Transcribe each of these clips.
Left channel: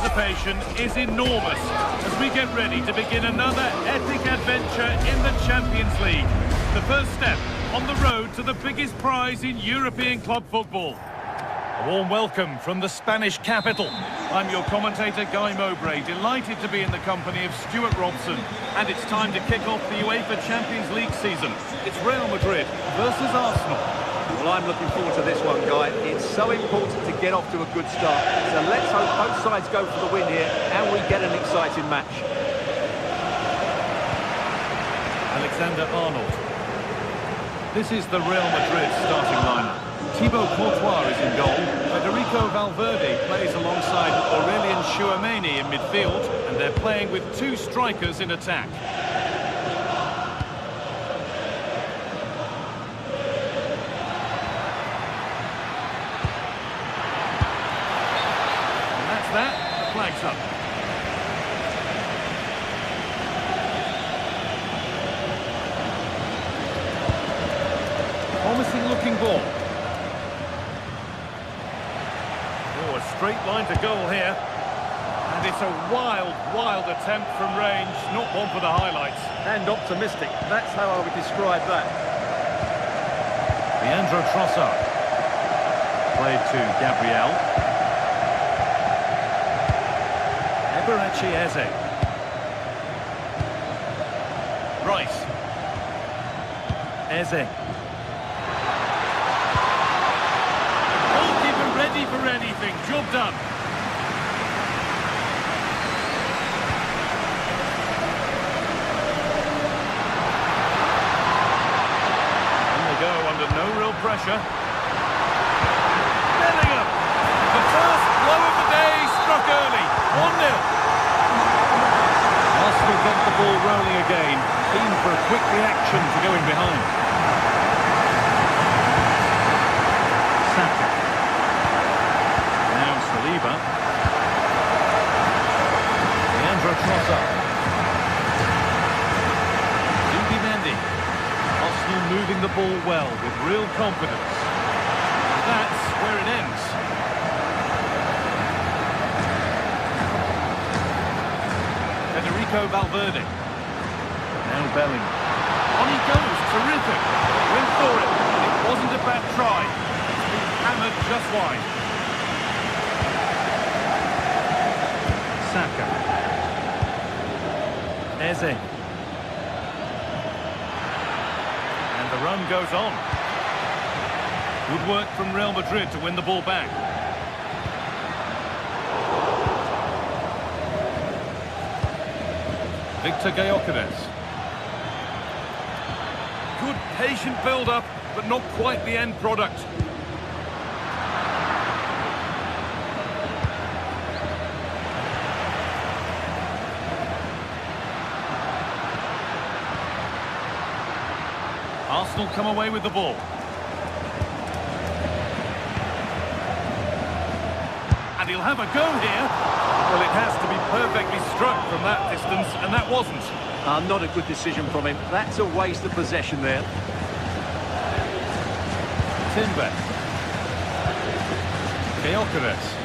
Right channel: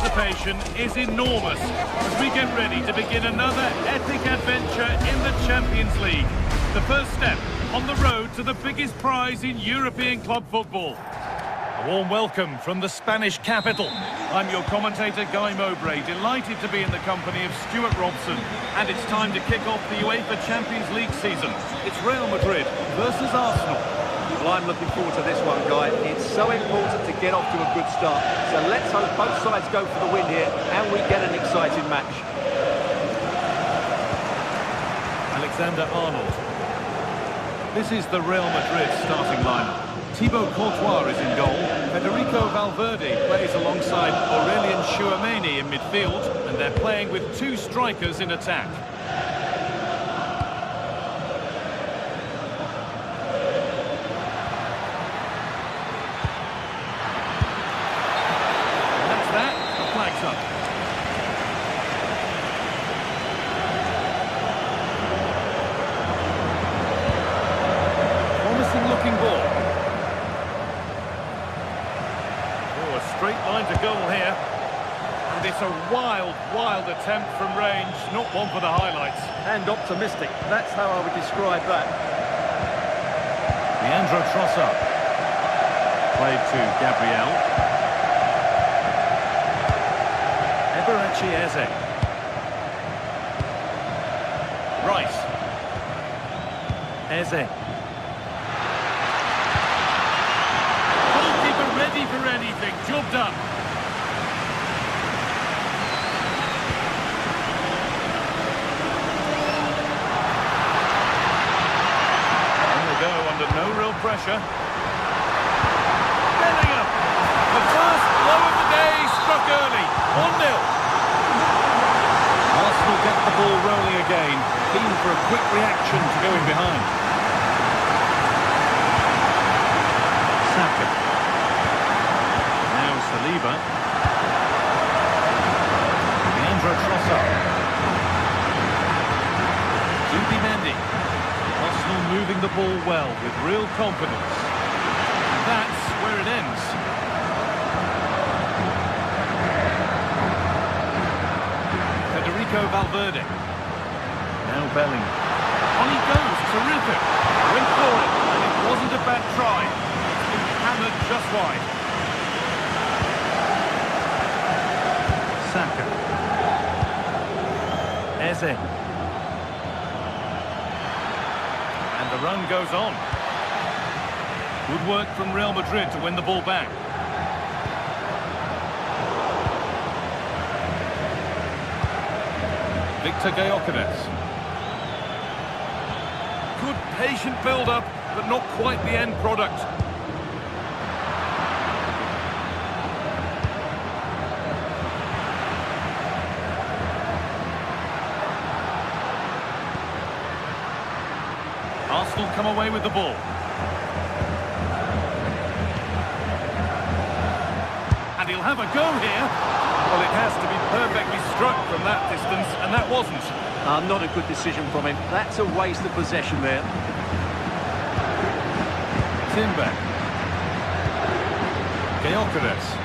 anticipation is enormous as we get ready to begin another epic adventure in the Champions League. The first step on the road to the biggest prize in European club football. A warm welcome from the Spanish capital. I'm your commentator, Guy Mowbray, delighted to be in the company of Stuart Robson. And it's time to kick off the UEFA Champions League season. It's Real Madrid versus Arsenal. Well, I'm looking forward to this one, Guy. It's so important to get off to a good start. So let's hope both sides go for the win here and we get an exciting match. Alexander-Arnold. This is the Real Madrid starting lineup. Thibaut Courtois is in goal. Federico Valverde plays alongside Aurelien Tchouameni in midfield, and they're playing with two strikers in attack. And that's that. The flag's up. Promising looking ball. Oh, a straight line to goal here. And it's a wild, wild attempt from range, not one for the highlights. And optimistic, that's how I would describe that. Leandro Trossard. Played to Gabriel. Eberechi Eze. Rice. Eze. Goalkeeper ready for anything. Job done. And they go under no real pressure. Bellingham. The first blow of the day struck early. 1-0. Arsenal get the ball rolling again. Keen for a quick reaction to going behind. Saka. Now Saliba. Leandro Trossard. Zubimendi. Arsenal moving the ball well with real confidence. And that's where it ends. Federico Valverde. Now Bellingham. On he goes, terrific. Went for it, and it wasn't a bad try. It's been hammered just wide. Saka. Eze. And the run goes on. Good work from Real Madrid to win the ball back. Victor Gyökeres. Good patient build-up, but not quite the end product. Arsenal come away with the ball. And he'll have a go here. Well, it has to be perfectly struck from that distance, and that wasn't. Not a good decision from him. That's a waste of possession there. Timber. Gyökeres.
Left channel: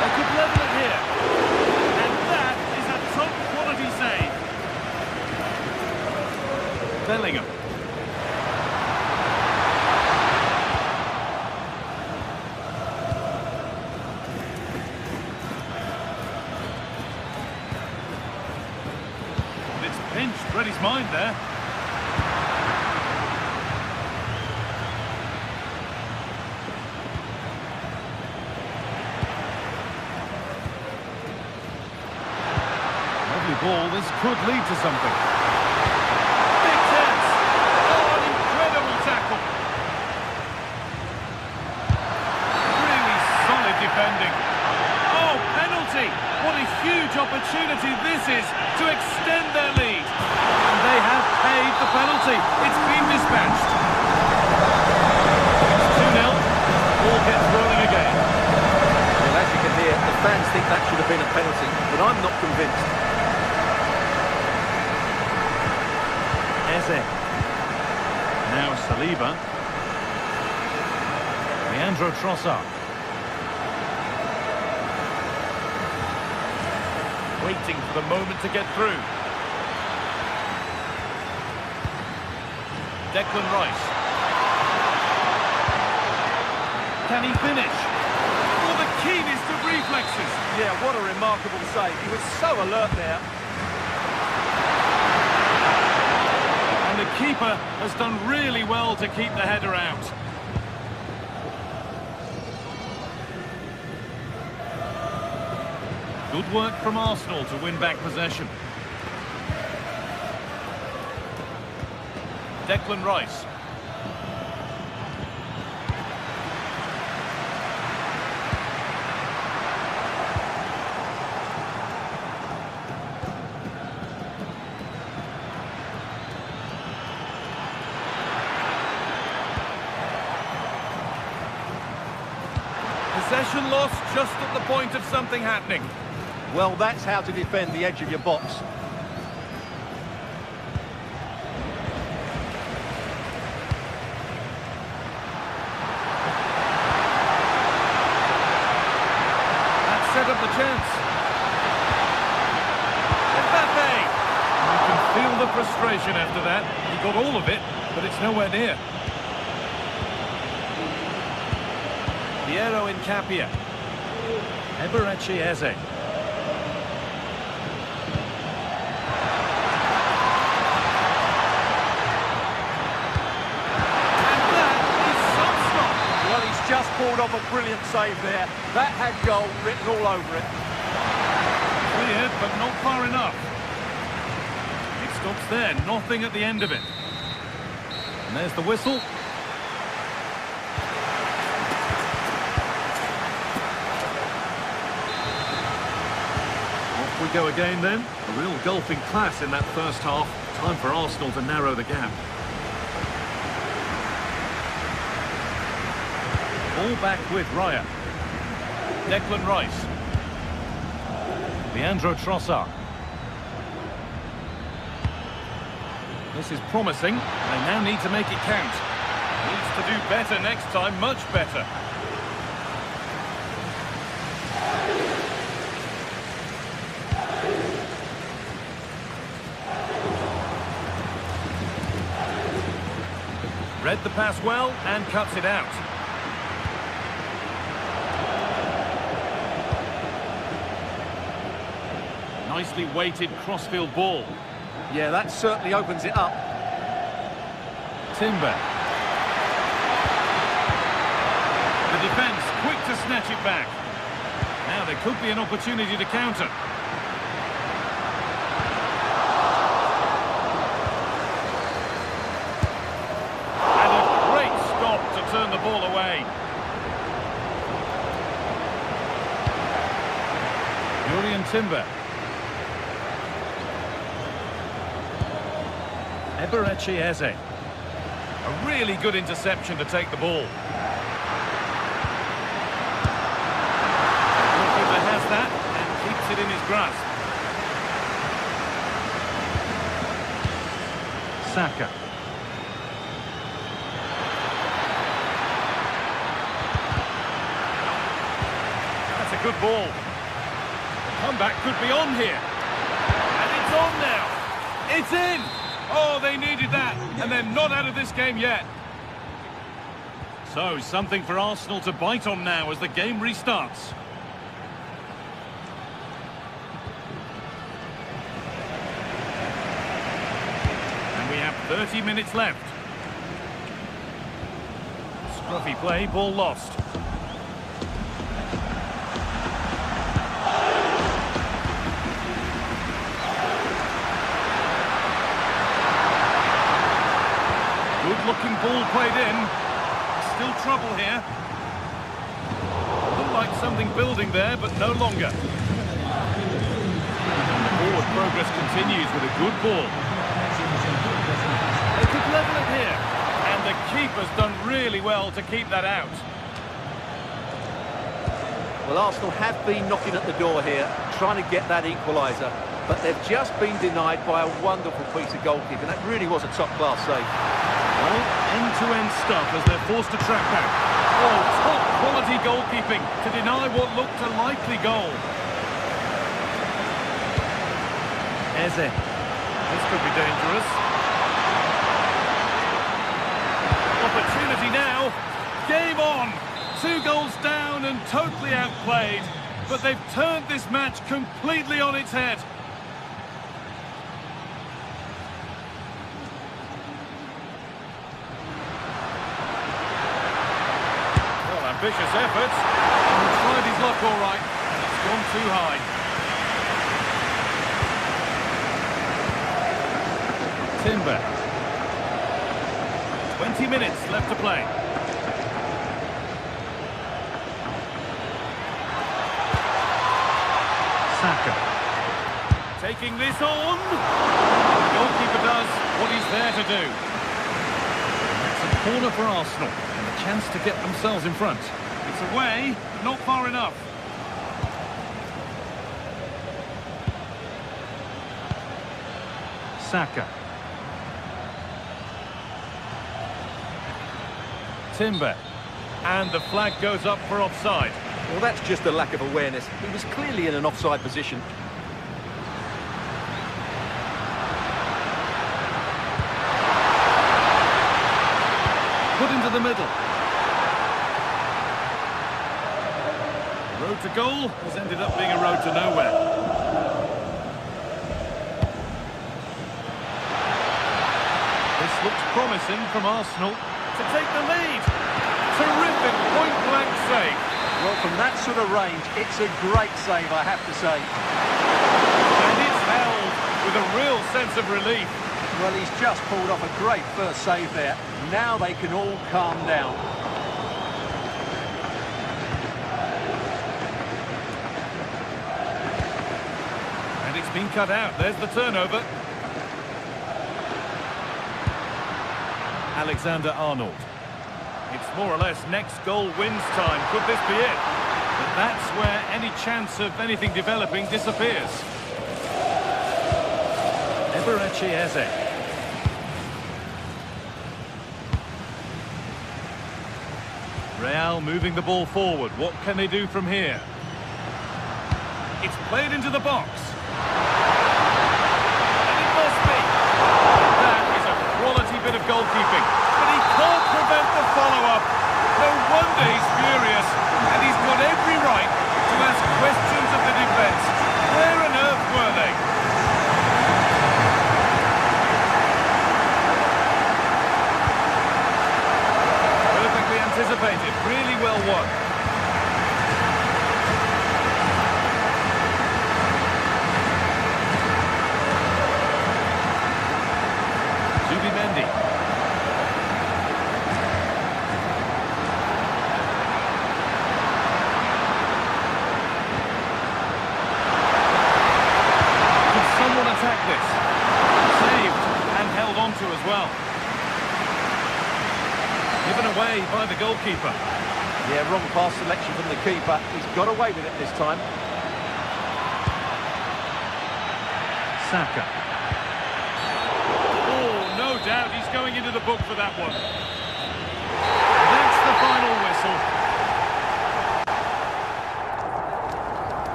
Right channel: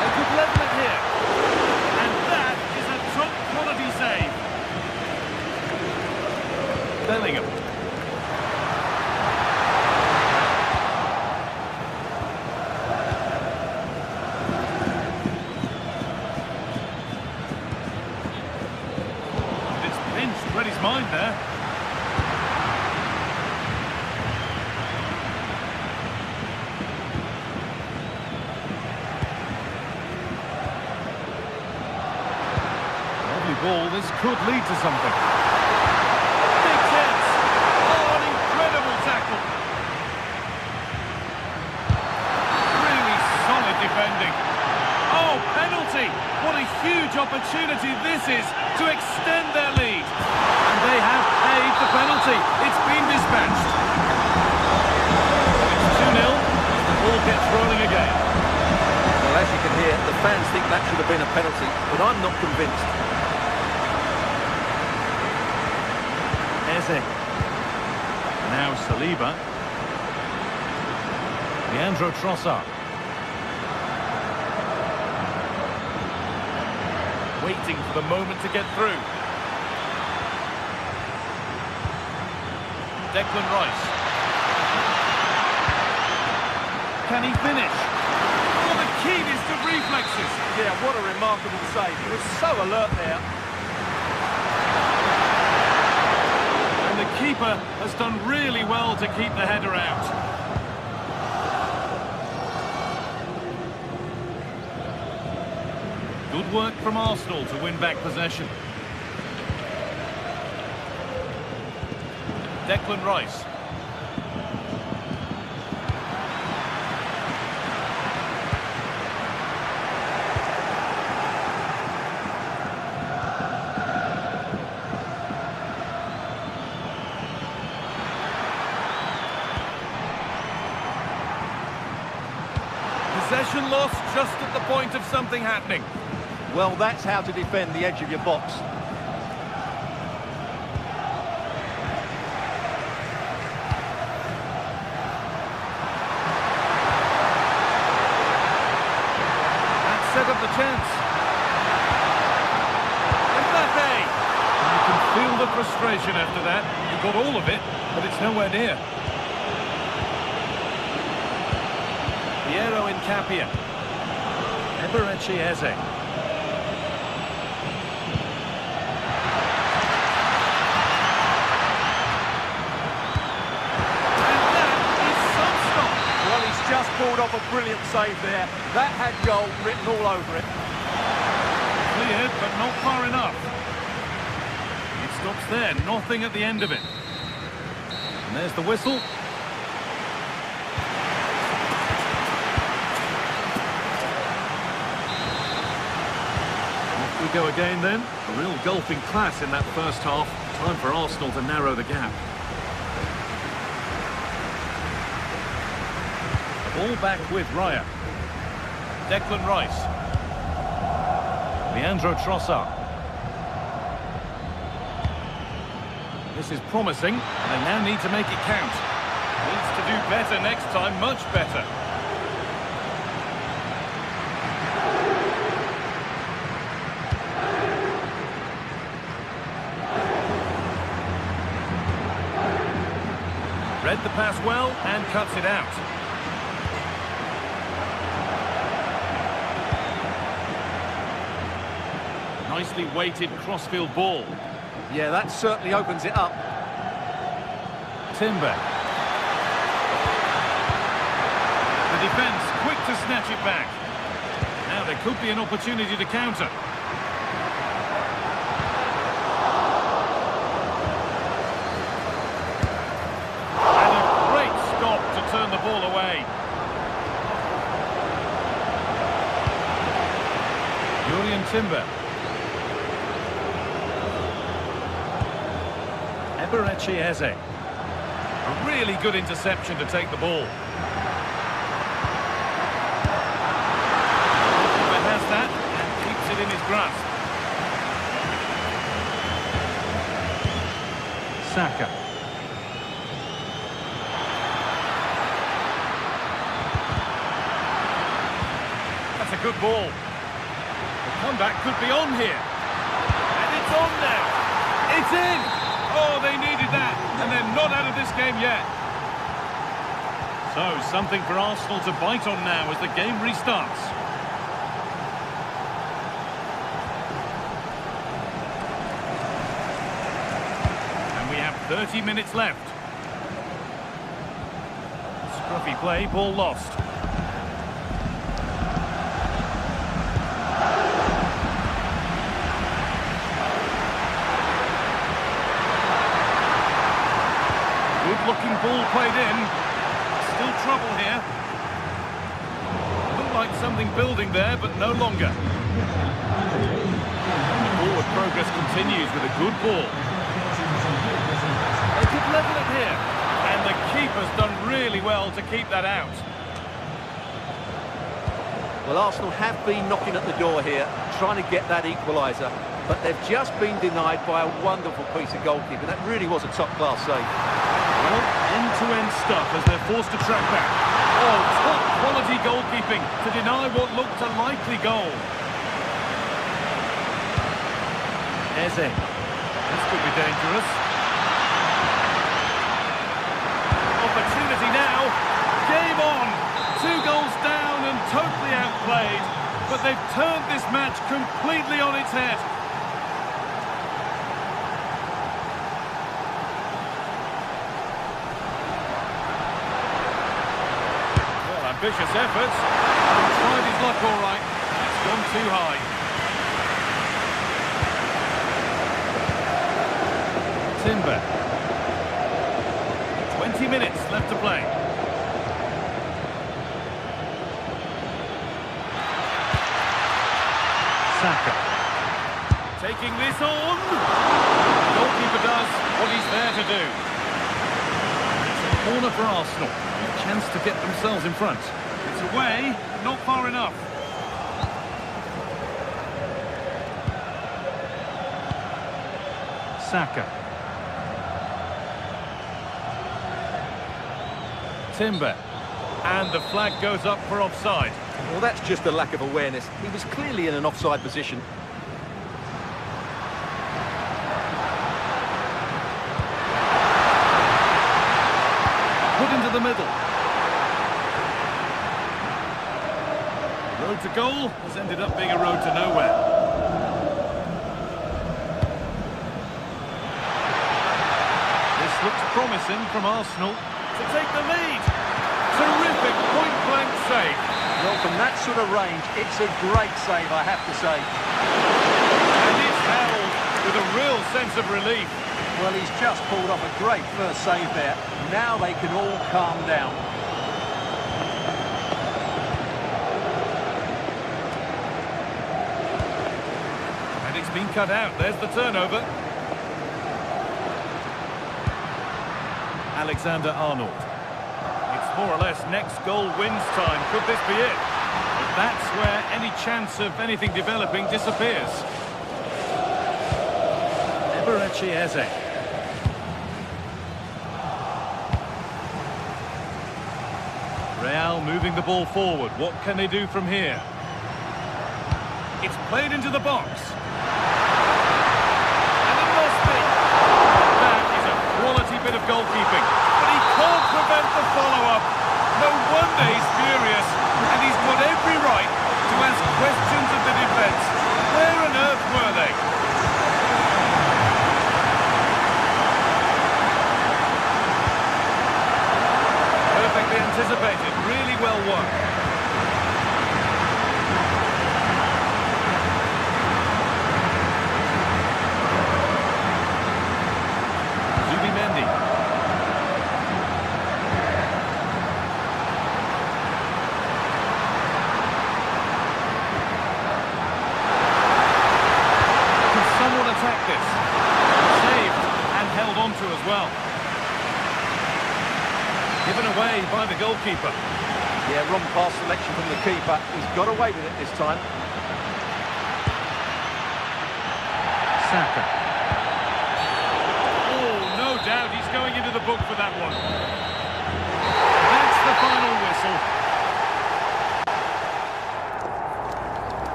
They could level it here. And that is a top-quality save. Bellingham. And it's pinched, read his mind there. Lovely ball, this could lead to something. Tackle. Really solid defending. Oh, penalty! What a huge opportunity this is to extend their lead. And they have paid the penalty. It's been dispatched. It's 2-0 as the ball gets rolling again. Well, as you can hear, the fans think that should have been a penalty, but I'm not convinced. Eze. Now Saliba. Leandro Trossard. Waiting for the moment to get through. Declan Rice. Can he finish? Oh, the keenest of reflexes. Yeah, what a remarkable save. He was so alert there. And the keeper has done really well to keep the header out. Good work from Arsenal to win back possession. Declan Rice. Possession lost just at the point of something happening. Well, that's how to defend the edge of your box. That set up the chance. Mbappe! You can feel the frustration after that. He got all of it, but it's nowhere near. Piero Incapia. Eberechi Eze. Well, he's just pulled off a brilliant save there. That had goal written all over it. Cleared, but not far enough. It stops there, nothing at the end of it. And there's the whistle. Off we go again then. A real golfing class in that first half. Time for Arsenal to narrow the gap. Ball back with Raya. Declan Rice. Leandro Trossard. This is promising. They now need to make it count. Needs to do better next time, much better. Read the pass well and cuts it out. Nicely weighted crossfield ball. Yeah, that certainly opens it up. Timber. The defence quick to snatch it back. Now there could be an opportunity to counter. And a great stop to turn the ball away. Jurriën Timber. Eberechi Eze. A really good interception to take the ball. The goalkeeper has that and keeps it in his grasp. Saka. That's a good ball. The comeback could be on here. And it's on now. It's in! Oh, they needed that, and they're not out of this game yet. So, something for Arsenal to bite on now as the game restarts. And we have 30 minutes left. Scruffy play, ball lost. Good-looking ball played in. Still trouble here. Looked like something building there, but no longer. And the forward progress continues with a good ball. They could level it here. And the keeper's done really well to keep that out. Well, Arsenal have been knocking at the door here, trying to get that equaliser. But they've just been denied by a wonderful piece of goalkeeping. That really was a top-class save. Well, end-to-end stuff as they're forced to track back. Oh, top-quality goalkeeping to deny what looked a likely goal. Eze. This could be dangerous. Opportunity now. Game on. 2 goals down and totally outplayed. But they've turned this match completely on its head. Well, ambitious efforts. He tried his luck all right. It's gone too high. Timber. 20 minutes left to play. Saka. Taking this on. The goalkeeper does what he's there to do. And that's a corner for Arsenal. And a chance to get themselves in front. It's away, but not far enough. Saka. Timber. And the flag goes up for offside. Well, that's just a lack of awareness. He was clearly in an offside position. Put into the middle. The road to goal has ended up being a road to nowhere. This looks promising from Arsenal to take the lead. Terrific point-blank save. Well, from that sort of range, it's a great save, I have to say. And it's held with a real sense of relief. Well, he's just pulled off a great first save there. Now they can all calm down. And it's been cut out. There's the turnover. Alexander-Arnold. It's more or less next goal wins time. Could this be it? But that's where any chance of anything developing disappears. Eberechi Eze. Real moving the ball forward. What can they do from here? It's played into the box. And it must be. That is a quality bit of goalkeeping. But he can't prevent the follow-up. No wonder he's furious. And he's got every right to ask questions of the defence. Where on earth were they? Perfectly anticipated. Really well won. Zubimendi. Someone attack this. Saved and held on to as well. Given away by the goalkeeper. Yeah, wrong pass selection from the keeper. He's got away with it this time. Saka. Oh, no doubt he's going into the book for that one. That's the final whistle.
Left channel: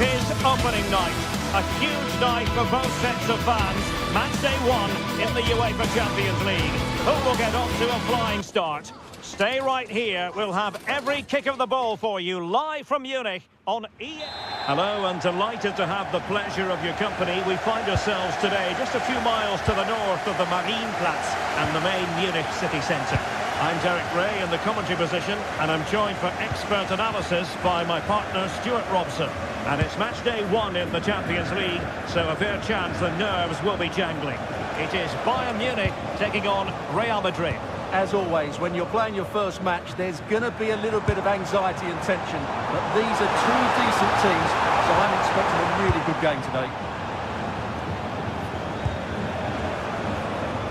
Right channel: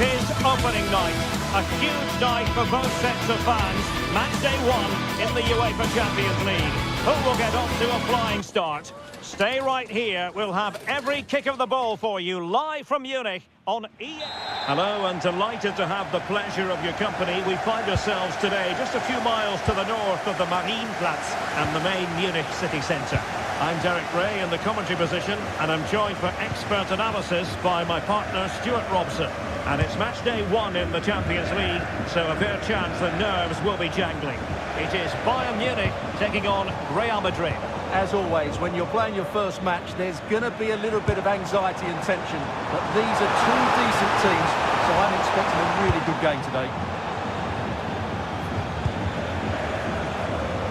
It is opening night. A huge night for both sets of fans. Match day 1 in the UEFA Champions League. Who will get off to a flying start? Stay right here. We'll have every kick of the ball for you live from Munich on EA. Hello, and delighted to have the pleasure of your company. We find ourselves today just a few miles to the north of the Marienplatz and the main Munich city centre. I'm Derek Ray in the commentary position, and I'm joined for expert analysis by my partner Stuart Robson. And it's match day 1 in the Champions League, so a fair chance the nerves will be jangling. It is Bayern Munich taking on Real Madrid. As always, when you're playing your first match, there's going to be a little bit of anxiety and tension. But these are two decent teams, so I'm expecting a really good game today.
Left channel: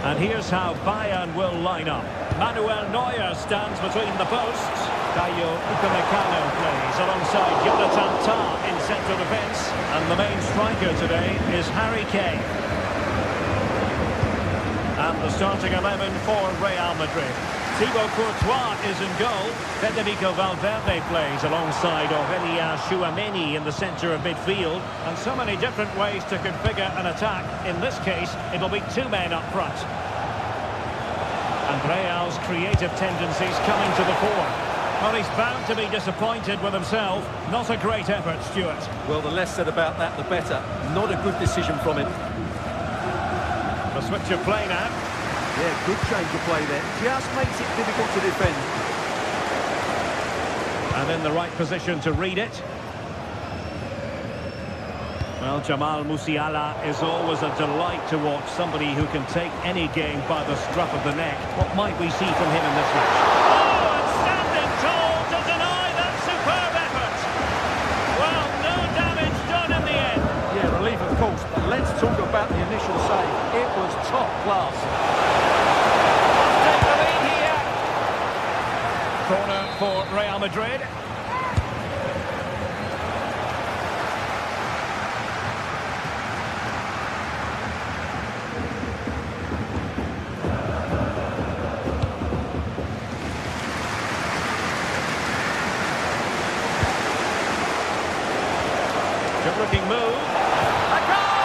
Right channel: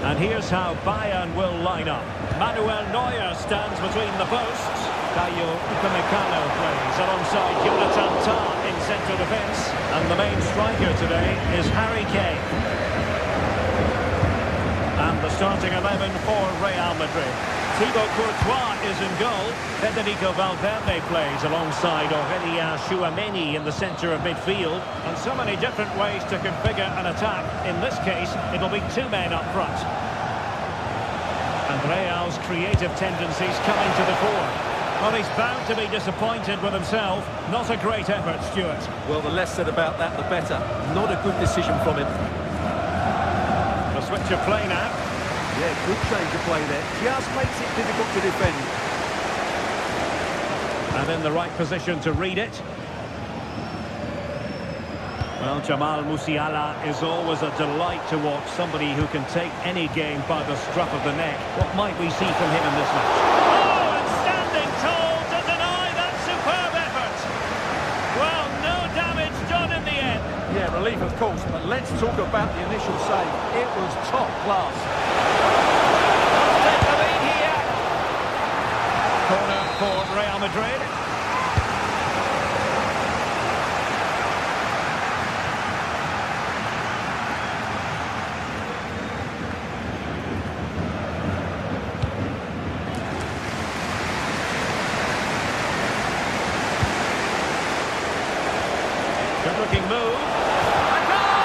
And here's how Bayern will line up. Manuel Neuer stands between the posts. Dayo Upamecano plays alongside Jonathan Tah in central defence. And the main striker today is Harry Kane. And the starting 11 for Real Madrid. Thibaut Courtois is in goal. Federico Valverde plays alongside Aurélien Tchouaméni in the centre of midfield. And so many different ways to configure an attack. In this case, it'll be 2 men up front. And Real's creative tendencies coming to the fore. Well, he's bound to be disappointed with himself. Not a great effort, Stuart. Well, the less said about that, the better. Not a good decision from him. A switch of play now. Yeah, good change of play there. Just makes it difficult to defend. And in the right position to read it. Well, Jamal Musiala is always a delight to watch. Somebody who can take any game by the scruff of the neck. What might we see from him in this match? Oh, and standing tall to deny that superb effort. Well, no damage done in the end. Yeah, relief of course, but let's talk about the initial save. It was top class. Let's take the lead here. Corner for Real Madrid. Good-looking move. A goal!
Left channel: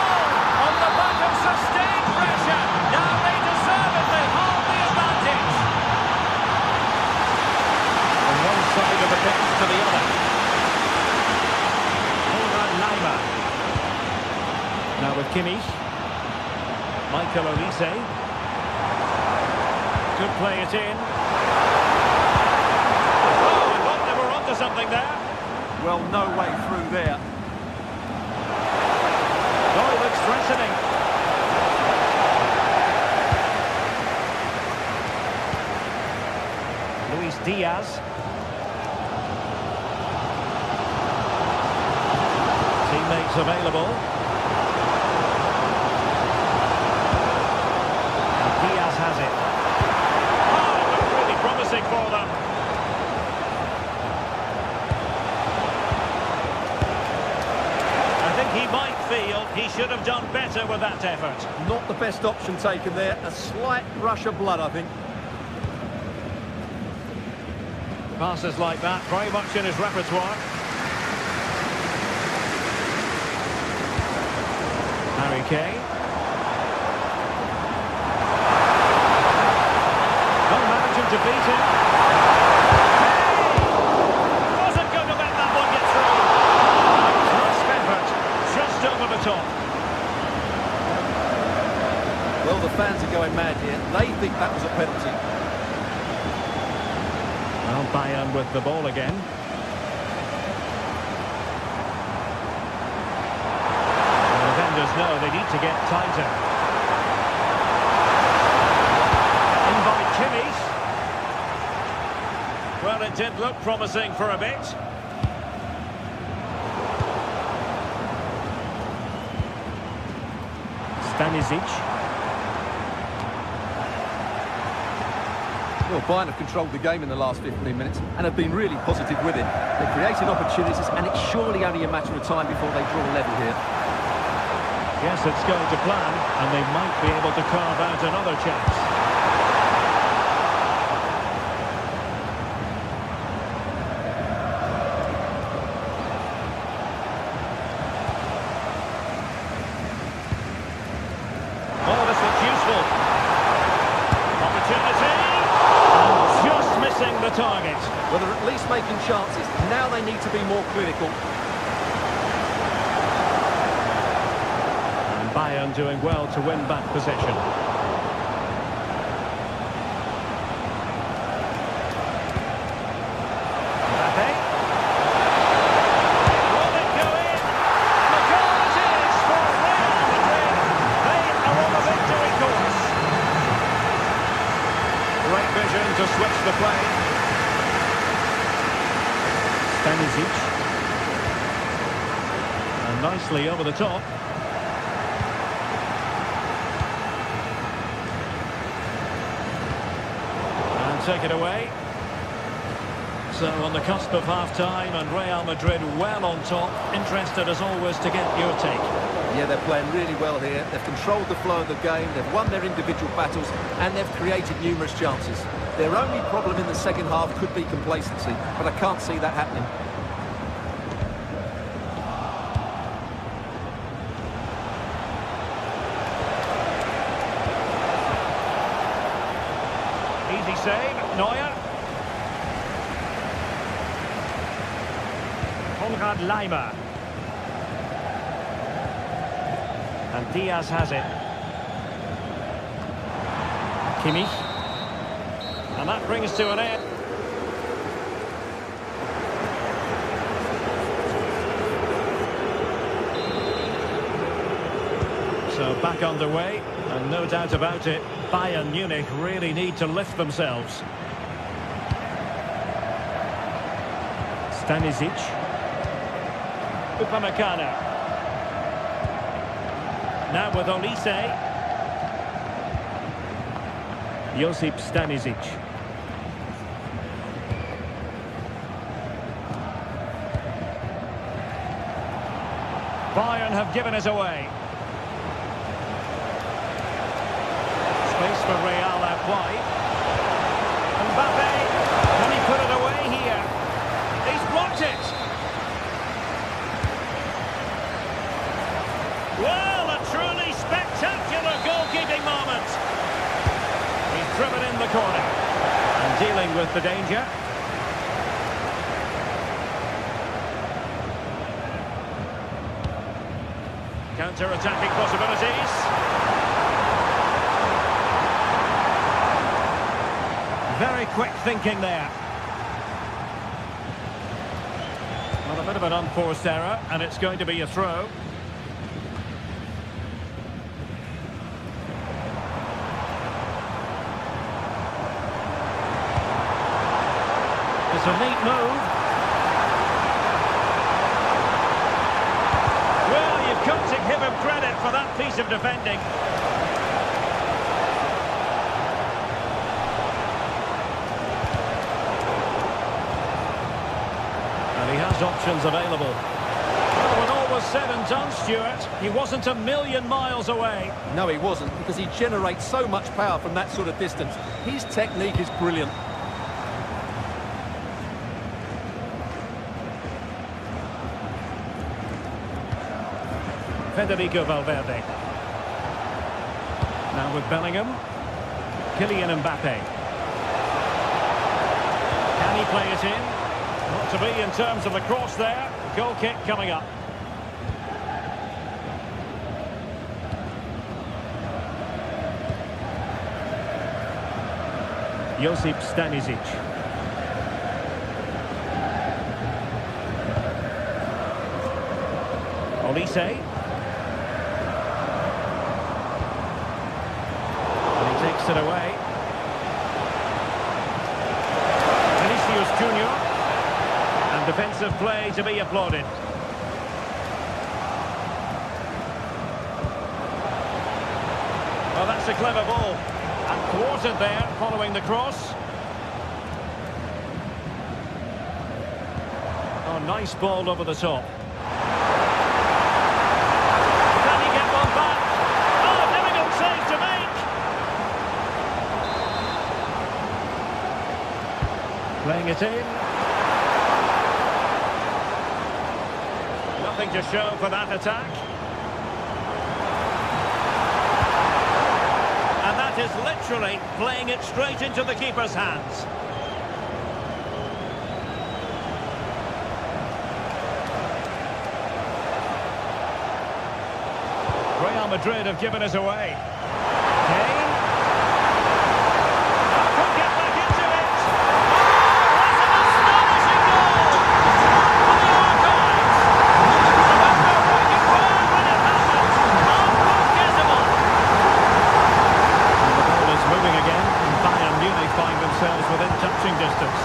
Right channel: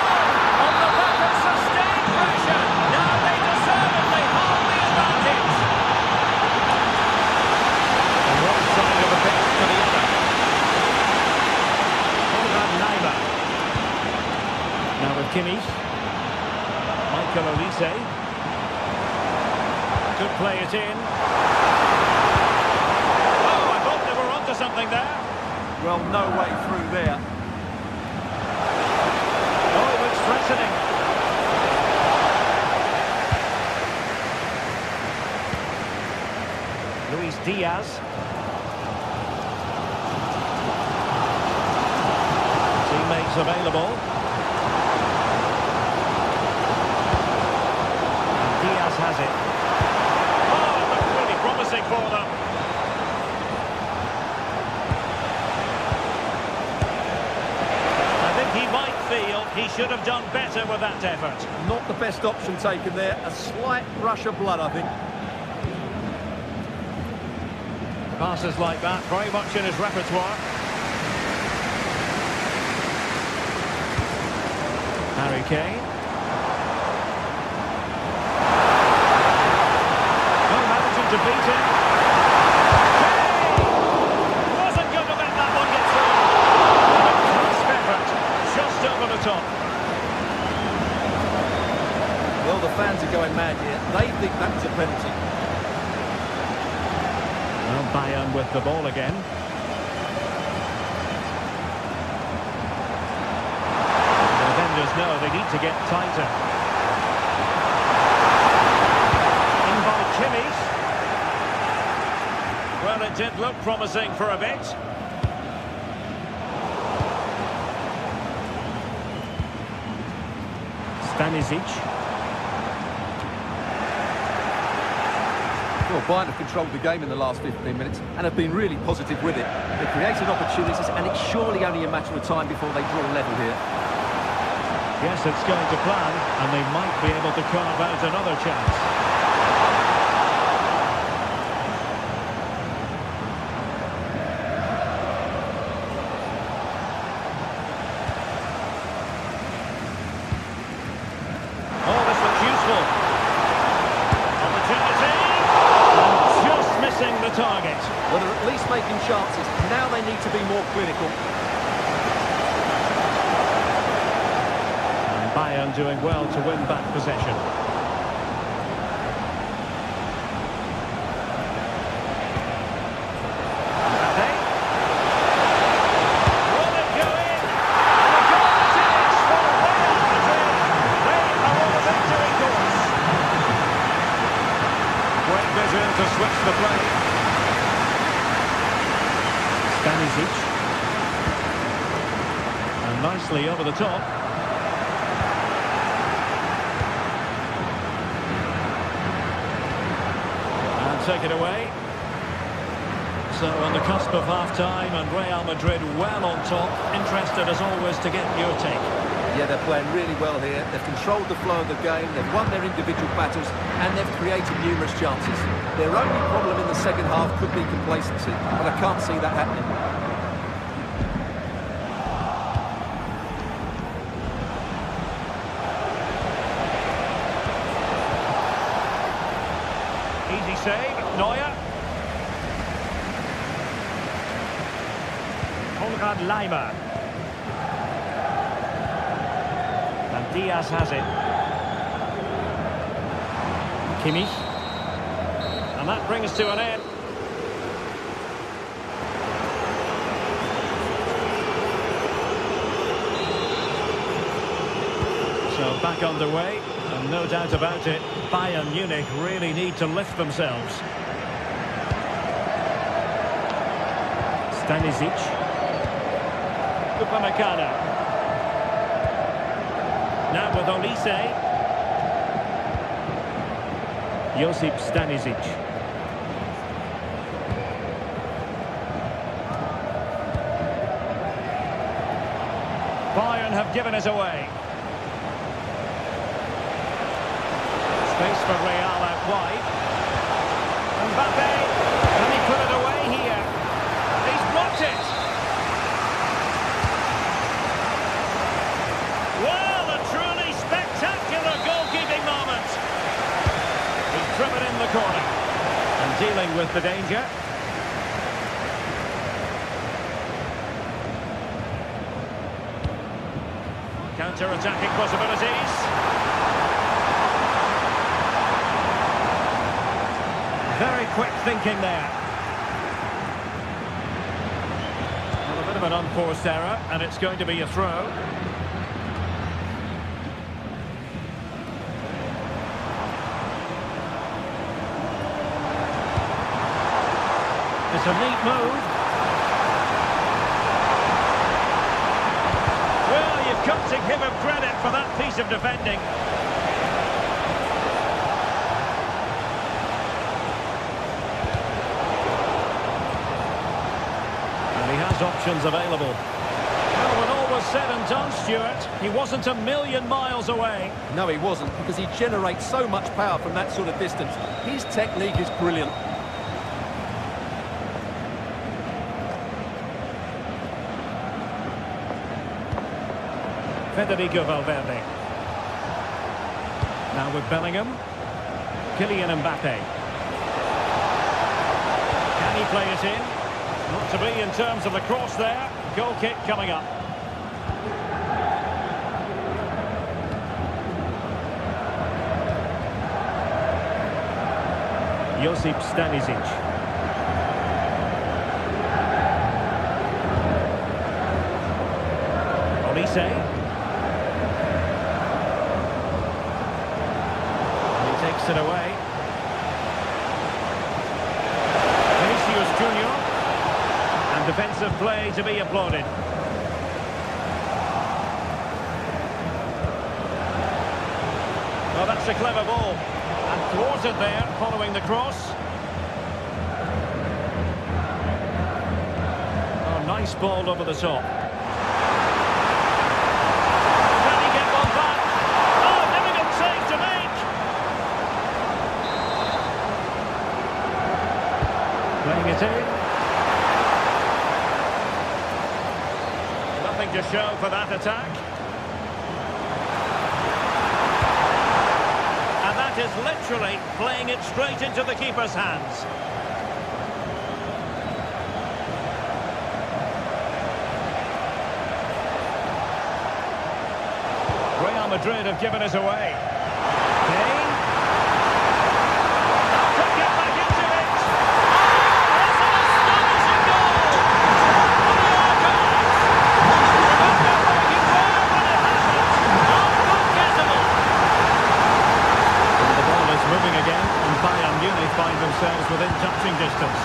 On the back of sustained pressure. Now they deservedly hold the advantage. From one side of the pitch to the other. Konrad Leimer. Now with Kimmich. Michael Olise. Could play it in. Oh, I thought they were onto something there. Well, no way through there. Oh, it looks threatening. Luis Diaz. Teammates available. And Diaz has it. Oh, it looked really promising for them. I think he might feel he should have done better with that effort. Not the best option taken there. A slight rush of blood, I think. Passes like that, very much in his repertoire. Harry Kane. Oh, managing to beat him. Kane! Wasn't going to let that one get through. And a crisp effort, just over the top. Well, the fans are going mad here. They think that was a penalty. Well, Bayern with the ball again. The defenders know they need to get tighter. In by Kimmich. Well, it did look promising for a bit. Stanisic. Well, Bayern have controlled the game in the last 15 minutes and have been really positive with it. They're creating opportunities, and it's surely only a matter of time before they draw level here. Yes, it's going to plan, and they might be able to carve out another chance. useful. Opportunity. And just missing the target. Well, they're at least making chances. Now they need to be more clinical. And Bayern doing well to win back possession. Great vision to switch the play. Stanisic. And nicely over the top. And take it away. So on the cusp of half-time and Real Madrid well on top. Interested as always to get your take. Yeah, they're playing really well here. They've controlled the flow of the game, they've won their individual battles, and they've created numerous chances. Their only problem in the second half could be complacency, but I can't see that happening. Easy save, Neuer. Konrad Laimer. And Diaz has it. Kimmich. And that brings to an end. So back underway, and no doubt about it, Bayern Munich really need to lift themselves. Stanisic. Upamecano. Now with Olise. Josip Stanisic. Bayern have given it away. Space for Real out wide. Mbappe. Can he put it away here? He's blocked it. Well, a truly spectacular goalkeeping moment. He's driven in the corner and dealing with the danger. Counter-attacking possibilities. Very quick thinking there. Well, a bit of an unforced error, and it's going to be a throw. It's a neat move. Well, you've got to give him credit for that piece of defending. And he has options available. Well, when all was said and done, Stuart, he wasn't a million miles away. No, he wasn't, because he generates so much power from that sort of distance. His technique is brilliant. Federico Valverde. Now with Bellingham. Kylian Mbappe. Can he play it in? Not to be in terms of the cross there. Goal kick coming up. Josip Stanisic. Olise. Takes it away. Vinicius Junior. And defensive play to be applauded. Well, that's a clever ball. And thwarted there following the cross. Oh, nice ball over the top. Can he get one back? Oh, difficult save to make. Playing it in. Nothing to show for that attack. That is literally playing it straight into the keeper's hands. Real Madrid have given us away. Kane. Oh, could get back into it. Oh, what an astonishing goal! One for the archives. Remember where you were when it happened. Unforgettable. And the ball is moving again, and Bayern Munich find themselves within touching distance.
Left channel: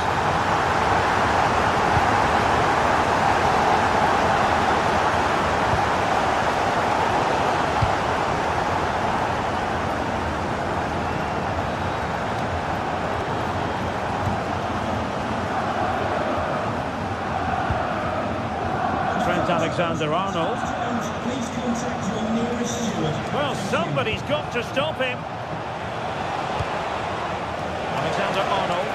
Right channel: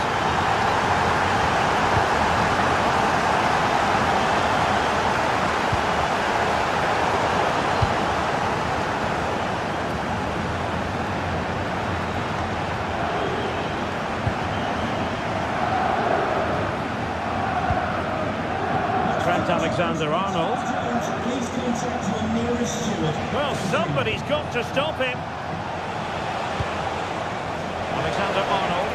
Trent Alexander-Arnold. Please contact your nearest steward. Well, somebody's got to stop him. Alexander-Arnold.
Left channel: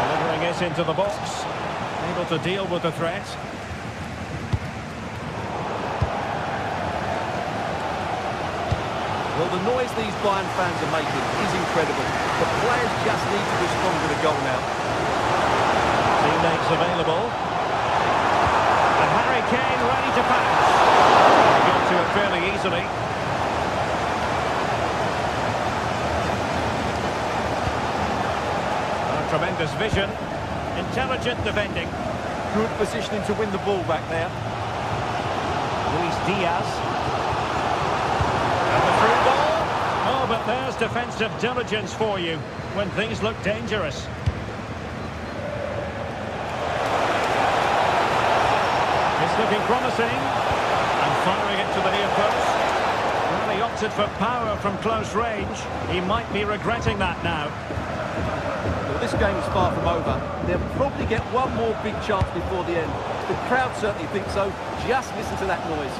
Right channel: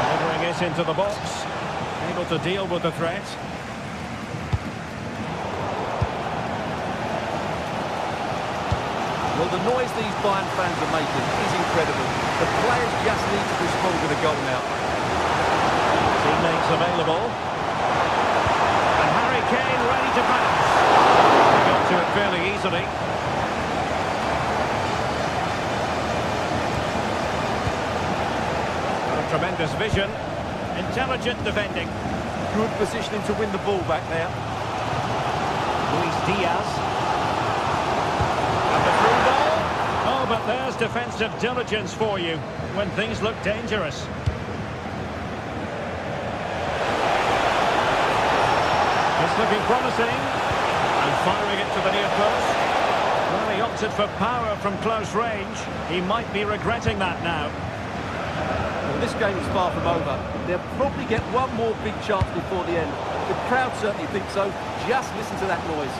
Delivering it into the box. Able to deal with the threat. Well, the noise these Bayern fans are making is incredible. The players just need to respond with a goal now. Teammates available. And Harry Kane ready to pass. He got to it fairly easily. Got a tremendous vision. Intelligent defending. Good positioning to win the ball back now. Luis Diaz. And the through ball. Oh, but there's defensive diligence for you when things look dangerous. It's looking promising. And firing it to the near post. Well, he opted for power from close range. He might be regretting that now. Well, this game is far from over. They'll probably get one more big chance before the end. The crowd certainly think so. Just listen to that noise.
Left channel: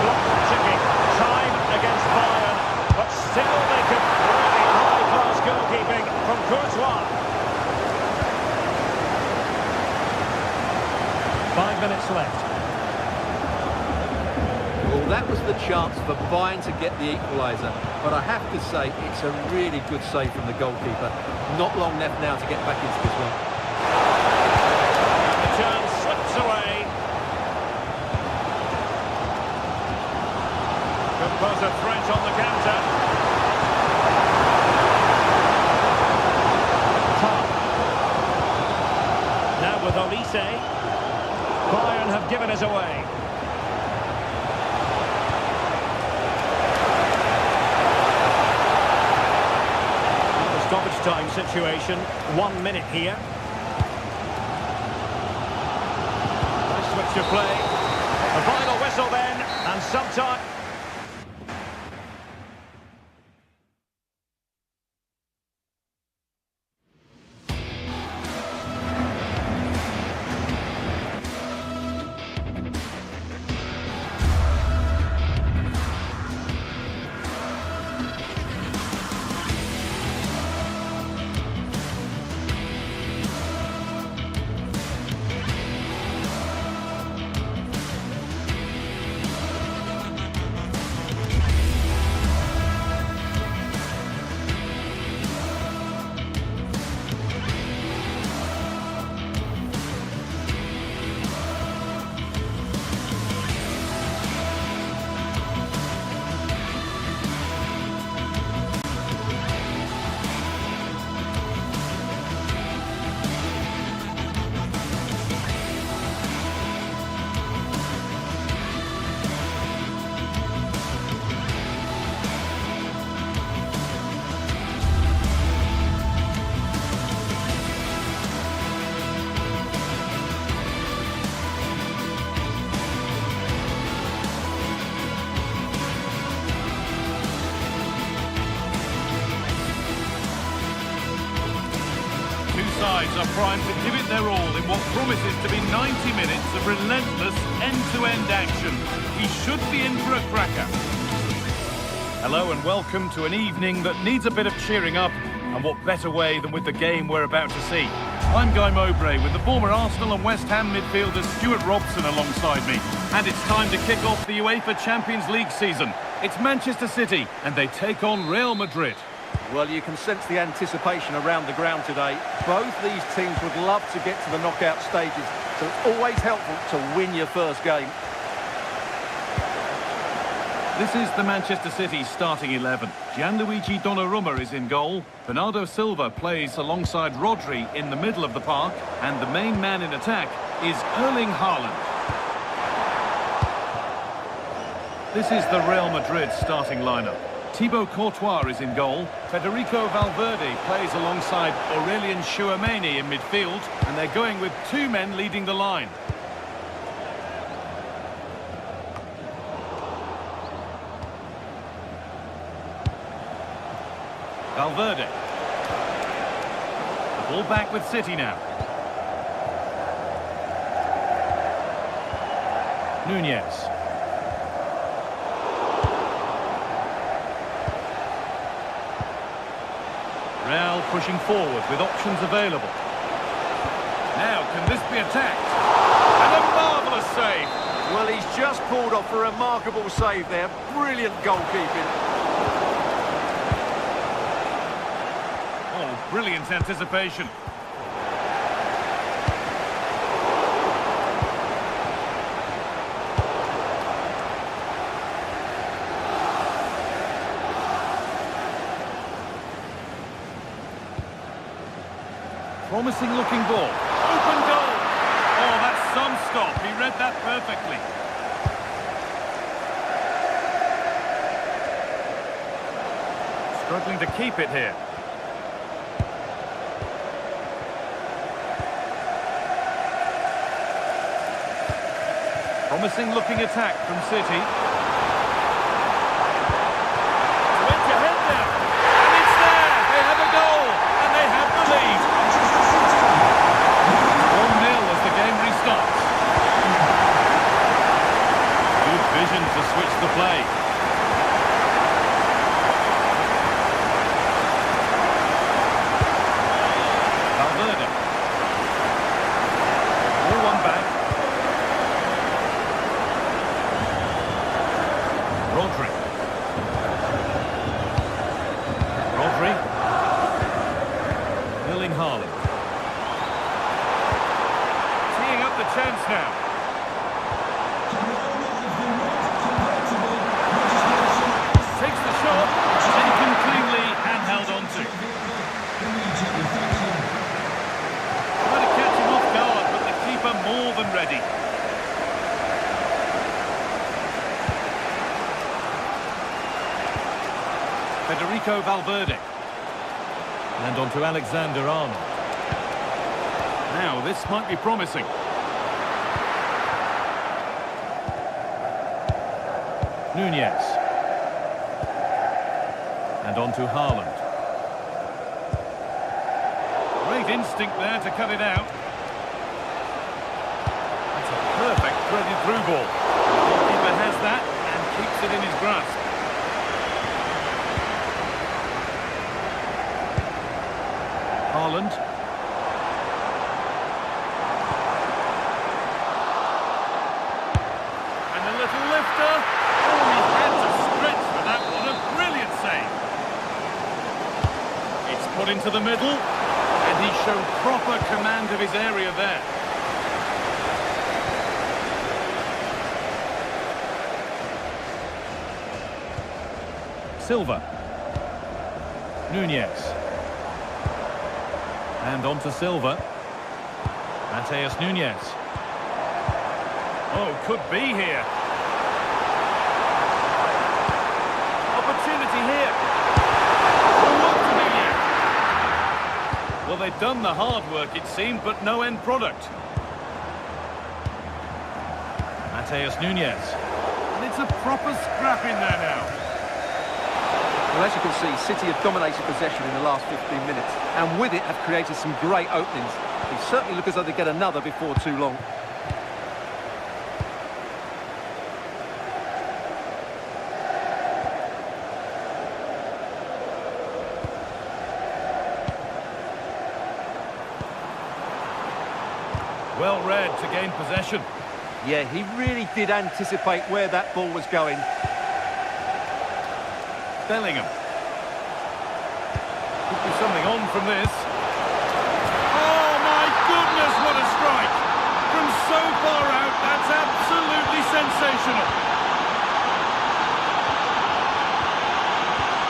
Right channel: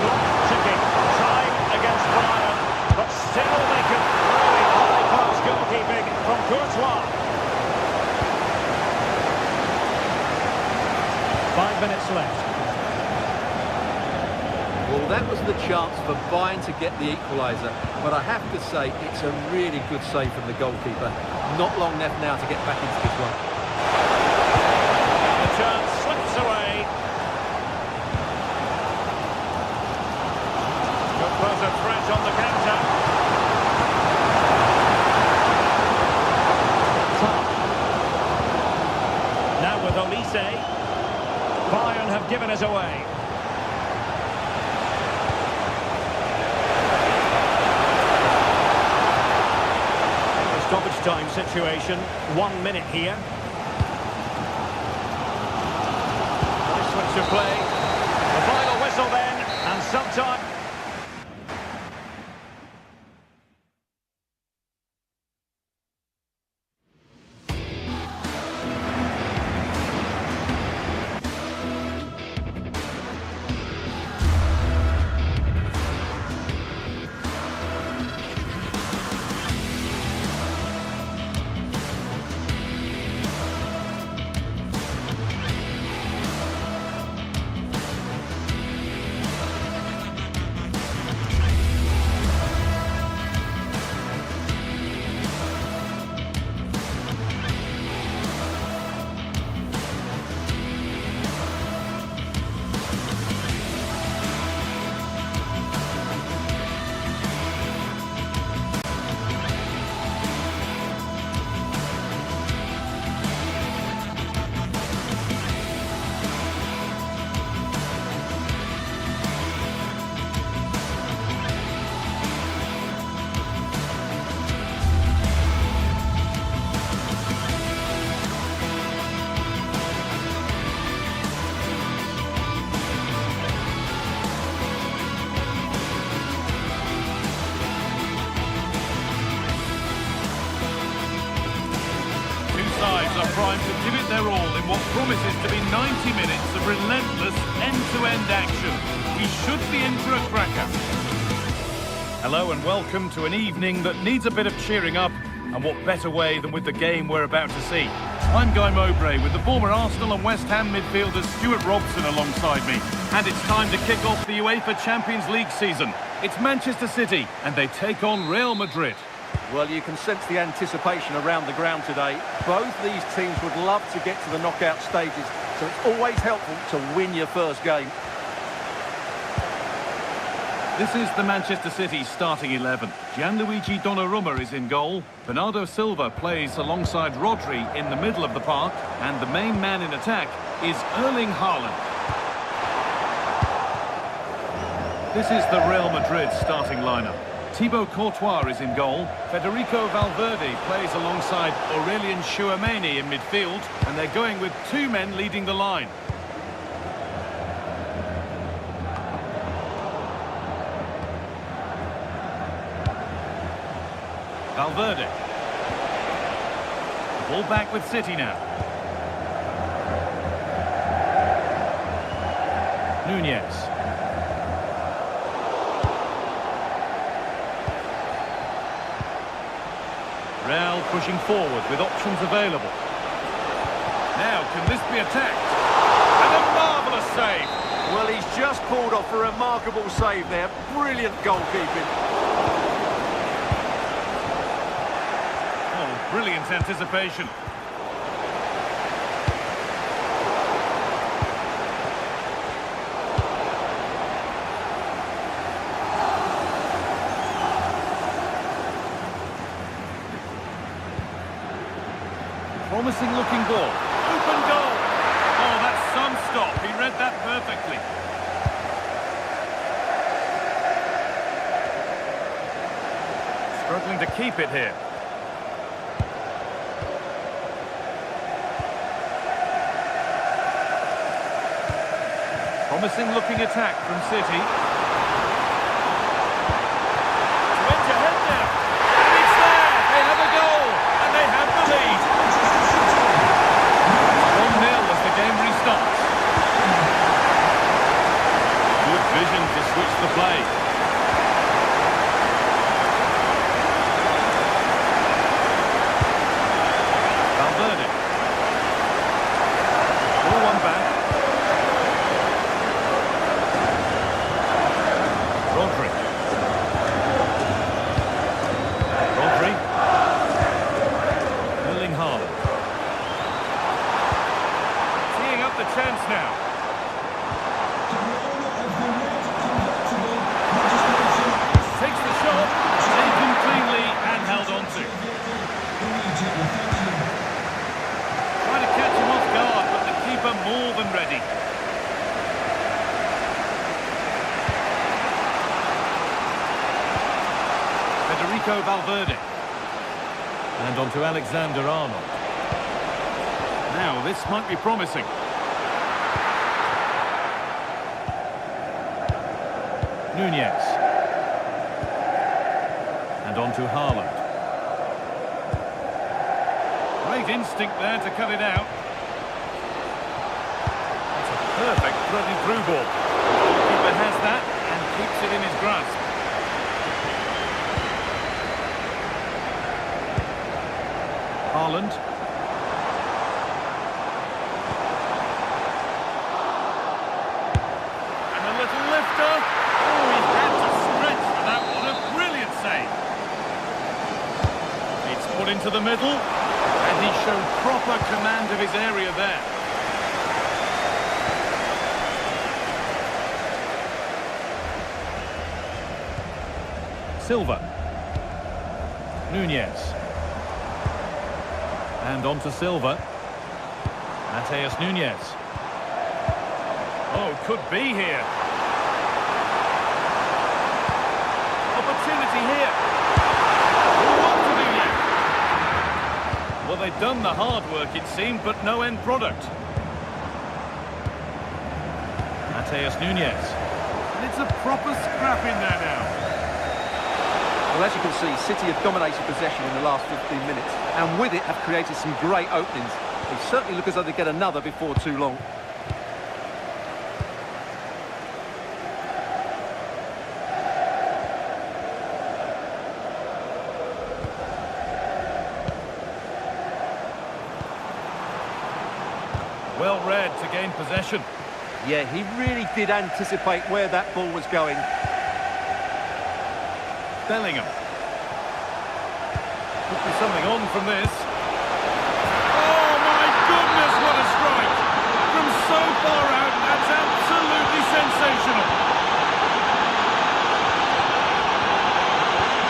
Clock ticking. Time against Bayern. But still they could really high-class goalkeeping from Courtois. 5 minutes left. Well, that was the chance for Bayern to get the equaliser. But I have to say, it's a really good save from the goalkeeper. Not long left now to get back into this one. And the chance slips away. Could pose a threat on the counter. Top. Now with Olise. Bayern have given us away. The stoppage time situation, 1 minute here. Nice switch of play. The final whistle then, and sometime... Sides are primed to give it their all in what promises to be 90 minutes of relentless end-to-end action. We should be in for a cracker. Hello and welcome to an evening that needs a bit of cheering up And what better way than with the game we're about to see? I'm Guy Mowbray with the former Arsenal and West Ham midfielder Stuart Robson alongside me. And it's time to kick off the UEFA Champions League season. It's Manchester City and they take on Real Madrid. Well, you can sense the anticipation around the ground today. Both these teams would love to get to the knockout stages, so it's always helpful to win your first game. This is the Manchester City starting 11. Gianluigi Donnarumma is in goal. Bernardo Silva plays alongside Rodri in the middle of the park. And the main man in attack is Erling Haaland. This is the Real Madrid starting lineup. Thibaut Courtois is in goal. Federico Valverde plays alongside Aurelien Tchouameni in midfield. And they're going with two men leading the line. Valverde. The ball back with City now. Nunez. Real pushing forward with options available. Now, can this be attacked? And a marvellous save. Well, he's just pulled off a remarkable save there. Brilliant goalkeeping. Oh, brilliant anticipation. Promising looking ball. Open goal. Oh, that's some stop. He read that perfectly. Struggling to keep it here. Promising looking attack from City. Went ahead there. And it's there. They have a goal. And they have the lead. 1-0 as the game restarts. Good vision to switch the play. Valverde. Ball one back. Rodri. Erling Haaland. Teeing up the chance now. Takes the shot, taken cleanly and held on to. Try to catch him off guard, but the keeper more than ready. Federico Valverde. And on to Alexander-Arnold. Now, this might be promising. Nunez. And on to Haaland. Great instinct there to cut it out. That's a perfect threaded through ball. The goalkeeper has that and keeps it in his grasp. Haaland. And a little lifter. Oh, he had to stretch for that one. A brilliant save. It's put into the middle. And he showed proper command of his area there. Silva. Nunez. And on to Silva. Mateus Nunez. Oh, could be here. Opportunity here. Oh, what to do yet? Well, they've done the hard work, it seemed, but no end product. Mateus Nunez. And it's a proper scrap in there now. Well, as you can see, City have dominated possession in the last 15 minutes, and with it have created some great openings. They certainly look as though they get another before too long. Well read to gain possession. Yeah, he really did anticipate where that ball was going. Bellingham. Could be something on from this. Oh my goodness, what a strike! From so far out, that's absolutely sensational.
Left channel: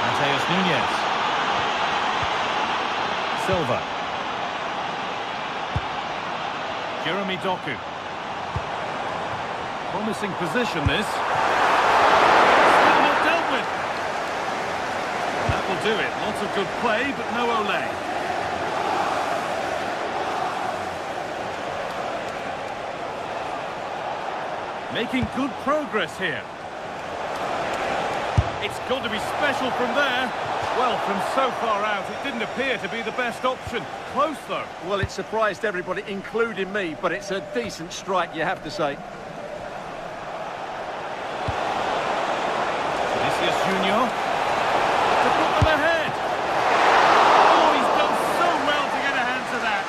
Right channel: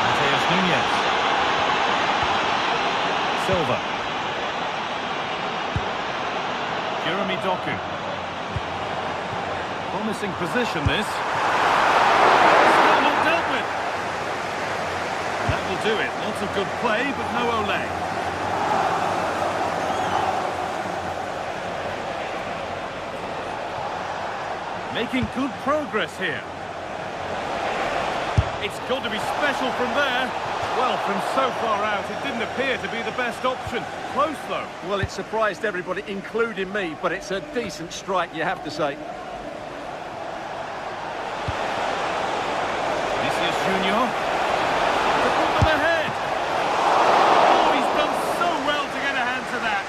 Mateus Nunes. Silva. Jeremy Doku. Promising position, this. Still not dealt with. And that will do it. Lots of good play, but no Ole. Making good progress here. It's got to be special from there. Well, from so far out, it didn't appear to be the best option. Close, though. Well, it surprised everybody, including me, but it's a decent strike, you have to say. Vinicius Junior. To put them ahead. Oh, he's done so well to get a hand to that.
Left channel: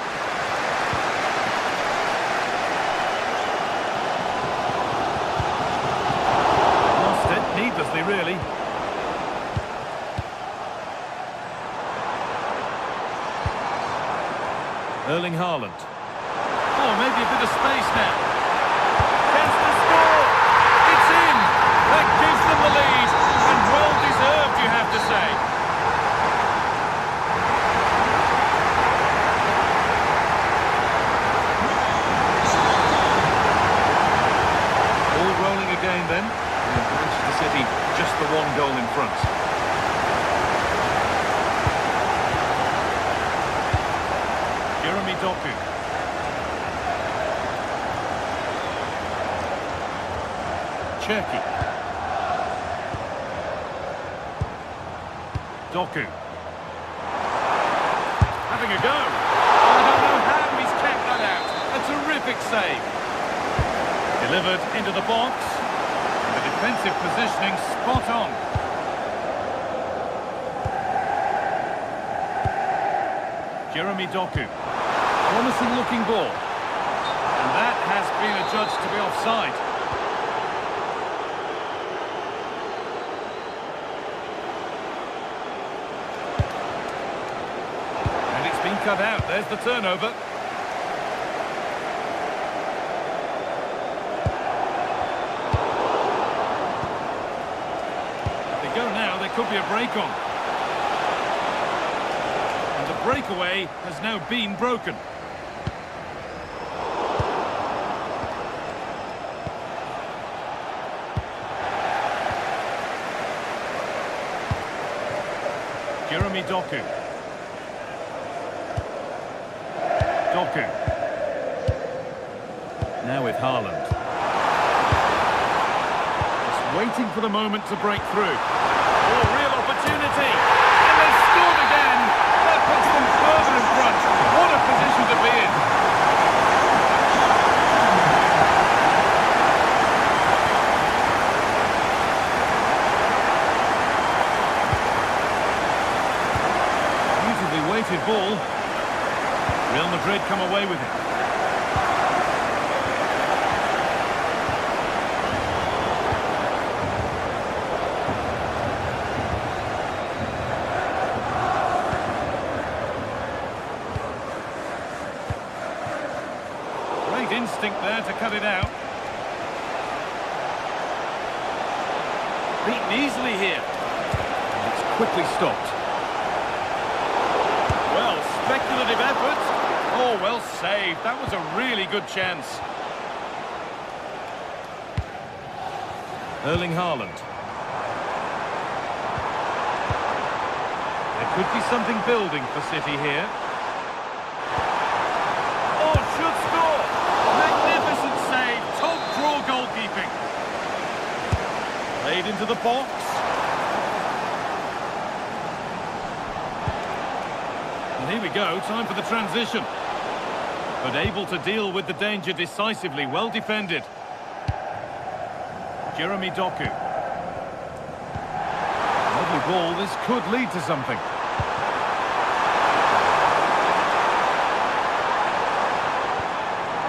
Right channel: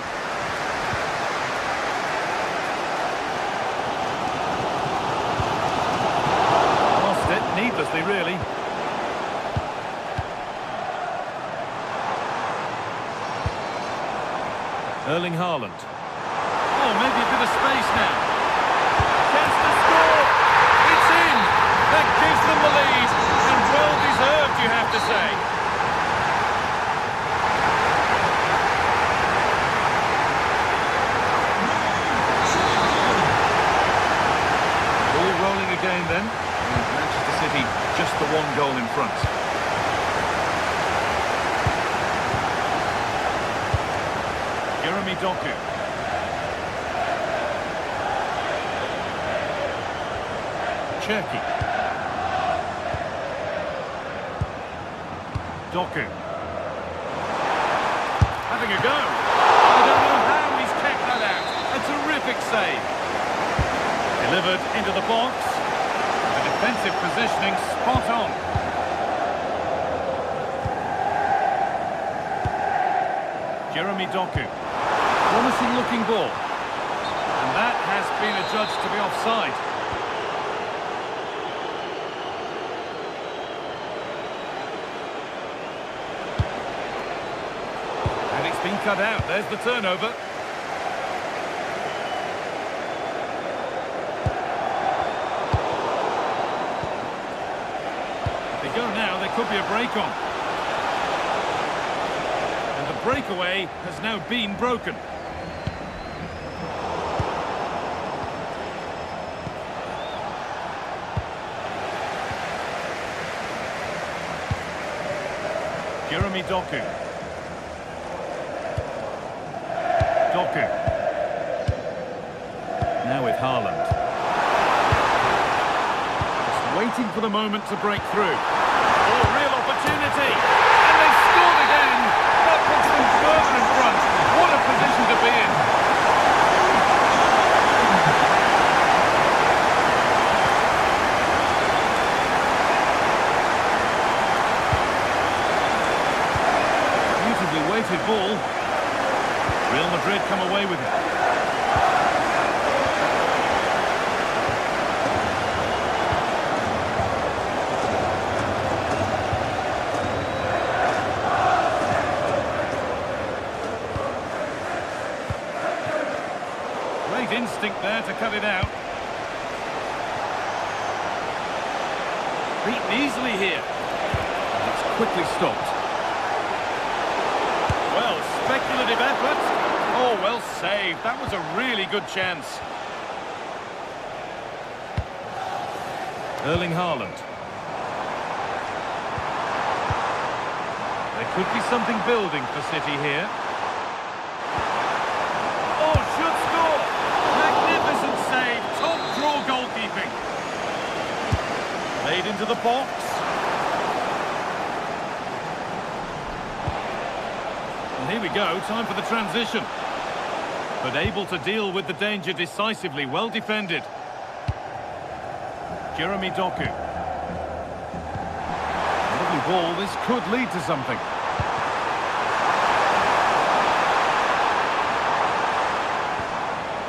Lost it, needlessly, really. Erling Haaland. Oh, maybe a bit of space now. Chance to score. It's in. That gives them the lead. And well deserved, you have to say. All rolling again then. And Manchester City just the one goal in front. Jeremy Doku. Cherki. Doku. Having a go. I don't know how he's kept that out. A terrific save. Delivered into the box. And the defensive positioning spot on. Jeremy Doku. Promising looking ball. And that has been adjudged to be offside. And it's been cut out. There's the turnover. If they go now, there could be a break on. And the breakaway has now been broken. Jeremy Doku. Doku. Now with Haaland. Just waiting for the moment to break through. Oh, real opportunity. And they've scored again. That puts them further in front. What a position to be in. Beautifully weighted ball. Real Madrid come away with it. Great instinct there to cut it out. Beaten easily here. And it's quickly stopped. Well, speculative effort. Oh, well saved. That was a really good chance. Erling Haaland. There could be something building for City here. Oh, should score. Magnificent save. Top draw goalkeeping. Played into the box. And here we go, time for the transition. But able to deal with the danger decisively, well defended. Jeremy Doku. Lovely ball, this could lead to something.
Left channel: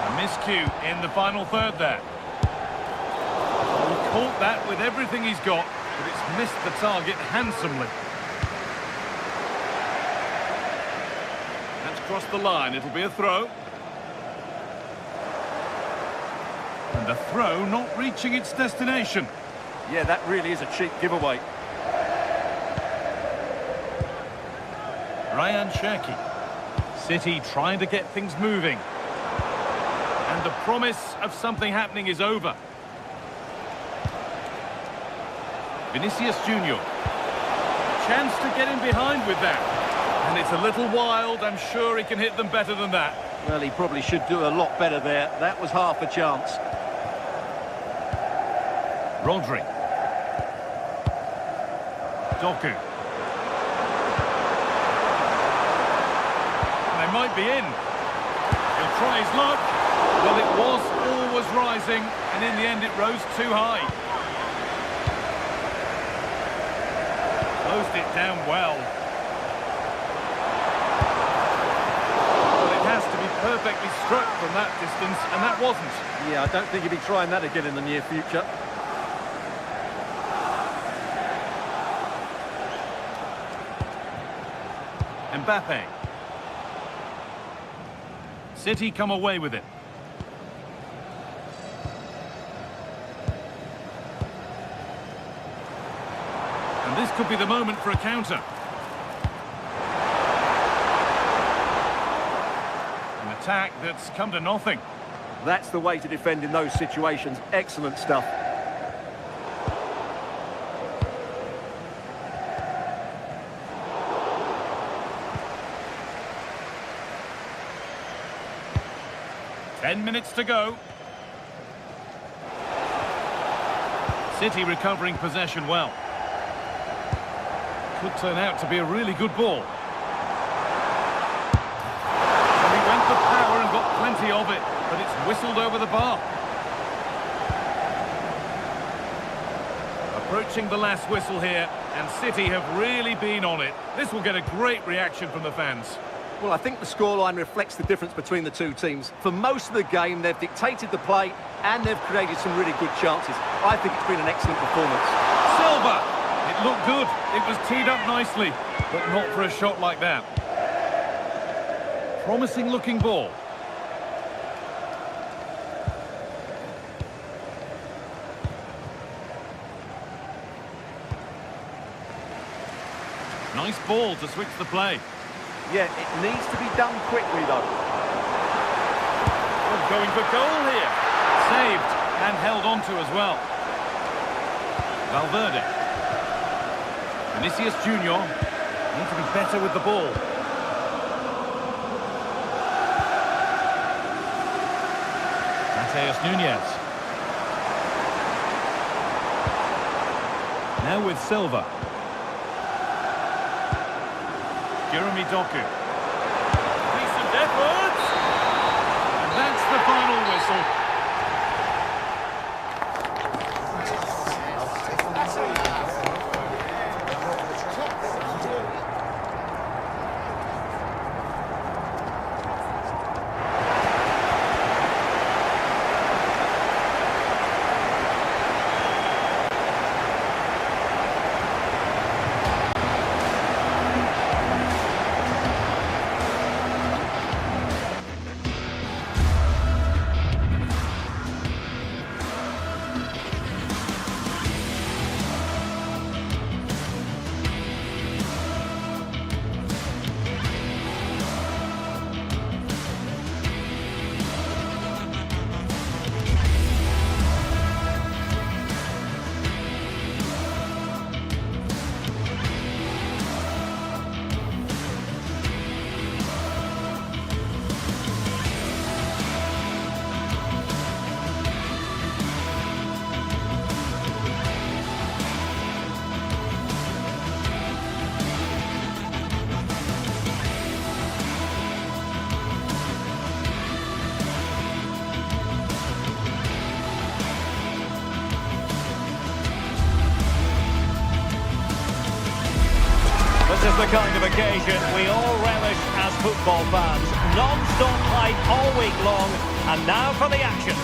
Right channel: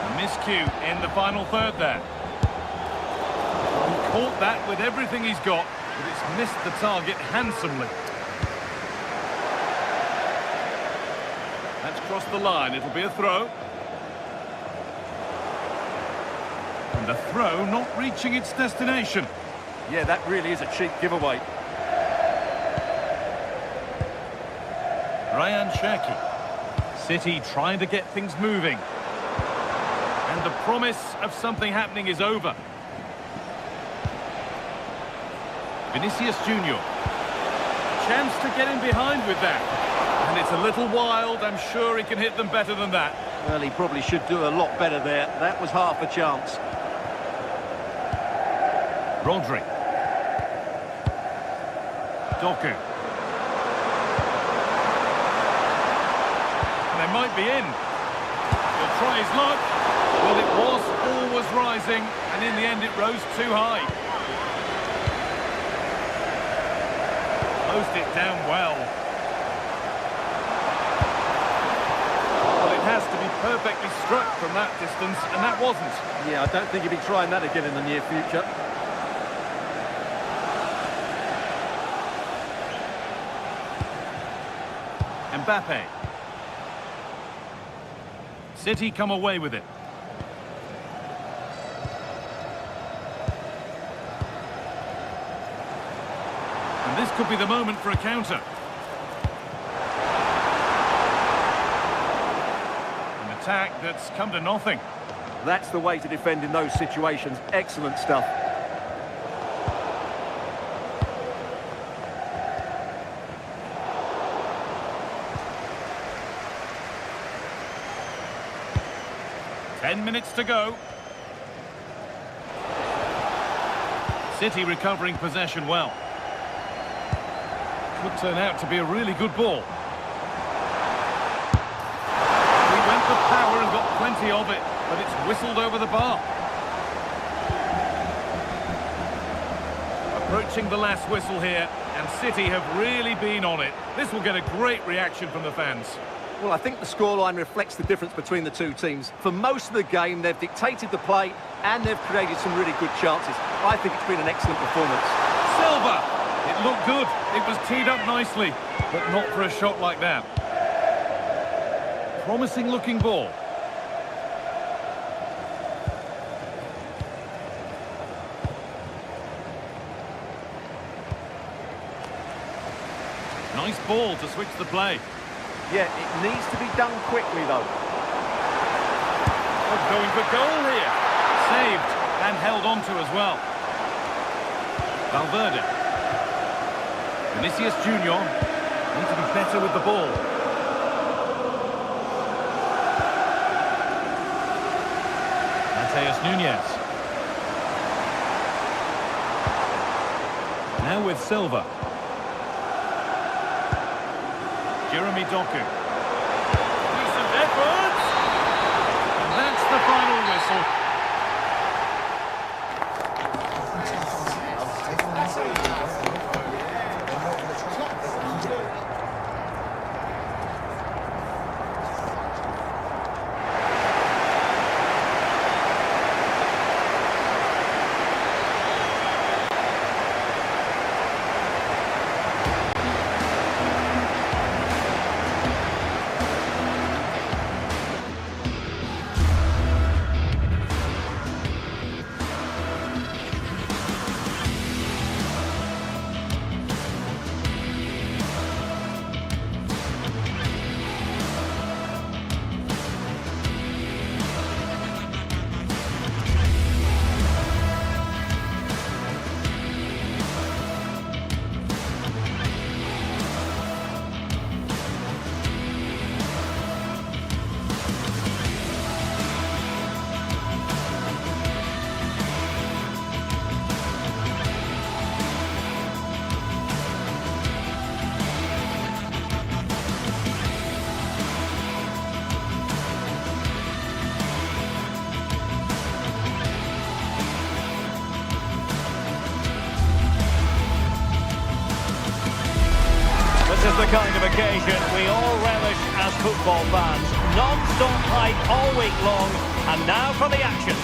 And Miscue in the final third there. He caught that with everything he's got, but it's missed the target handsomely. That's crossed the line. It'll be a throw. And the throw not reaching its destination. Yeah, that really is a cheap giveaway. Ryan Cherki. City trying to get things moving. And the promise of something happening is over. Vinicius Junior. Chance to get in behind with that. And it's a little wild. I'm sure he can hit them better than that. Well, he probably should do a lot better there. That was half a chance. Rodri. Doku. And they might be in. He'll try his luck. Well, it was always rising, and in the end it rose too high. Closed it down well. Well, it has to be perfectly struck from that distance, and that wasn't. Yeah, I don't think he'll be trying that again in the near future. Mbappe. City come away with it. And this could be the moment for a counter. An attack that's come to nothing. That's the way to defend in those situations. Excellent stuff. Ten minutes to go. City recovering possession well. Could turn out to be a really good ball. And he went for power and got plenty of it, but it's whistled over the bar. Approaching the last whistle here, and City have really been on it. This will get a great reaction from the fans. Well, I think the scoreline reflects the difference between the two teams. For most of the game, they've dictated the play and they've created some really good chances. I think it's been an excellent performance. Silva! It looked good. It was teed up nicely, but not for a shot like that. Promising looking ball. Nice ball to switch the play. Yeah, it needs to be done quickly, though. Oh, going for goal here. Saved and held on to as well. Valverde. Vinicius Junior. Need to be better with the ball. Mateus Nunes. Now with Silva. Jeremy Doku. Decent effort. And that's the final whistle. This is the kind of occasion we all relish as football fans. Non-stop hype all week long, And now for the action.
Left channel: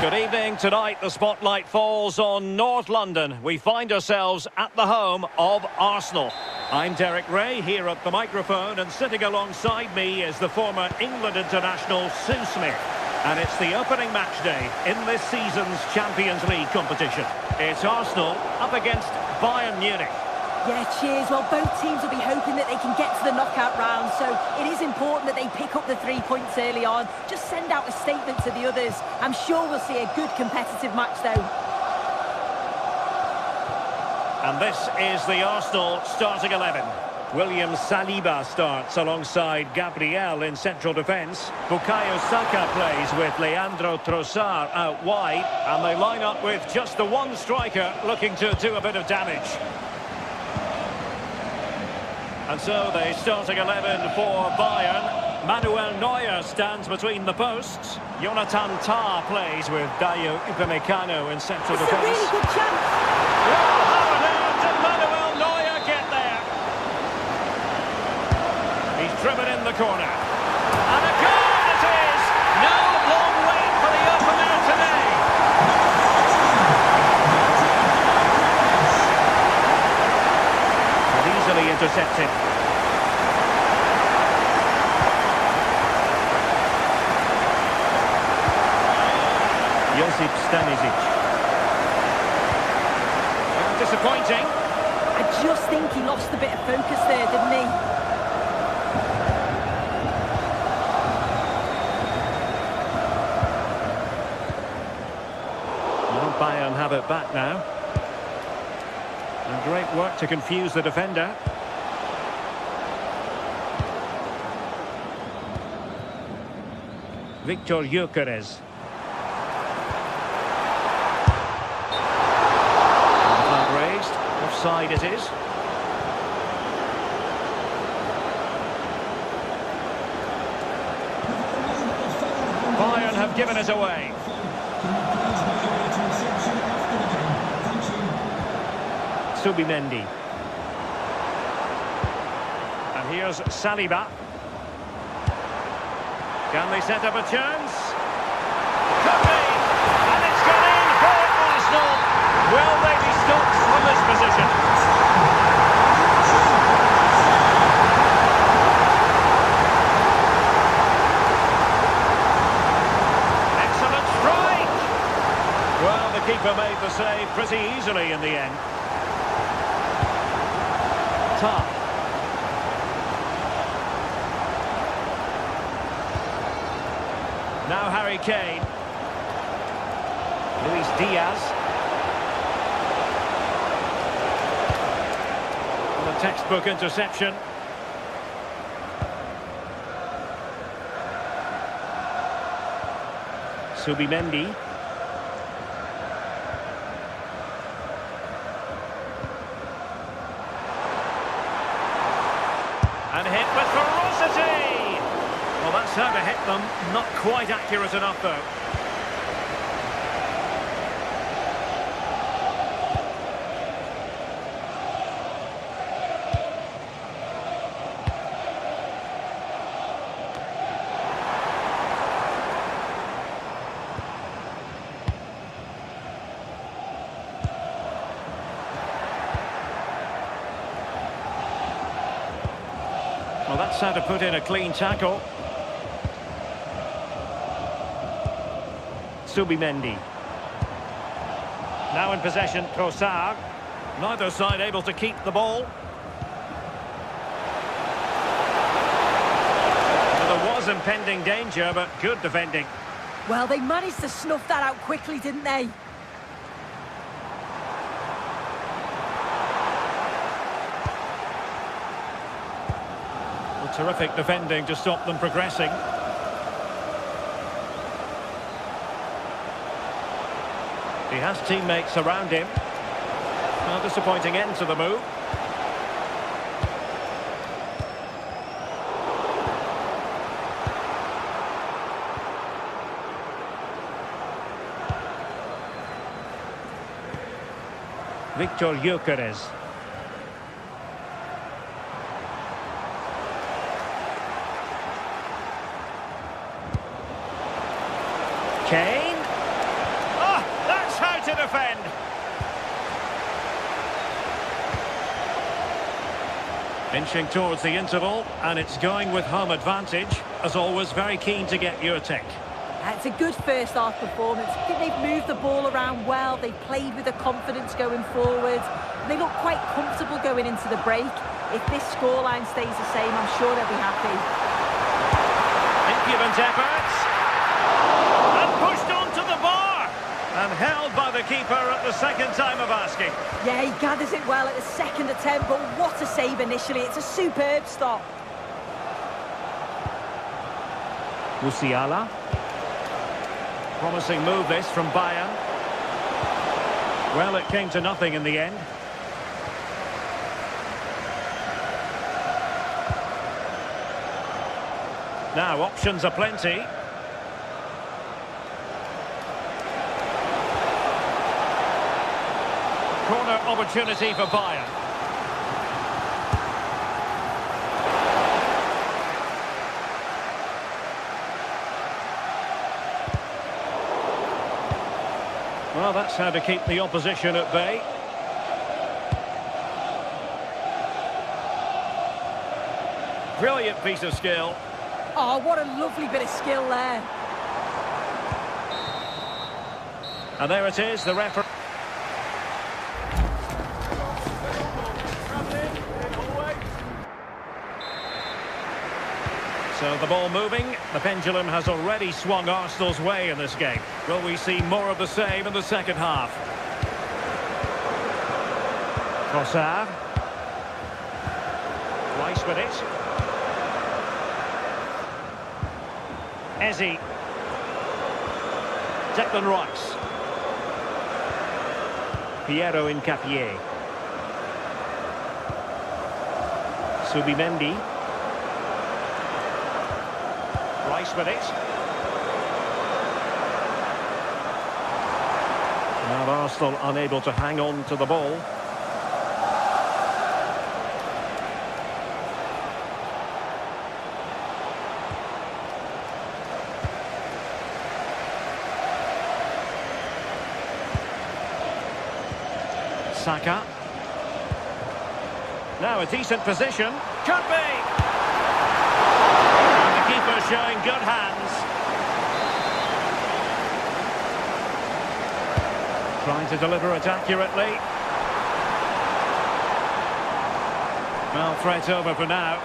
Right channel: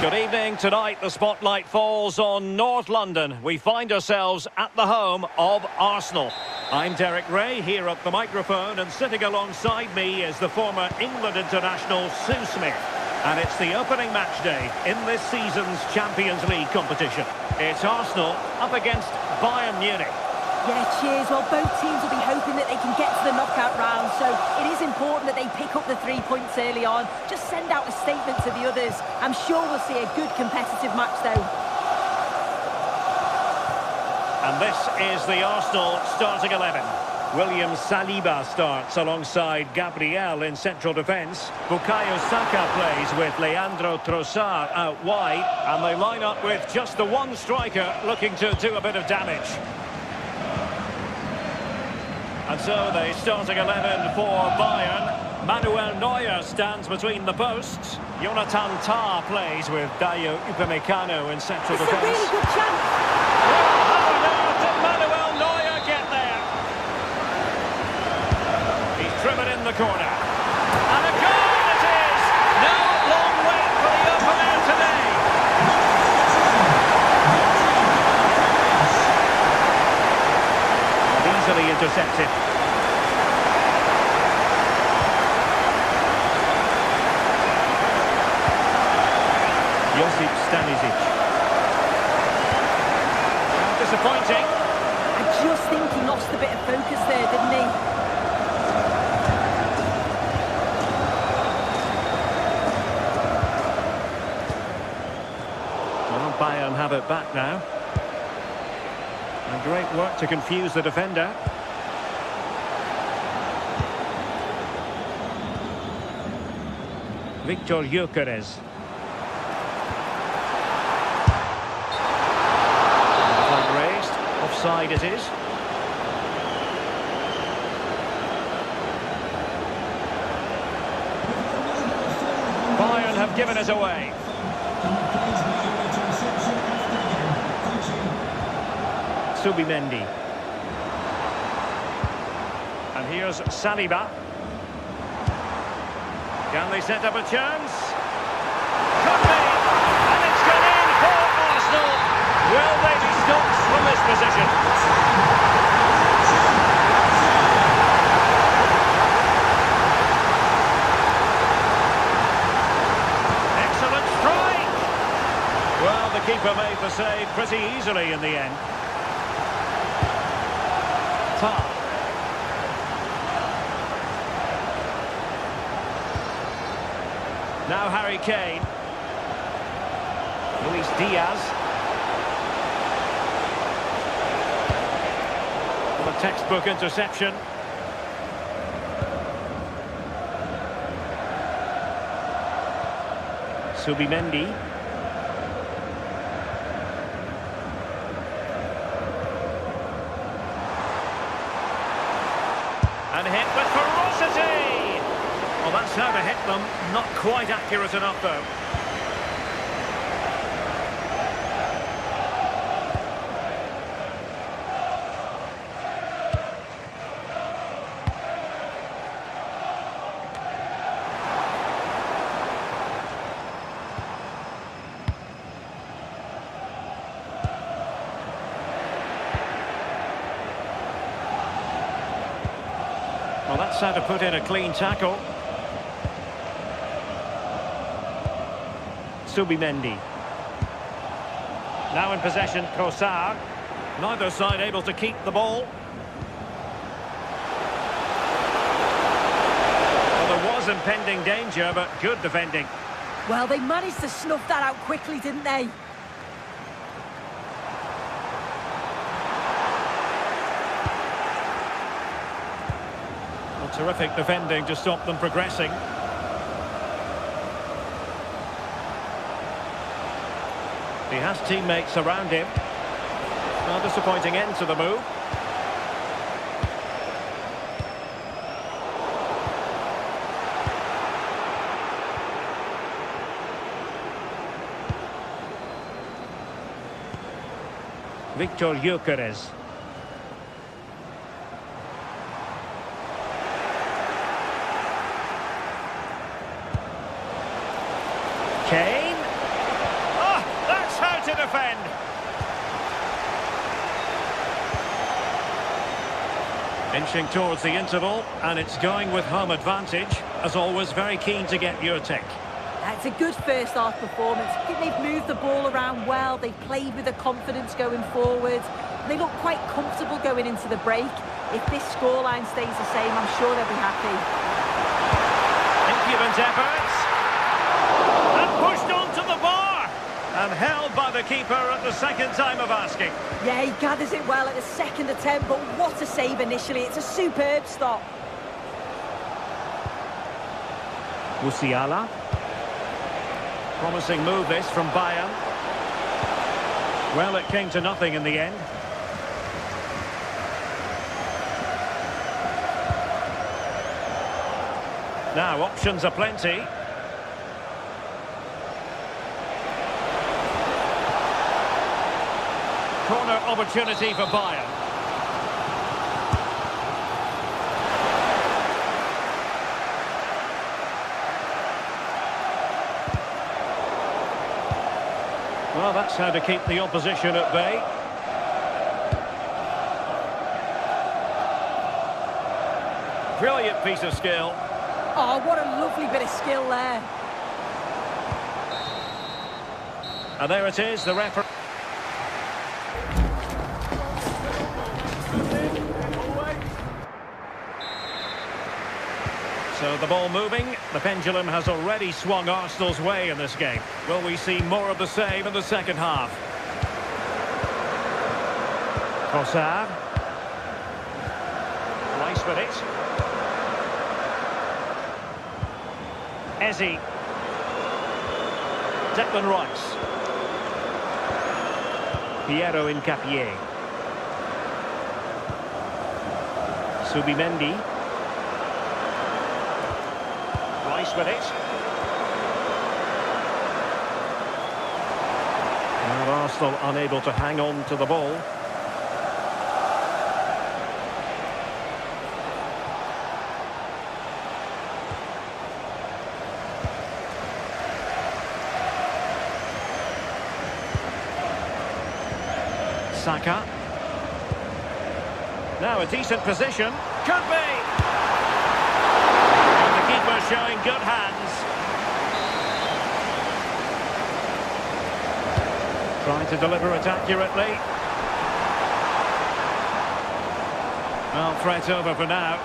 Good evening. Tonight the spotlight falls on North London. We find ourselves at the home of Arsenal. I'm Derek Ray here at the microphone, and sitting alongside me is the former England international Sue Smith. And it's the opening match day in this season's Champions League competition. It's Arsenal up against Bayern Munich. Yeah, cheers. Well, both teams will be hoping that they can get to the knockout round, so it is important that they pick up the 3 points early on. Just send out a statement to the others. I'm sure we'll see a good competitive match, though. And this is the Arsenal starting 11. William Saliba starts alongside Gabriel in central defence. Bukayo Saka plays with Leandro Trossard out wide, and they line up with just the one striker looking to do a bit of damage. And so the starting 11 for Bayern. Manuel Neuer stands between the posts. Jonathan Tah plays with Dayo Upamecano in central defence. It's a really good chance. Well, how on earth did Manuel Neuer get there? He's driven in the corner. And a goal it is! No long wait for the opener today. Easily intercepted. Josip Stanisic. And disappointing. I just think he lost a bit of focus there, didn't he? Well, Bayern have it back now. And great work to confuse the defender. Victor Gyökeres. And the flag raised. Offside it is. Bayern have given us away. Can you please make your way to reception after the game? Thank you. Subimendi. And here's Saliba. Can they set up a chance? Could be! And it's gone in for Arsenal. Will they be stopped from this position? Excellent strike! Well, the keeper made the save pretty easily in the end. Tah. Now Harry Kane. Luis Diaz. Well, a textbook interception. Subimendi. And hit with ferocity! Well, that's how to hit them. Not quite accurate enough, though. Well, that's how to put in a clean tackle. Subimendi. Now in possession, Trossard. Neither side able to keep the ball. Well, there was impending danger, but good defending. Well, they managed to snuff that out quickly, didn't they? Well, terrific defending to stop them progressing. He has teammates around him. A disappointing end to the move. Victor Gyökeres. Kane. Oh, that's how to defend. Inching towards the interval, and it's going with home advantage. As always, very keen to get your take. It's a good first half performance. I think they've moved the ball around well. They've played with the confidence going forward. They look quite comfortable going into the break. If this scoreline stays the same, I'm sure they'll be happy. Impudent efforts. And pushed onto the bar. And held by the keeper at the second time of asking. Yeah, he gathers it well at the second attempt, but what a save initially. It's a superb stop. Musiala. Promising move this from Bayern. Well, it came to nothing in the end. Now, options are plenty. Corner opportunity for Bayern. Well, that's how to keep the opposition at bay. Brilliant piece of skill. Oh, what a lovely bit of skill there. And there it is, the referee. So the ball moving. The pendulum has already swung Arsenal's way in this game. Will we see more of the same in the second half? Trossard. Rice with it. Eze. Declan Rice. Piero Incapié. Subimendi. Rice with it. Now Arsenal unable to hang on to the ball. Saka. Now a decent position. Could be! And the keeper showing good hands. Trying to deliver it accurately. Well, threat over for now.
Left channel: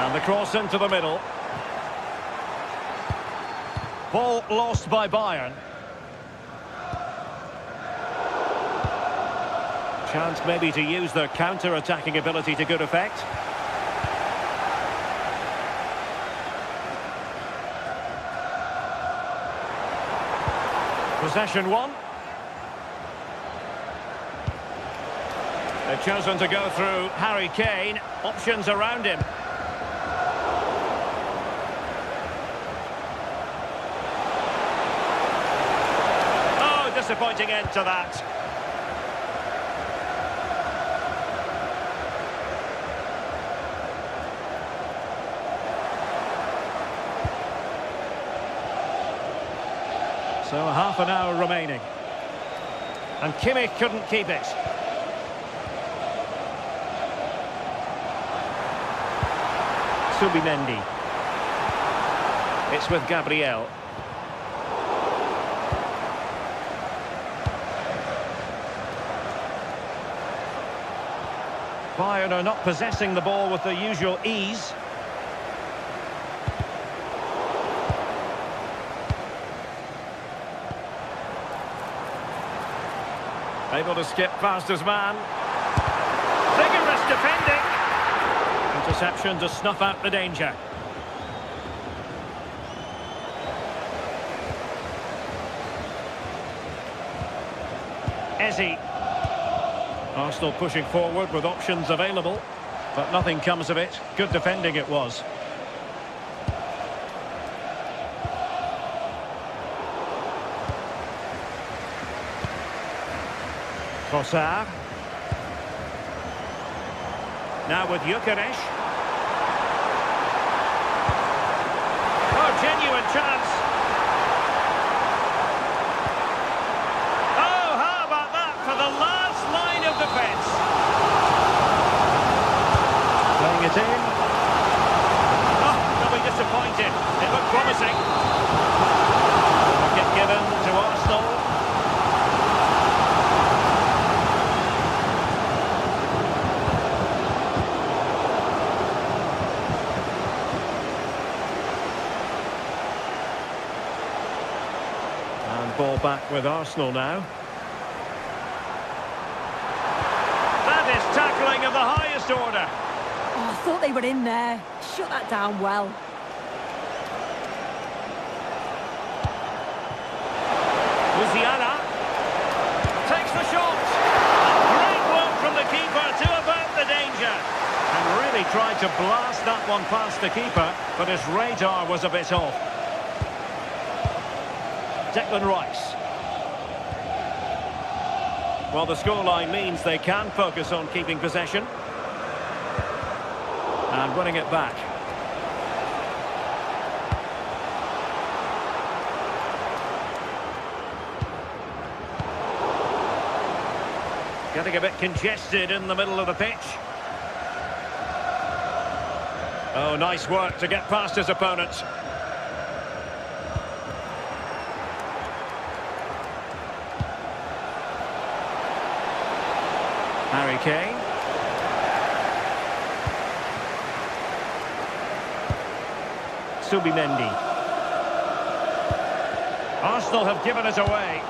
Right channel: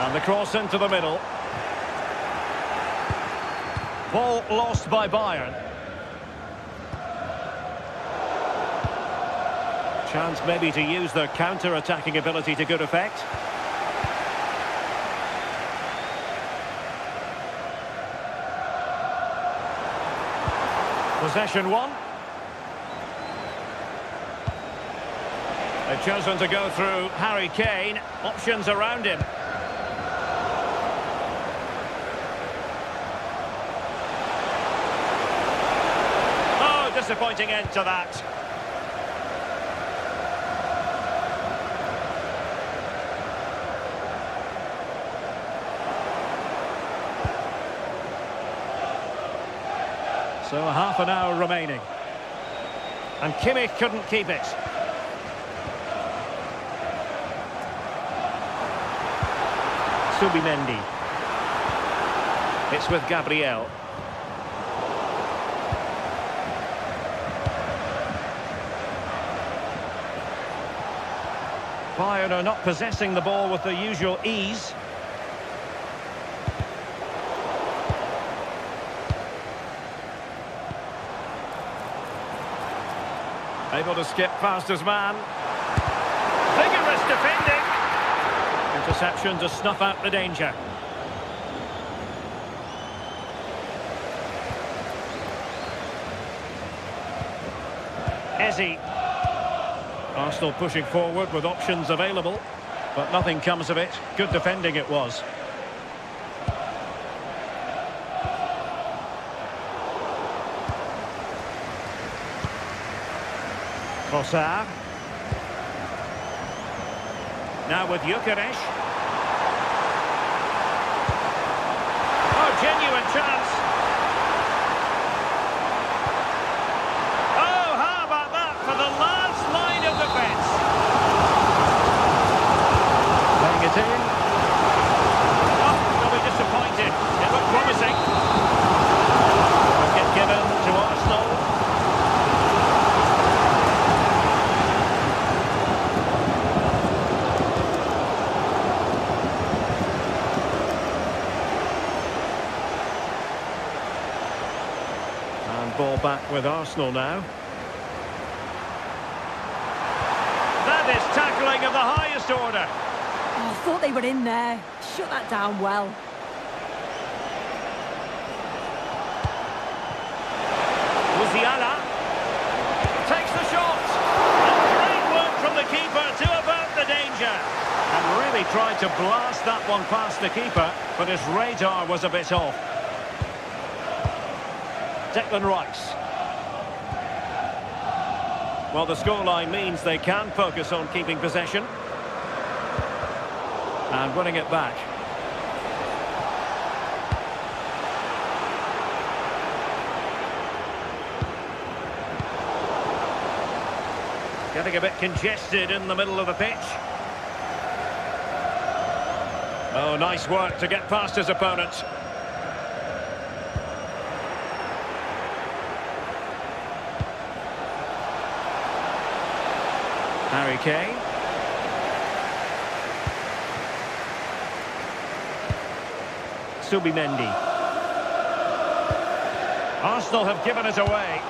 And the cross into the middle. Ball lost by Bayern. Chance maybe to use their counter-attacking ability to good effect. Possession one. They've chosen to go through Harry Kane. Options around him. Oh, disappointing end to that. So half an hour remaining. And Kimmich couldn't keep it. Subimendi. It's with Gabriel. Bayern are not possessing the ball with the usual ease. Able to skip past his man. Vigorous defending. Interception to snuff out the danger. Eze. Arsenal pushing forward with options available, but nothing comes of it. Good defending it was. Trossard. Now with Gyökeres. Oh, genuine chance. Oh, how about that for the last line of defence? Playing it in. Oh, they'll be disappointed. It looked promising. Wicket given to Arsenal. And ball back with Arsenal now. That is tackling of the highest order. Oh, I thought they were in there. Shut that down well. Musiala takes the shot. And great work from the keeper to avert the danger. And really tried to blast that one past the keeper, but his radar was a bit off. Declan Rice. Well, the scoreline means they can focus on keeping possession. And winning it back. Getting a bit congested in the middle of the pitch. Oh, nice work to get past his opponents. Harry Kane. Subimendi. Arsenal have given it away.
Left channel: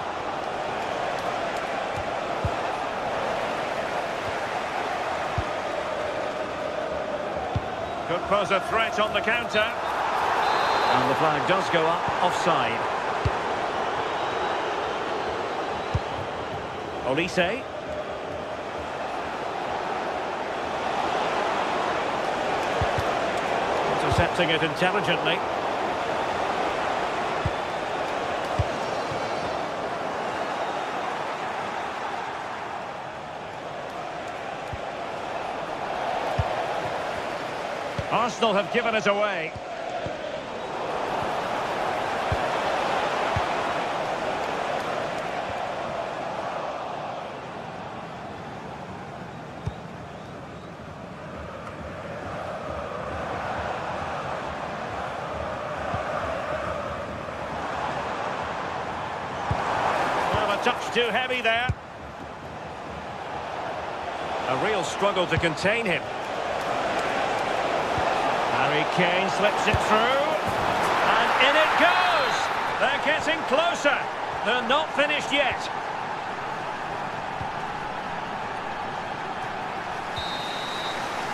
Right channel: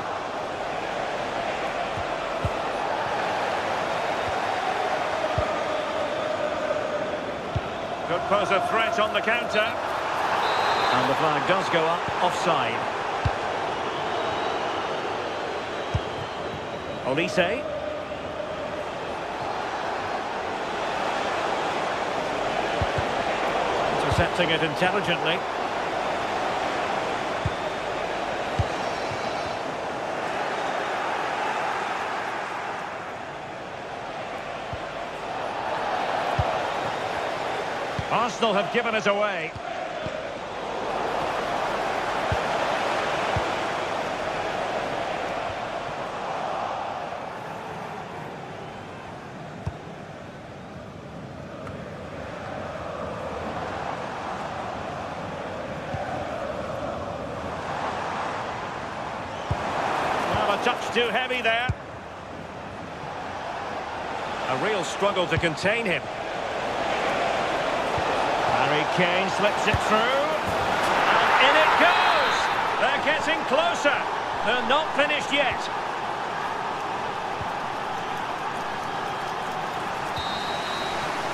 Could pose a threat on the counter. And the flag does go up, offside. Olise. Intercepting it intelligently. Arsenal have given it away. Well, a touch too heavy there. A real struggle to contain him. Harry Kane slips it through, and in it goes! They're getting closer. They're not finished yet.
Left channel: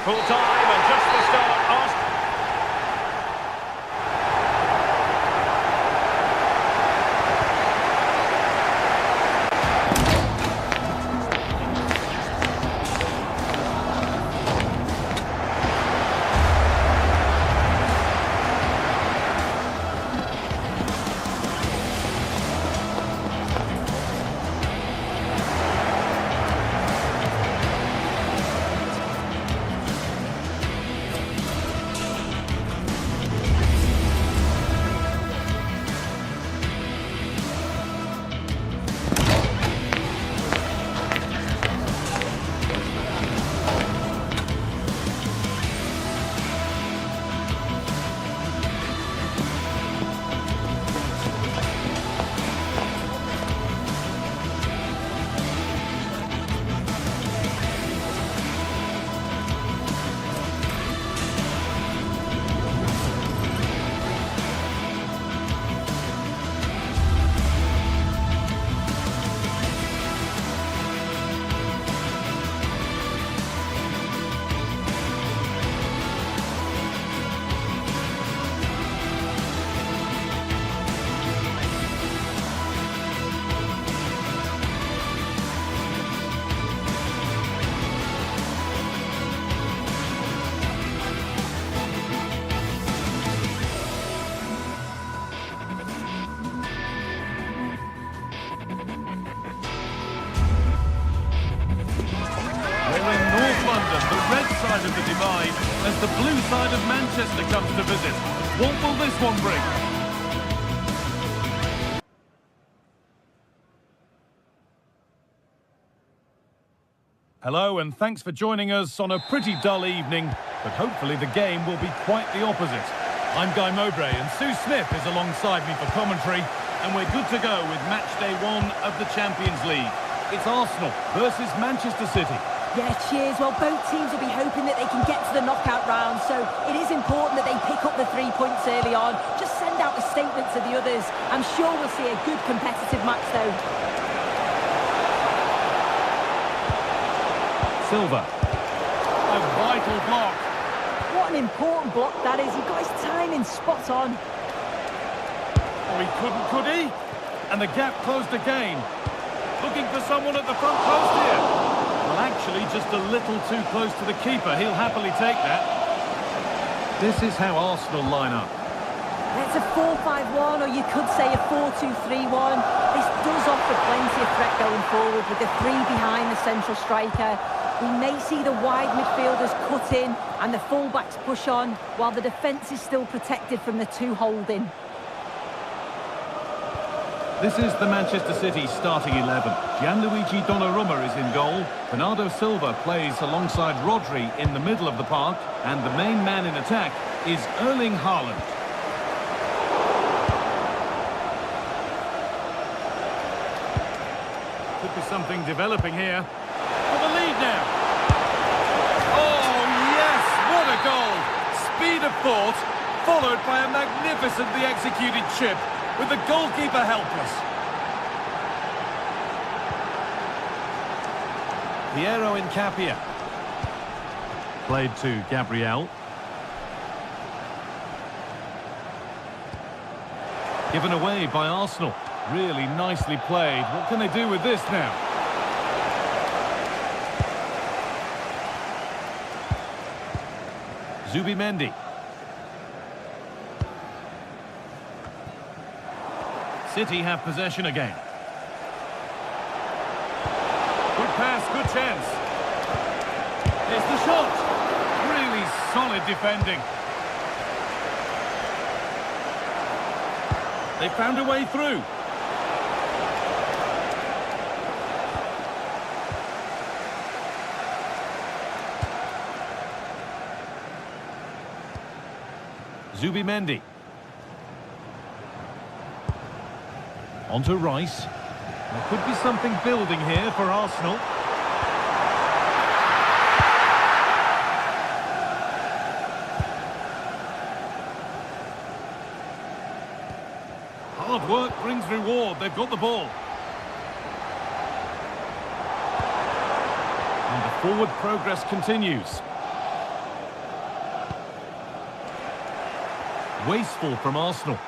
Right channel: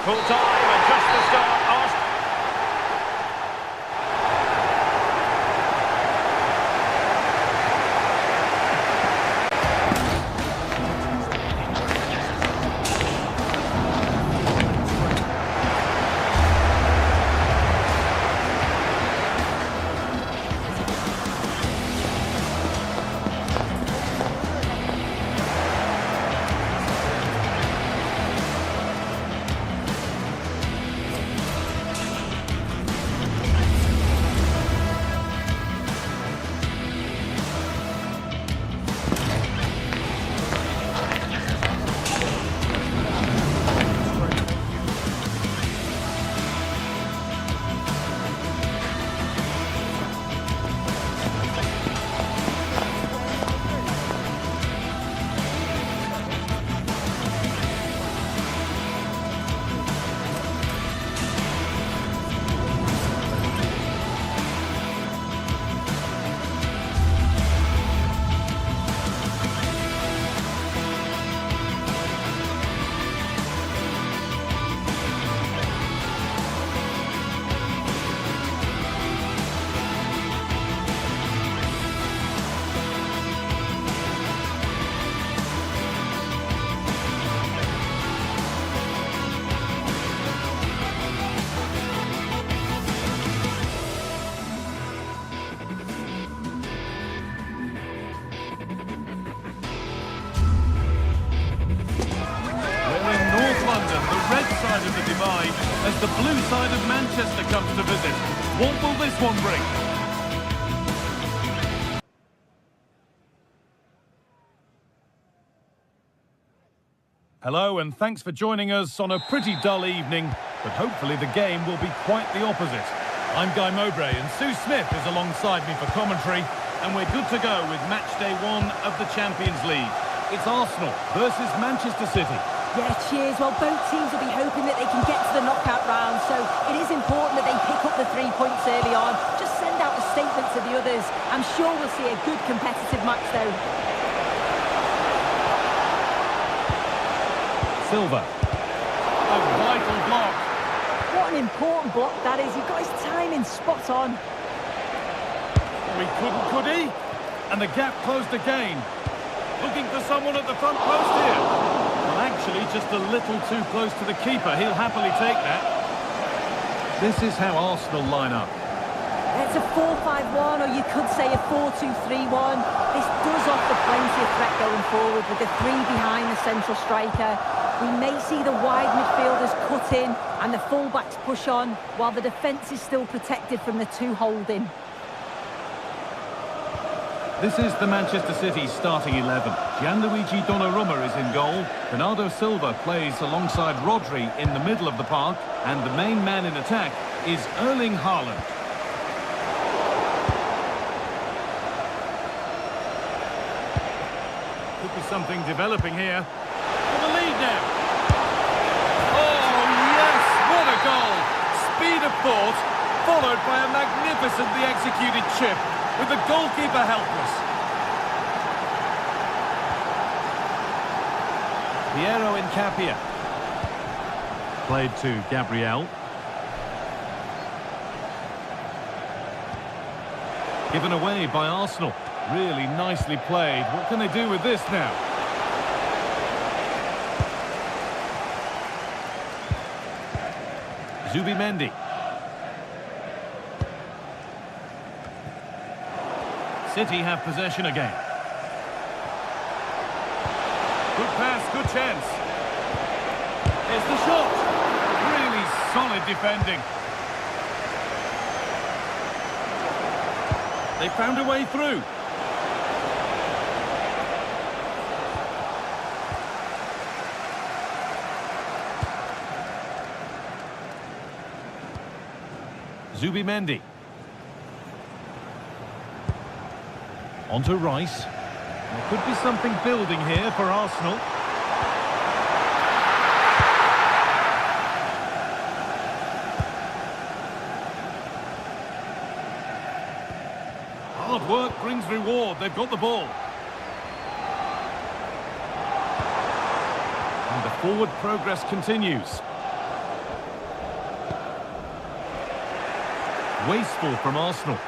Full time and just the start. Arsenal. London, the red side of the divide, as the blue side of Manchester comes to visit. What will this one bring? Hello and thanks for joining us on a pretty dull evening, but hopefully the game will be quite the opposite. I'm Guy Mowbray and Sue Smith is alongside me for commentary, and we're good to go with match day 1 of the Champions League. It's Arsenal versus Manchester City. Yeah, cheers. Well, both teams will be hoping that they can get to the knockout round, so it is important that they pick up the 3 points early on. Just send out a statement to the others. I'm sure we'll see a good competitive match, though. Silva. A vital block. What an important block that is. He got his timing spot on. Oh, he couldn't, could he? And the gap closed again. Looking for someone at the front post here. Well, actually, just a little too close to the keeper. He'll happily take that. This is how Arsenal line up. It's a 4-5-1, or you could say a 4-2-3-1. This does offer plenty of threat going forward with the 3 behind the central striker. We may see the wide midfielders cut in and the fullbacks push on, while the defence is still protected from the 2 holding. This is the Manchester City starting 11. Gianluigi Donnarumma is in goal. Bernardo Silva plays alongside Rodri in the middle of the park. And the main man in attack is Erling Haaland. Could be something developing here. For the lead now. Oh, yes! What a goal! Speed of thought, followed by a magnificently executed chip, with the goalkeeper helpless. Piero Incapia. Played to Gabriel. Given away by Arsenal. Really nicely played. What can they do with this now? Zubimendi. City have possession again. Good pass, good chance. Here's the shot. Really solid defending. They found a way through. Zubimendi. On to Rice. There could be something building here for Arsenal. Hard work brings reward. They've got the ball. And the forward progress continues. Wasteful from Arsenal.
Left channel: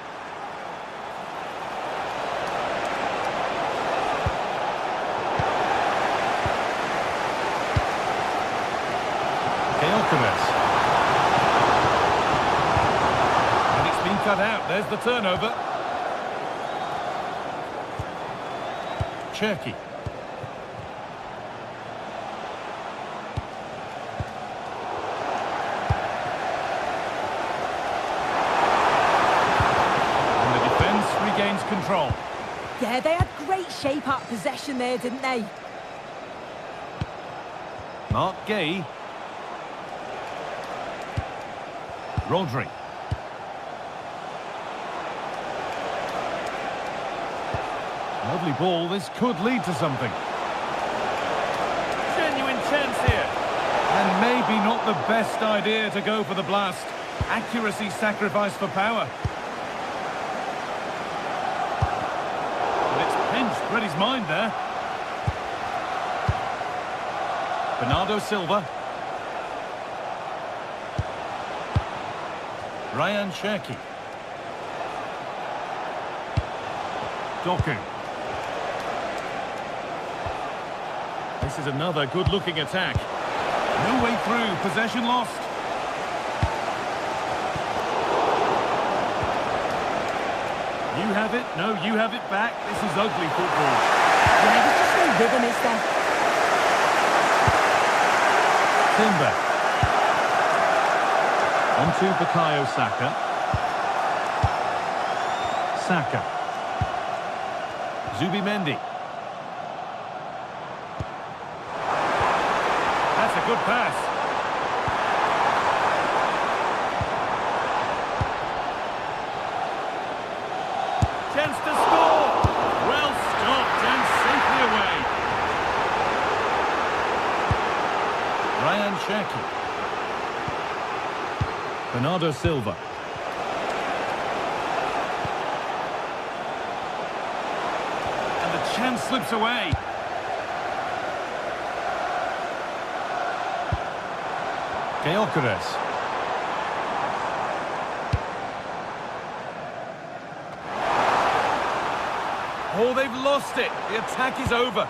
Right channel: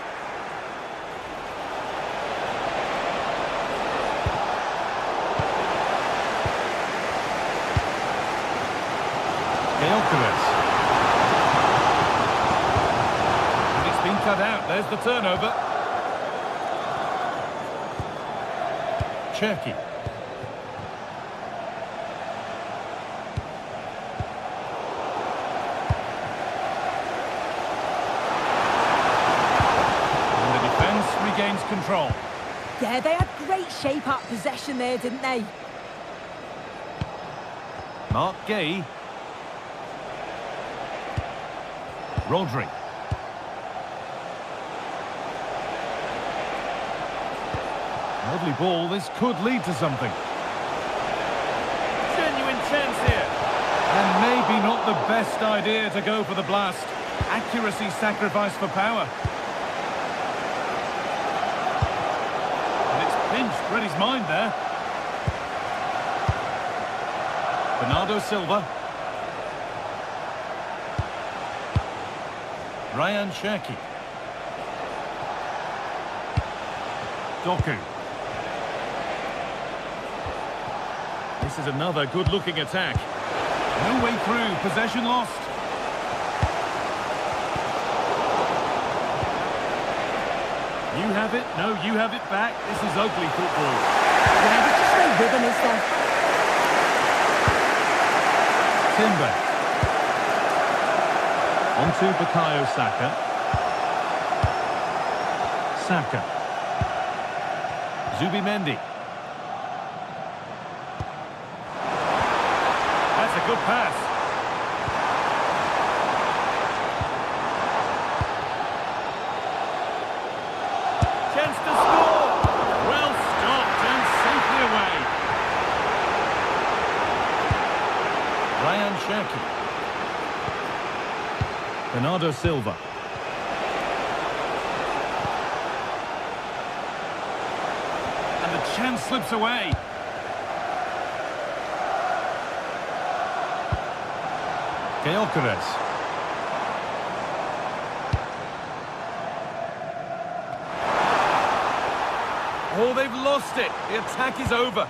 And it's been cut out. There's the turnover. Cherki. And the defence regains control. Yeah, they had great shape out possession there, didn't they? Mark Gay. Rodri. Lovely ball. This could lead to something. Genuine chance here. And maybe not the best idea to go for the blast. Accuracy sacrificed for power. And it's pinched Reddy's mind there. Bernardo Silva. Ryan Cherki. Doku. This is another good-looking attack. No way through. Possession lost. You have it. No, you have it back. This is ugly football. Yeah, there's just no rhythm, is there? Timber. On to Bukayo Saka. Saka. That's a good pass. Chance to score. Well stopped and safely away. Ryan Cherki. Bernardo Silva. And the chance slips away. Gyökeres. Oh, they've lost it. The attack is over.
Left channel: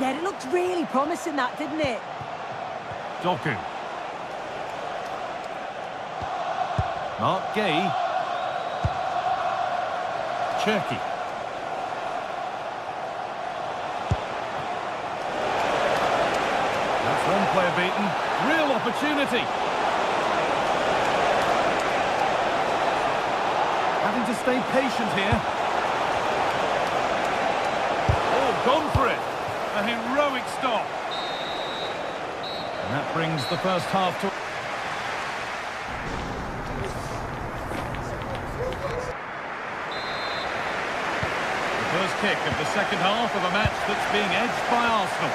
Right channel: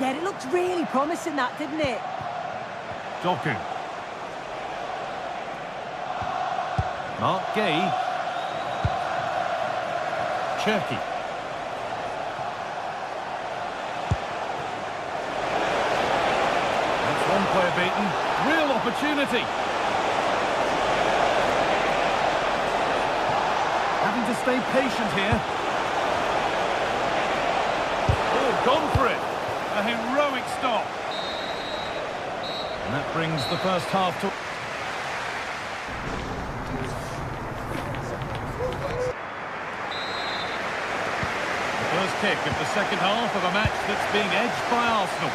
Yeah, it looked really promising, that, didn't it? Doku. Mark Gay. Cherki. That's one player beaten. Real opportunity. Having to stay patient here. Oh, gone for it. A heroic stop. And that brings the first half to... The first kick of the second half of a match that's being edged by Arsenal.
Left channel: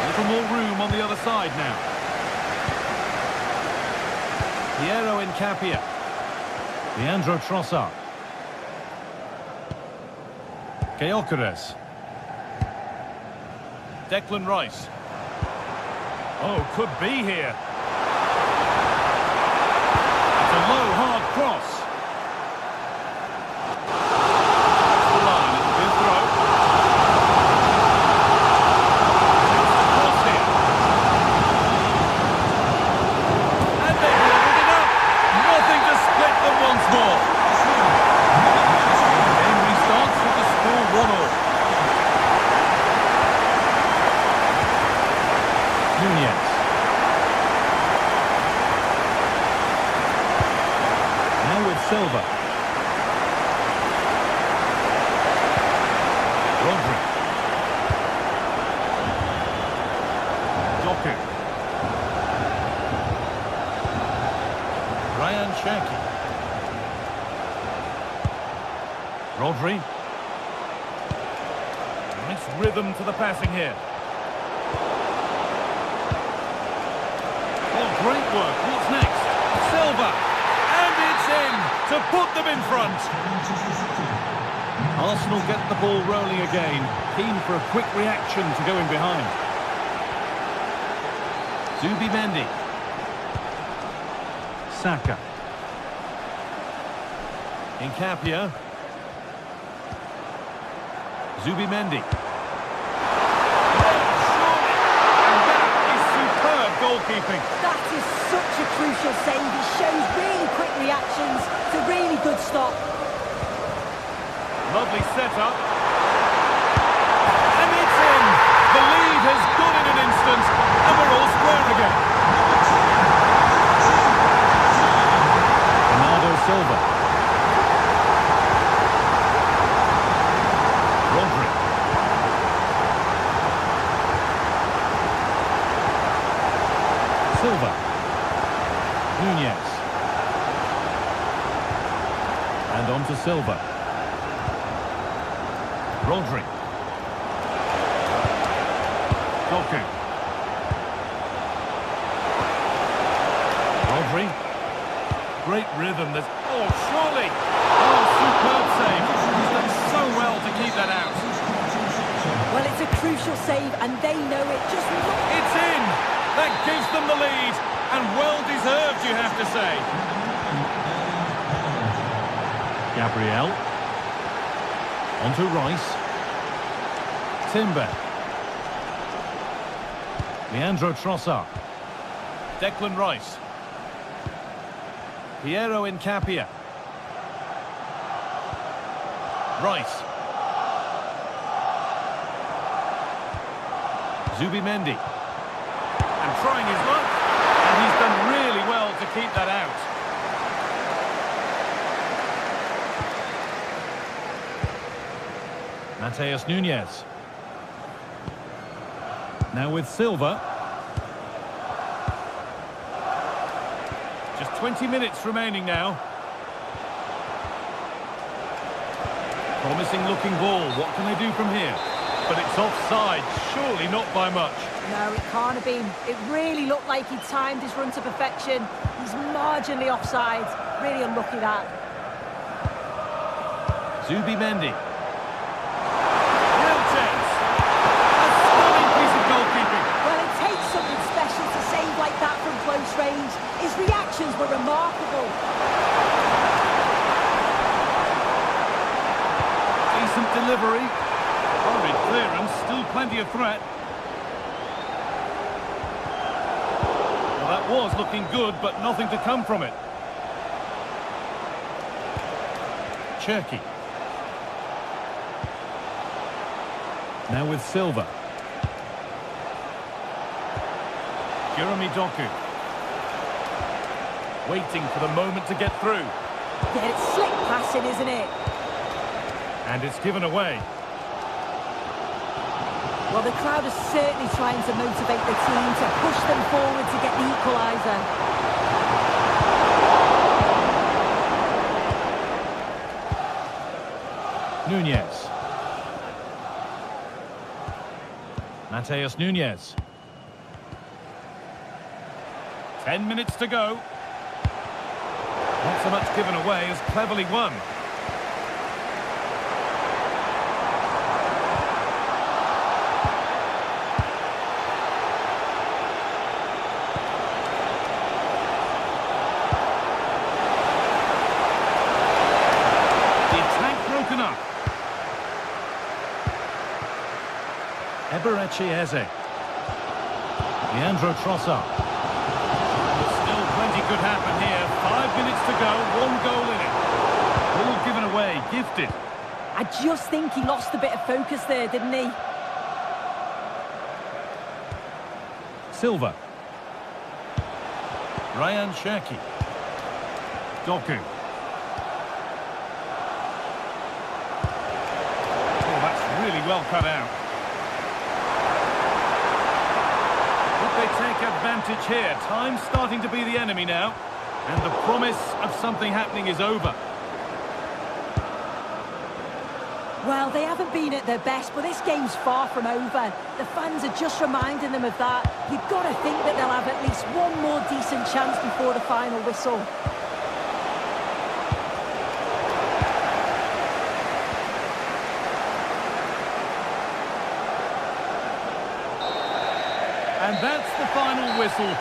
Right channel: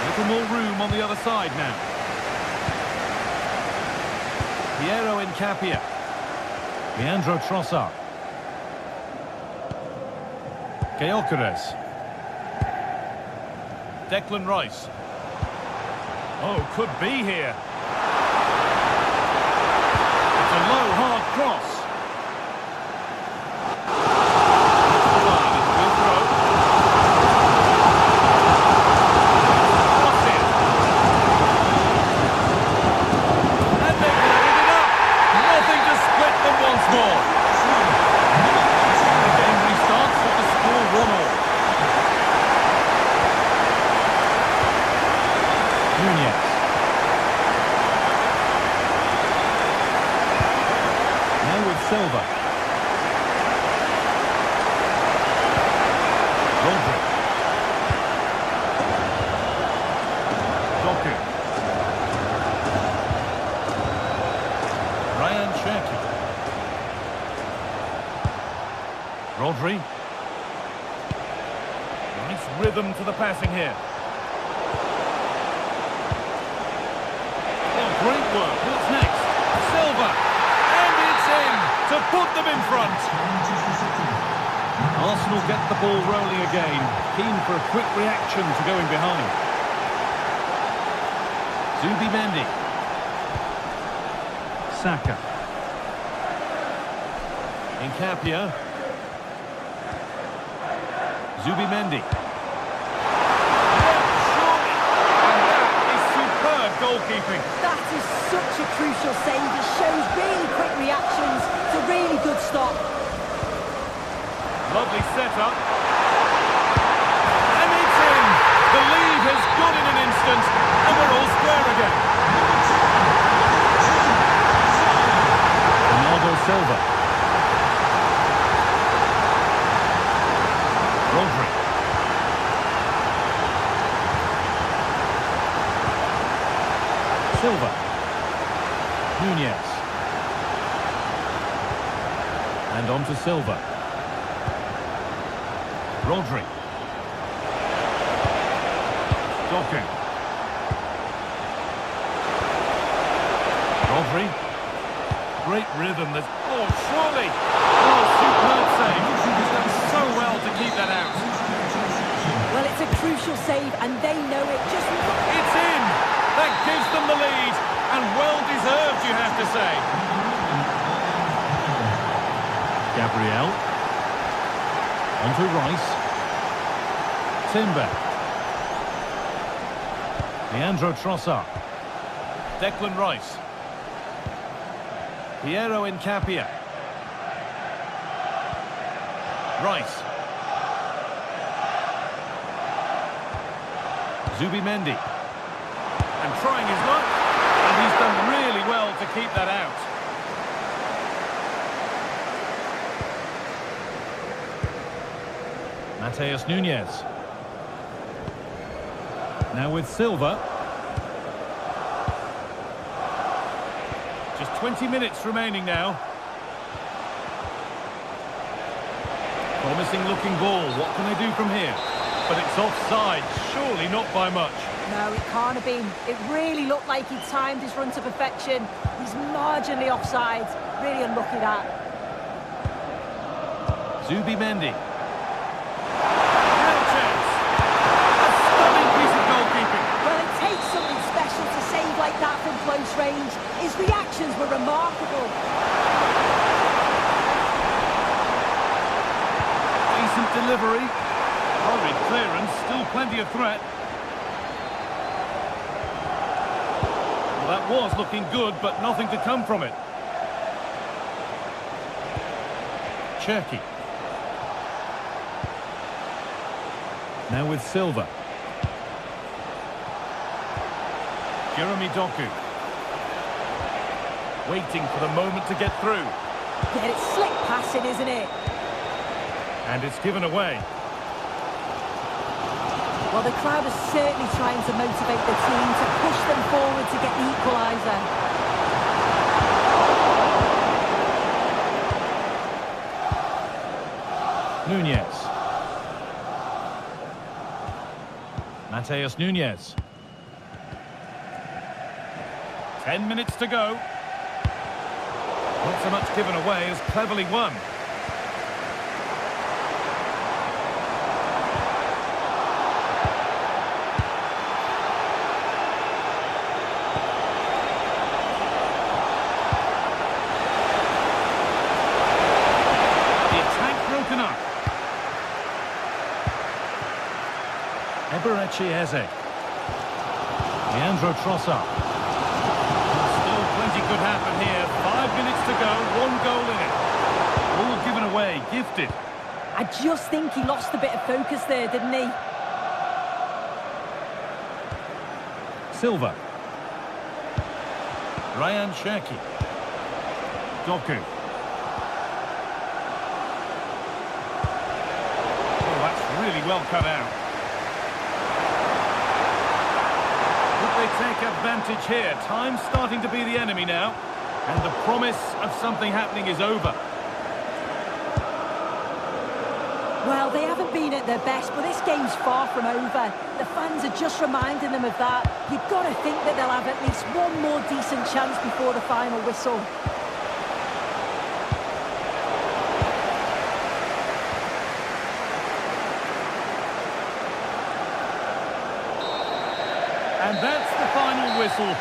A little more room on the other side now. Piero Incapia. Leandro Trossard. Gyökeres. Declan Rice. Oh, could be here. It's a low, hard cross. That's the line. It'll be a throw. Cross here. And they've leveled it up. Nothing to split them once more. The game restarts with the score 1-1. Nunez. Now with Silva. Rodri. Doku. Ryan Cherki. Rodri. Nice rhythm to the passing here. Oh, great work. What's next? Silva. And it's in to put them in front. Arsenal get the ball rolling again. Keen for a quick reaction to going behind. Zubimendi. Saka. Incapia. Zubimendi. Goalkeeping. That is such a crucial save. It shows really quick reactions. It's a really good stop. Lovely setup. And it's in. The lead has gone in an instant, and we're all square again. Bernardo Silva. Rodri. Silva. Nunez. And on to Silva. Rodri. Doku. Rodri. Great rhythm. There's... Oh, surely. Oh, superb save. He's done so well to keep that out. Well, it's a crucial save, and they know it. Just look. It's in. That gives them the lead, and well-deserved, you have to say. Gabriel. On to Rice. Timber. Leandro Trossard. Declan Rice. Piero Incapia. Rice. Zubimendi. And trying his luck, and he's done really well to keep that out. Matheus Nunez. Now with Silva. Just 20 minutes remaining now. Promising looking ball. What can they do from here? But it's offside. Surely not by much. No, it can't have been. It really looked like he'd timed his run to perfection. He's marginally offside. Really unlucky that. Zubimendi. Real chance. A stunning piece of goalkeeping. Well, it takes something special to save like that from close range. His reactions were remarkable. Decent delivery. Hurried clearance. Still plenty of threat. Well, that was looking good, but nothing to come from it. Cherki. Now with Silva. Jeremy Doku. Waiting for the moment to get through. Yeah, it's slick passing, isn't it? And it's given away. Well, the crowd is certainly trying to motivate the team to push them forward to get the equaliser. Nunez. Mateus Nunez. 10 minutes to go. Not so much given away as cleverly won. The attack broken up. Eberechi Eze. Leandro Trossard. Still plenty could happen here. 5 minutes to go, 1 goal in it. All given away, gifted. I just think he lost a bit of focus there, didn't he? Silva. Ryan Cherki. Doku. Oh, that's really well cut out. They take advantage here. Time's starting to be the enemy now. And the promise of something happening is over. Well, they haven't been at their best, but this game's far from over. The fans are just reminding them of that. You've got to think that they'll have at least one more decent chance before the final whistle. And that's the final whistle.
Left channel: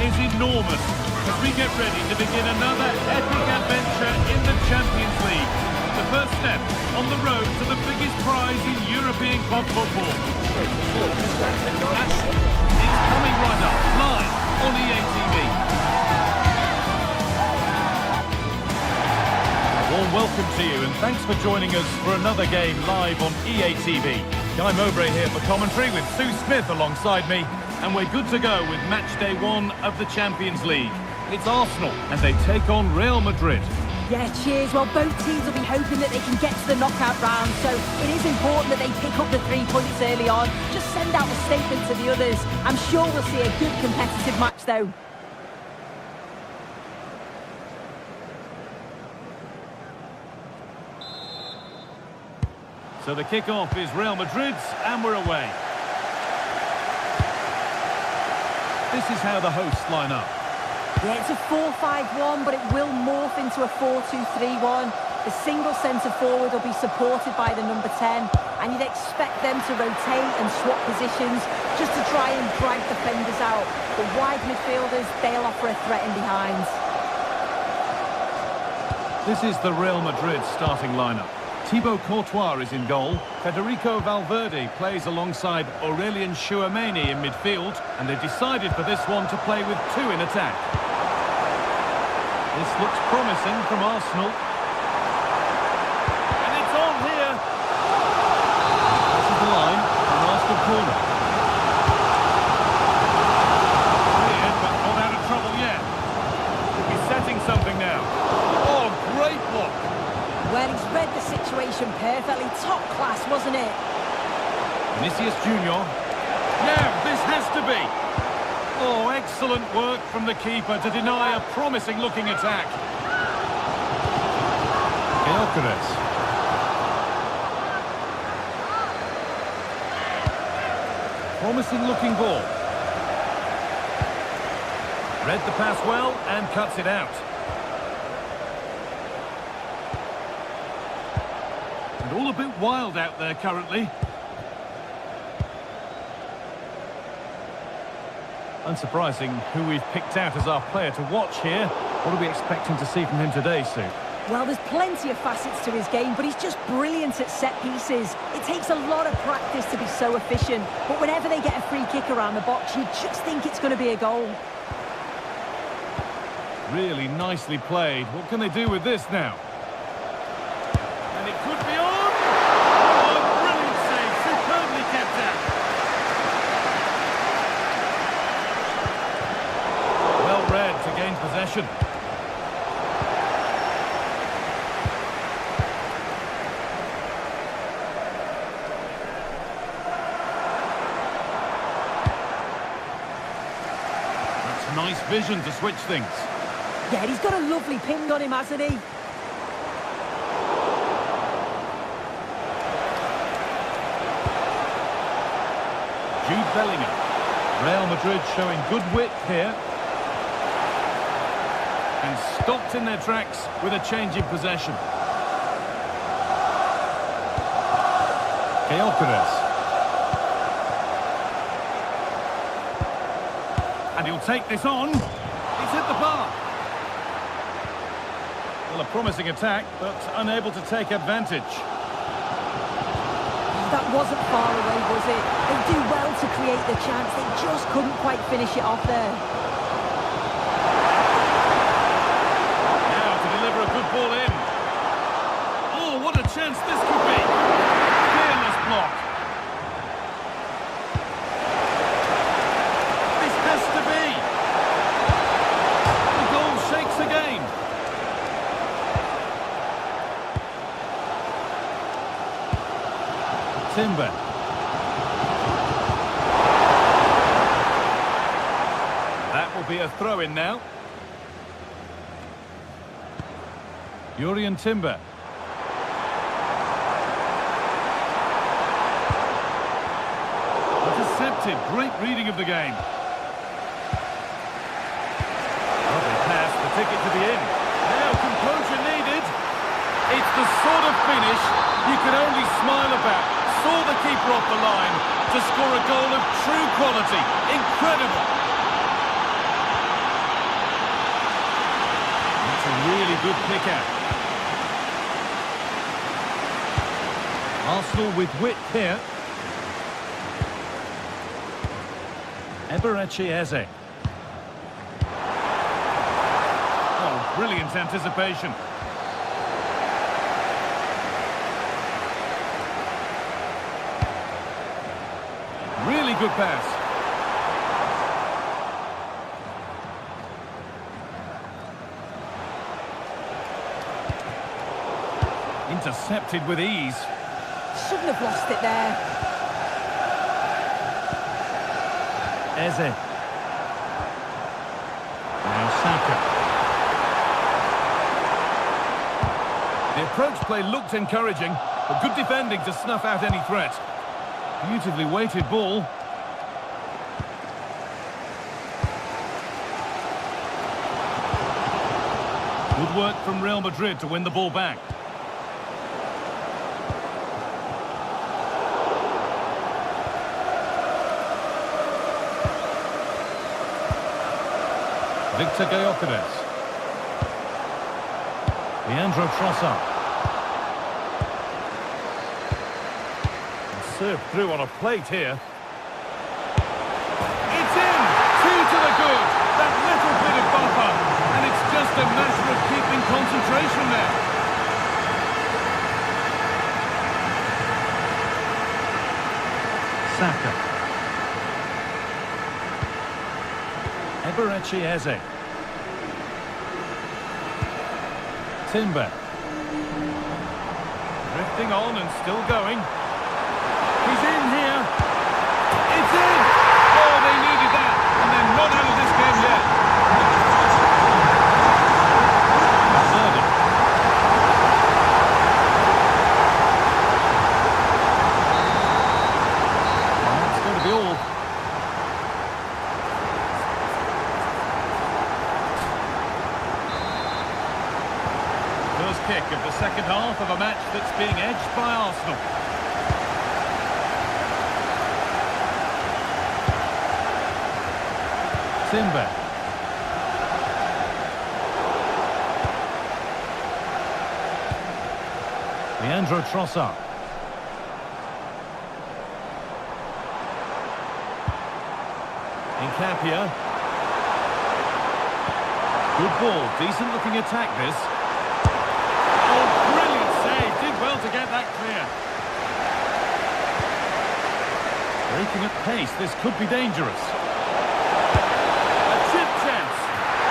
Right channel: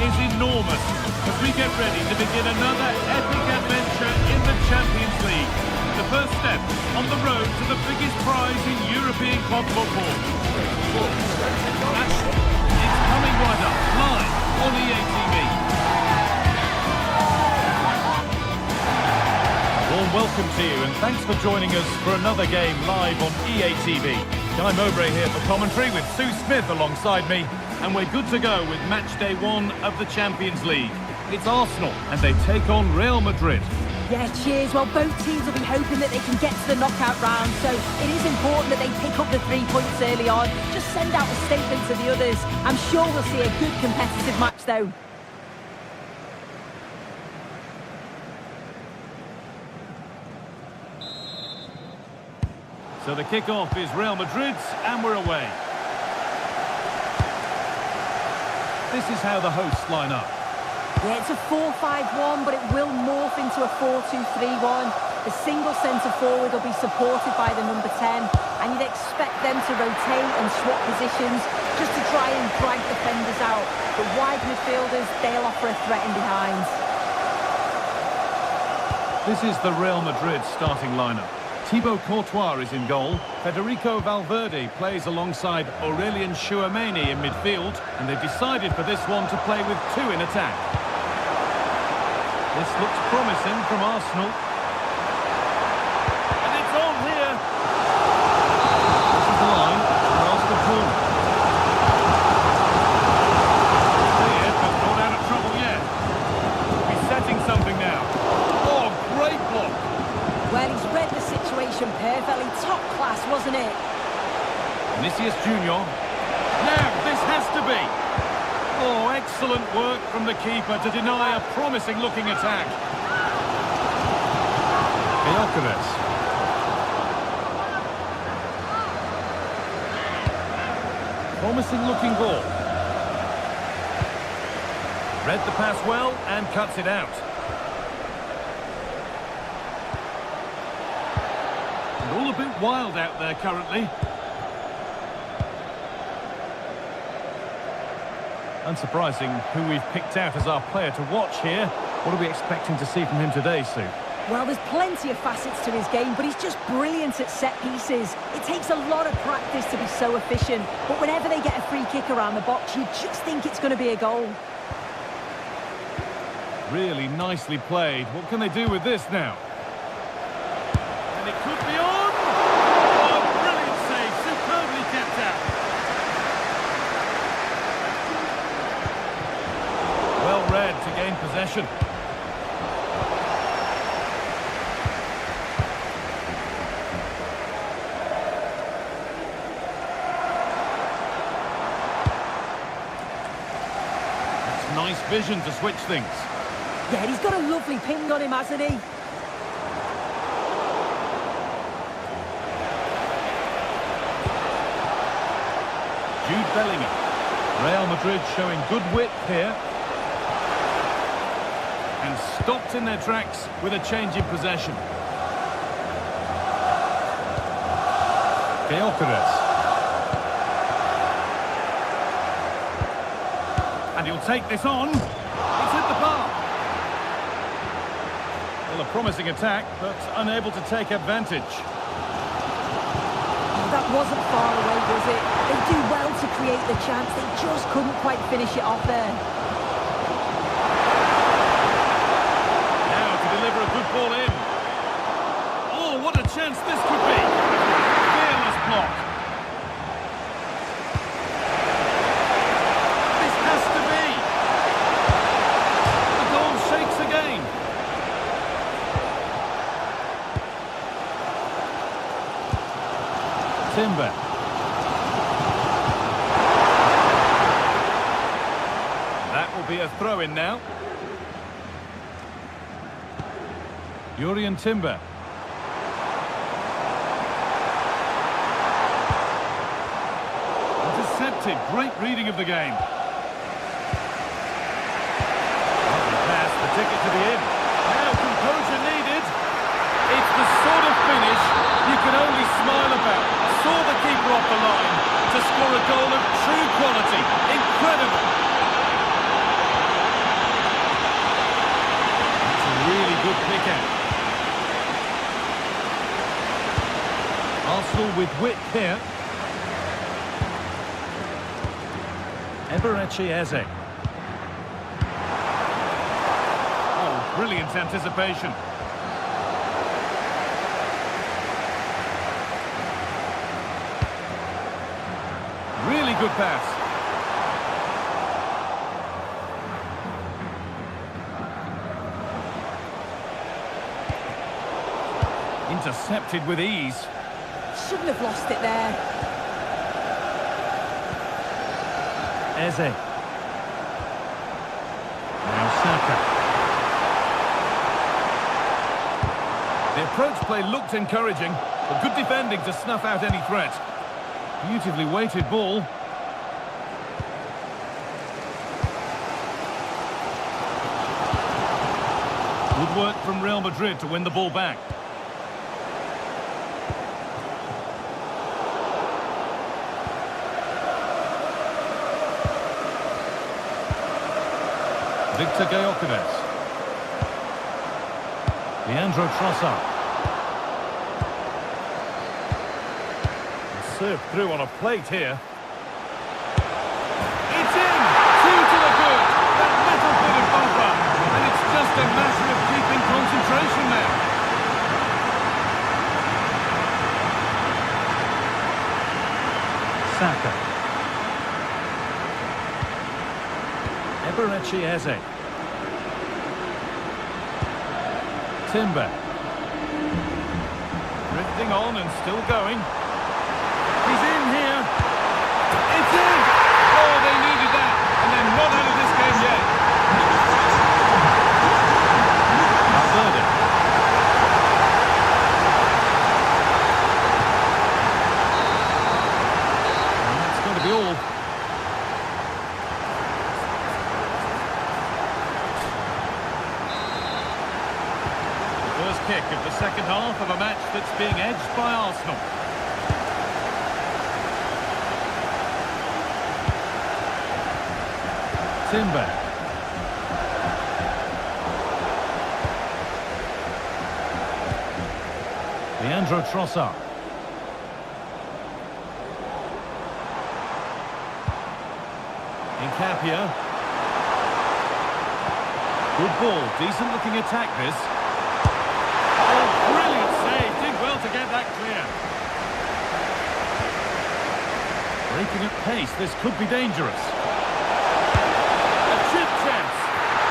Is enormous as we get ready to begin another epic adventure in the Champions League. The first step on the road to the biggest prize in European club football. It's coming right up, live on EA TV. A warm welcome to you and thanks for joining us for another game live on EA TV. Guy Mowbray here for commentary with Sue Smith alongside me. And we're good to go with match day 1 of the Champions League. It's Arsenal, and they take on Real Madrid. Yeah, cheers. Well, both teams will be hoping that they can get to the knockout round, so it is important that they pick up the 3 points early on. Just send out a statement to the others. I'm sure we'll see a good competitive match, though. So the kick-off is Real Madrid's, and we're away. This is how the hosts line up. Yeah, it's a 4-5-1, but it will morph into a 4-2-3-1. The single centre-forward will be supported by the number 10, and you'd expect them to rotate and swap positions just to try and drag defenders out. But wide midfielders, they'll offer a threat in behind. This is the Real Madrid starting lineup. Thibaut Courtois is in goal. Federico Valverde plays alongside Aurelien Tchouameni in midfield, and they've decided for this one to play with two in attack. This looks promising from Arsenal. And it's on here. This is the line, an Arsenal corner. Cleared, but not out of trouble yet. He's setting something now. Oh, great block. Well, he's read the situation perfectly. Top class, wasn't it? Vinicius Junior. Now, this has to be. Oh, excellent work from the keeper to deny a promising-looking attack. Gyökeres. Promising-looking ball. Read the pass well and cuts it out. And all a bit wild out there currently. Unsurprising who we've picked out as our player to watch here. What are we expecting to see from him today, Sue? Well, there's plenty of facets to his game, but he's just brilliant at set pieces. It takes a lot of practice to be so efficient, but whenever they get a free kick around the box, you just think it's going to be a goal. Really nicely played. What can they do with this now? And it could be on! Oh, brilliant save, superbly kept out. Well read to gain possession. That's nice vision to switch things. Yeah, he's got a lovely ping on him, hasn't he? Jude Bellingham. Real Madrid showing good width here. And stopped in their tracks with a change in possession. Gyökeres. And he'll take this on. It's hit the bar. Well, a promising attack, but unable to take advantage. Oh, that wasn't far away, was it? They do well to create the chance. They just couldn't quite finish it off there. Deliver a good ball in. Oh, what a chance this could be. Fearless block. This has to be. The goal shakes again. Timber. That will be a throw-in now. Jurrien Timber. Intercepted. Great reading of the game. Lovely pass. The ticket to be in. Now composure needed. It's the sort of finish you can only smile about. Saw the keeper off the line to score a goal of true quality. Incredible. That's a really good pick out. Arsenal with width here. Eberechi Eze. Oh, brilliant anticipation. Really good pass. Intercepted with ease. Shouldn't have lost it there. Eze. Now Saka. The approach play looked encouraging. But good defending to snuff out any threat. Beautifully weighted ball. Good work from Real Madrid to win the ball back. Victor Gyökeres. Leandro Trossard. Served through on a plate here. It's in! 2 to the good. That little bit of buffer. And it's just a matter of keeping concentration now. Saka. Eberechi Eze. Timber. Drifting on and still going. He's in here. It's in! Oh, they needed that. And they're not out of this game yet. Valverde. And that's going to be all. First kick of the second half of a match that's being edged by Arsenal. Timber. Leandro Trossard. Incapia. Good ball, decent looking attack this. Oh, brilliant save. Did well to get that clear. Breaking at pace, this could be dangerous. A chip chance.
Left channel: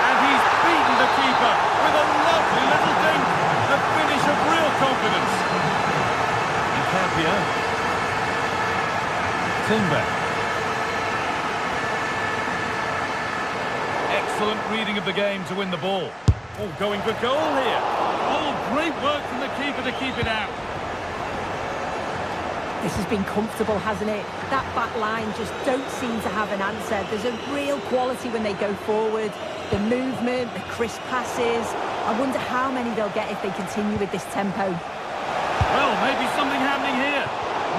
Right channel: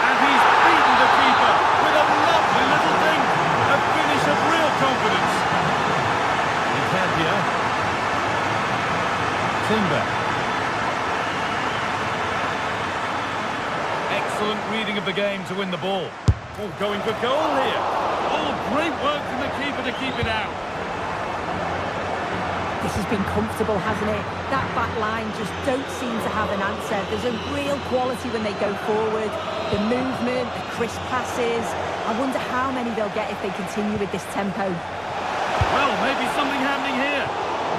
And he's beaten the keeper with a lovely little dink. A finish of real confidence. Incapia. Timber. Excellent reading of the game to win the ball. Oh, going for goal here. Oh, great work from the keeper to keep it out. This has been comfortable, hasn't it? That back line just don't seem to have an answer. There's a real quality when they go forward. The movement, the crisp passes. I wonder how many they'll get if they continue with this tempo. Well, maybe something happening here.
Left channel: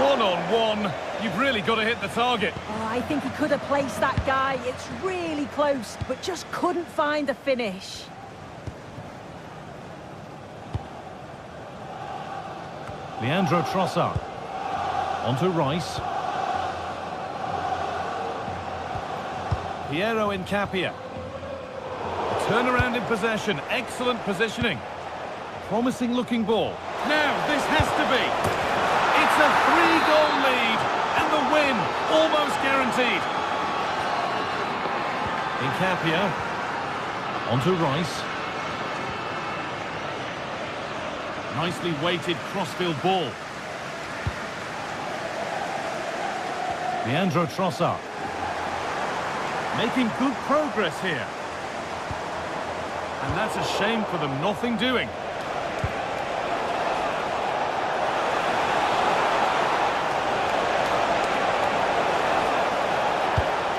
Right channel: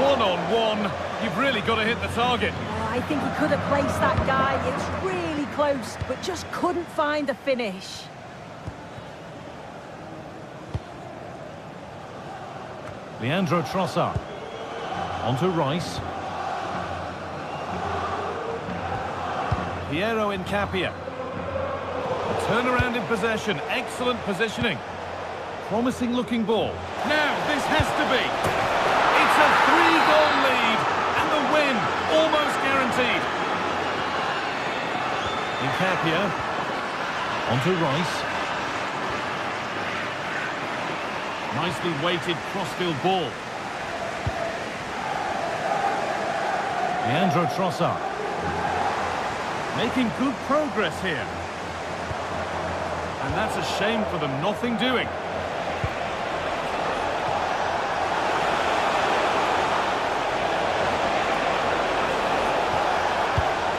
One-on-one. You've really got to hit the target. Oh, I think he could have placed that guy. It's really close, but just couldn't find the finish. Leandro Trossard. Onto Rice. Piero Incapia. A turnaround in possession. Excellent positioning. Promising looking ball. Now, this has to be. It's a 3-goal lead. And the win almost guaranteed. Incapia. Onto Rice. Nicely weighted crossfield ball. Leandro Trossard. Making good progress here. And that's a shame for them, nothing doing.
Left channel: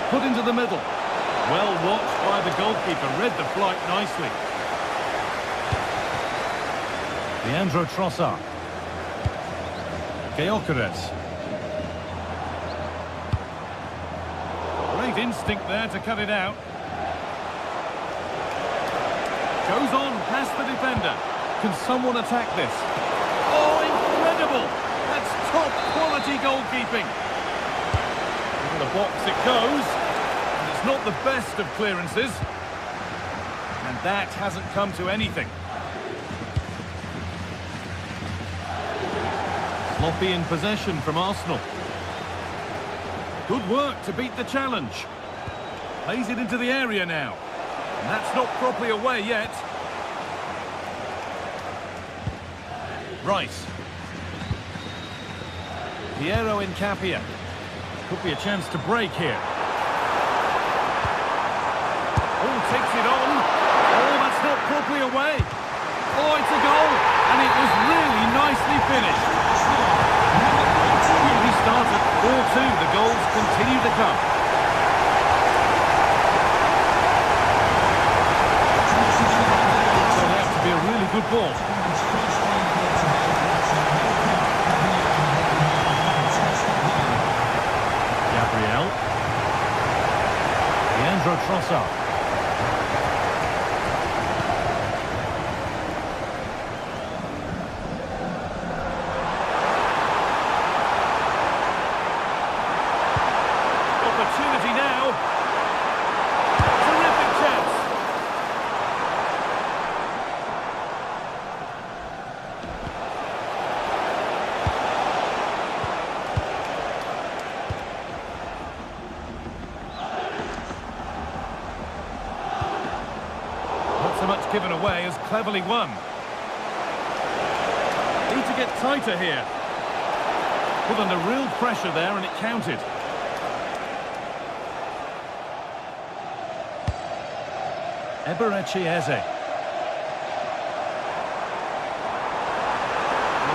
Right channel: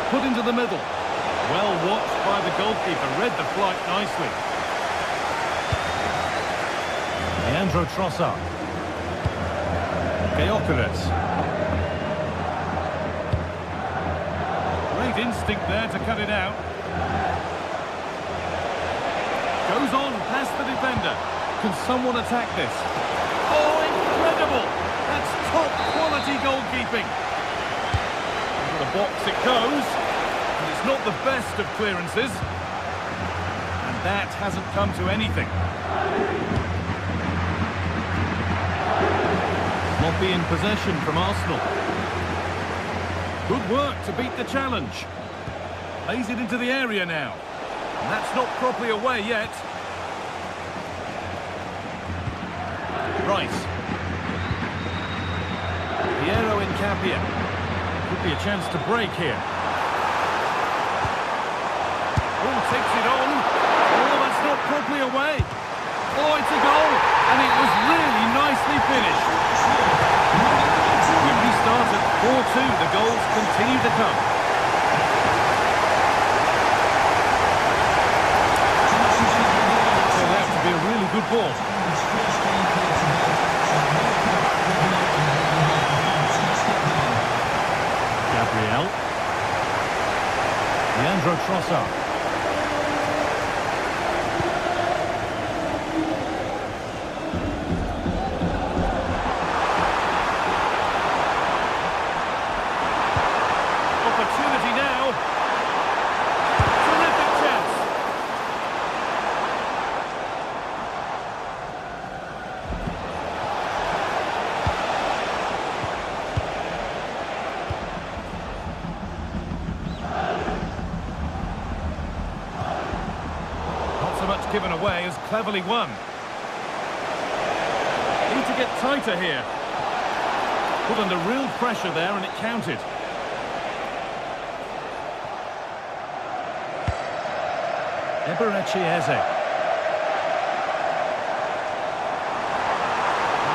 Put into the middle. Well watched by the goalkeeper, read the flight nicely. Leandro Trossard. Gyökeres. Great instinct there to cut it out. Goes on past the defender. Can someone attack this? Oh, incredible! That's top quality goalkeeping. Into the box it goes. And it's not the best of clearances. And that hasn't come to anything. Sloppy in possession from Arsenal. Good work to beat the challenge. Plays it into the area now. And that's not properly away yet. Rice. Piero Incapia. Could be a chance to break here. Oh, takes it on. Oh, that's not properly away. Oh, it's a goal, and it was really nicely finished. We restart at 4-2. The goals continue to come. Turned out to be a really good ball. Gabriel. Leandro Trossard. Opportunity now. Terrific chance. Not so much given away as cleverly won. Need to get tighter here. Put under real pressure there and it counted. Eberechi. Well,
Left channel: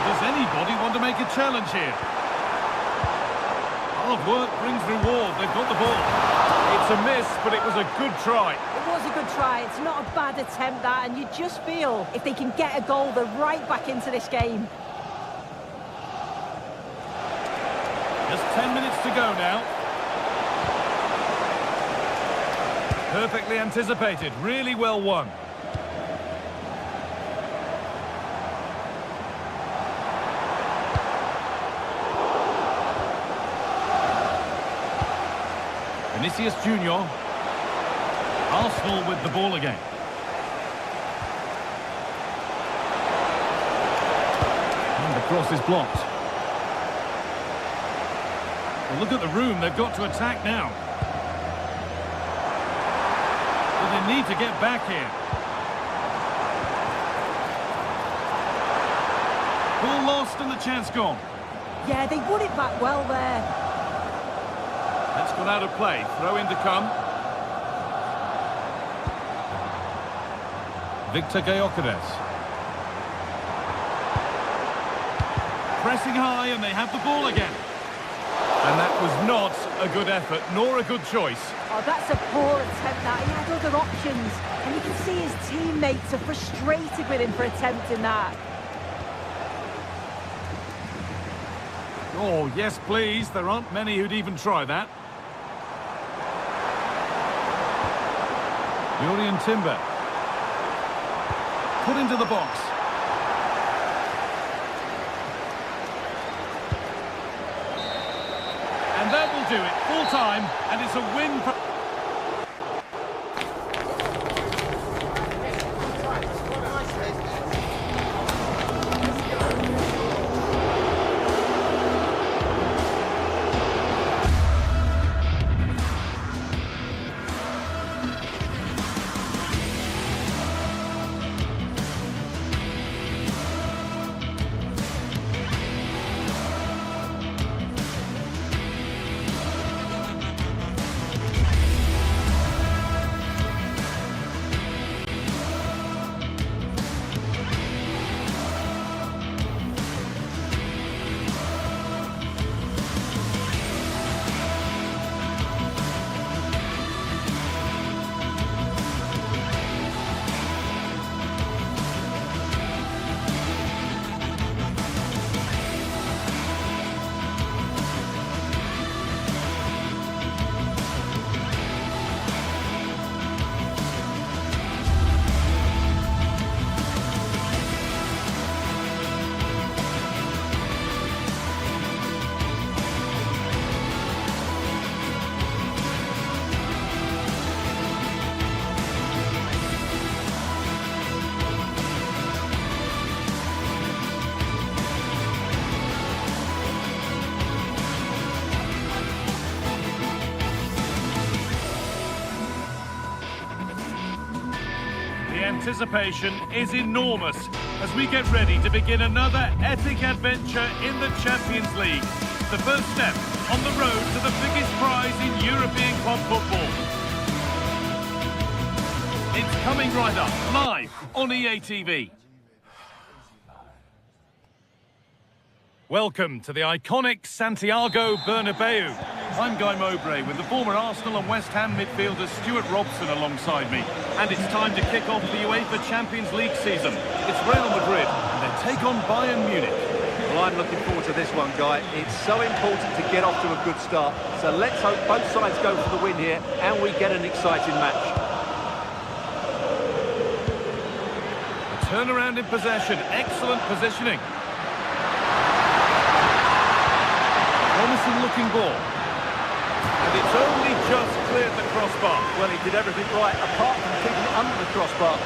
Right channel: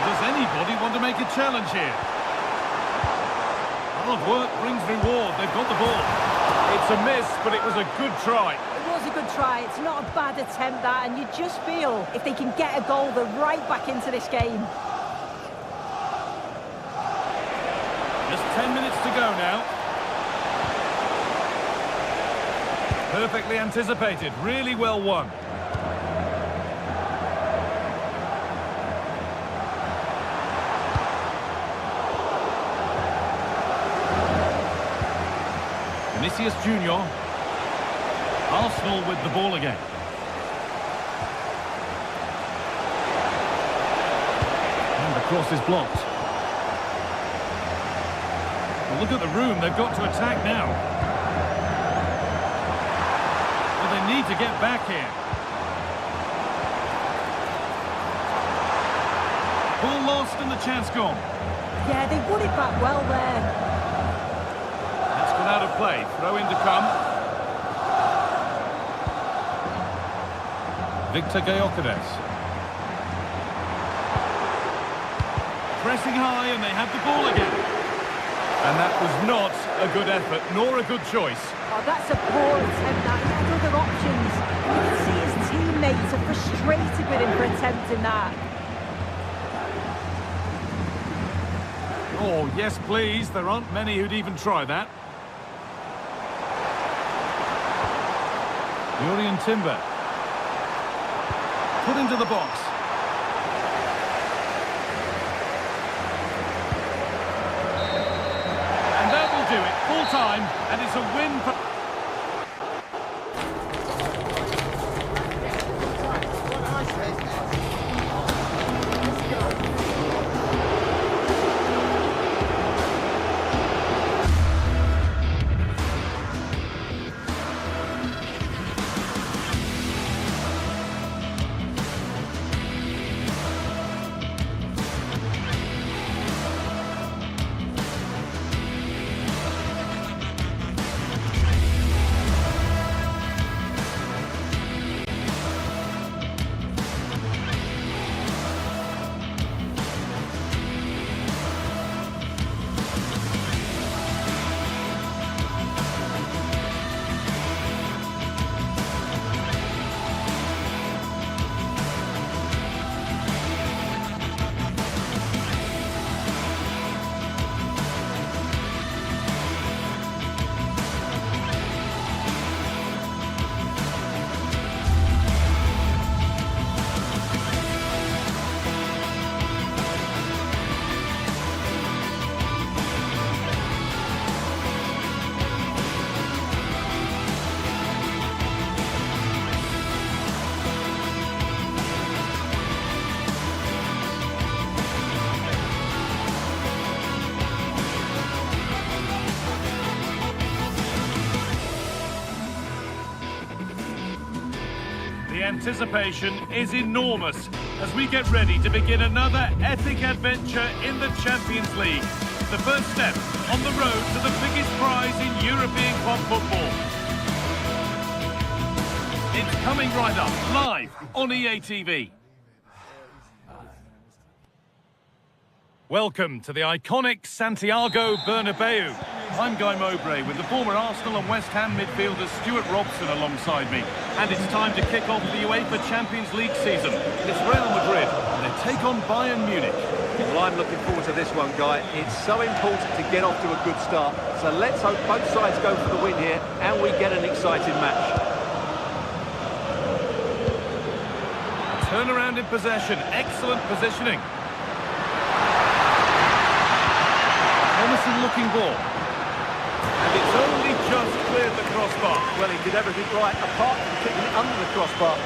does anybody want to make a challenge here? Hard work brings reward. They've got the ball. It's a miss, but it was a good try. It was a good try. It's not a bad attempt, that, and you just feel if they can get a goal, they're right back into this game. Just 10 minutes to go now. Perfectly anticipated, really well won. Vinicius Junior. Arsenal with the ball again. And the cross is blocked. Well, look at the room they've got to attack now. Well, they need to get back here. Ball lost and the chance gone. Yeah, they won it back well there. That's gone out of play. Throw in to come. Victor Gyökeres. Pressing high and they have the ball again. And that was not a good effort, nor a good choice. Oh, that's a poor attempt, that. He had other options. And you can see his teammates are frustrated with him for attempting that. Oh, yes, please. There aren't many who'd even try that. Jurrien Timber. Put into the box. And that will do it. Full time, and it's a win for... The anticipation is enormous as we get ready to begin another epic adventure in the Champions League. The first step on the road to the biggest prize in European club football. It's coming right up, live on EA TV. Welcome to the iconic Santiago Bernabeu. I'm Guy Mowbray with the former Arsenal and West Ham midfielder Stuart Robson alongside me. And it's time to kick off the UEFA Champions League season. It's Real Madrid and they take on Bayern Munich. Well, I'm looking forward to this one, Guy. It's so important to get off to a good start. So let's hope both sides go for the win here and we get an exciting match. A turnaround in possession, excellent positioning. Promising looking ball. And it's only just cleared the crossbar. Well, he did everything right, apart from keeping it under the crossbar.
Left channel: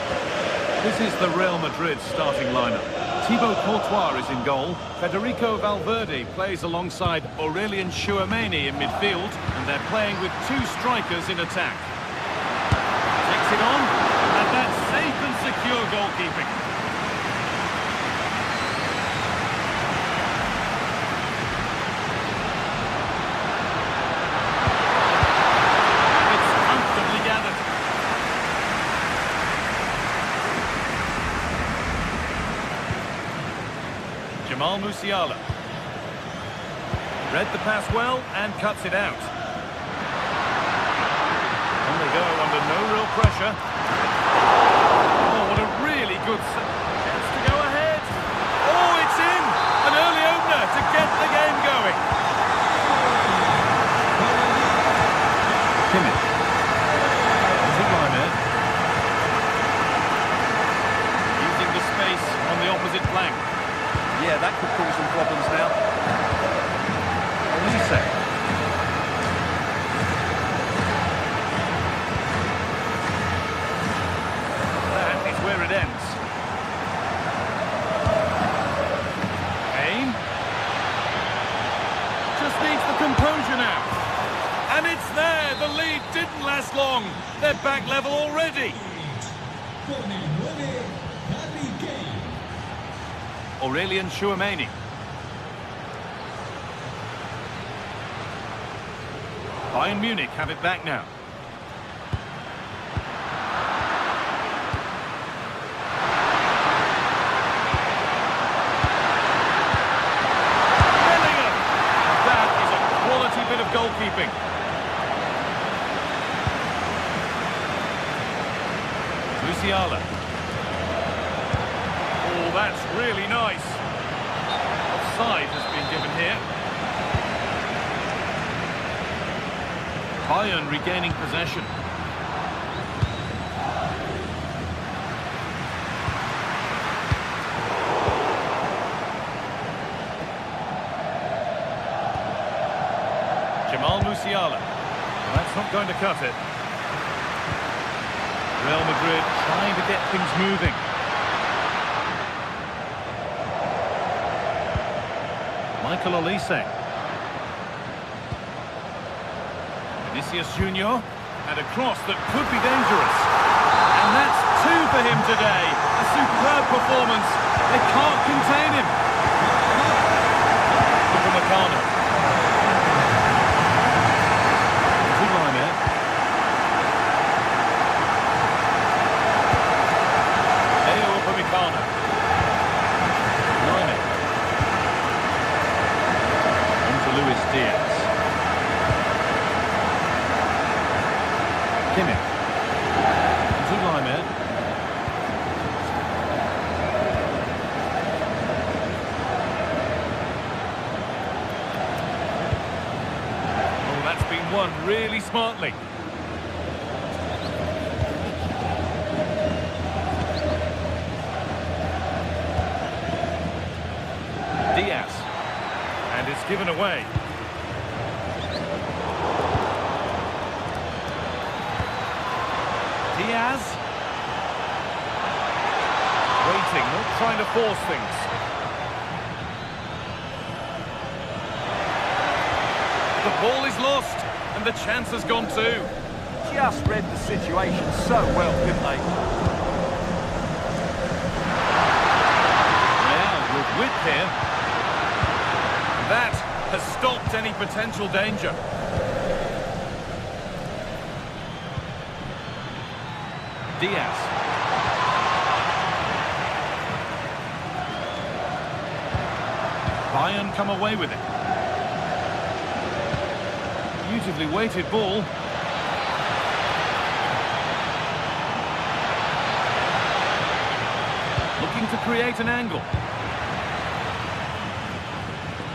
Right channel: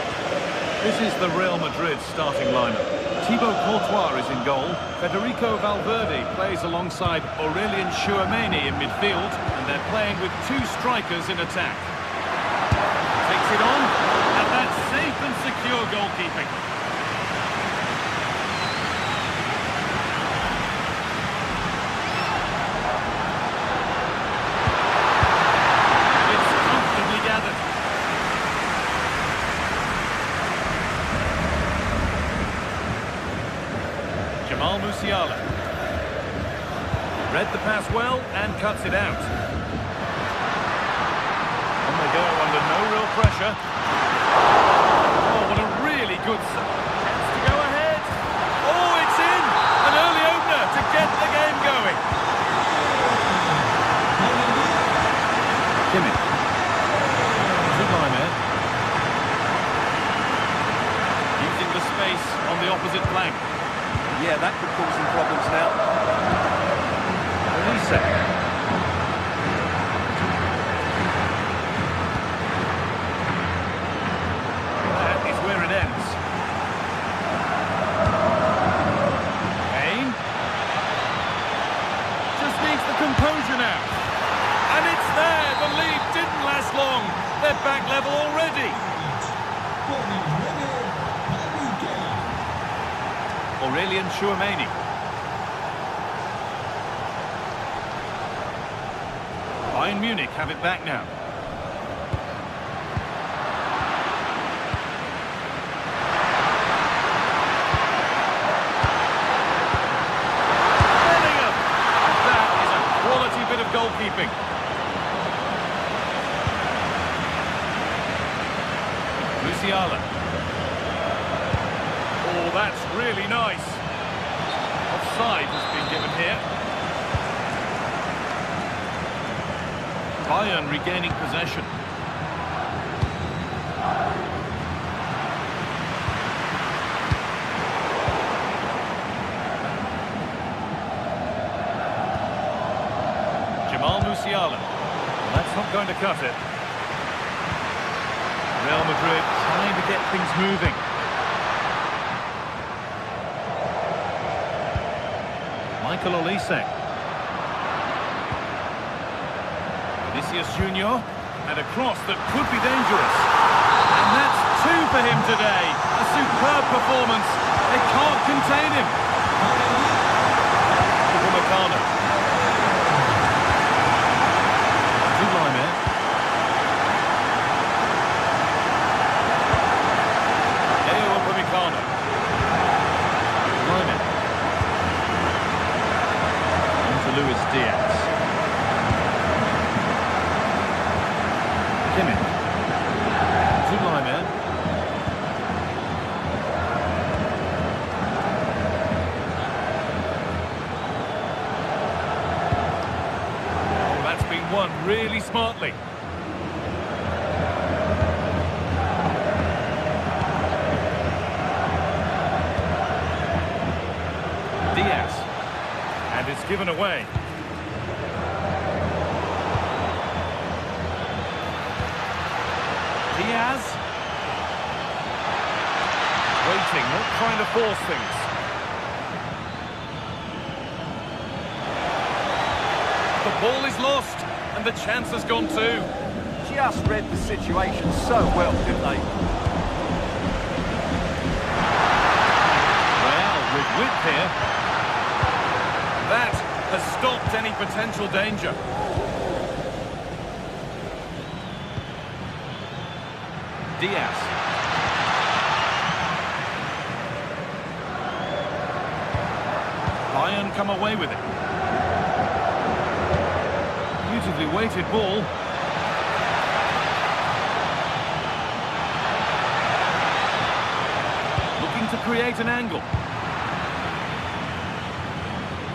This is the Real Madrid starting lineup. Thibaut Courtois is in goal. Federico Valverde plays alongside Aurelien Tchouameni in midfield. And they're playing with two strikers in attack. Takes it on. And that's safe and secure goalkeeping. Gathered. Jamal Musiala. Read the pass well and cuts it out. On they go under no real pressure. Oh, what a really good chance to go ahead. Oh, it's in! An early opener to get the game going. Kimmich. Using the space on the opposite flank. Yeah, that could cause some problems now. Olise. That is where it ends. Kane. Just needs the composure now. And it's there. The lead didn't last long. They're back level already. Aurelien Tchouameni. Bayern Munich have it back now. Bellingham. And that is a quality bit of goalkeeping. Musiala. Oh, that's really nice. Offside has been given here. Bayern regaining possession. Jamal Musiala. Well, that's not going to cut it. Real Madrid trying to get things moving. Michael Olise. Vinicius Junior. And a cross that could be dangerous. And that's two for him today. A superb performance. They can't contain him. Upamecano. Upamecano. Lime. On to Luis Diaz. Kimmich. Zulime. Oh, that's been won really smartly. Diaz. And it's given away. Diaz. Waiting, not trying to force things. The ball is lost, and the chance has gone too. Just read the situation so well, didn't they? Real with width here. That has stopped any potential danger. Diaz. Bayern come away with it. Beautifully weighted ball. Looking to create an angle.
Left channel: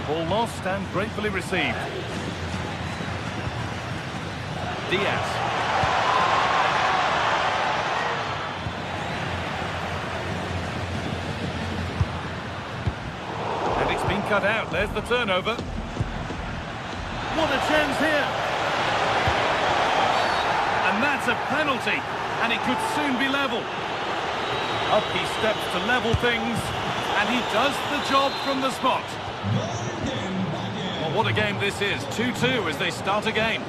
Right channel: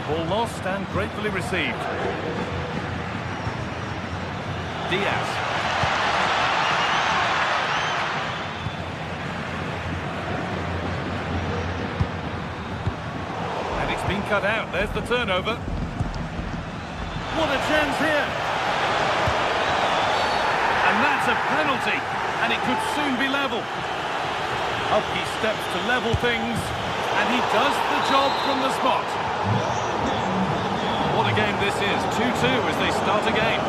Ball lost and gratefully received. Diaz. And it's been cut out. There's the turnover. What a chance here. And that's a penalty. And it could soon be level. Up he steps to level things. And he does the job from the spot. Well, what a game this is. 2-2 as they start again.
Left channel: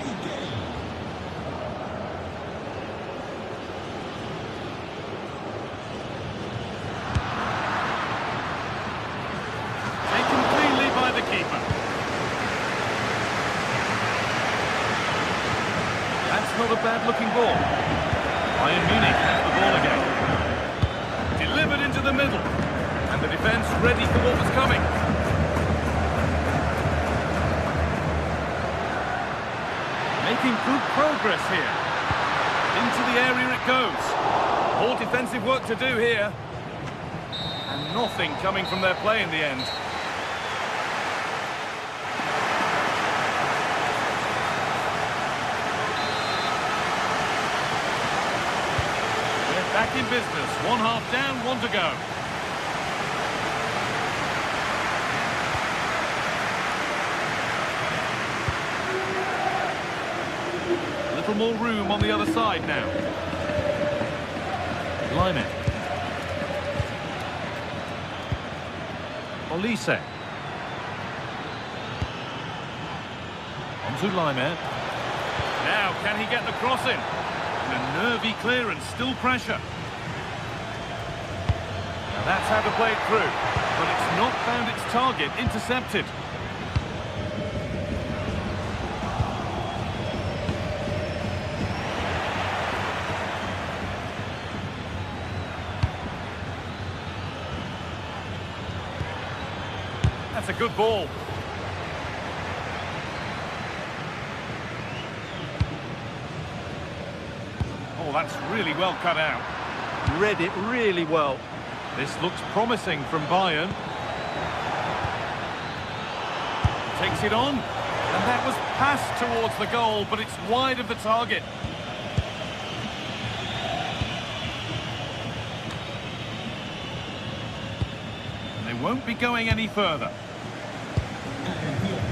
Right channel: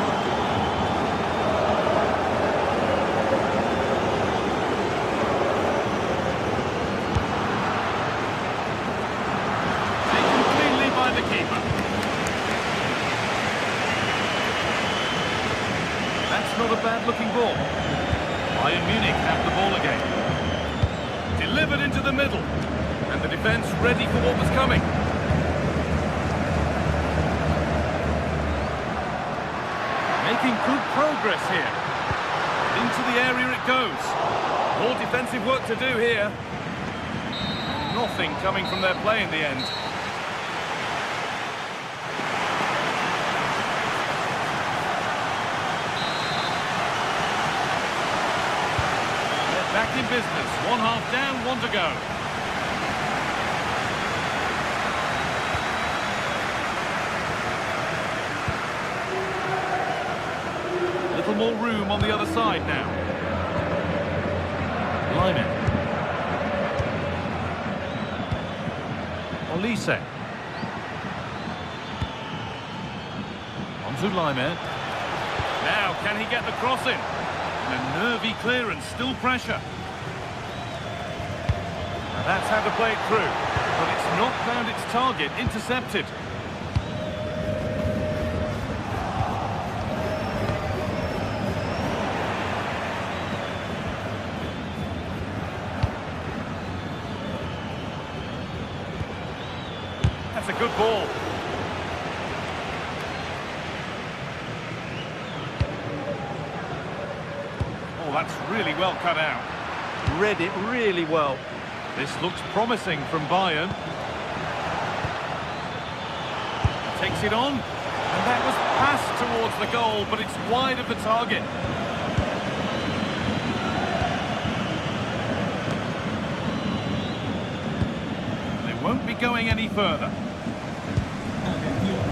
Taken cleanly by the keeper. That's not a bad-looking ball. Bayern Munich have the ball again. Delivered into the middle. And the defence ready for what was coming. Making good progress here. Into the area it goes. More defensive work to do here. And nothing coming from their play in the end. We're back in business. One half down, one to go. Little more room on the other side now. Lyman. Olise. On to Lyman. Now, can he get the cross in? And a nervy clearance, still pressure. Now that's how to play it through. But it's not found its target, intercepted. That's a good ball. Oh, that's really well cut out. Read it really well. This looks promising from Bayern. He takes it on. And that was passed towards the goal, but it's wide of the target. And they won't be going any further. Atención.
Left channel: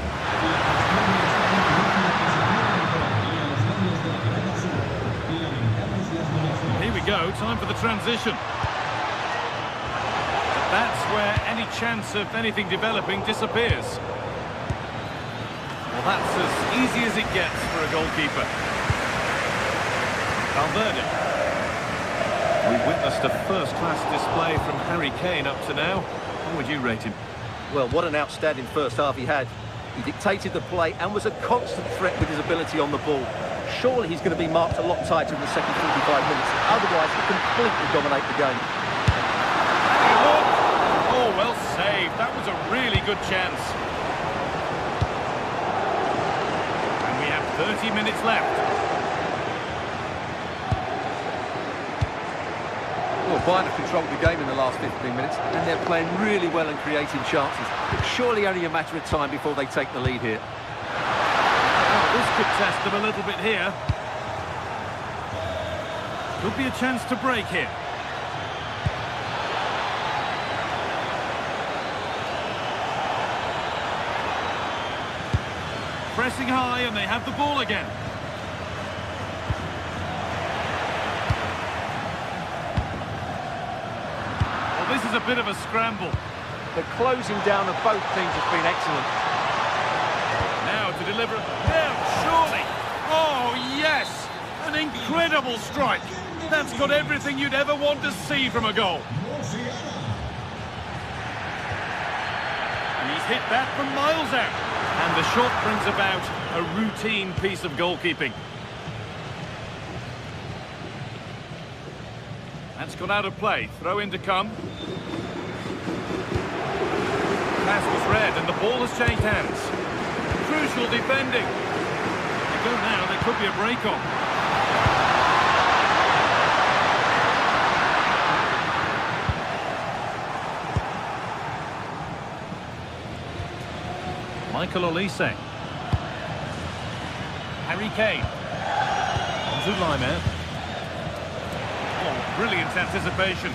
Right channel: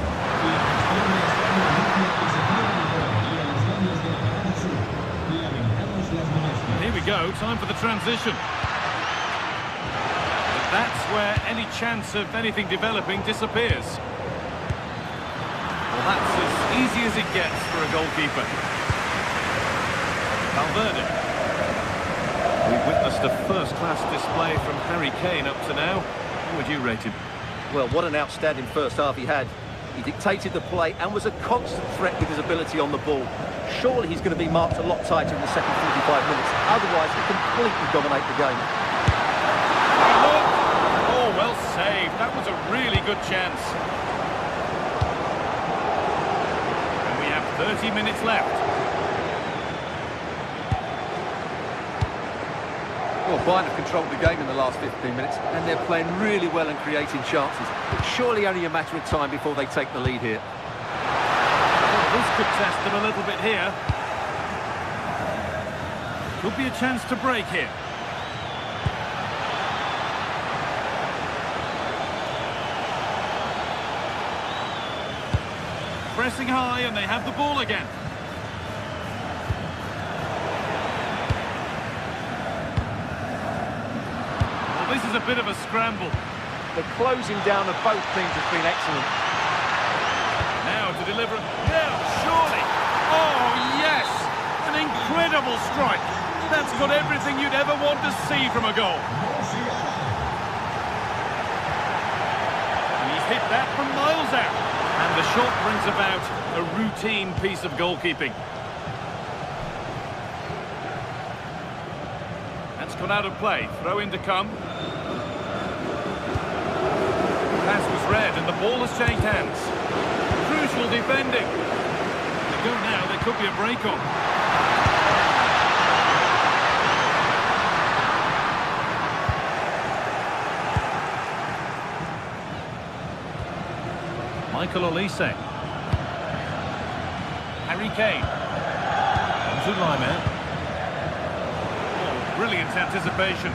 La gestión del estadio anuncia que se cierran por aquí a los lados de la grada sur. Lamentamos las molestias. Here we go, time for the transition. But that's where any chance of anything developing disappears. Well, that's as easy as it gets for a goalkeeper. Valverde. We've witnessed a first-class display from Harry Kane up to now. How would you rate him? Well, what an outstanding first half he had. He dictated the play and was a constant threat with his ability on the ball. Surely he's going to be marked a lot tighter in the second 45 minutes. Otherwise, he'll completely dominate the game. Having a look. Oh, well saved. That was a really good chance. And we have 30 minutes left. Well, Bayern have controlled the game in the last 15 minutes, and they're playing really well and creating chances. It's surely only a matter of time before they take the lead here. Well, this could test them a little bit here. Could be a chance to break here. Pressing high, and they have the ball again. Well, this is a bit of a scramble. The closing down of both teams has been excellent. Now to deliver. Yeah, surely. Oh, yes! An incredible strike. That's got everything you'd ever want to see from a goal. And he's hit that from miles out. And the shot brings about a routine piece of goalkeeping. That's gone out of play. Throw in to come. pass was read and the ball has changed hands. Crucial defending. They go now, there could be a break on. Michael Olise. Harry Kane. On to Lima. Oh, brilliant anticipation.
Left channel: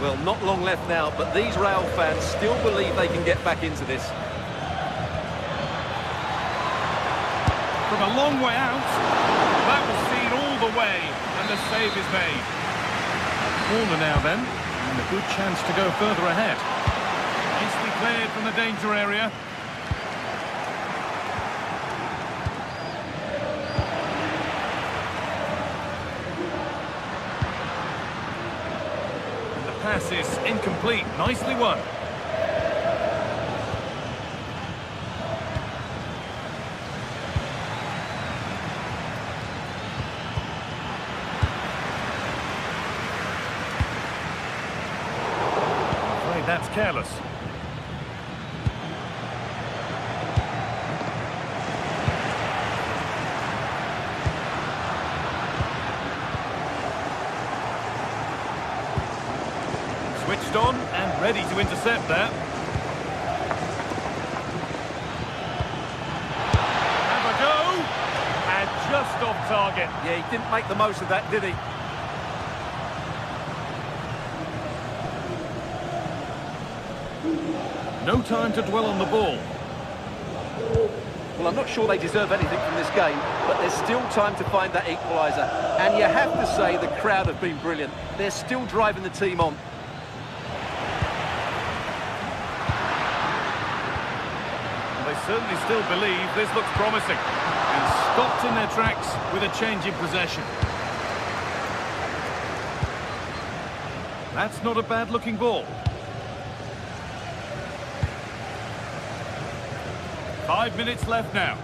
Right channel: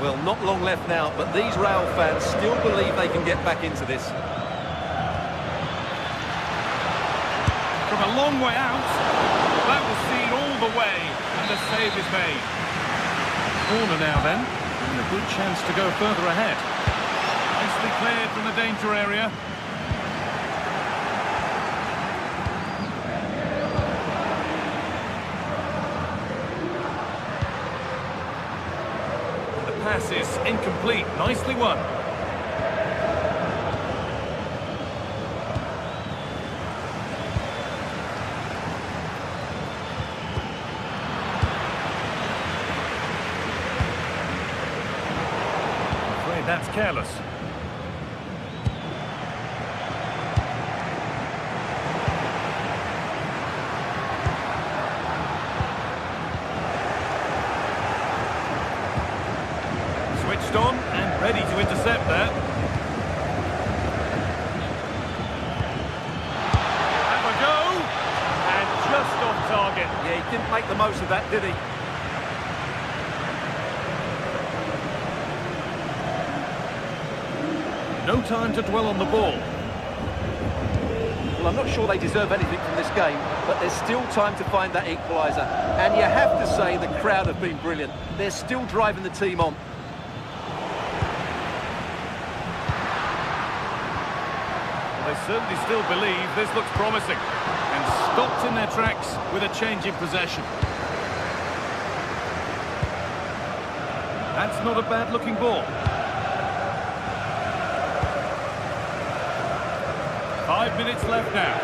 Well, not long left now, but these Real fans still believe they can get back into this. From a long way out, that was seen all the way, and the save is made. A corner now then, and a good chance to go further ahead. Nicely cleared from the danger area. And the pass is incomplete, nicely won. I'm afraid that's careless. Switched on and ready to intercept there. Have a go! And just off target. Yeah, he didn't make the most of that, did he? No time to dwell on the ball. Well, I'm not sure they deserve anything from this game, but there's still time to find that equaliser. And you have to say the crowd have been brilliant. They're still driving the team on. Well, they certainly still believe this looks promising. And stopped in their tracks with a change in possession. That's not a bad-looking ball. 5 minutes left now.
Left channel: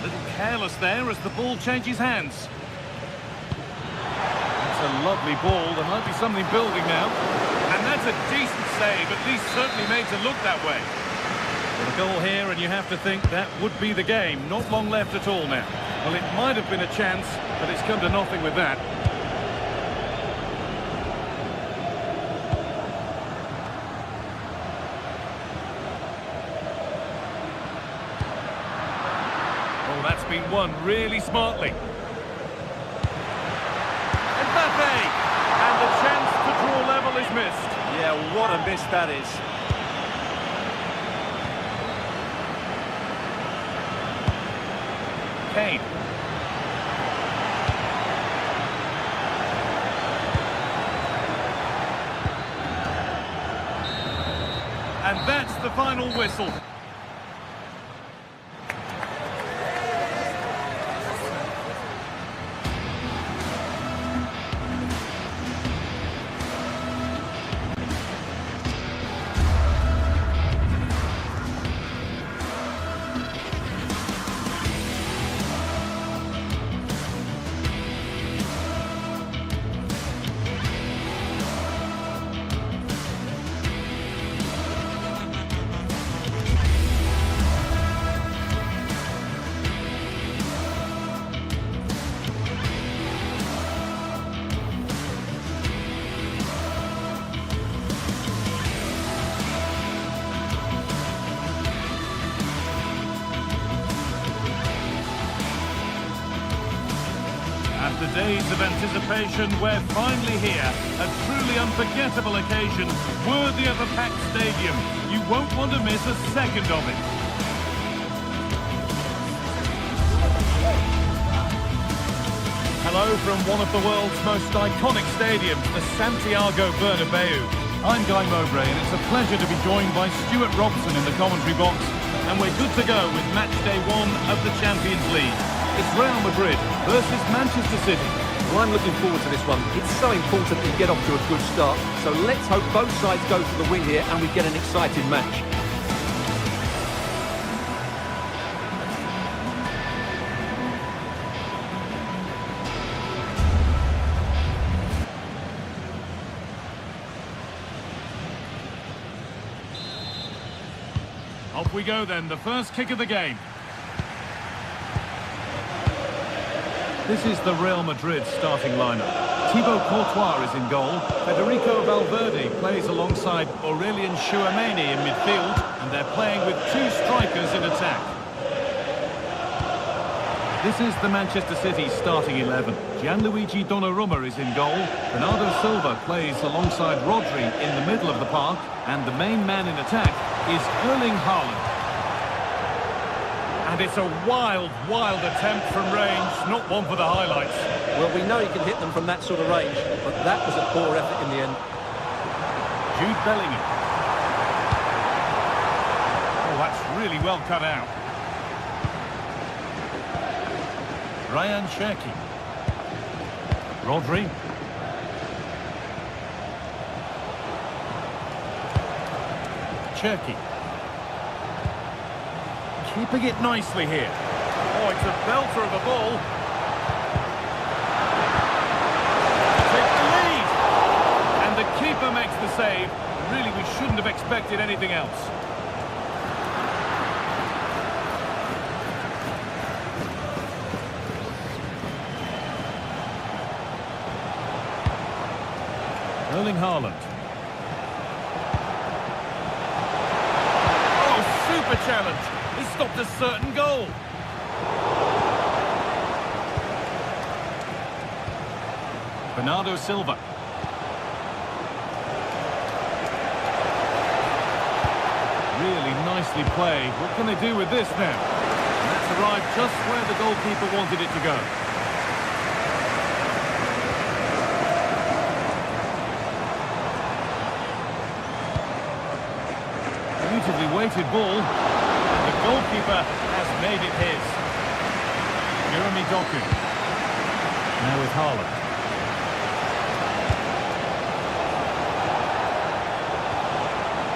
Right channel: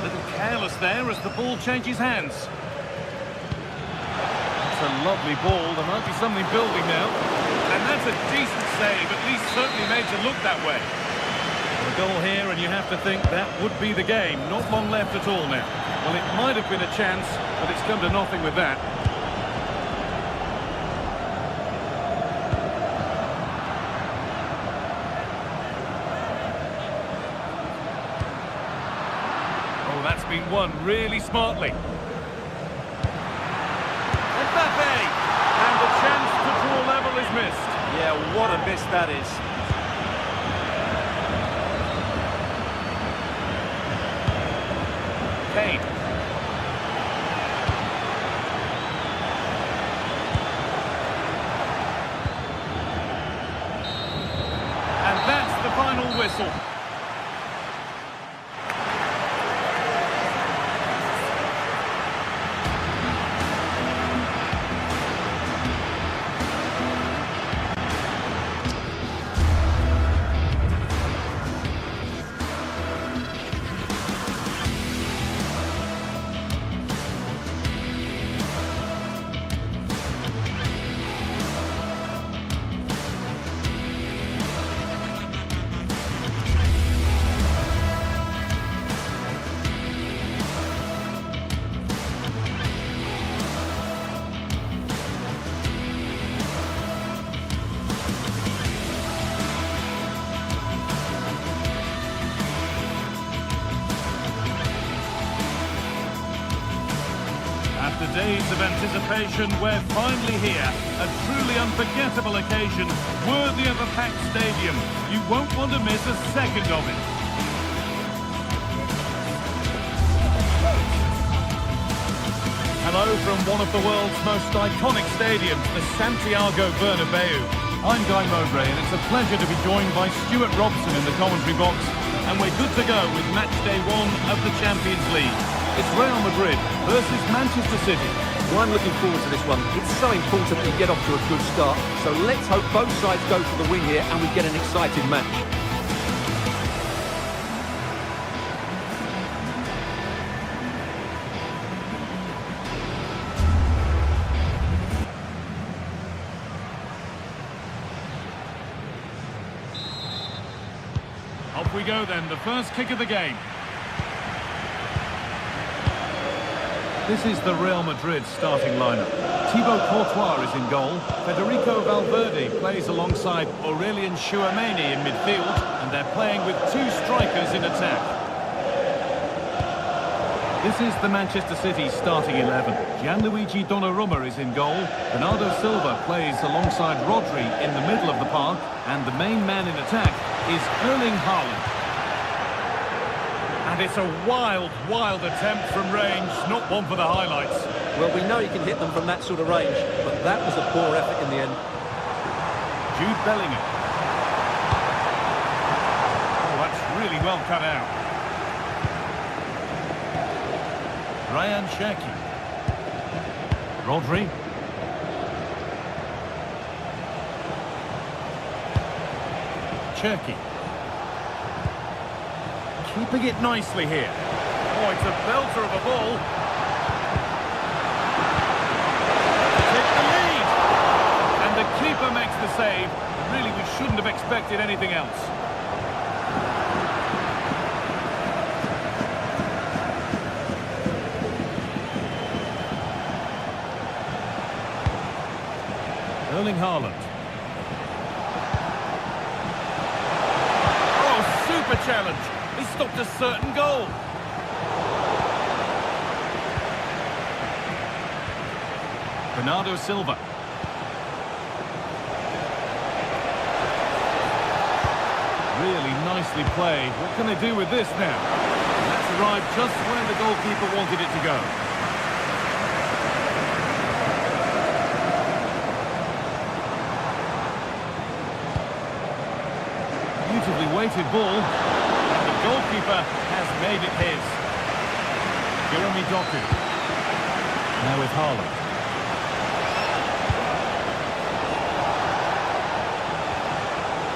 A little careless there as the ball changes hands. That's a lovely ball. There might be something building now. And that's a decent save, at least certainly made to look that way. Well, a goal here, and you have to think that would be the game. Not long left at all now. Well, it might have been a chance, but it's come to nothing with that. Oh, that's been won really smartly. Mbappe! And the chance to draw level is missed. Yeah, what a miss that is. Kane. And that's the final whistle. After days of anticipation, we're finally here. A truly unforgettable occasion, worthy of a packed stadium. You won't want to miss a second of it. Hello from one of the world's most iconic stadiums, the Santiago Bernabeu. I'm Guy Mowbray, and it's a pleasure to be joined by Stuart Robson in the commentary box. And we're good to go with match day 1 of the Champions League. It's Real Madrid versus Manchester City. Well, I'm looking forward to this one. It's so important that you get off to a good start. So let's hope both sides go for the win here and we get an exciting match. we go then, the first kick of the game. This is the Real Madrid starting lineup. Thibaut Courtois is in goal. Federico Valverde plays alongside Aurelien Tchouameni in midfield, and they're playing with two strikers in attack. This is the Manchester City starting 11. Gianluigi Donnarumma is in goal. Bernardo Silva plays alongside Rodri in the middle of the park, and the main man in attack is Erling Haaland. And it's a wild, wild attempt from range, not one for the highlights. Well, we know he can hit them from that sort of range, but that was a poor effort in the end. Jude Bellingham. Oh, that's really well cut out. Ryan Cherki. Rodri. Cherki. Keeping it nicely here. Oh, it's a belter of a ball. Take the lead. And the keeper makes the save. Really, we shouldn't have expected anything else. Erling Haaland. Oh, super challenge. He stopped a certain goal. Bernardo Silva. Really nicely played. What can they do with this now? And that's arrived just where the goalkeeper wanted it to go. Beautifully weighted ball. And the goalkeeper has made it his. Jeremy Doku. Now with Haaland.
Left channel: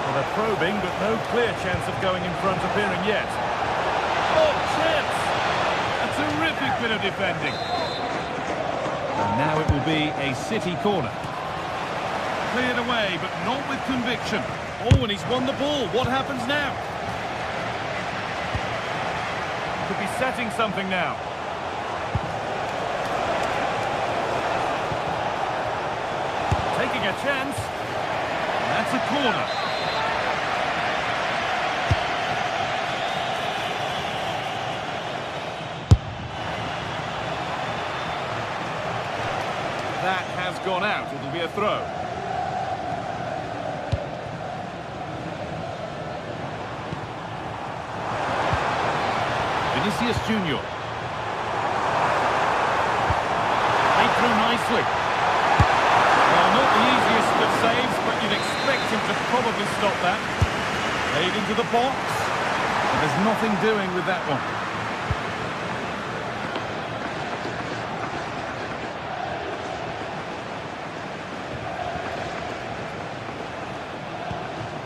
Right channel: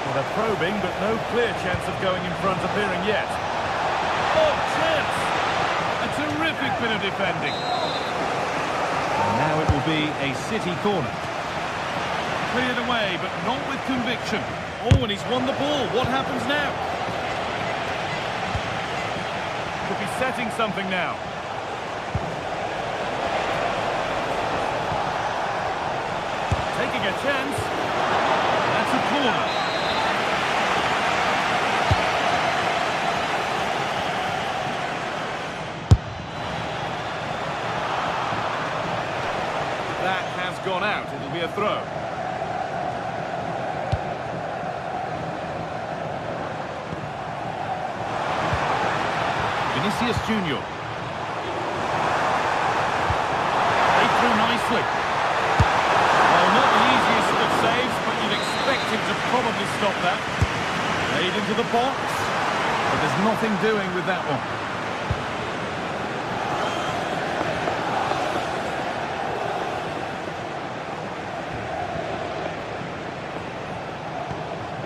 Well, they're probing, but no clear chance of going in front appearing yet. Oh, chance! A terrific bit of defending. And now it will be a City corner. Cleared away, but not with conviction. Oh, and he's won the ball. What happens now? Could be setting something now. Taking a chance. That's a corner. That has gone out. It'll be a throw. Vinicius Junior. They through nicely. Well, not the easiest of saves, but you'd expect him to probably stop that. Played into the box, but there's nothing doing with that one.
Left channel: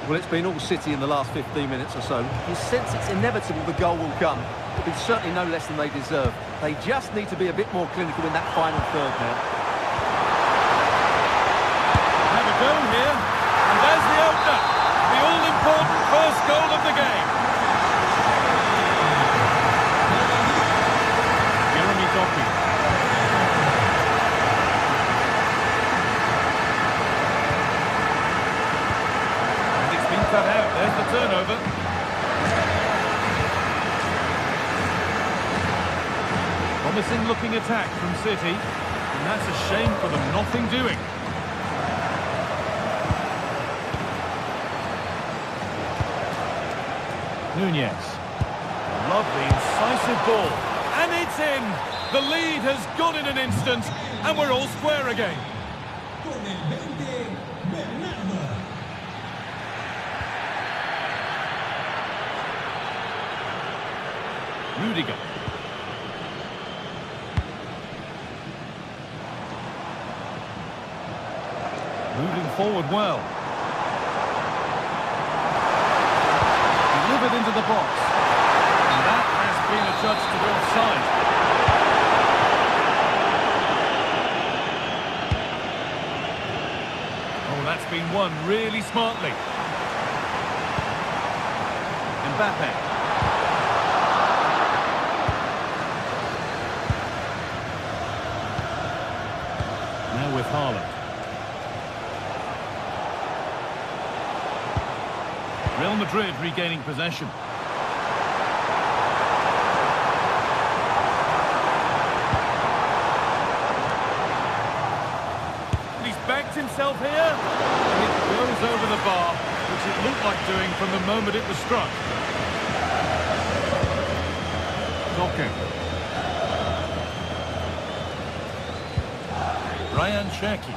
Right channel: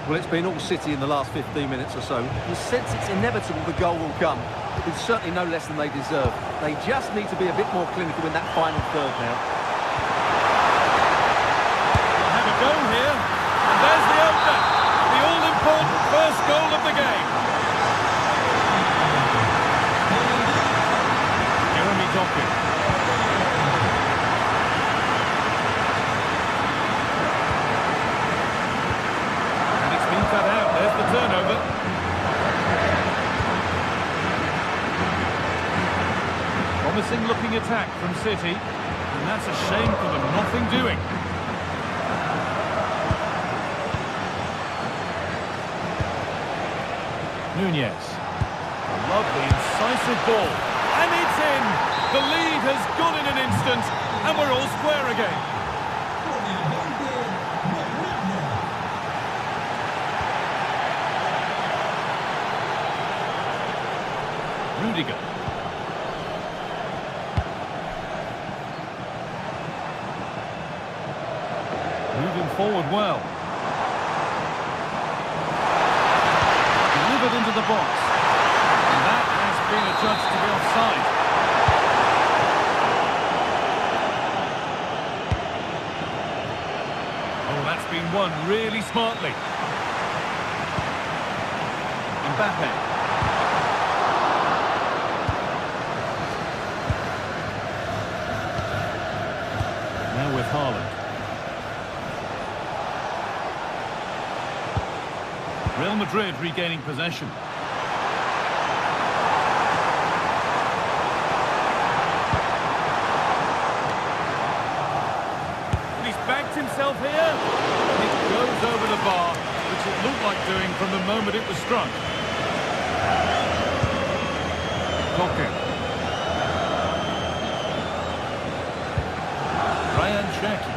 Well, it's been all City in the last 15 minutes or so. You sense it's inevitable the goal will come. It's certainly no less than they deserve. They just need to be a bit more clinical in that final third now. Have a go here, and there's the opener. The all-important first goal of the game. Jeremy Doku. Been cut out. There's the turnover. Promising looking attack from City, and that's a shame for them. Nothing doing. Nunez. A lovely incisive ball, and it's in. The lead has gone in an instant, and we're all square again. Rudiger. Moving forward well. Delivered into the box. And that has been adjudged to be offside. Oh, that's been won really smartly. And Mbappe. Now with Haaland. Real Madrid regaining possession. He's backed himself here, and it goes over the bar, which it looked like doing from the moment it was struck. Doku. Ryan Cherki.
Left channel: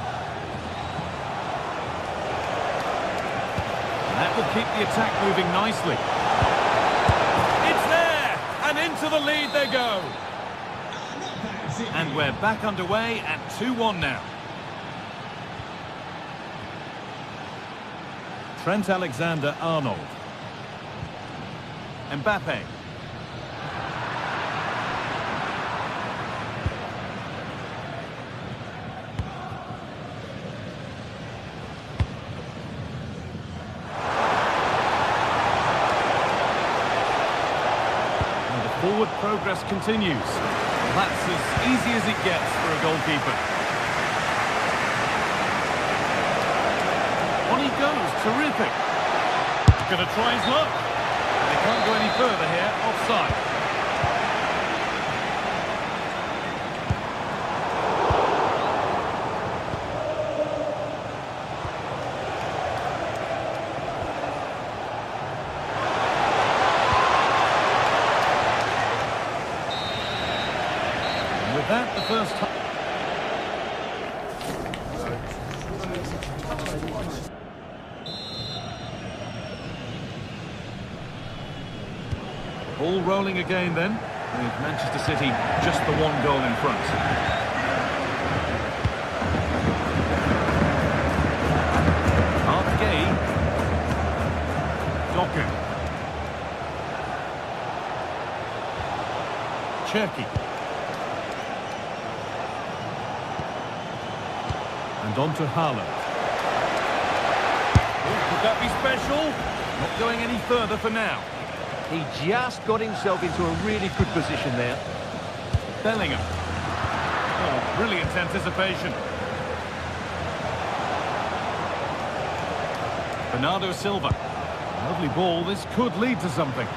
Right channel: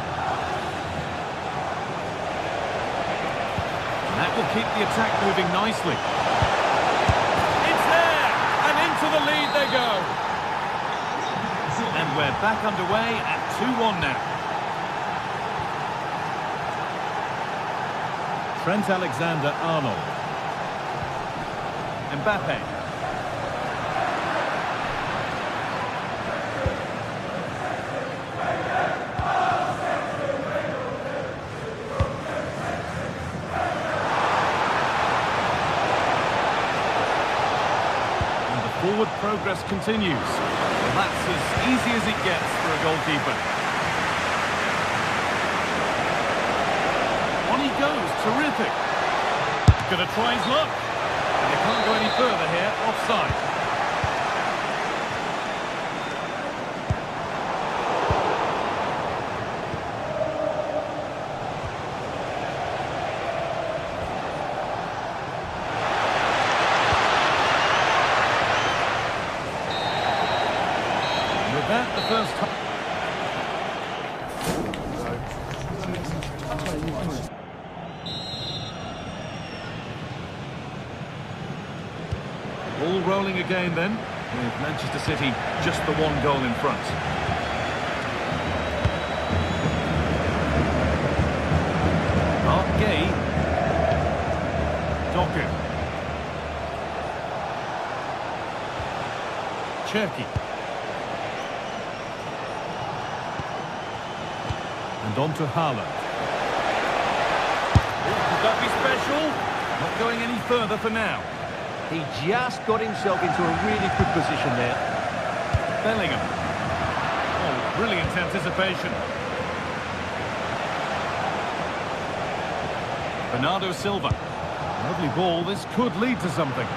And that will keep the attack moving nicely. It's there, and into the lead they go. And we're back underway at 2-1 now. Trent Alexander-Arnold. Mbappe. And the forward progress continues. Well, that's as easy as it gets for a goalkeeper. On he goes, terrific. Gonna try his luck. And they can't go any further here, offside. And with that, the first time. All rolling again then, with Manchester City just the one goal in front. Art Gay. Doku. Cherki. And on to Haaland. Oh, could that be special? Not going any further for now. He just got himself into a really good position there. Bellingham. Oh, brilliant anticipation. Bernardo Silva. Lovely ball. This could lead to something.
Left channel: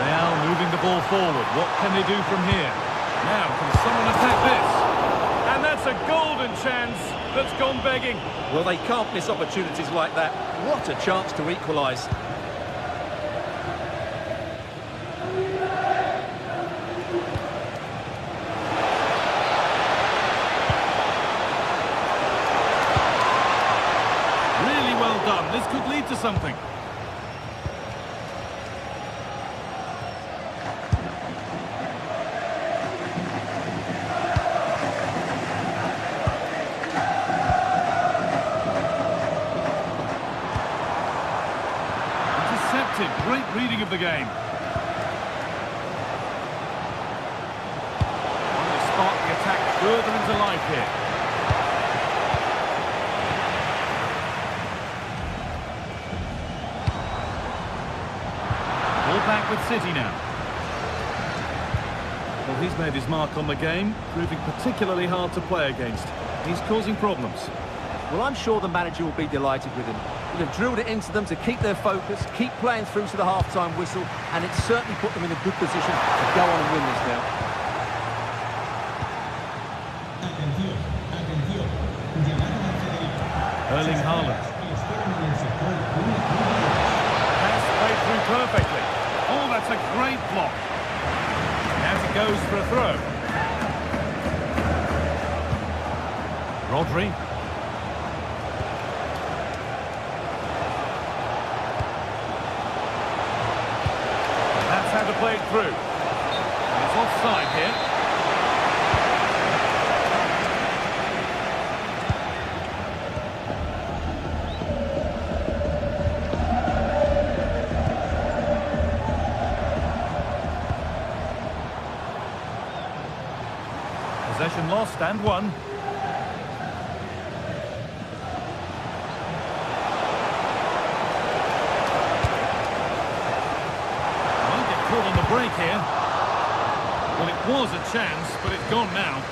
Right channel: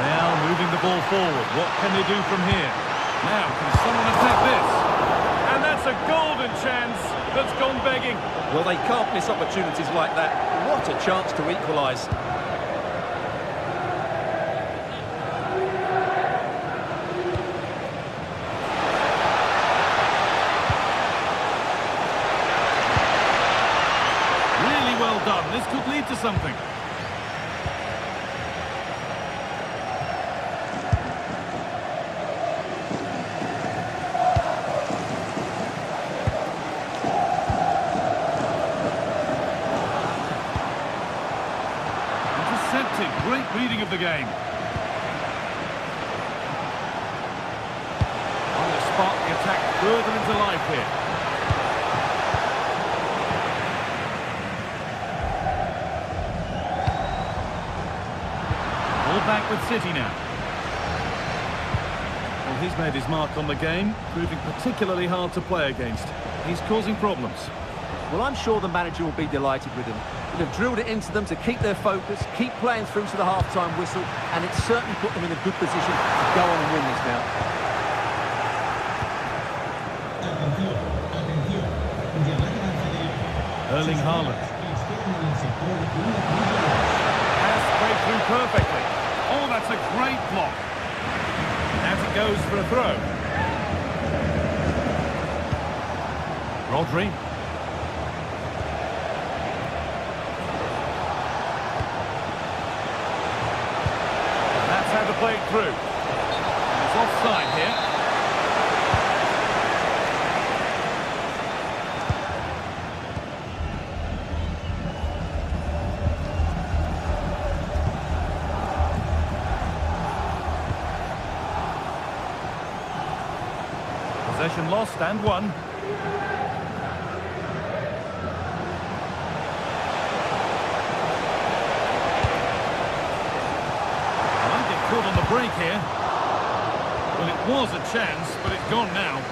Real moving the ball forward. What can they do from here? Now, can someone attack this? And that's a golden chance that's gone begging. Well, they can't miss opportunities like that. What a chance to equalise. Really well done. This could lead to something. Intercepted. Great reading of the game. Trying to spark the attack further into life here. Ball back with City now. Well, he's made his mark on the game, proving particularly hard to play against. He's causing problems. Well, I'm sure the manager will be delighted with him. He'll have drilled it into them to keep their focus, keep playing through to the half-time whistle, and it's certainly put them in a good position to go on and win this now. Atención, atención. Llamada al Federico. Erling Haaland. Esperan en el sector una. Pass played through perfectly. Oh, that's a great block. As it goes for a throw. Rodri. That's how to play it through. And it's offside here. Possession lost and won. caught on the break here. Well, it was a chance, but it's gone now.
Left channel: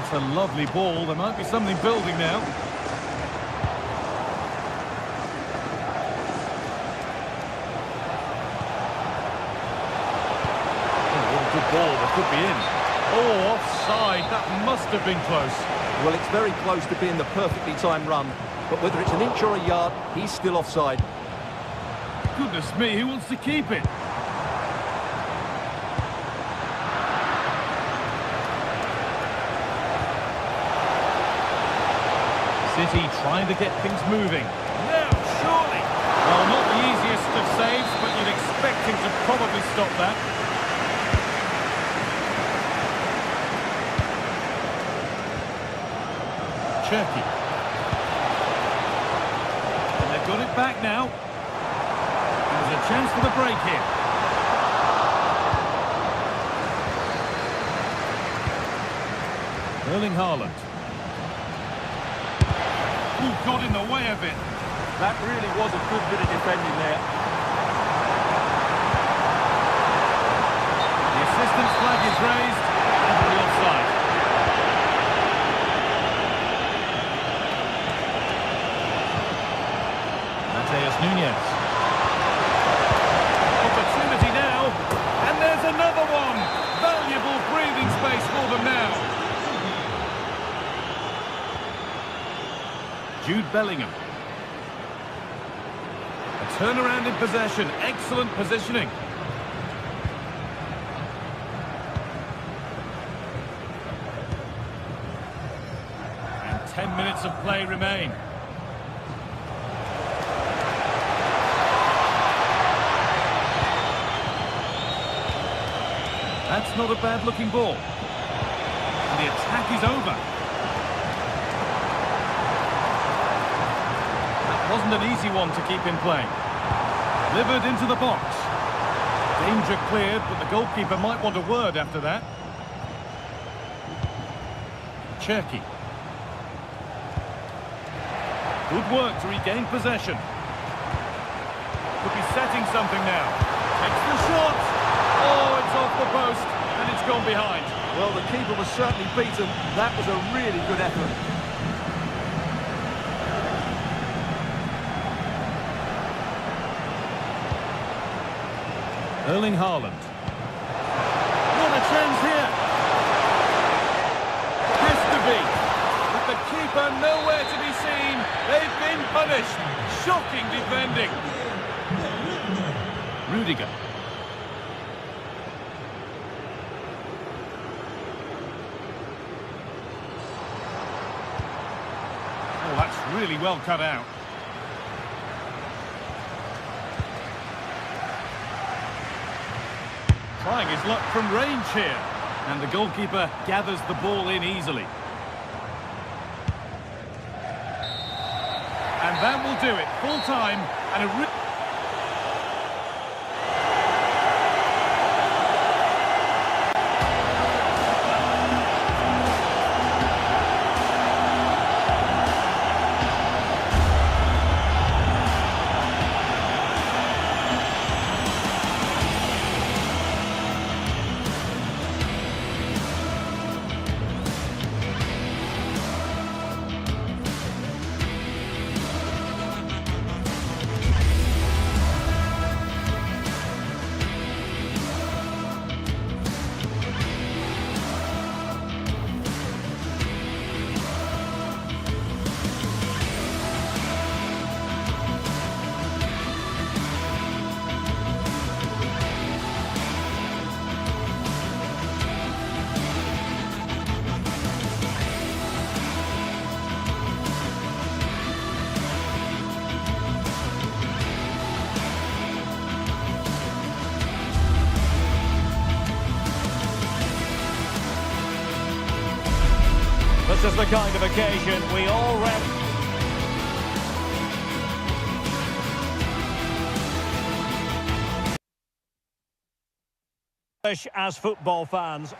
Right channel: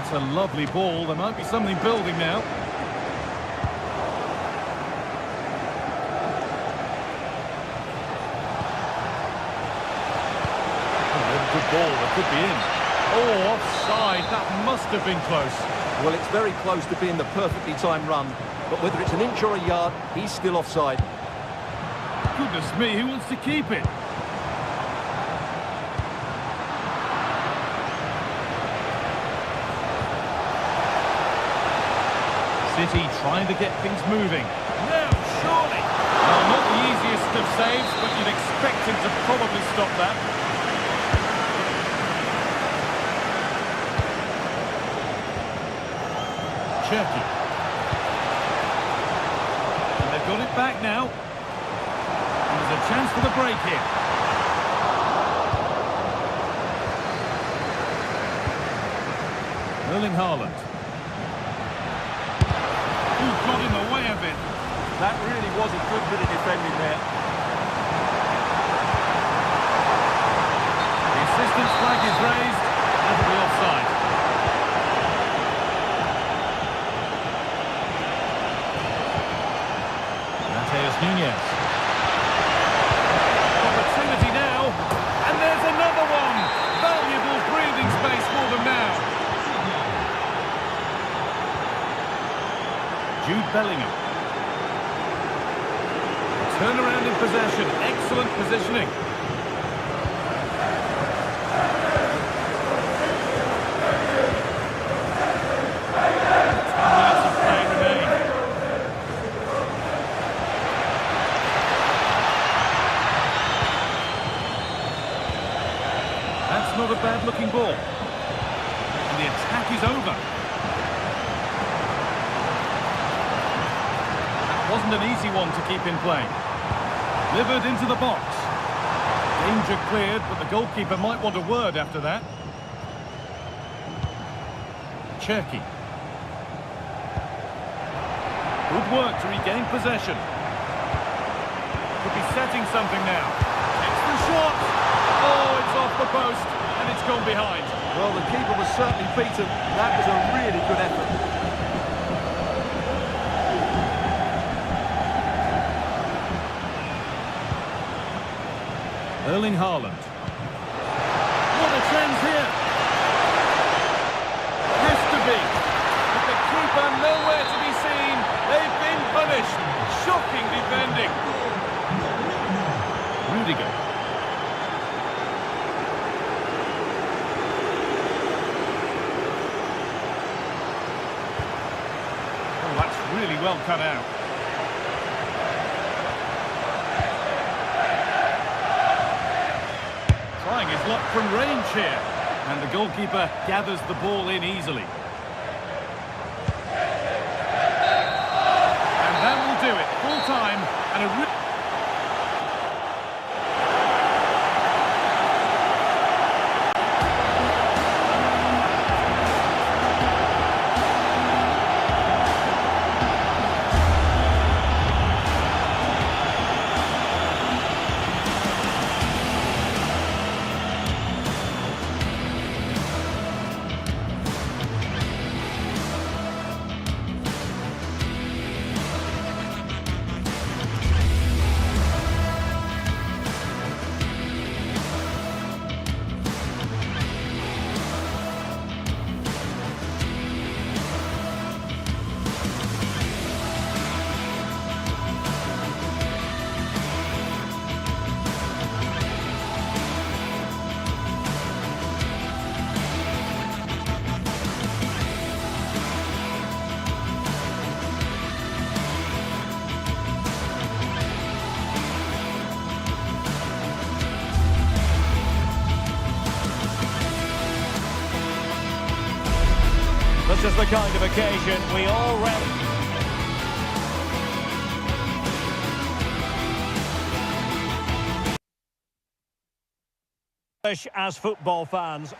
It's a lovely ball. There might be something building now. Oh, what a good ball. That could be in. Oh, offside. That must have been close. Well, it's very close to being the perfectly timed run, but whether it's an inch or a yard, he's still offside. Goodness me, who wants to keep it? City trying to get things moving. Now, surely. Well, not the easiest of saves, but you'd expect him to probably stop that. Cherky. And they've got it back now. And there's a chance for the break here. Erling Haaland. Who got in the way of it? That really was a good bit of defending there. The assistant's flag is raised, and it'll be offside. Mateus Nunes. Opportunity now, and there's another one. Valuable breathing space for them now. Jude Bellingham. A turnaround in possession. Excellent positioning. 10 minutes of play remain. That's not a bad-looking ball. And the attack is over. Wasn't an easy one to keep in play. Delivered into the box. Danger cleared, but the goalkeeper might want a word after that. Cherky. Good work to regain possession. Could be setting something now. Takes the shot. Oh, it's off the post, and it's gone behind. Well, the keeper was certainly beaten. That was a really good effort. Erling Haaland. What a chance here. Has to be. With the keeper nowhere to be seen, they've been punished. Shocking defending. Rudiger. Oh, that's really well cut out. Trying his luck from range here. And the goalkeeper gathers the ball in easily. And that will do it. Full time and a... This is the kind of occasion we all As football fans.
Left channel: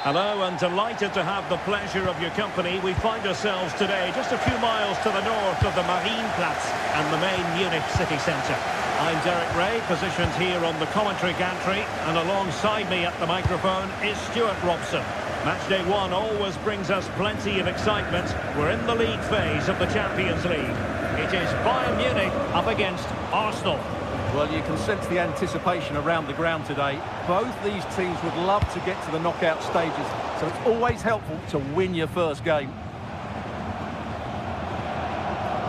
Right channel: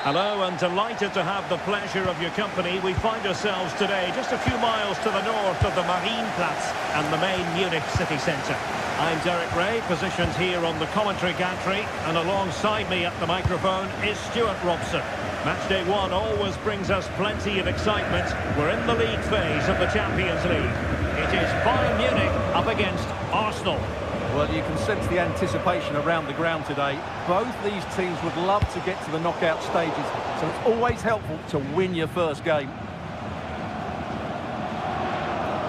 Hello, and delighted to have the pleasure of your company. We find ourselves today just a few miles to the north of the Marienplatz and the main Munich city centre. I'm Derek Ray, positioned here on the commentary gantry, and alongside me at the microphone is Stuart Robson. Matchday 1 always brings us plenty of excitement. We're in the league phase of the Champions League. It is Bayern Munich up against Arsenal. Well, you can sense the anticipation around the ground today. Both these teams would love to get to the knockout stages, so it's always helpful to win your first game.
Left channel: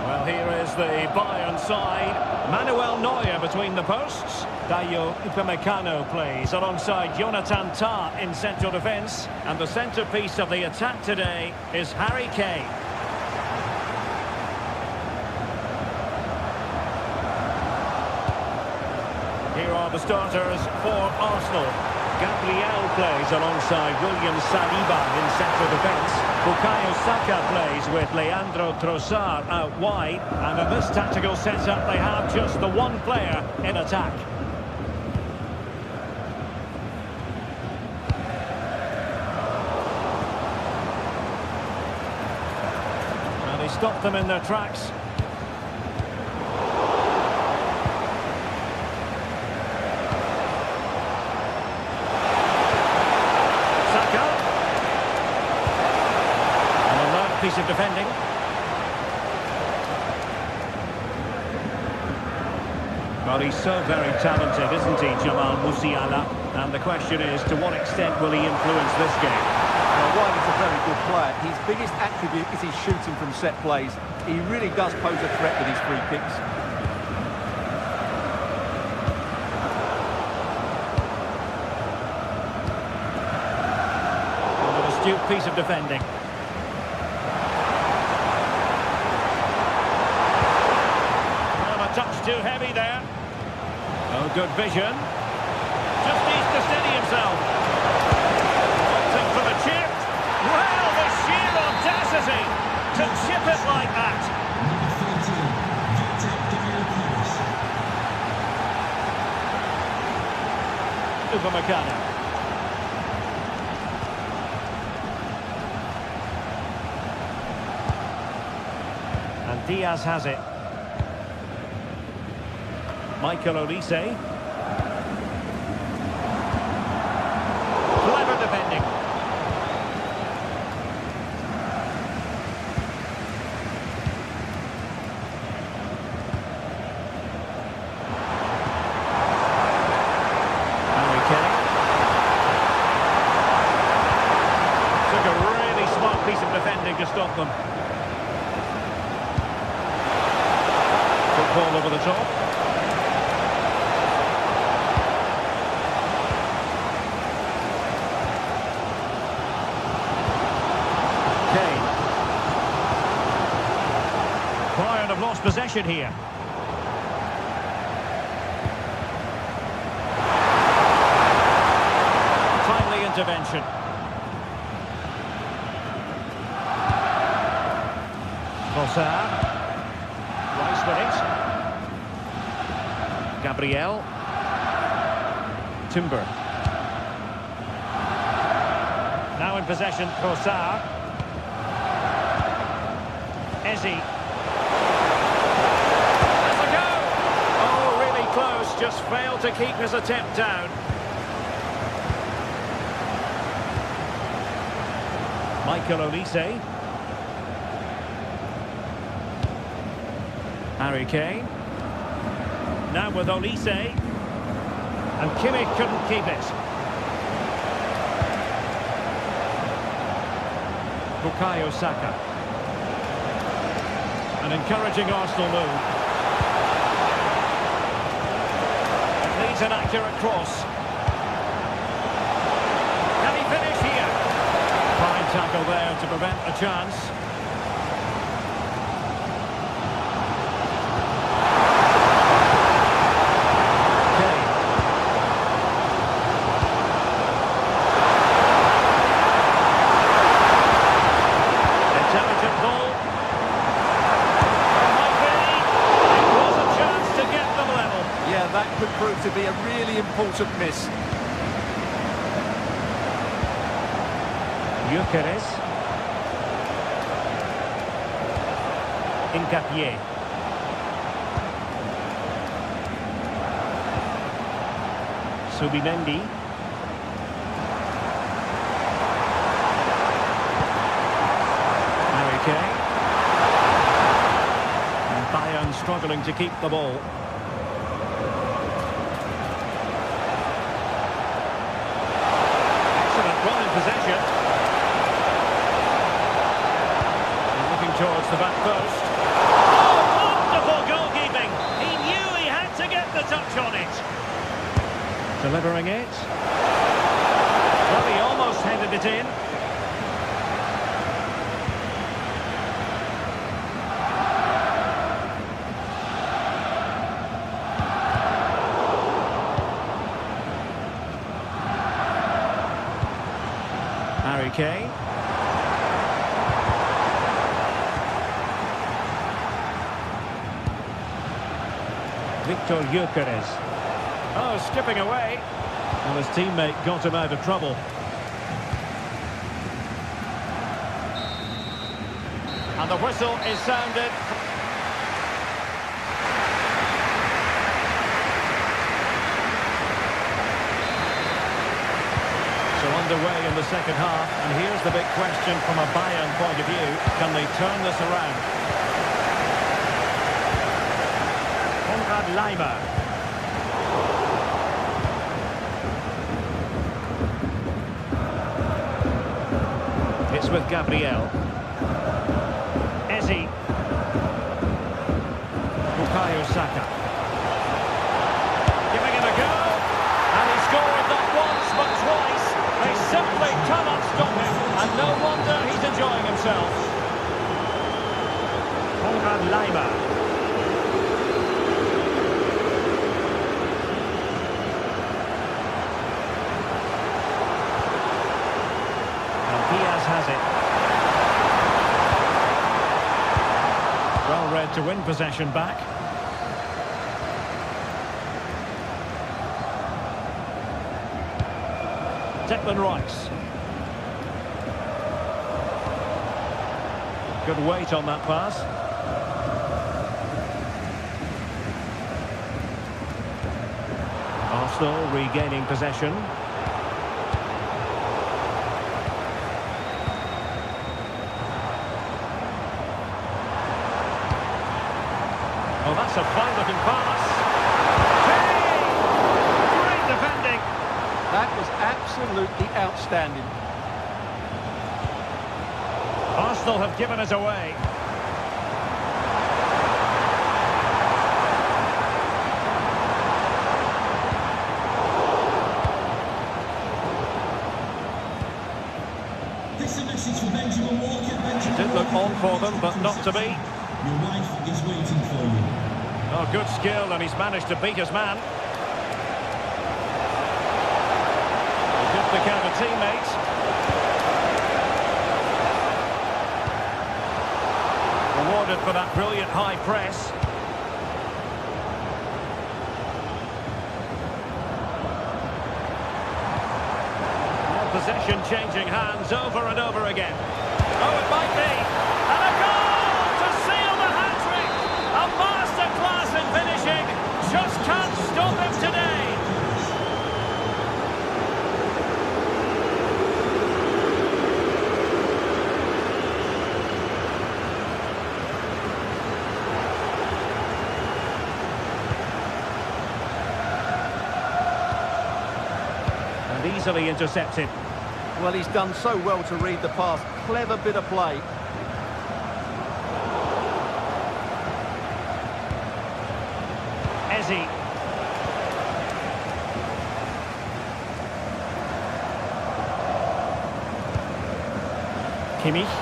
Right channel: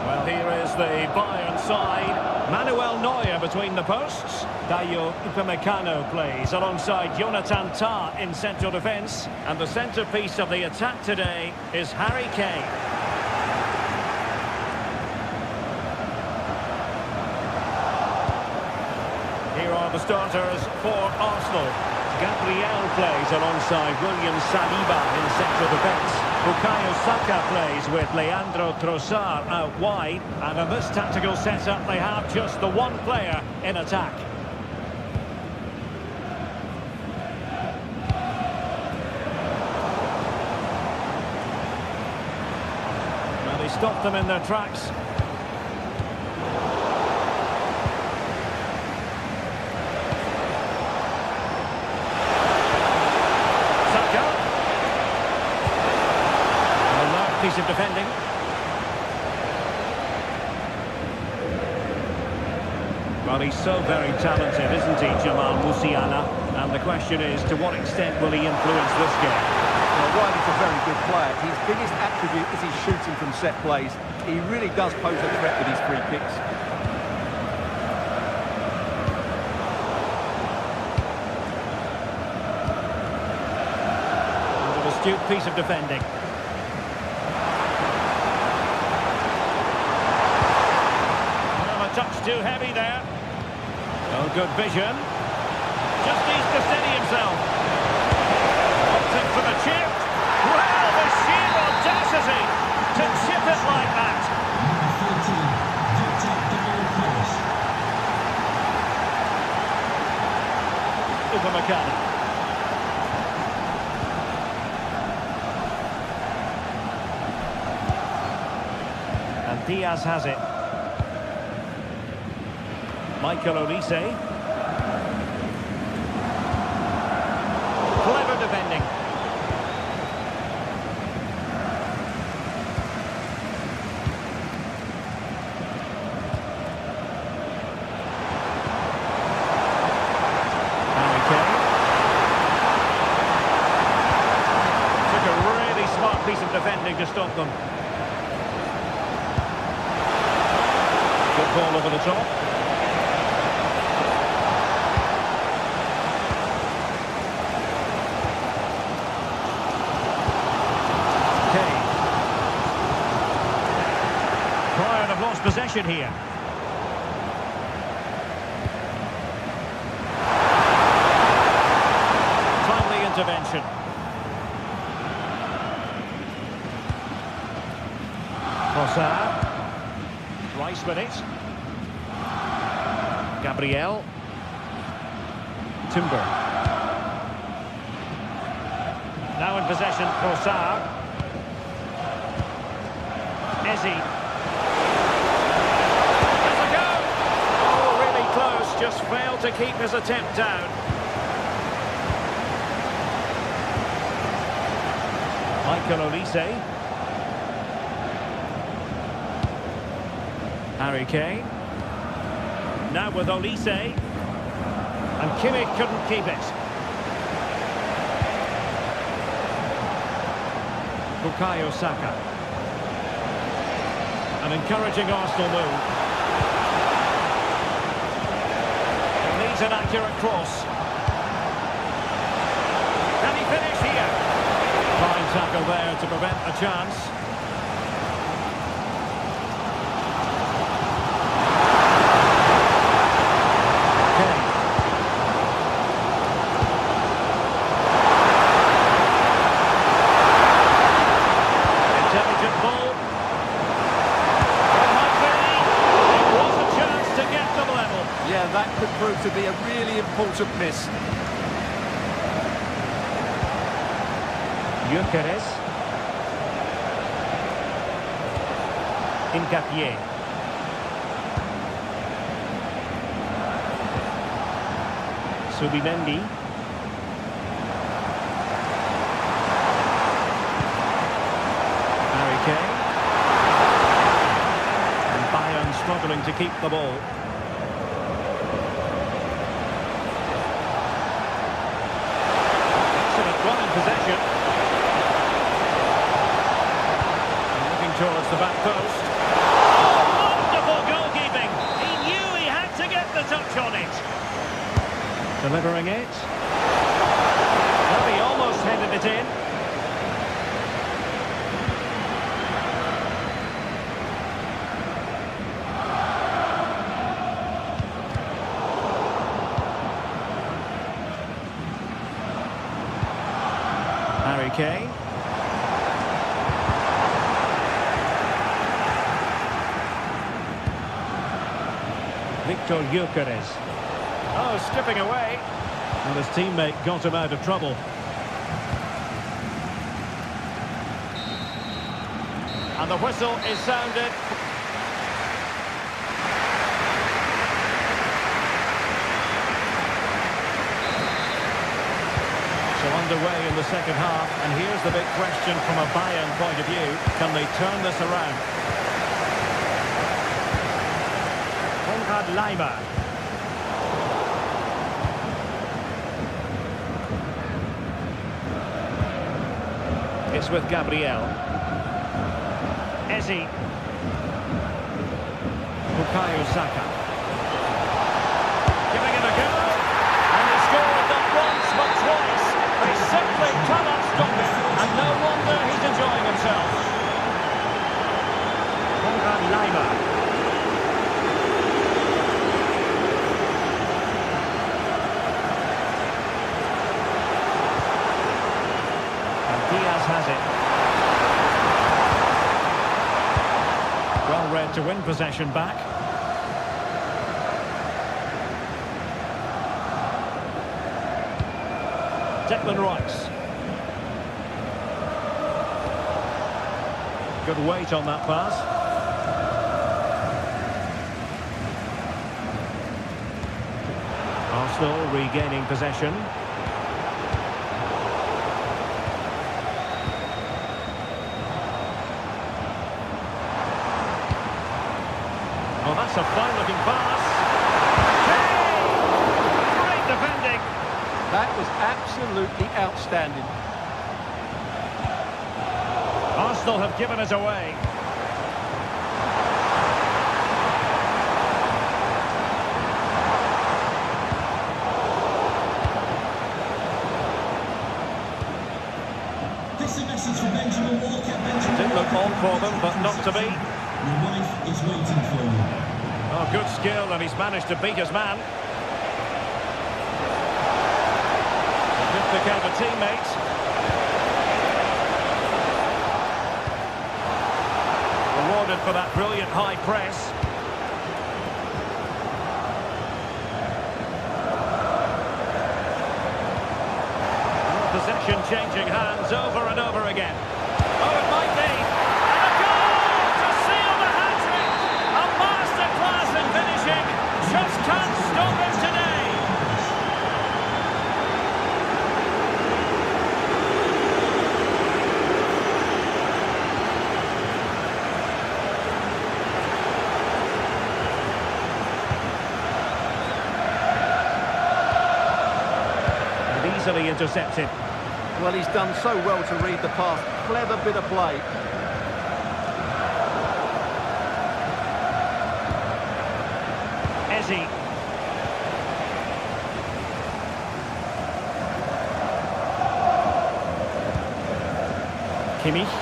Well, here is the Bayern side. Manuel Neuer between the posts. Dayo Upamecano plays alongside Jonathan Tah in central defence. And the centrepiece of the attack today is Harry Kane. Here are the starters for Arsenal. Gabriel plays alongside William Saliba in central defence. Bukayo Saka plays with Leandro Trossard out wide. And in this tactical setup, they have just the one player in attack. Now they stop them in their tracks. Piece of defending. Well, he's so very talented, isn't he, Jamal Musiala? And the question is, to what extent will he influence this game? Well, while he's a very good player, his biggest attribute is his shooting from set plays. He really does pose a threat with his free kicks. And an astute piece of defending. Touch too heavy there. Oh, good vision. Just needs to steady himself. Opting for the chip. Well, the sheer audacity to chip it like that. Number 13, Victor Upamecano. And Diaz has it. Michael Olise. Clever defending. Harry Kane. Took a really smart piece of defending to stop them. Good ball over the top. Kane. Bayern have lost possession here. Timely intervention. Trossard. Rice with it. Gabriel. Timber. Now in possession, Trossard. Ezzy. Has a go! Oh, really close, just failed to keep his attempt down. Michael Olise. Harry Kane. Now with Olise. And Kimmich couldn't keep it. Bukayo Saka. An encouraging Arsenal move. It needs an accurate cross. Can he finish here? Fine tackle there to prevent a chance. Kane. Intelligent ball. Yeah, that could prove to be a really important miss. Gyökeres. Hincapié. Subimendi. Harry Kane. And Bayern struggling to keep the ball. Excellent run in possession. And looking towards the back post. Oh, wonderful goalkeeping. He knew he had to get the touch on it. Delivering it. Well, he almost headed it in. Harry Kane. Victor Gyökeres. Oh, skipping away. Well, his teammate got him out of trouble. And the whistle is sounded. So underway in the second half, and here's the big question from a Bayern point of view. Can they turn this around? Konrad Laimer. It's with Gabriel. Ezi. Bukayo Saka. Giving him a go. And he scored not once but twice. They simply cannot stop him. And no wonder he's enjoying himself. Konrad Laimer. Diaz has it. Well read to win possession back. Declan Rice. Good weight on that pass. Arsenal regaining possession. Oh, that's a fine-looking pass. Hey! Great defending. That was absolutely outstanding. Arsenal have given us away. This is a message for Benjamin Walker. Benjamin It did look on for them, but not to be. Your wife is waiting for you. Oh, good skill, and he's managed to beat his man. He did pick out a teammate. Rewarded for that brilliant high press. Possession changing hands over and over again. Oh, it might be. And a goal to seal the hat-trick. A masterclass in finishing. Just can't stop him today. And easily intercepted. Well, he's done so well to read the pass. Clever bit of play. Ezi. Kimmich.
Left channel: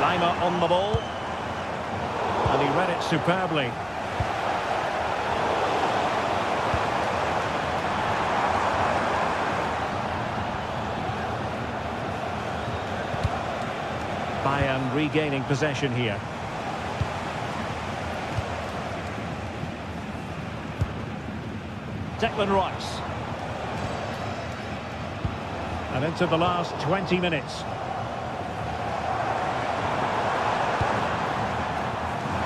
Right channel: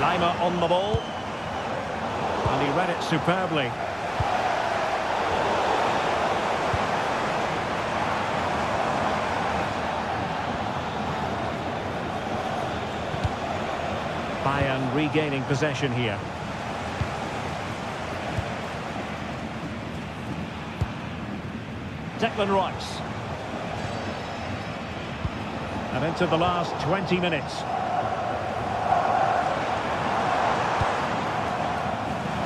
Laimer on the ball. And he read it superbly. Bayern regaining possession here. Declan Rice. And into the last 20 minutes.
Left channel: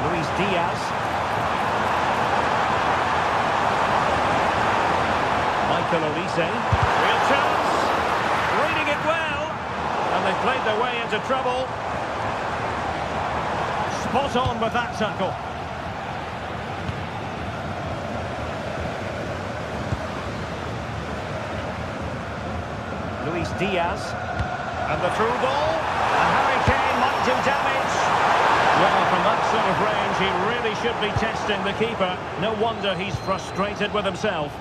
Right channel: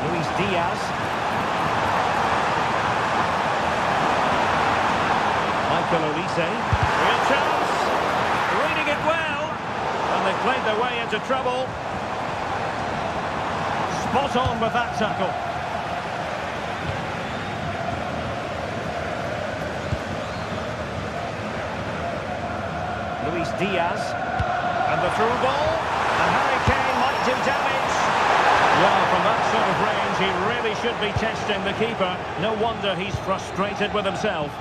Luis Diaz. Michael Olise. Real chance. Reading it well. And they've played their way into trouble. Spot on with that tackle. Luis Diaz. And the through ball. And Harry Kane might do damage. Well, from that sort of range, he really should be testing the keeper. No wonder he's frustrated with himself.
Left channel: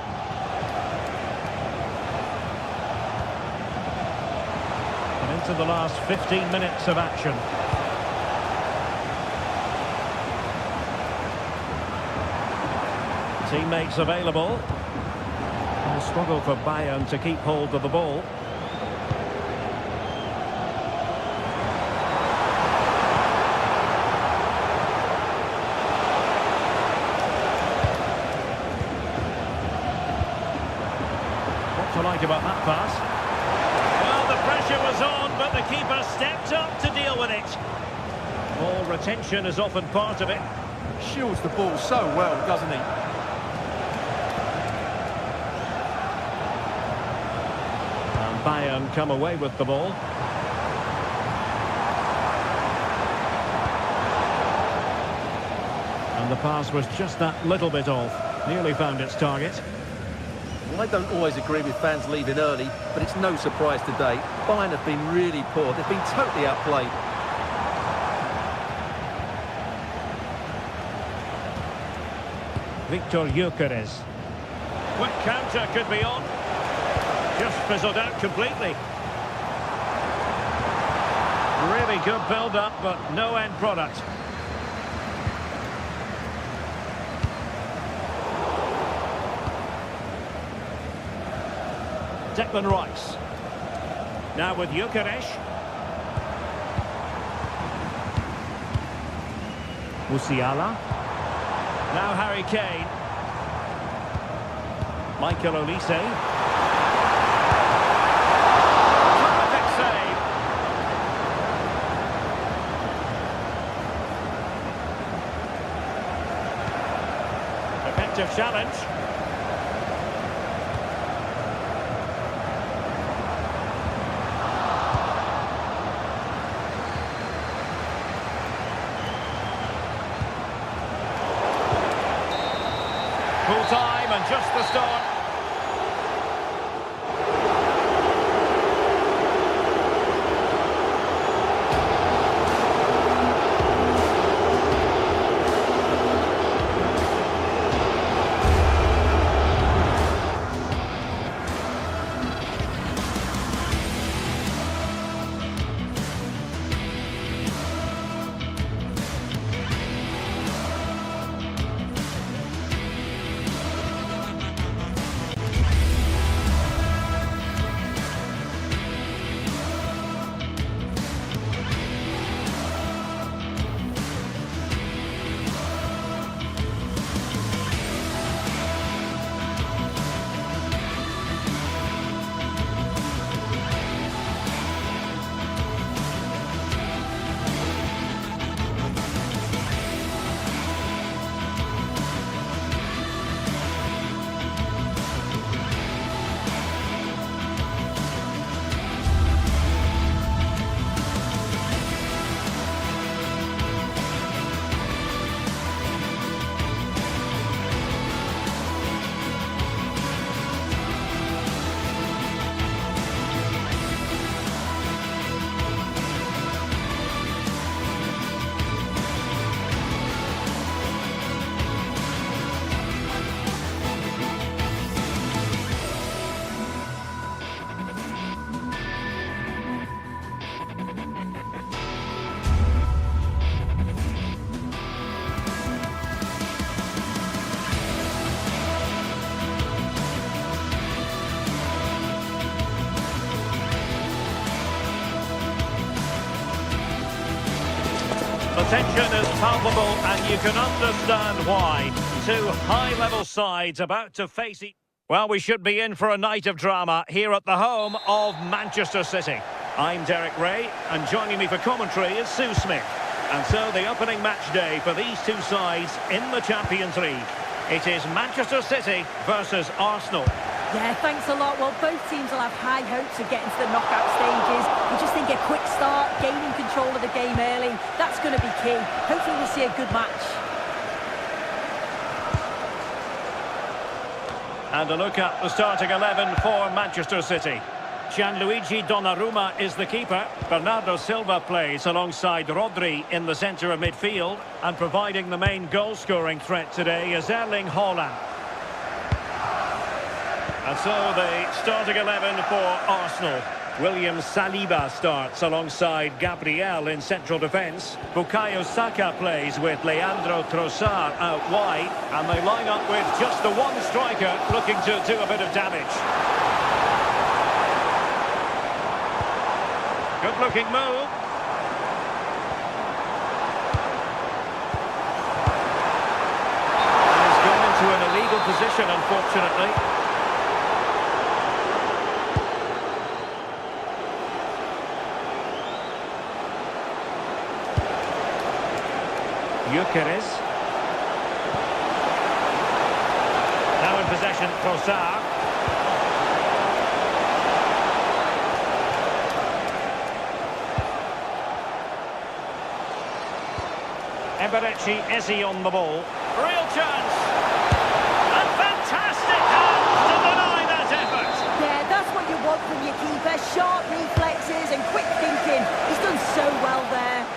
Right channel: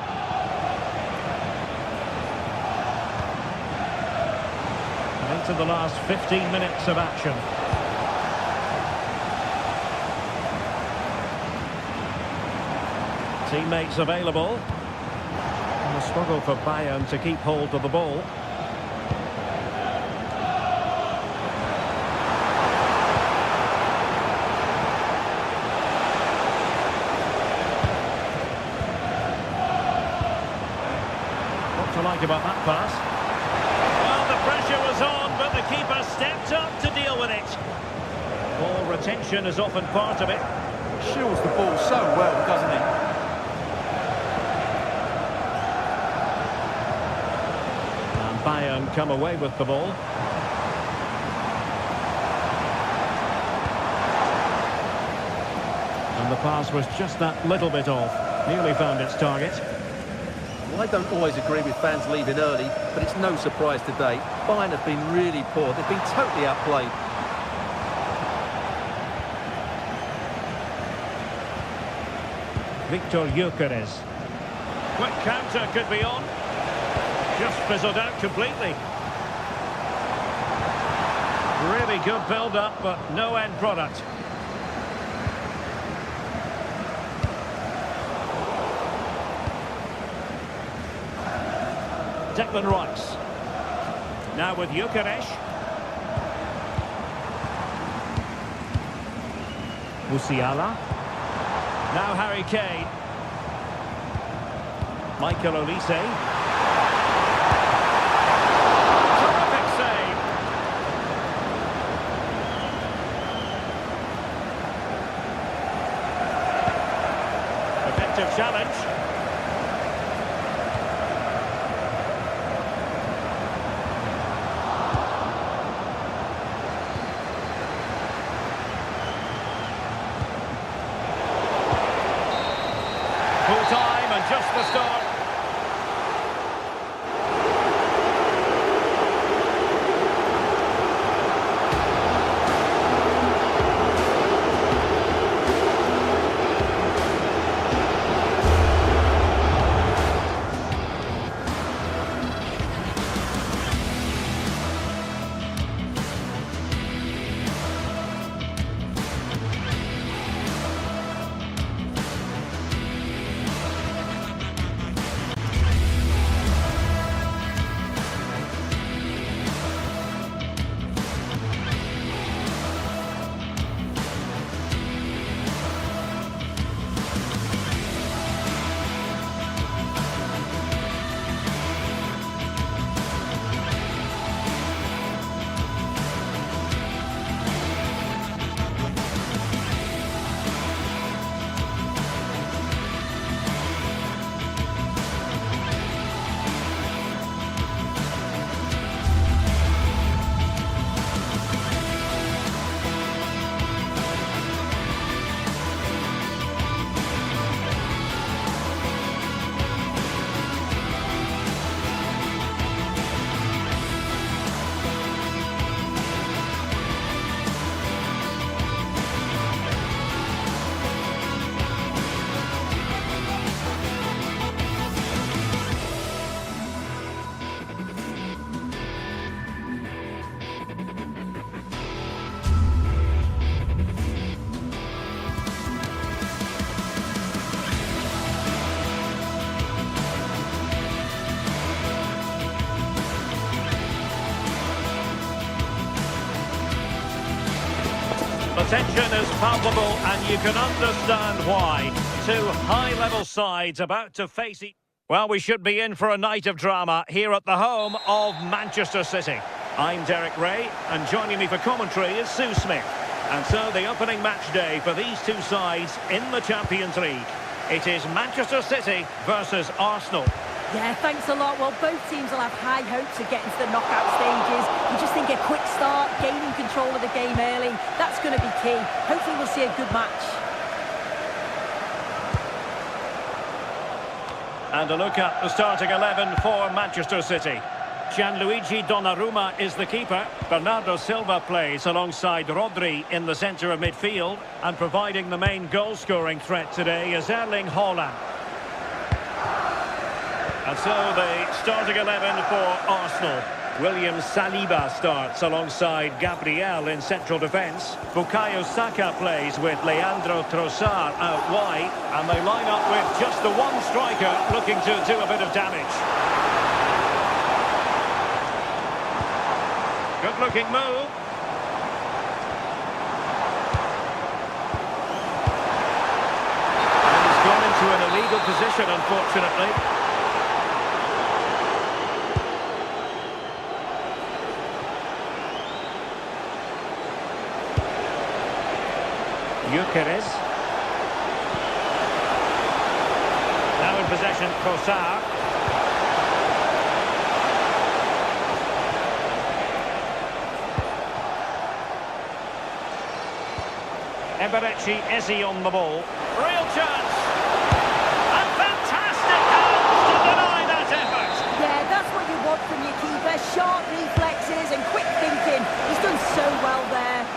And into the last 15 minutes of action. Teammates available. And a struggle for Bayern to keep hold of the ball. What to like about that pass? Well, the pressure was on, but the keeper stepped up to deal with it. Ball retention is often part of it. Shields the ball so well, doesn't he? And Bayern come away with the ball. And the pass was just that little bit off. Nearly found its target. Well, I don't always agree with fans leaving early, but it's no surprise today. Bayern have been really poor. They've been totally outplayed. Victor Gyökeres. Quick counter could be on. Just fizzled out completely. Really good build-up, but no end product. Declan Rice. Now with Gyökeres. Musiala. Now Harry Kane. Michael Olise. Terrific save. Effective challenge. Full time and just the start. The tension is palpable, and you can understand why. Two high-level sides about to face each Well, we should be in for a night of drama here at the home of Manchester City. I'm Derek Ray, and joining me for commentary is Sue Smith. And so the opening match day for these two sides in the Champions League. It is Manchester City versus Arsenal. Yeah, thanks a lot. Well, both teams will have high hopes of getting to the knockout stages. You just think a quick start, gaining control of the game early, that's going to be key. Hopefully we'll see a good match. And a look at the starting 11 for Manchester City. Gianluigi Donnarumma is the keeper. Bernardo Silva plays alongside Rodri in the centre of midfield. And providing the main goal-scoring threat today is Erling Haaland. And so the starting 11 for Arsenal. William Saliba starts alongside Gabriel in central defence. Bukayo Saka plays with Leandro Trossard out wide. And they line up with just the one striker looking to do a bit of damage. Good-looking move. And he's gone into an illegal position, unfortunately. Gyökeres. Now in possession, Trossard. Eberechi Eze on the ball. Real chance. And fantastic hands to deny that effort. Yeah, that's what you want from your keeper. Sharp reflexes and quick thinking. He's done so well there.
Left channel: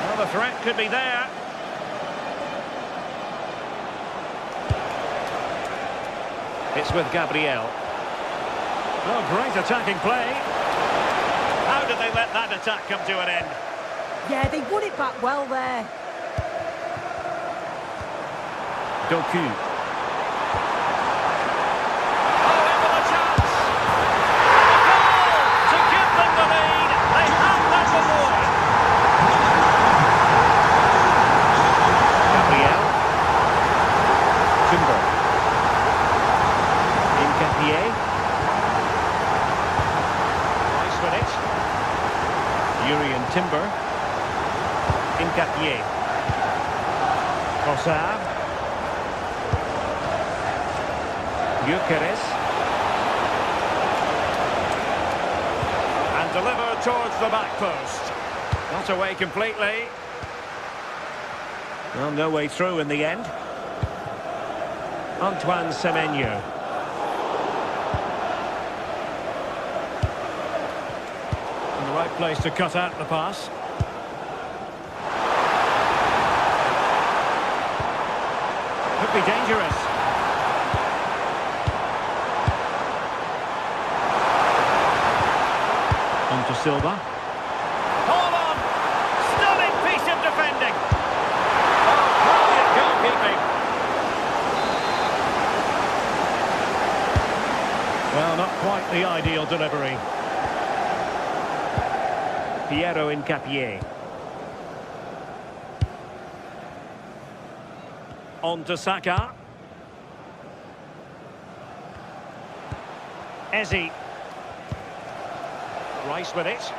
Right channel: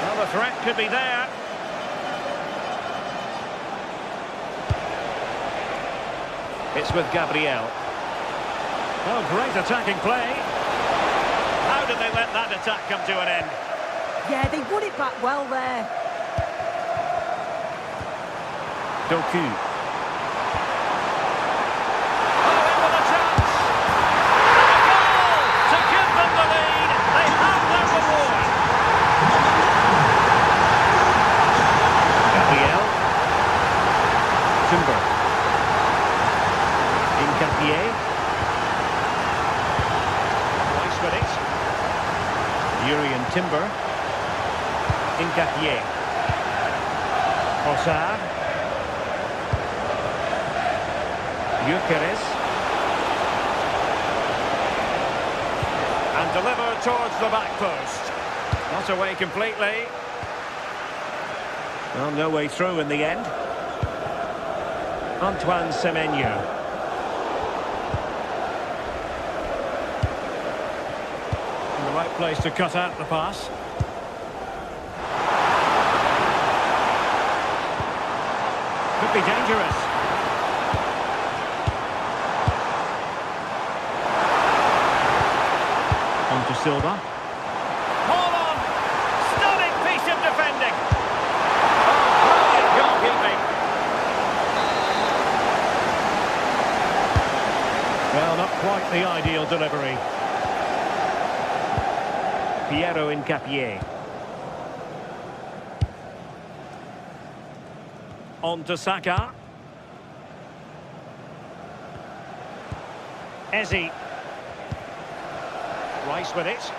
Well, the threat could be there. It's with Gabriel. Oh, great attacking play. How did they let that attack come to an end? Yeah, they won it back well there. Doku. Oh, in with a chance. And a goal to give them the lead. They have their reward. Gabriel. Timber. Incapié. Rice with it. Urian Timber. Incapié. Trossard. Gyökeres. And delivered towards the back post. Not away completely. Well, no way through in the end. Antoine Semenyo. In the right place to cut out the pass. Could be dangerous. On to Silva. Hold on! Stunning piece of defending! Oh, brilliant goalkeeping! Well, not quite the ideal delivery. Piero Incapié. On to Saka. Eze. Rice with it.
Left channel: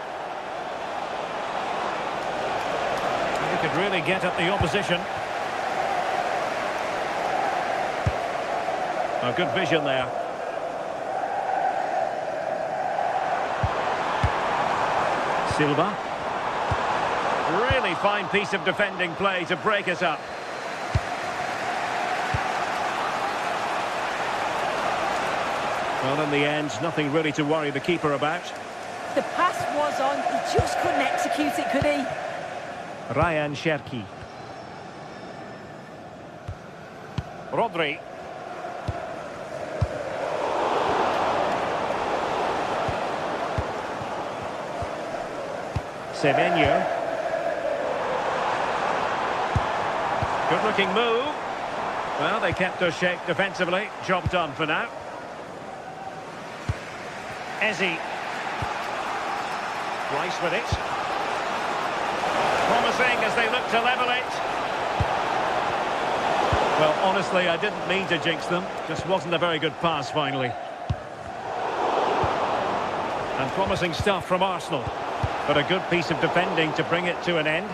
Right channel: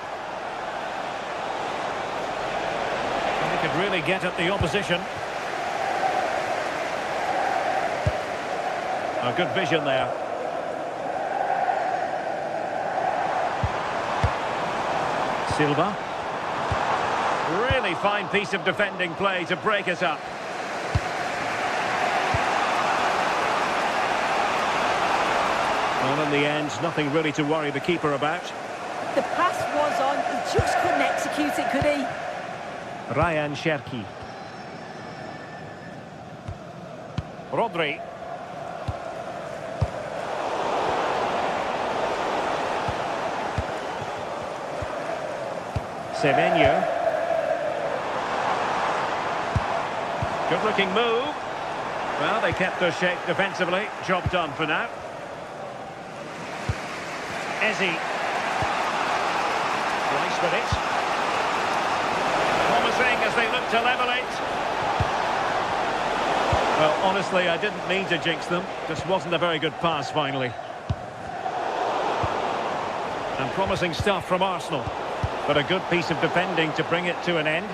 He could really get at the opposition. A good vision there. Silva. Really fine piece of defending play to break us up. Well, in the end, nothing really to worry the keeper about. The pass was on, he just couldn't execute it, could he? Ryan Cherki. Rodri. Semenyo. Good looking move. Well, they kept their shape defensively. Job done for now. Eze. Rice with it. Promising as they look to level it. Well, honestly, I didn't mean to jinx them. Just wasn't a very good pass, finally. And promising stuff from Arsenal. But a good piece of defending to bring it to an end.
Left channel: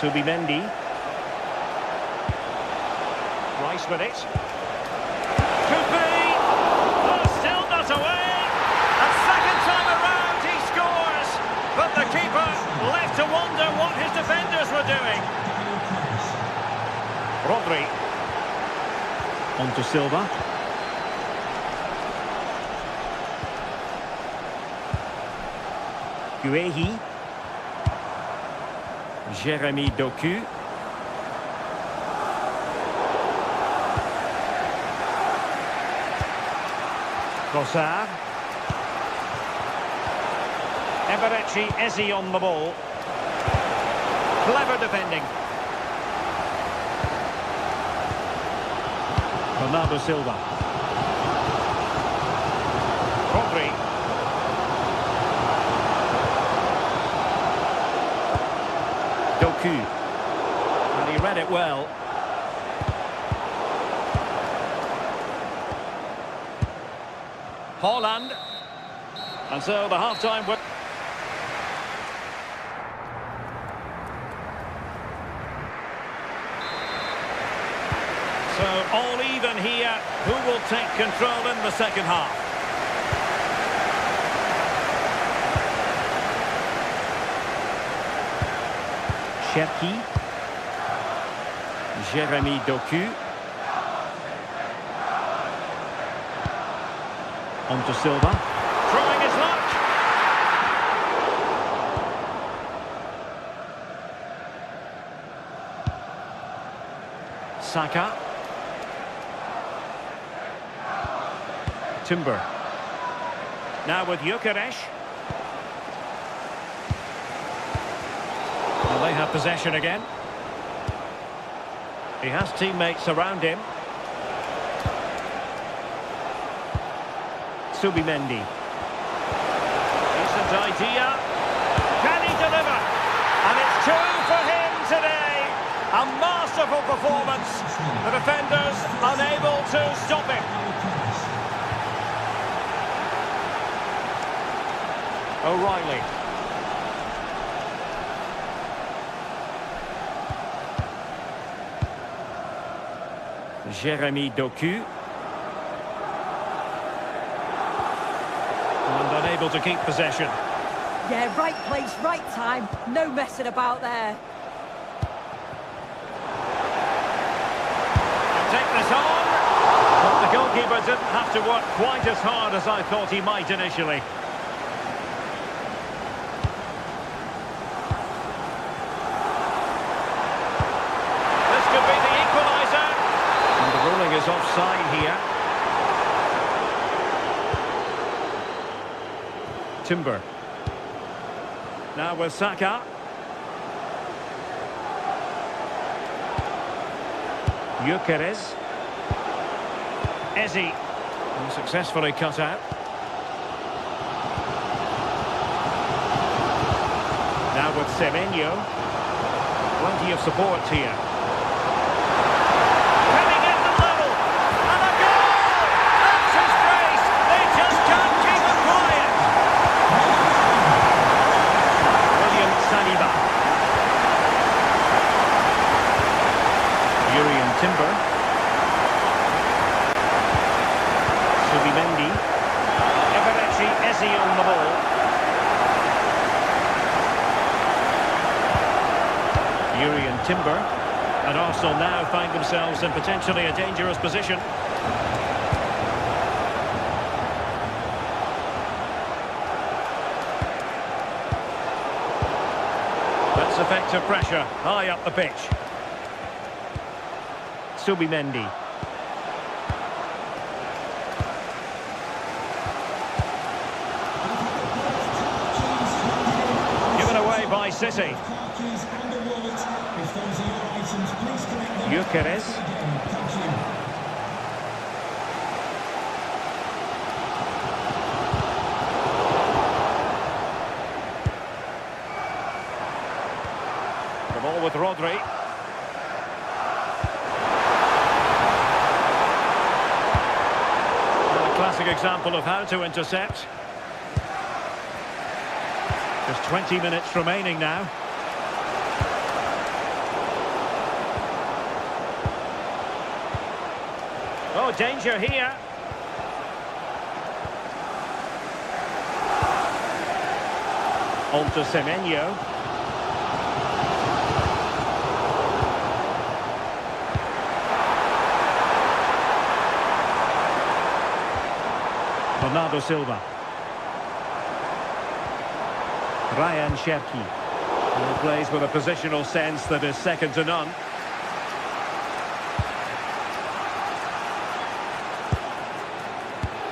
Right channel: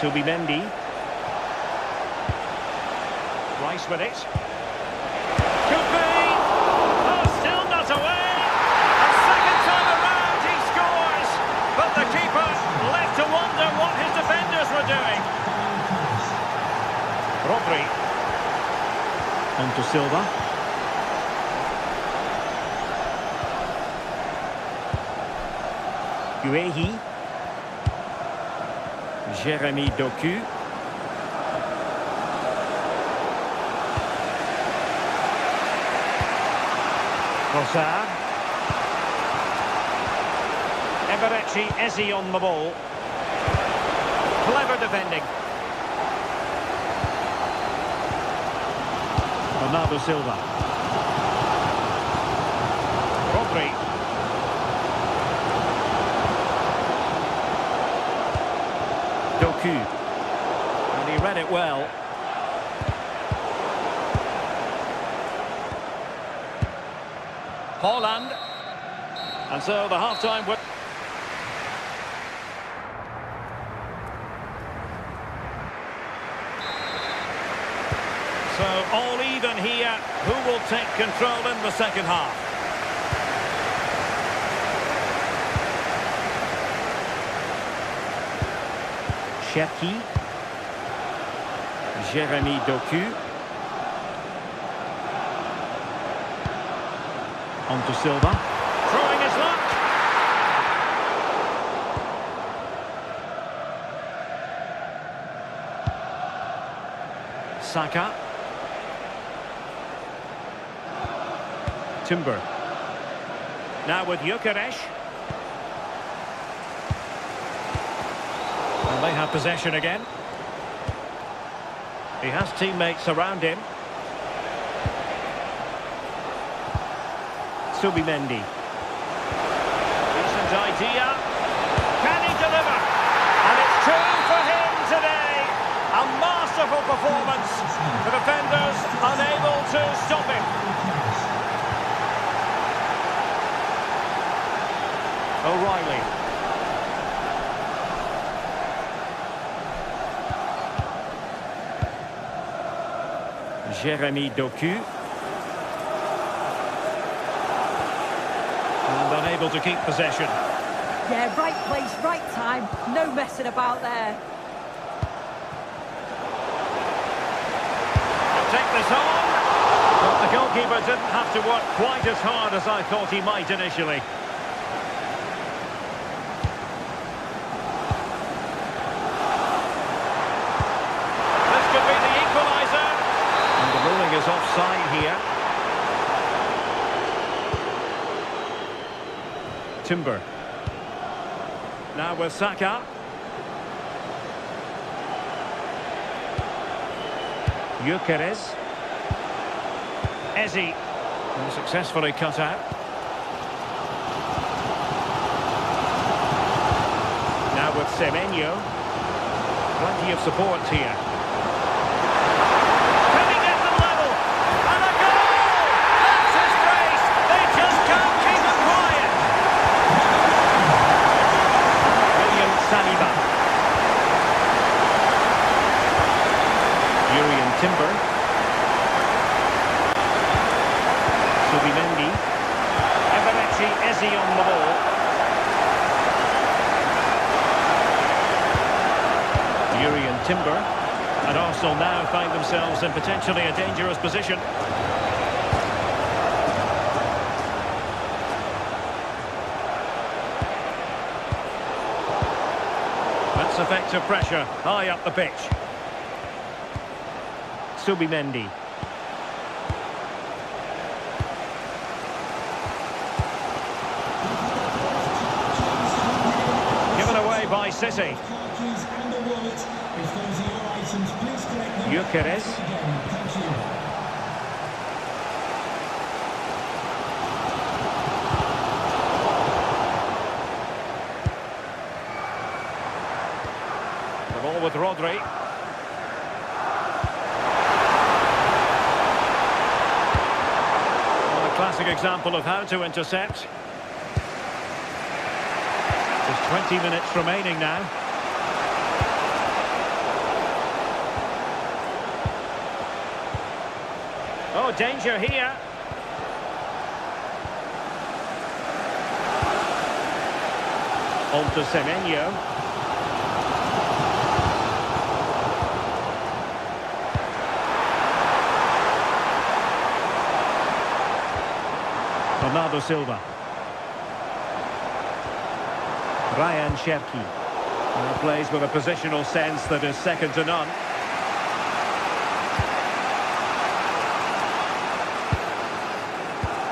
Subimendi. Rice with it. Could be! Oh, still not away! A second time around he scores! But the keeper left to wonder what his defenders were doing. Rodri. On to Silva. Guehi. Jérémy Doku. Trossard. Eberechi Eze on the ball. Clever defending. Bernardo Silva. Rodri. Doku. And he read it well. Haaland. And so the half-time... So all even here. Who will take control in the second half? Cherki. Jérémy Doku. On to Silva. Throwing his luck. Saka. Timber. Now with Gyökeres. And they have possession again. He has teammates around him. Subimendi. Decent idea. Can he deliver? And it's 2 for him today. A masterful performance. The defenders unable to stop him. O'Reilly. Jérémy Doku. And unable to keep possession. Yeah, right place, right time. No messing about there. He'll take this on. But the goalkeeper didn't have to work quite as hard as I thought he might initially. This could be the equaliser. And the ruling is offside here. Timber. Now with Saka. Gyökeres. Eze. Successfully cut out. Now with Semenyo. Plenty of support here. Can he get them level? And a goal! That's his brace! They just can't keep him quiet! Saliba. Yurian Timber. Subimendi. Eberechi Eze on the ball. Yurian Timber. And Arsenal now find themselves in potentially a dangerous position. That's effective pressure, high up the pitch. Subimendi. Given away by City. Gyökeres. ball with Rodri. Well, a classic example of how to intercept. Just 20 minutes remaining now. Oh, danger here. On to Semenyo. Bernardo Silva. Ryan Cherki. Plays with a positional sense that is second to none.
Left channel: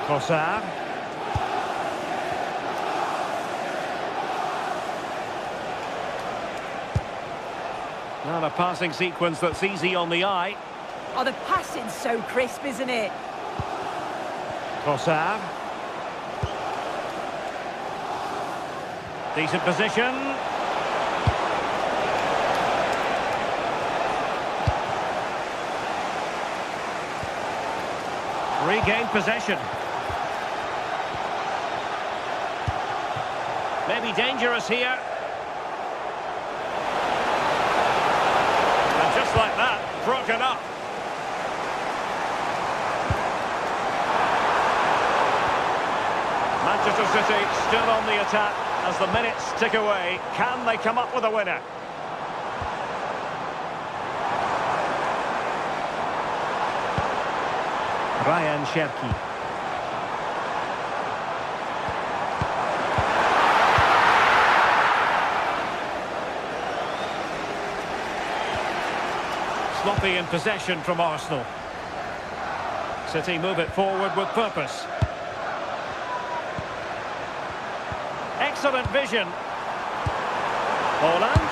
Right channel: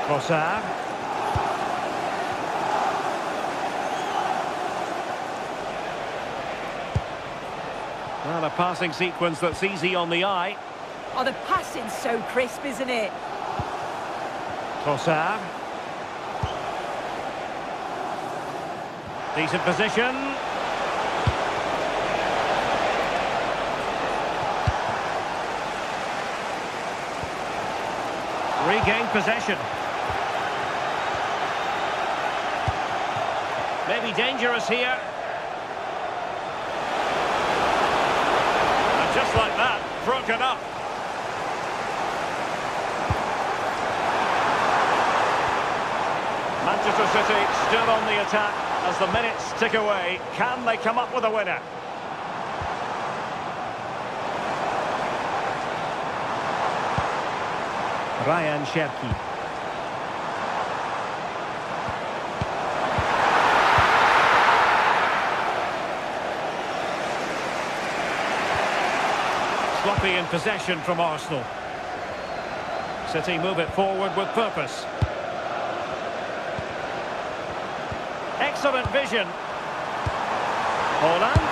Trossard. Well, a passing sequence that's easy on the eye. Oh, the passing's so crisp, isn't it? Trossard. Decent position. Regained possession. Maybe dangerous here. And just like that, broken up. Manchester City still on the attack as the minutes tick away. Can they come up with a winner? Ryan Cherki. Sloppy in possession from Arsenal. City move it forward with purpose. Excellent vision. Holland.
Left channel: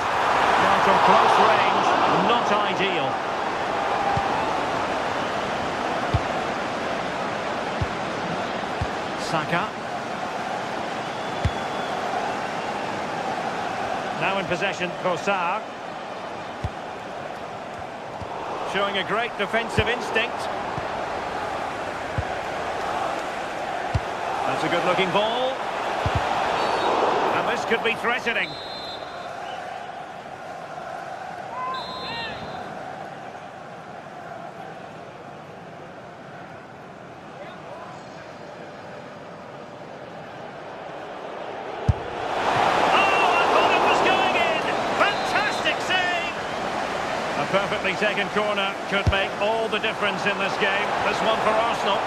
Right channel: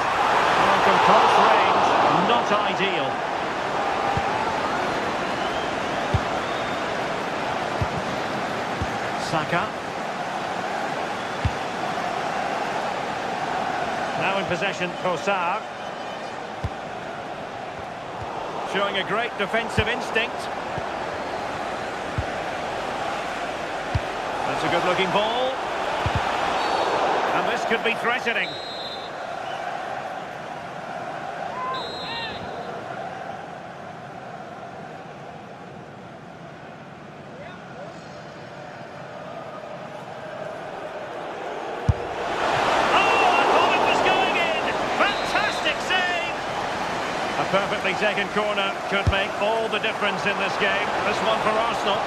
Well, from close range, not ideal. Saka. Now in possession, Trossard. Showing a great defensive instinct. That's a good-looking ball. And this could be threatening. A perfectly taken corner could make all the difference in this game. This one for Arsenal.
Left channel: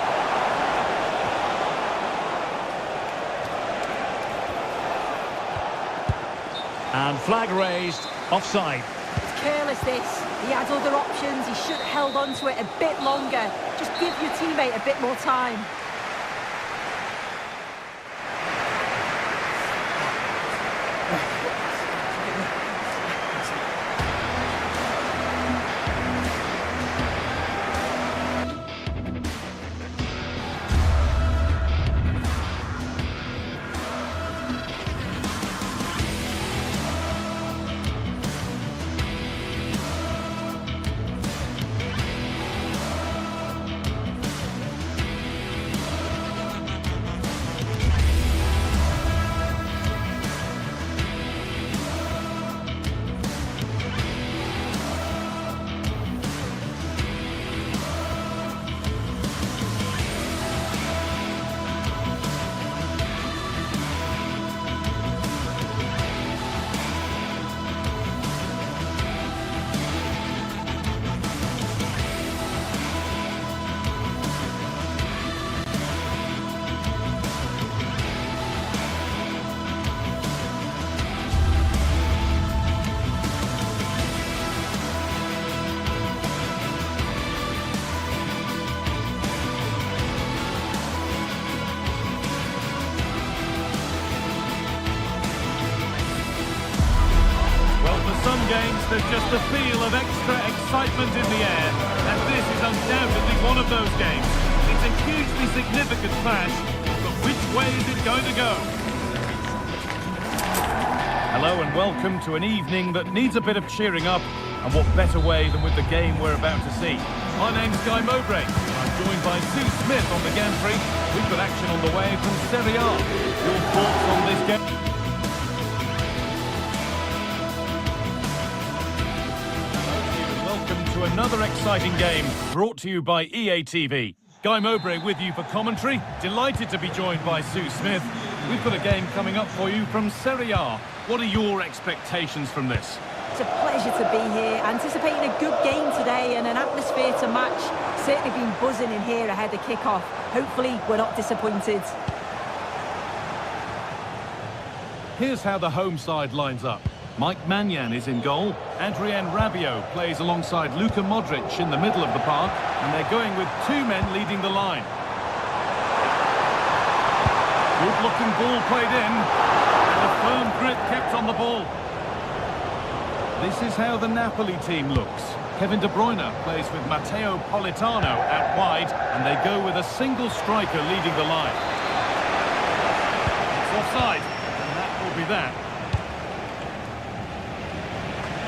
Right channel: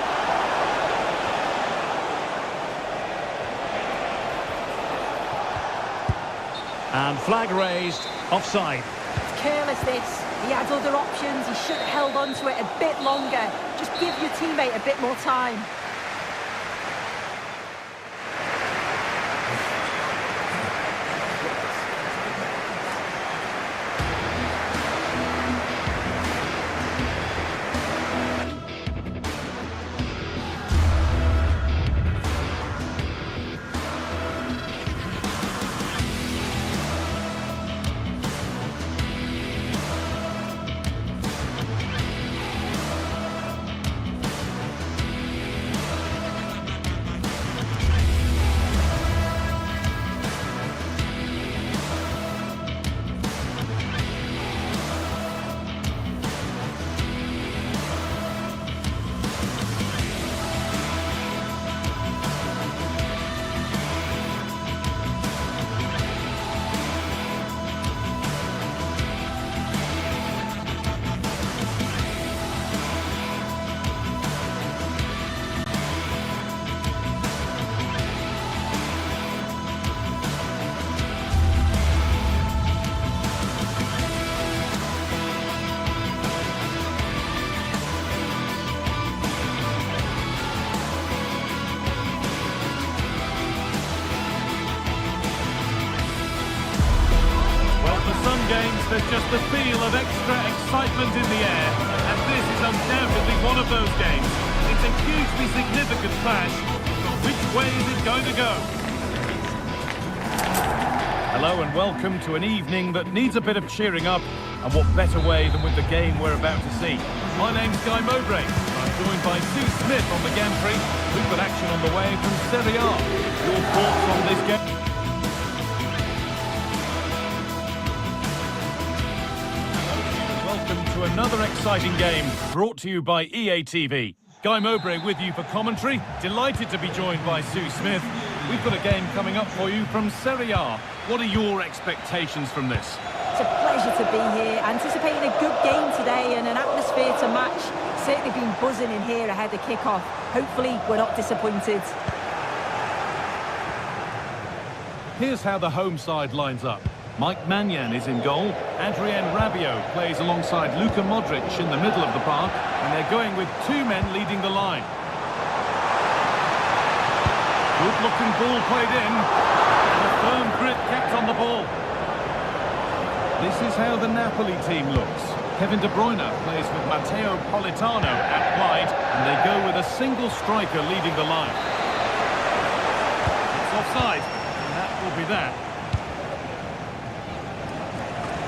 And flag raised, offside. It's careless, this. He had other options. He should have held on to it a bit longer. Just give your teammate a bit more time. Some games, there's just the feel of extra excitement in the air, and this is undoubtedly one of those games. It's a hugely significant clash, but which way is it going to go? Hello and welcome to an evening that needs a bit of cheering up, and what better way than with the game we're about to see. My name's Guy Mowbray, and I'm joined by Sue Smith on the gantry. We've got action on the way from Serie A. Your thoughts on this game? Welcome to another exciting game brought to you by EA TV. Guy Mowbray with you for commentary. Delighted to be joined by Sue Smith. We've got a game coming up for you from Serie A. What are your expectations from this? It's a pleasure to be here, anticipating a good game today and an atmosphere to match. Certainly been buzzing in here ahead of kick-off. Hopefully we're not disappointed. Here's how the home side lines up. Mike Maignan is in goal. Adrien Rabiot plays alongside Luka Modric in the middle of the park, and they're going with two men leading the line. Good-looking ball played in, and a firm grip kept on the ball. This is how the Napoli team looks. Kevin De Bruyne plays with Matteo Politano out wide, and they go with a single striker leading the line. It's offside, and that will be that.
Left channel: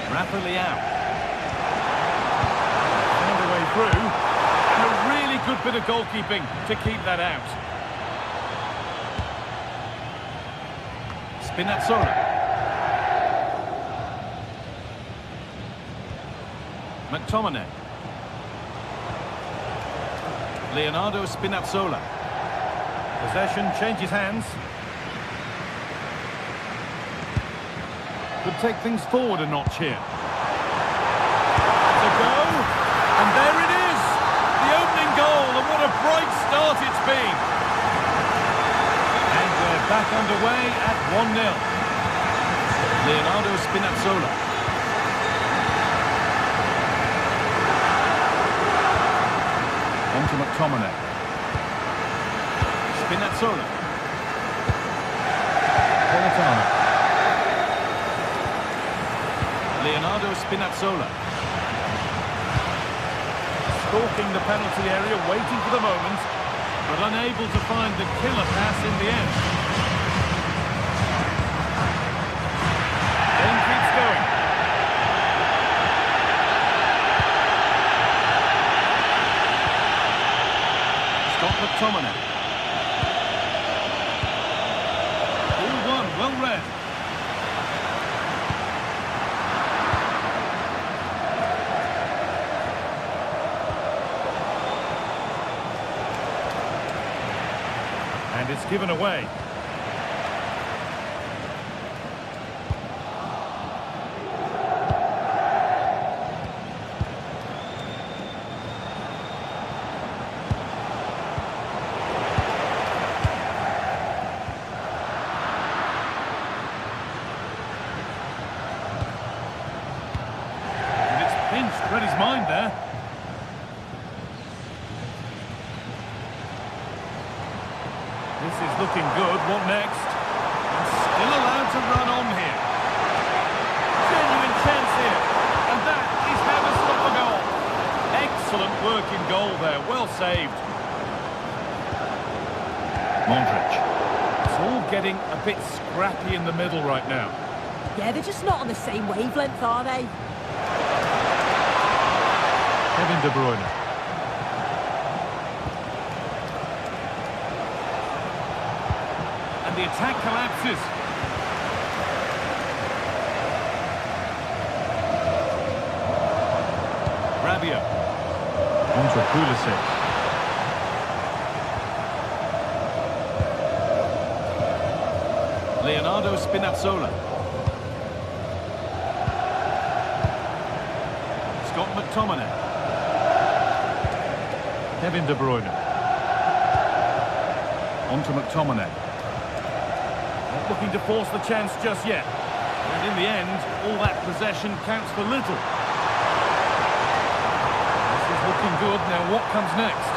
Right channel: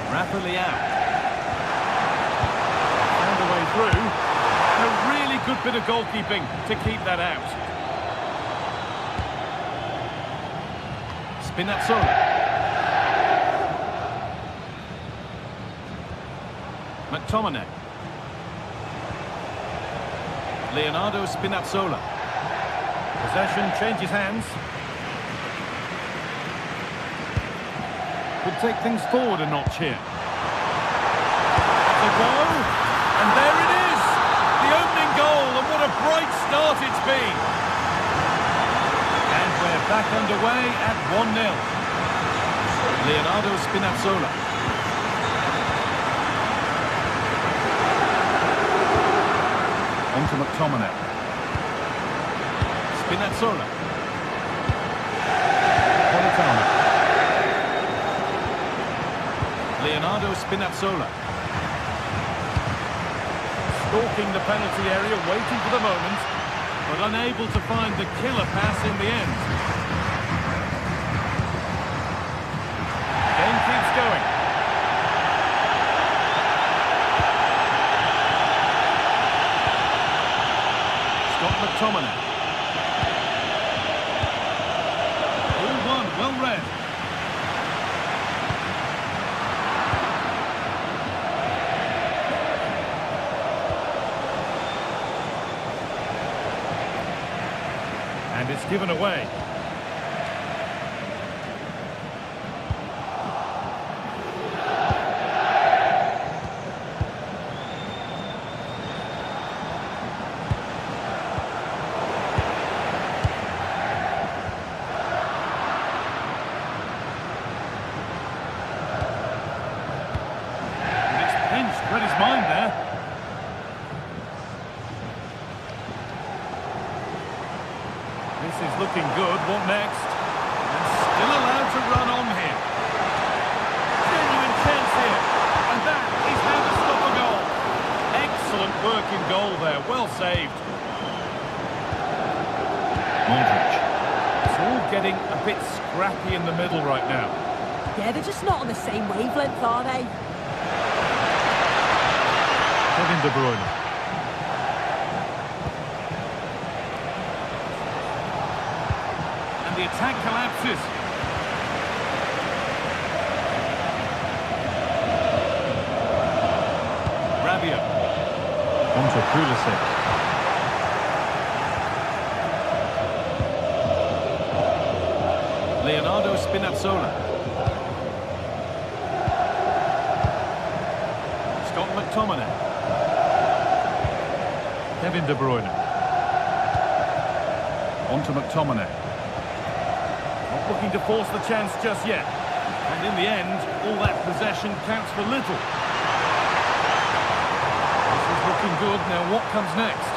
Rafa Leao. Found a way through. And a really good bit of goalkeeping to keep that out. Spinazzola. McTominay. Leonardo Spinazzola. Possession changes hands. Could take things forward a notch here. To go, and there it is! The opening goal, and what a bright start it's been! And we're back underway at 1-0. Leonardo Spinazzola. On to McTominay. Spinazzola. Politano. Leonardo Spinazzola. Stalking the penalty area, waiting for the moment, but unable to find the killer pass in the end. Game keeps going. Scott McTominay. All one, well read. And it's given away. And it's pinched, read his mind there. This is looking good. What next? And still allowed to run on here. Genuine chance here. And that is how to stop a goal. Excellent work in goal there. Well saved. Modric. It's all getting a bit scrappy in the middle right now. Yeah, they're just not on the same wavelength, are they? Kevin De Bruyne. The attack collapses. Rabiot. On to Pulisic. Leonardo Spinazzola. Scott McTominay. Kevin De Bruyne. On to McTominay. Not looking to force the chance just yet. And in the end, all that possession counts for little. This is looking good. Now what comes next?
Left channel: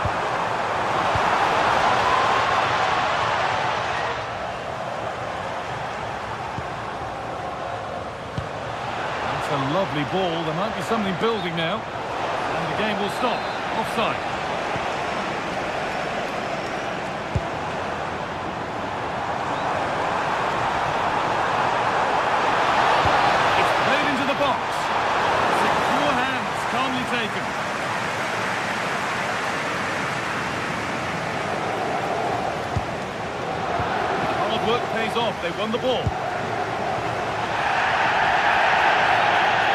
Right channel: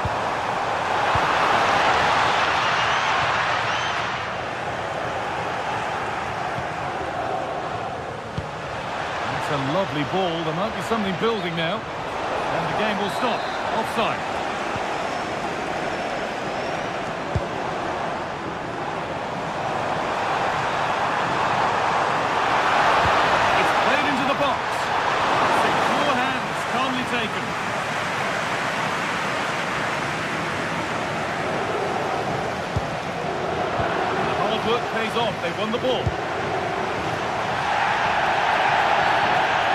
That's a lovely ball. There might be something building now. And the game will stop. Offside. taken. The hard work pays off. They won the ball.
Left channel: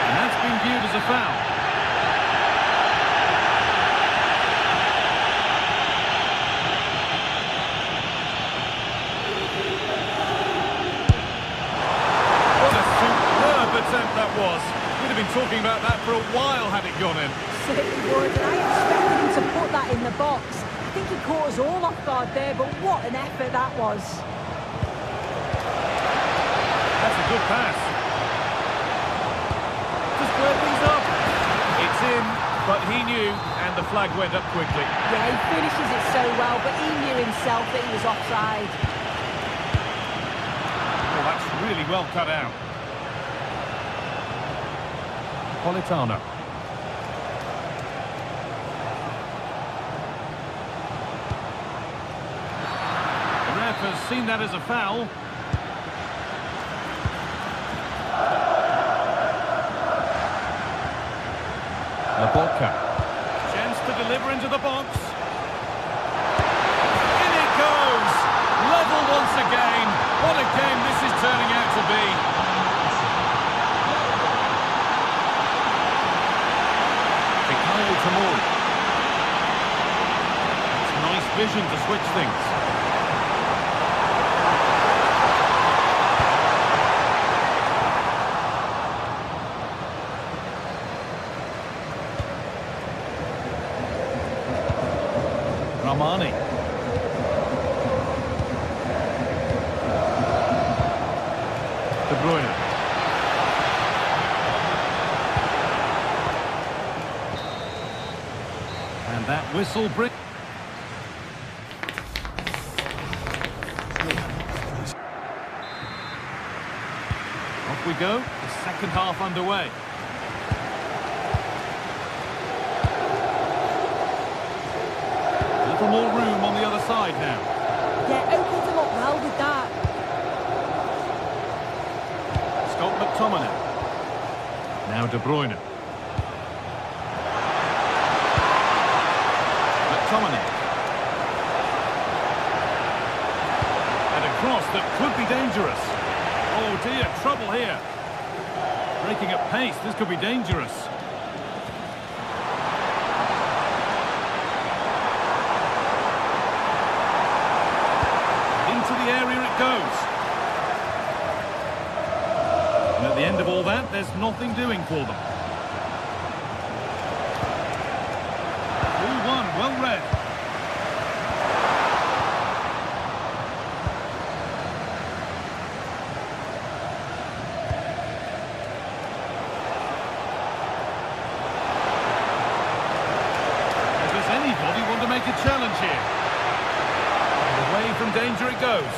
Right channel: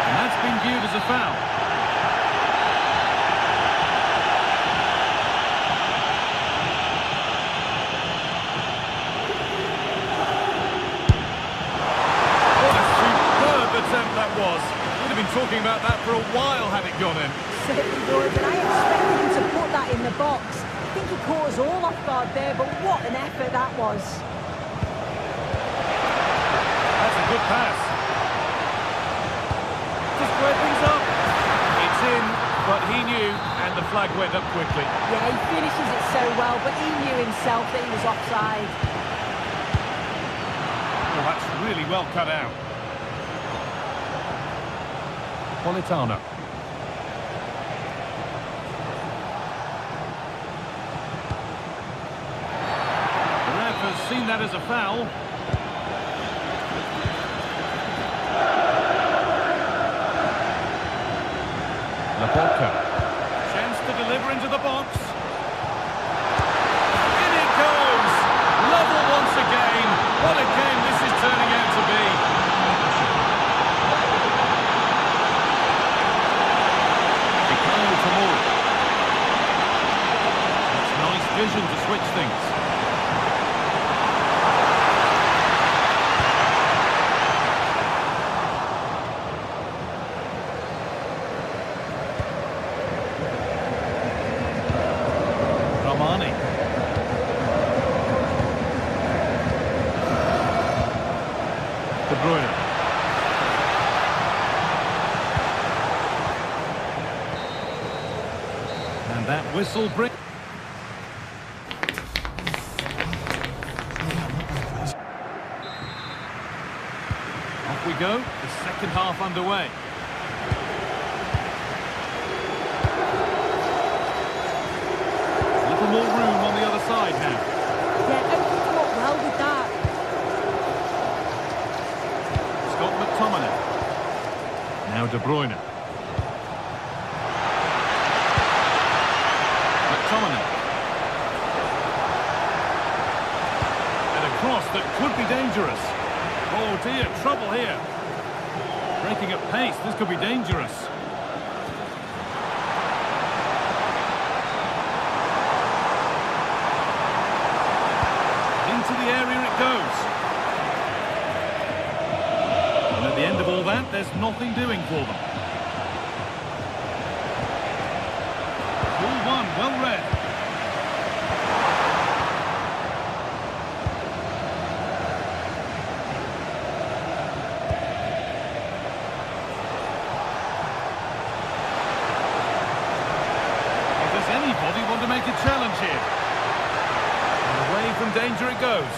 And that's been viewed as a foul. Attempt that was. We'd have been talking about that for a while had it gone in. Certainly would, and I expected him to put that in the box. I think he caught us all off guard there, but what an effort that was. That's a good pass. To square things up. It's in, but he knew, and the flag went up quickly. Yeah, he finishes it so well, but he knew himself that he was offside. Oh, that's really well cut out. Politano. The ref has seen that as a foul. Laporca. Chance to deliver into the box. In it goes! Level once again. What a game this is turning out to be. Tomori. It's nice vision to switch things. Ramani. De Bruyne. And that whistle brings... Off we go, the second half underway. A little more room on the other side now. Yeah, opened them up well with that. Scott McTominay. Now De Bruyne. McTominay. And a cross that could be dangerous. Oh dear, trouble here. Breaking at pace, this could be dangerous. Into the area it goes. And at the end of all that, there's nothing doing for them. Ball one, well read. Does anybody want to make a challenge here? And away from danger it goes.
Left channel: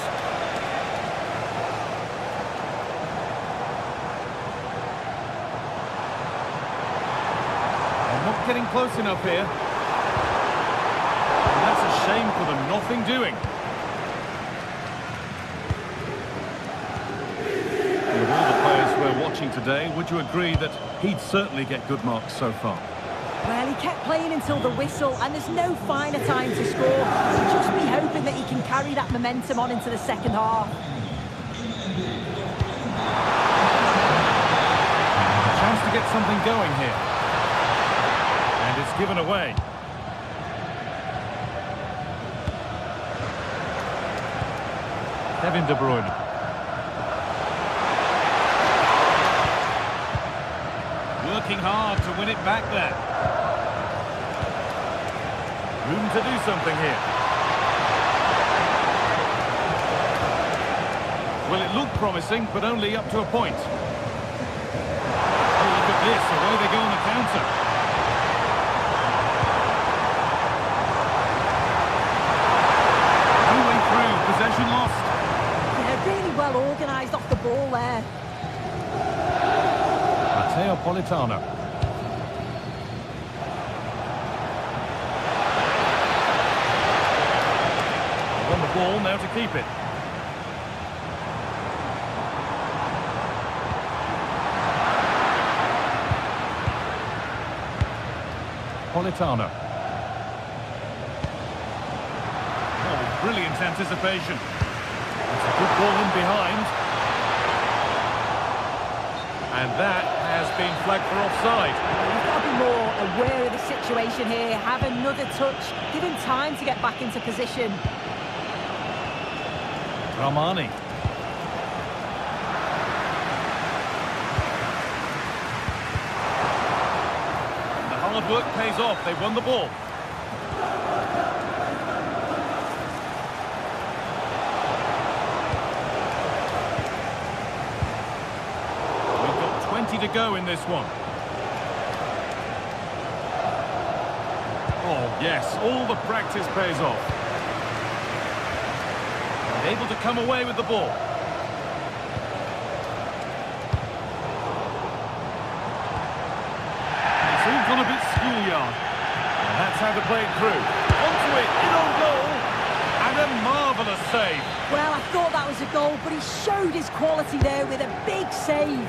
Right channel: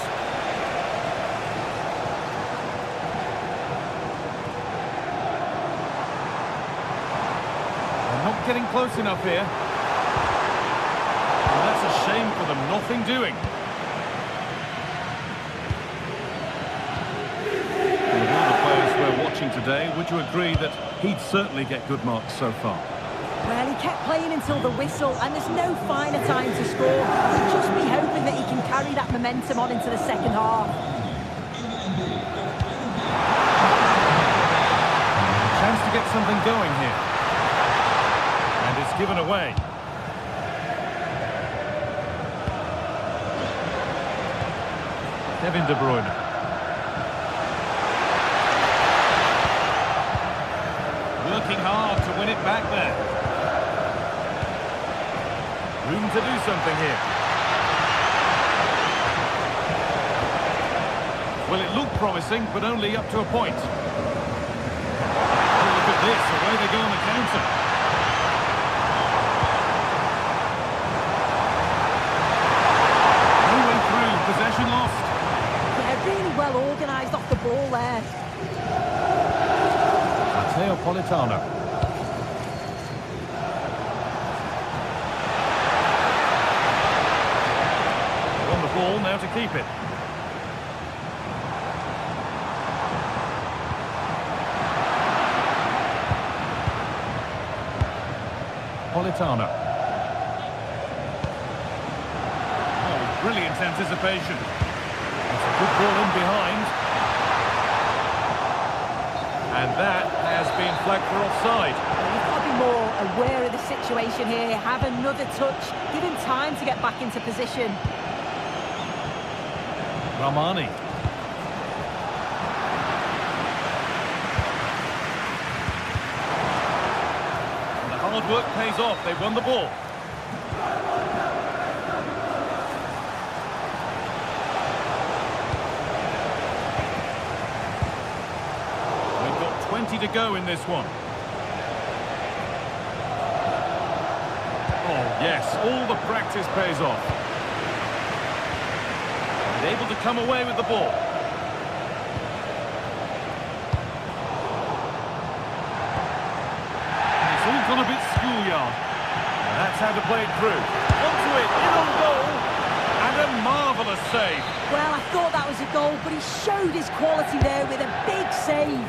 They're not getting close enough here. And that's a shame for them, nothing doing. And of all the players we're watching today, would you agree that he'd certainly get good marks so far? Well, he kept playing until the whistle, and there's no finer time to score. You'll just be hoping that he can carry that momentum on into the second half. A chance to get something going here. And it's given away. Kevin De Bruyne. Working hard to win it back there. Room to do something here. Well, it looked promising, but only up to a point. Oh, look at this. Away they go on the counter. No way through. Possession lost. Yeah, really well organised off the ball there. Matteo Politano. On the ball now to keep it. Politano. Oh, brilliant anticipation. That's a good ball in behind. And that has been flagged for offside. You've got to be more aware of the situation here. Have another touch. Give him time to get back into position. Ramani. And the hard work pays off. They've won the ball. We've got 20 to go in this one. Oh, yes, all the practice pays off. And able to come away with the ball. And it's all gone a bit schoolyard. And that's how to play it through. Onto it, in on goal. And a marvellous save. Well, I thought that was a goal, but he showed his quality there with a big save.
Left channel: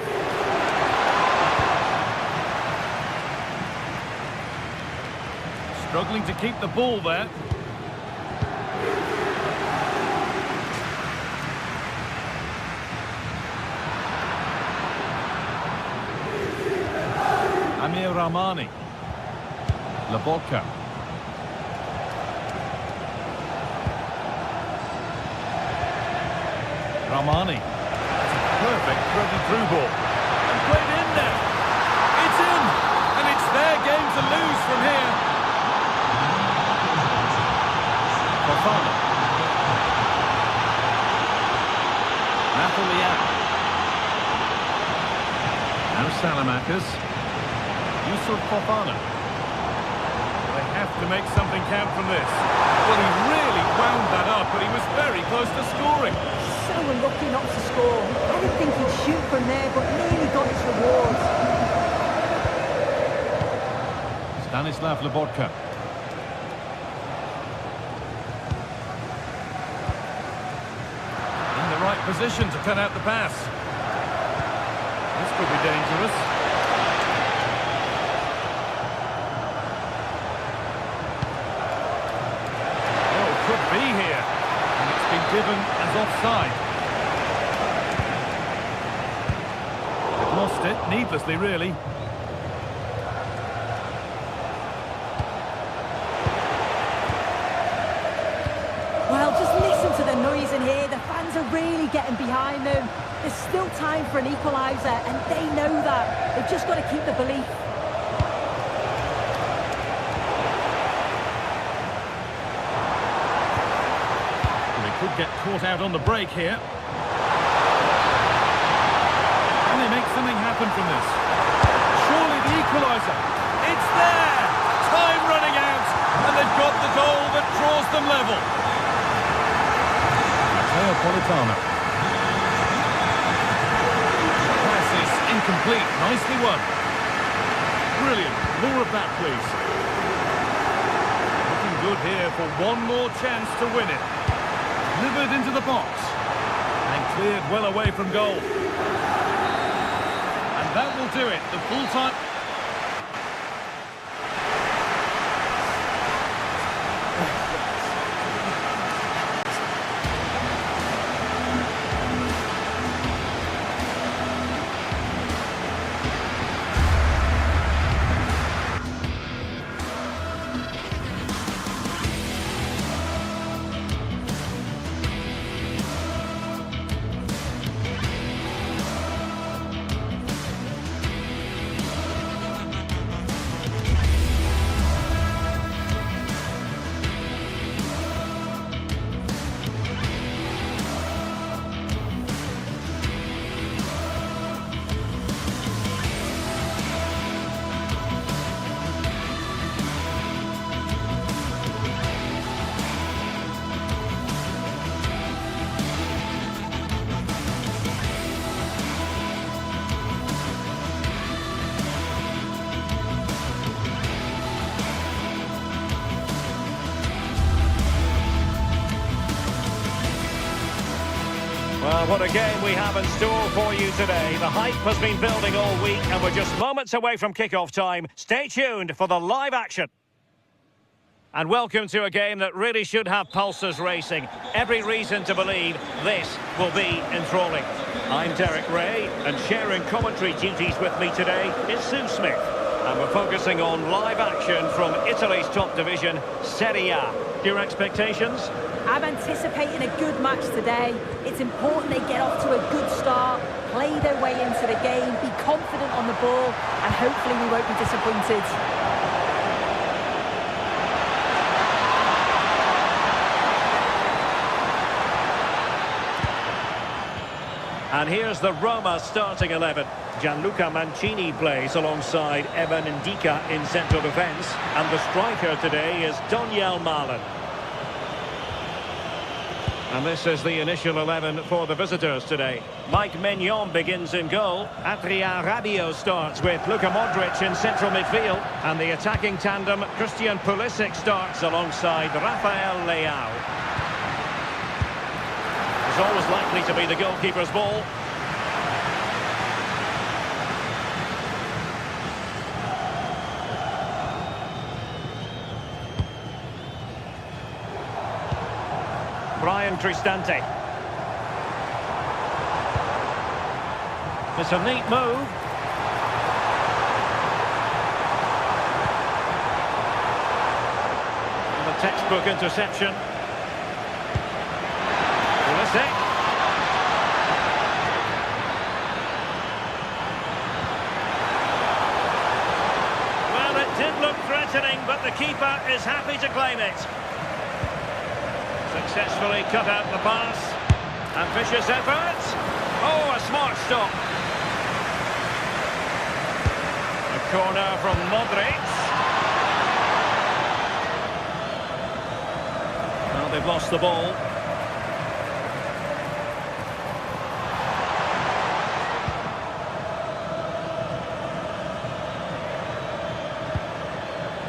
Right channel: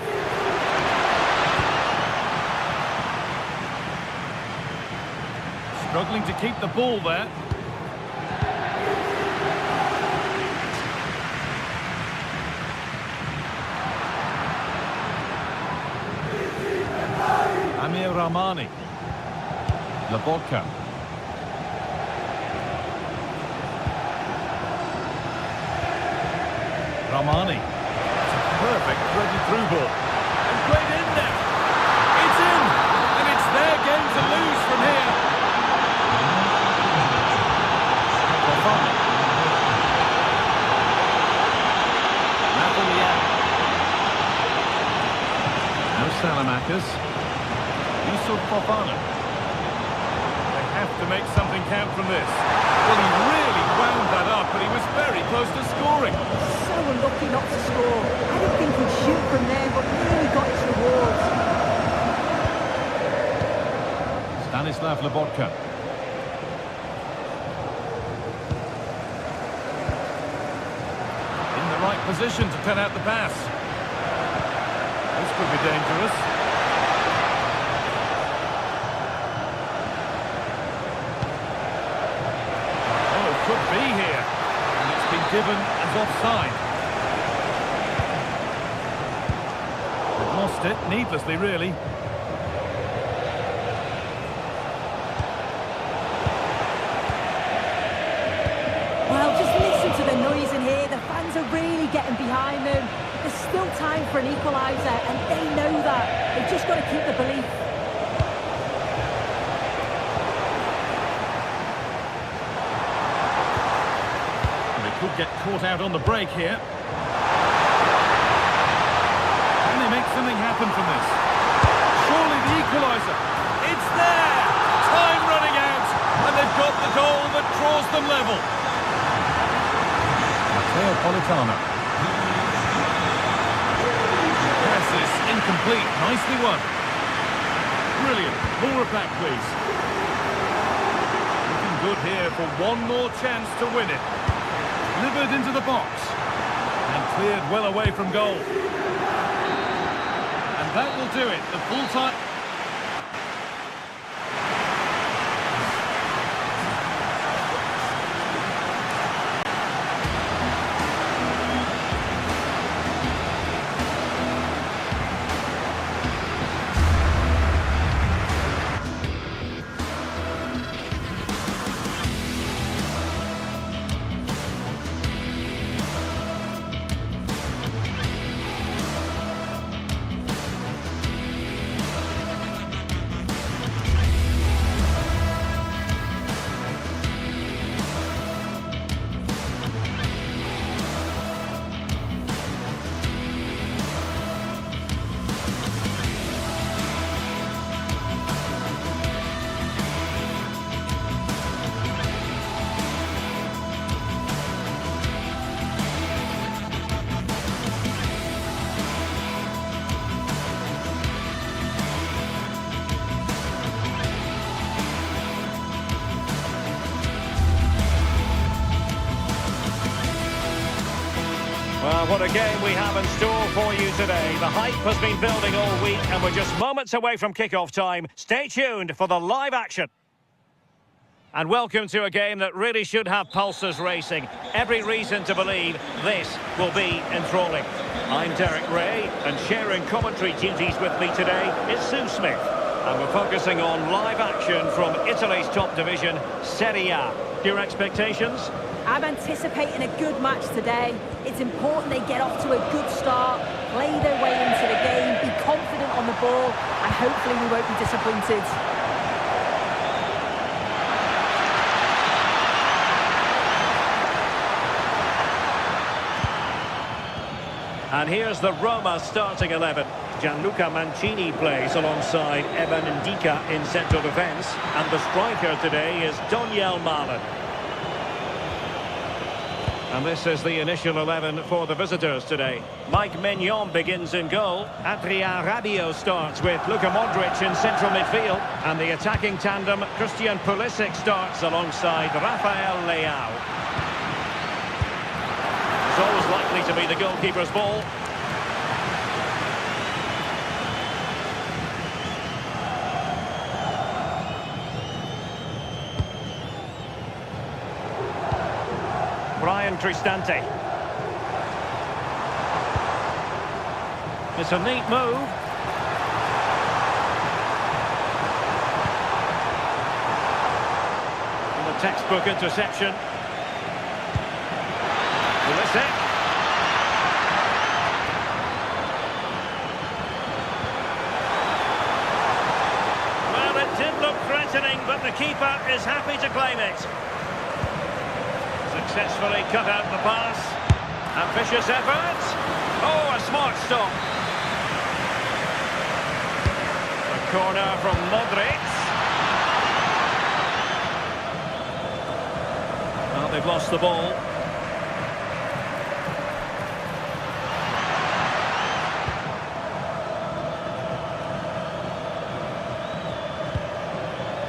Struggling to keep the ball there. Amir Rahmani. Lobotka. Rahmani. It's a perfect threaded through ball. And played in there. It's in. And it's their game to lose from here. Fofana. Napolian. Now Salamakers. Yusuf Fofana. They have to make something count from this. Well, he really wound that up, but he was very close to scoring. So unlucky not to score. I didn't think he'd shoot from there, but nearly got his rewards. Stanislav Lobotka. In the right position to cut out the pass. This could be dangerous. Oh, could be here. And it's been given as offside. They've lost it, needlessly really. Well, just listen to the noise in here. The fans are really getting behind them. There's still time for an equaliser, and they know that. They've just got to keep the belief. Well, they could get caught out on the break here. Can they make something happen from this? Surely the equaliser. It's there! Time running out, and they've got the goal that draws them level. Politano. Pass is incomplete. Nicely won. Brilliant. More of that, please. Looking good here for one more chance to win it. Delivered into the box. And cleared well away from goal. And that will do it. The full time. Well, what a game we have in store for you today. The hype has been building all week and we're just moments away from kick-off time. Stay tuned for the live action. And welcome to a game that really should have pulses racing. Every reason to believe this will be enthralling. I'm Derek Ray, and sharing commentary duties with me today is Sue Smith. And we're focusing on live action from Italy's top division, Serie A. Your expectations? I'm anticipating a good match today. It's important they get off to a good start, play their way into the game, be confident on the ball, and hopefully we won't be disappointed. And here's the Roma starting 11. Gianluca Mancini plays alongside Evan Ndika in central defence. And the striker today is Daniel Malen. And this is the initial 11 for the visitors today. Mike Maignan begins in goal. Adrien Rabiot starts with Luka Modric in central midfield. And the attacking tandem, Christian Pulisic, starts alongside Rafael Leao. It's always likely to be the goalkeeper's ball. Brian Cristante. It's a neat move. And the textbook interception. Pulisic. Well, it did look threatening, but the keeper is happy to claim it. Successfully cut out the pass. Ambitious effort. Oh, a smart stop. A corner from Modric. Well, they've lost the ball.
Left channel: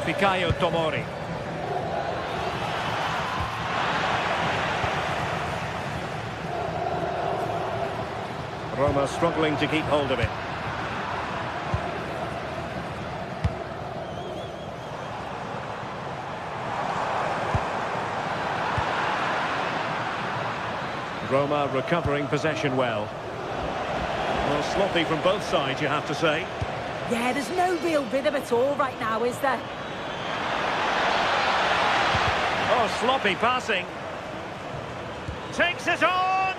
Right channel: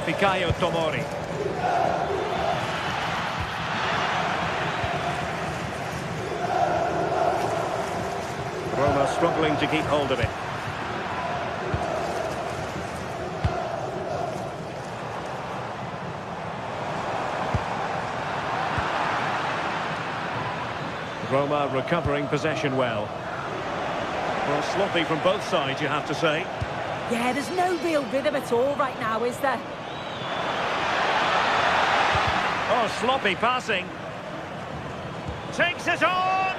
Fikayo Tomori. Roma struggling to keep hold of it. Roma recovering possession well. Well, sloppy from both sides, you have to say. Yeah, there's no real rhythm at all right now, is there? Oh, sloppy passing. Takes it on!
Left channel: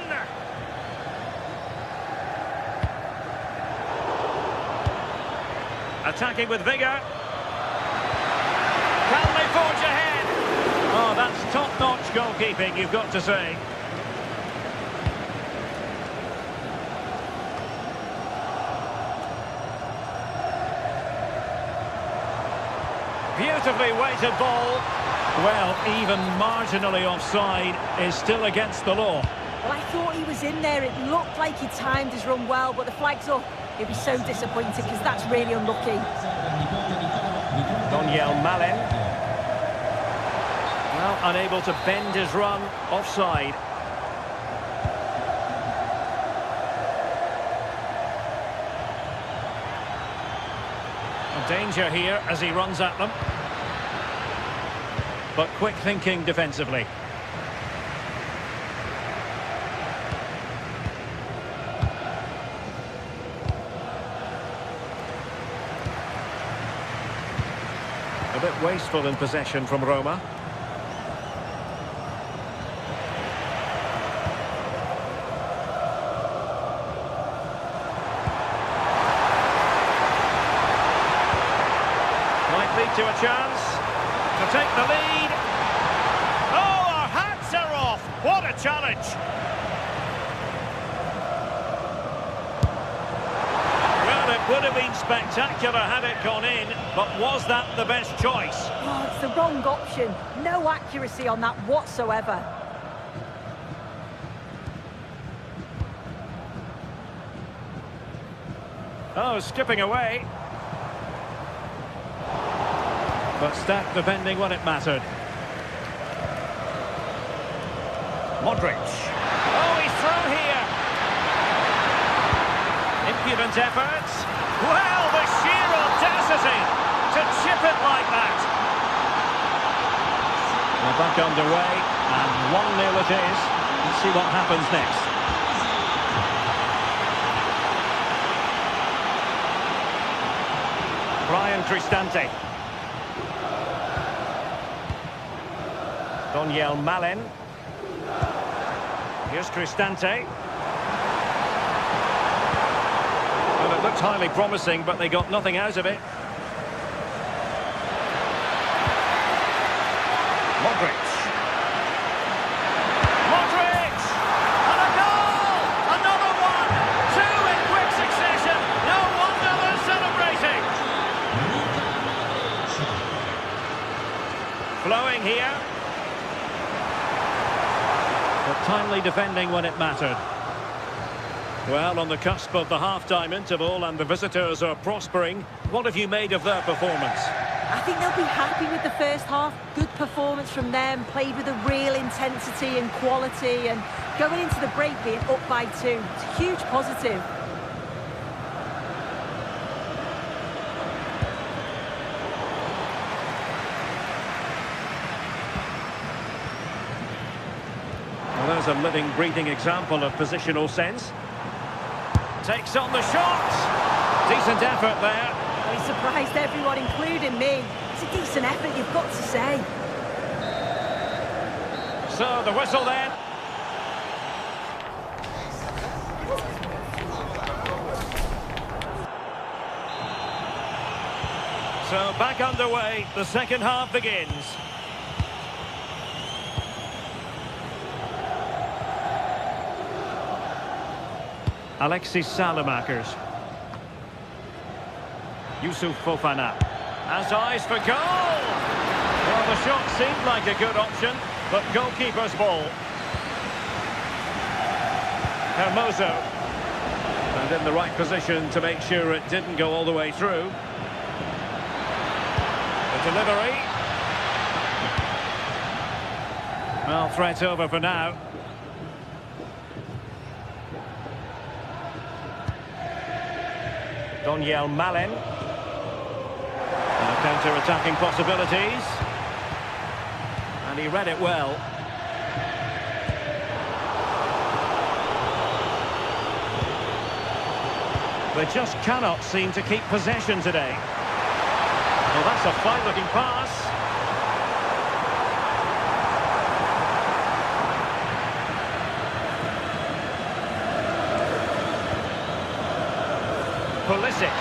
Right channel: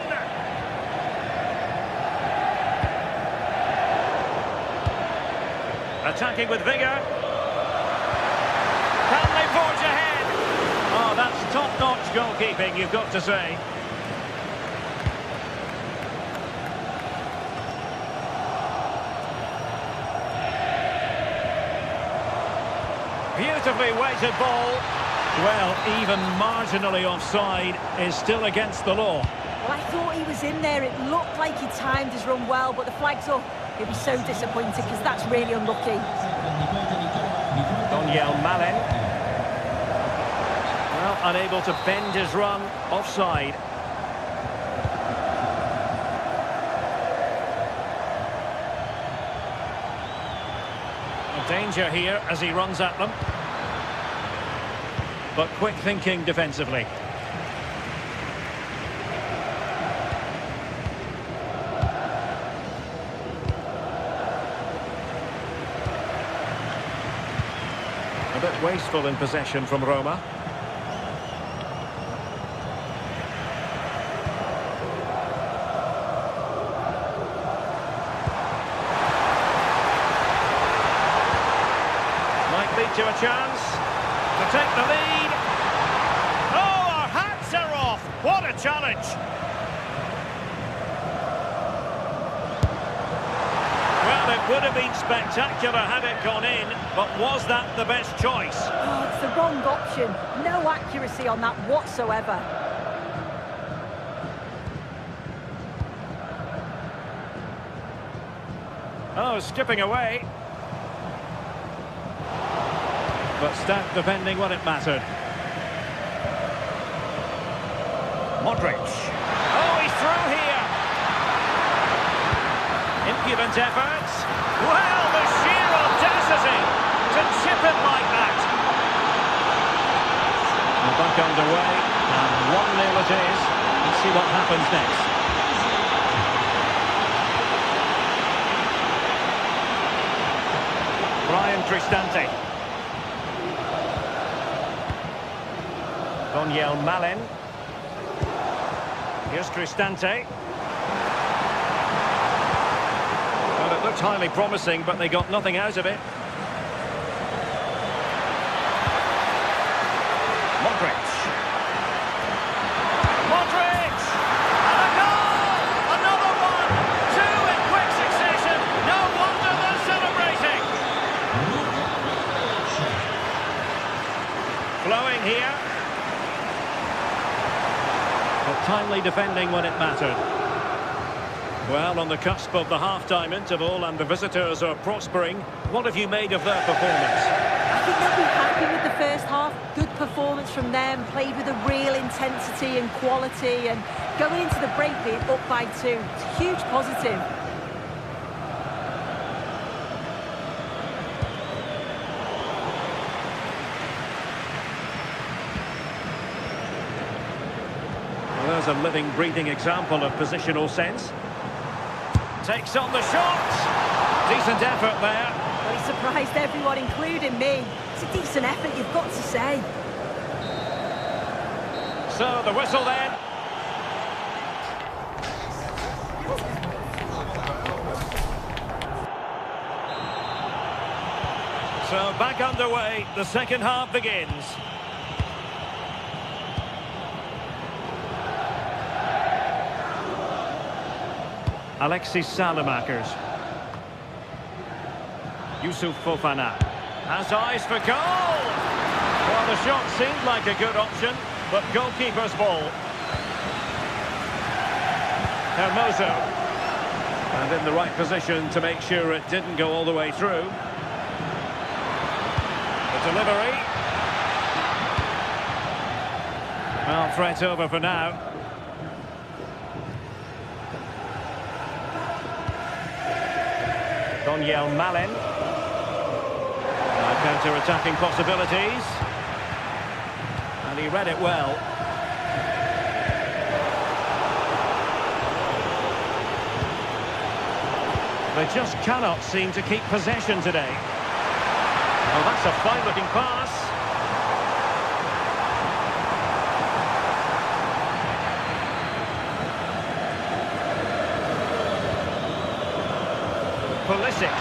Attacking with vigour. Can they forge ahead? Oh, that's top-notch goalkeeping, you've got to say. Beautifully weighted ball. Well, even marginally offside is still against the law. Well, I thought he was in there. It looked like he timed his run well, but the flag's up. He'll be so disappointed because that's really unlucky. Daniel Malen. Well, unable to bend his run, offside. A danger here as he runs at them. But quick thinking defensively. A bit wasteful in possession from Roma. Might lead to a chance to take the lead. Oh, our hats are off. What a challenge. Well, it would have been spectacular had it gone in, but was that the best choice? Oh, it's the wrong option. No accuracy on that whatsoever. Oh, skipping away. But stat defending when it mattered. Modric. Oh, he's through here. Impudent efforts. Well, the sheer audacity to chip it like that. Well, back underway, and 1-0 it is. Let's see what happens next. Brian Cristante. Daniel Malen. Here's Cristante. Well, it looked highly promising, but they got nothing out of it. Modric. Modric! And a goal! Another one! Two in quick succession! No wonder they're celebrating! Flowing here. But timely defending when it mattered. Well, on the cusp of the half-time interval and the visitors are prospering. What have you made of their performance? I think they'll be happy with the first half. Good performance from them, played with a real intensity and quality, and going into the break being up by 2. It's a huge positive. Well, there's a living, breathing example of positional sense. Takes on the shot. Decent effort there. Well, he surprised everyone, including me. It's a decent effort, you've got to say. So, the whistle then. So, back underway. The second half begins. Alexis Salamakers. Yusuf Fofana has eyes for goal. Well, the shot seemed like a good option, but goalkeeper's ball. Hermoso. And in the right position to make sure it didn't go all the way through. The delivery. Well, threat over for now. Daniel Malen. Counter-attacking possibilities. And he read it well. They just cannot seem to keep possession today. Well, that's a fine-looking pass. Pulisic.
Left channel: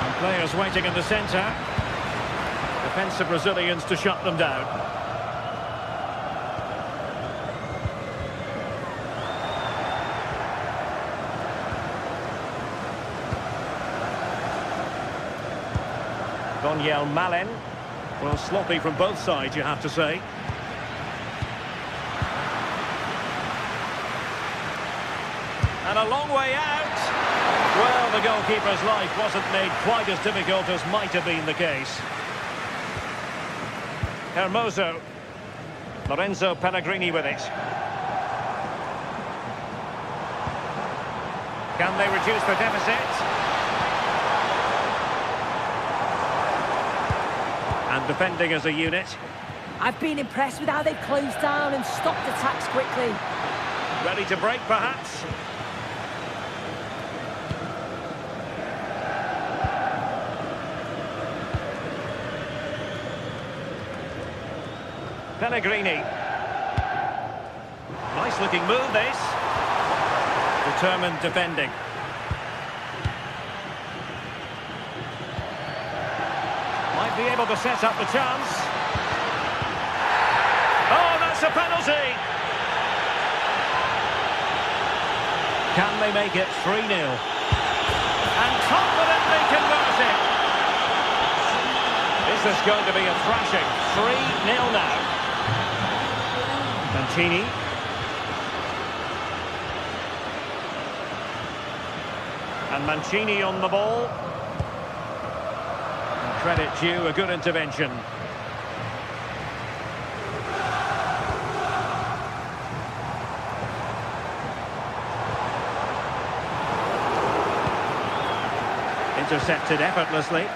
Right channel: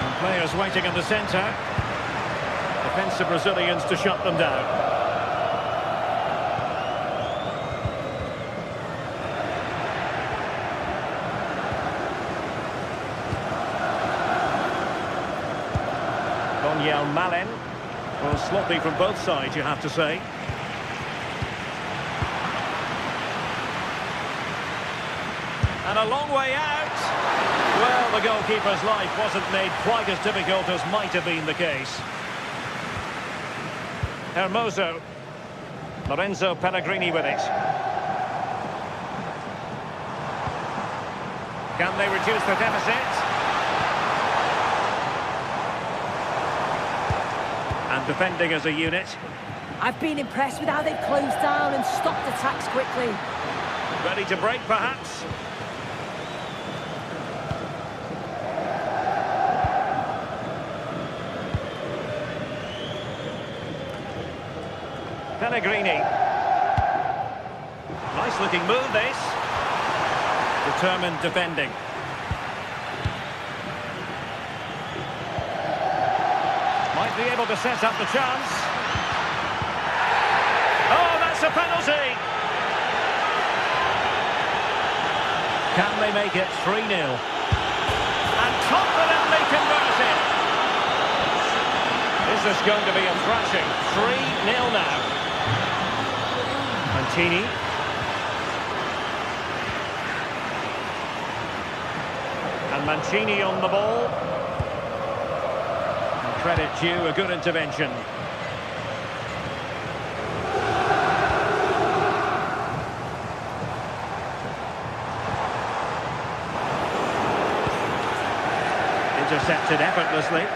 And players waiting in the centre. Defensive Brazilians to shut them down. Daniel Malen. Well, sloppy from both sides, you have to say. And a long way out. Well, the goalkeeper's life wasn't made quite as difficult as might have been the case. Hermoso. Lorenzo Pellegrini with it. Can they reduce the deficit? And defending as a unit. I've been impressed with how they've closed down and stopped attacks quickly. Ready to break, perhaps? Pellegrini. Nice looking move, this. Determined defending. Might be able to set up the chance. Oh, that's a penalty! Can they make it 3-0? And confidently convert it. Is this going to be a thrashing? 3-0 now. Mancini. And Mancini on the ball. And credit due, a good intervention. Intercepted effortlessly.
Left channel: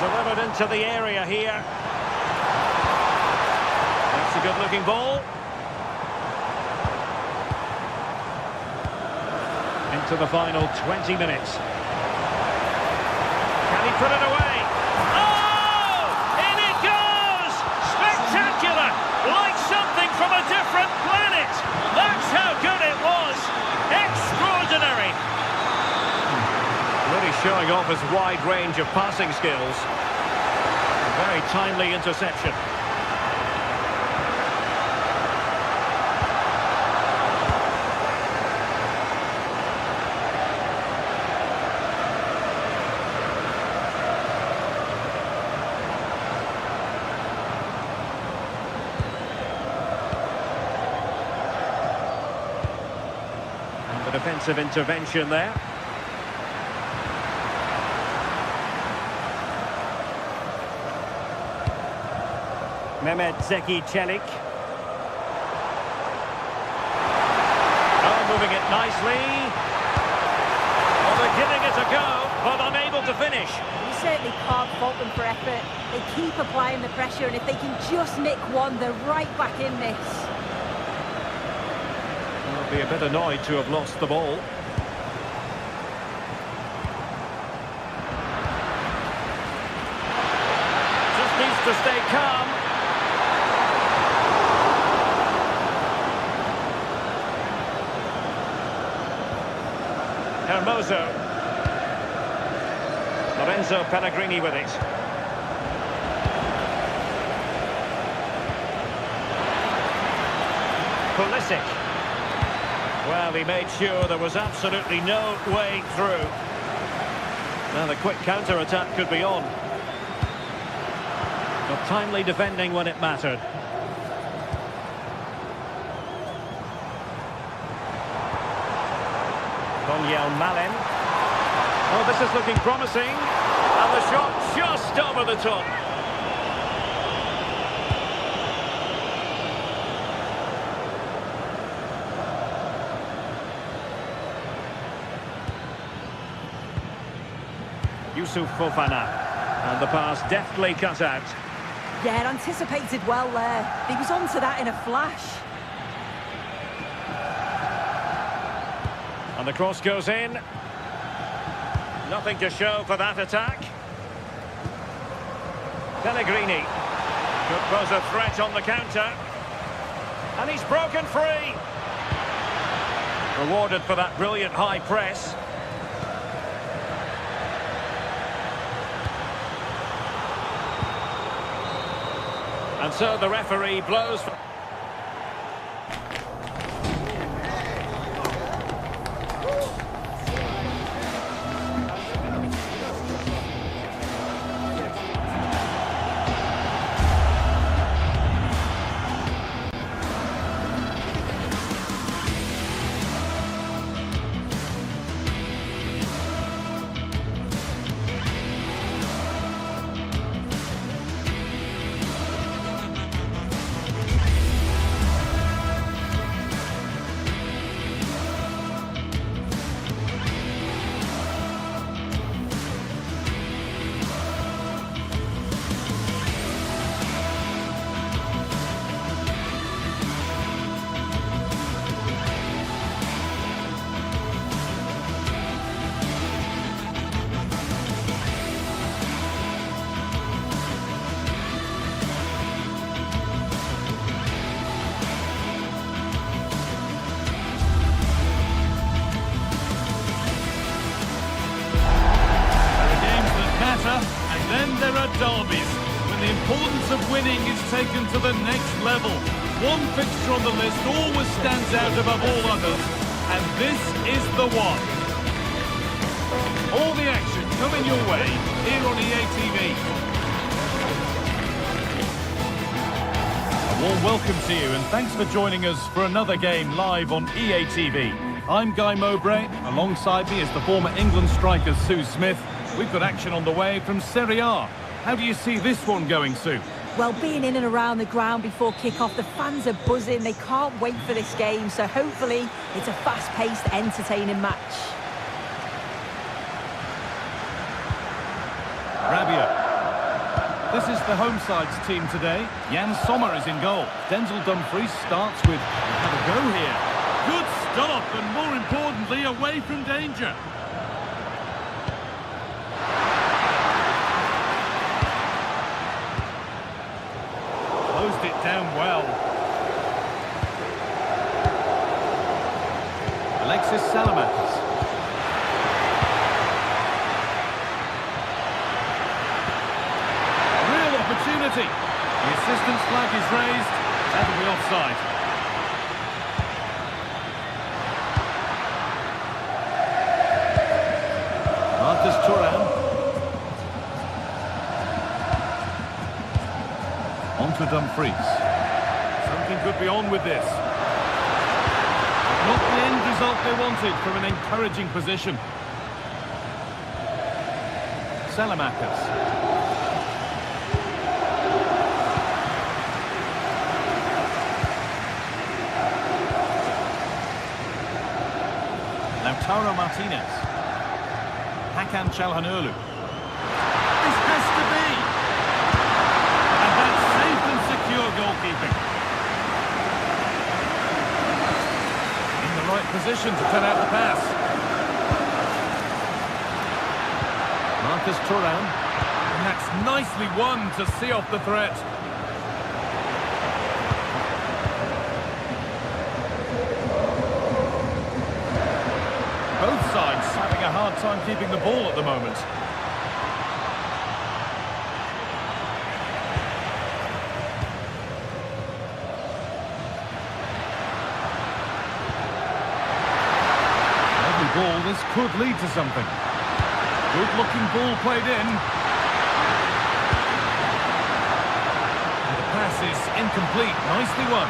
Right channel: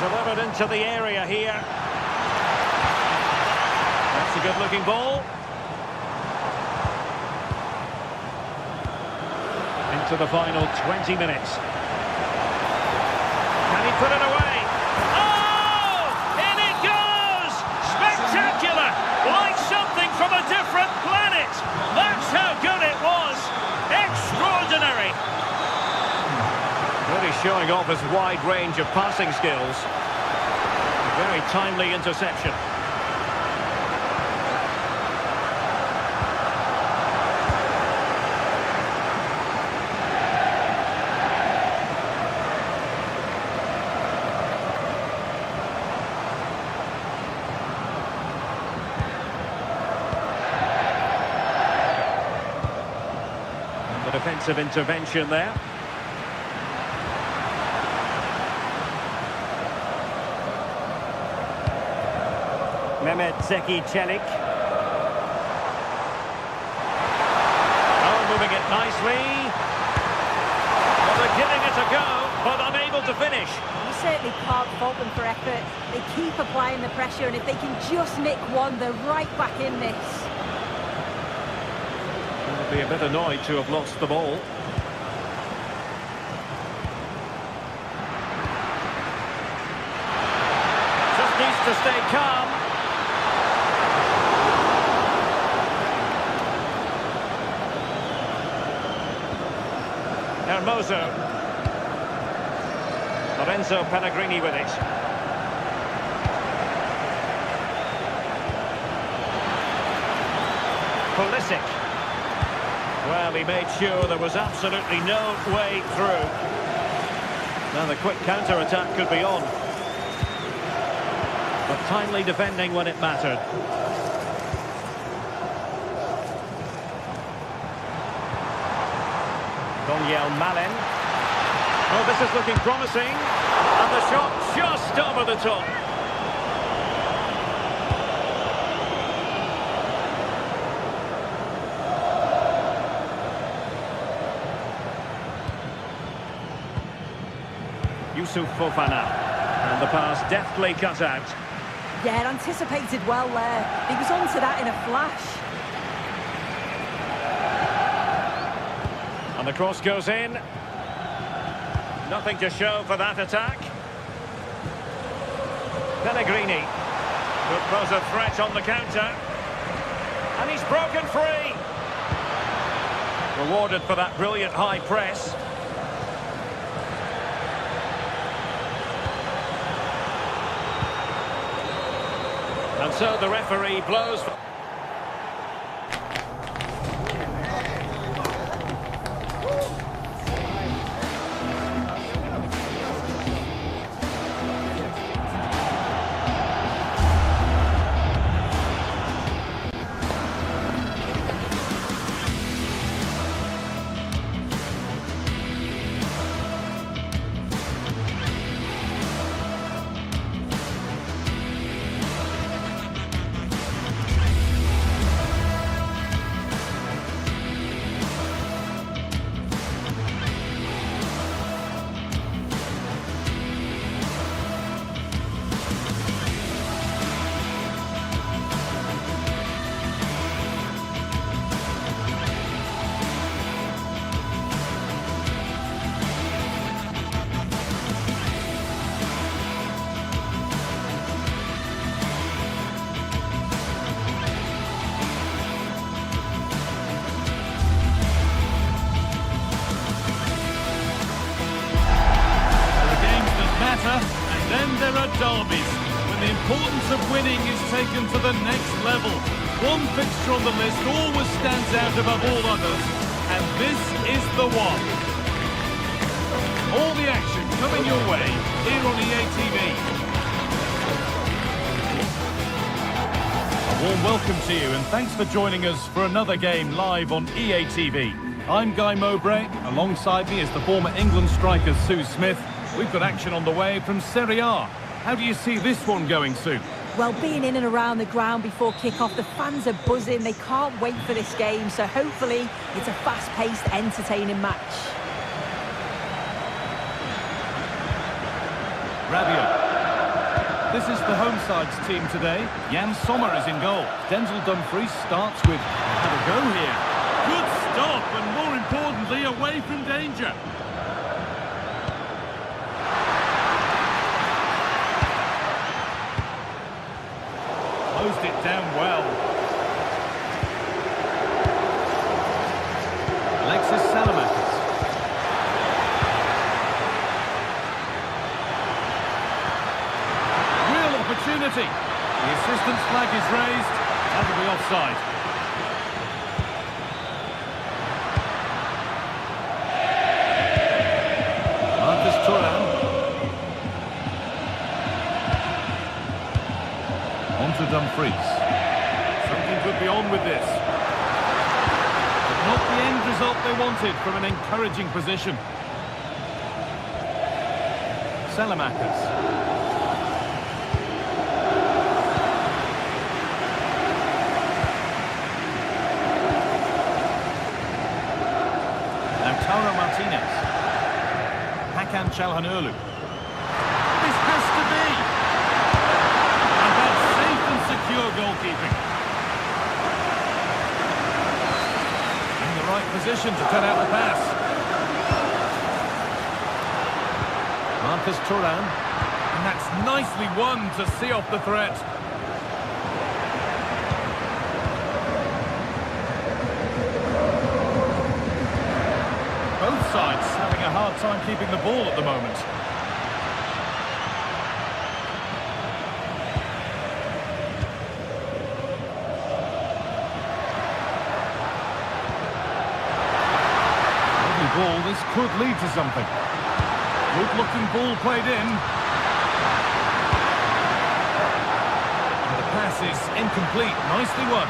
Delivered into the area here. That's a good-looking ball. Into the final 20 minutes. Can he put it away? Oh! In it goes! Spectacular! Like something from a different planet! That's how good it was! Extraordinary! Really showing off his wide range of passing skills. A very timely interception. And the defensive intervention there. Mehmet Zeki Çelik. Oh, moving it nicely. Well, they're giving it a go, but unable to finish. You certainly can't fault them for effort. They keep applying the pressure, and if they can just nick one, they're right back in this. They'll be a bit annoyed to have lost the ball. Just needs to stay calm. Hermoso. Lorenzo Pellegrini with it. Pulisic. Well, he made sure there was absolutely no way through. Now the quick counter-attack could be on. But timely defending when it mattered. Daniel Malen. Oh, this is looking promising. And the shot just over the top. Yusuf Fofana. And the pass deftly cut out. Yeah, anticipated well there. He was onto that in a flash. And the cross goes in. Nothing to show for that attack. Pellegrini could pose a threat on the counter. And he's broken free. Rewarded for that brilliant high press. And so the referee blows for... And then there are derbies, when the importance of winning is taken to the next level. One fixture on the list always stands out above all others, and this is the one. All the action coming your way here on EA TV. A warm welcome to you, and thanks for joining us for another game live on EA TV. I'm Guy Mowbray. Alongside me is the former England striker Sue Smith. We've got action on the way from Serie A. How do you see this one going, Sue? Well, being in and around the ground before kick-off, the fans are buzzing. They can't wait for this game, so hopefully it's a fast-paced, entertaining match. Rabiot. This is the home side's team today. Jan Sommer is in goal. Denzel Dumfries starts with have a go here. Good stop, and more importantly, away from danger. Closed it down well. Alexis Salamakis. Opportunity. The assistant's flag is raised. That'll be offside. Marcus Thuram. On to Dumfries. Something could be on with this. But not the end result they wanted from an encouraging position. Salamakis. Lautaro Martinez. Hakan Çalhanoğlu. This has to be. And that's safe and secure goalkeeping. In the right position to cut out the pass. Marcus Thuram. And that's nicely won to see off the threat. Both sides having a hard time keeping the ball at the moment. Lovely ball, this could lead to something. Good looking ball played in. And the pass is incomplete, nicely won.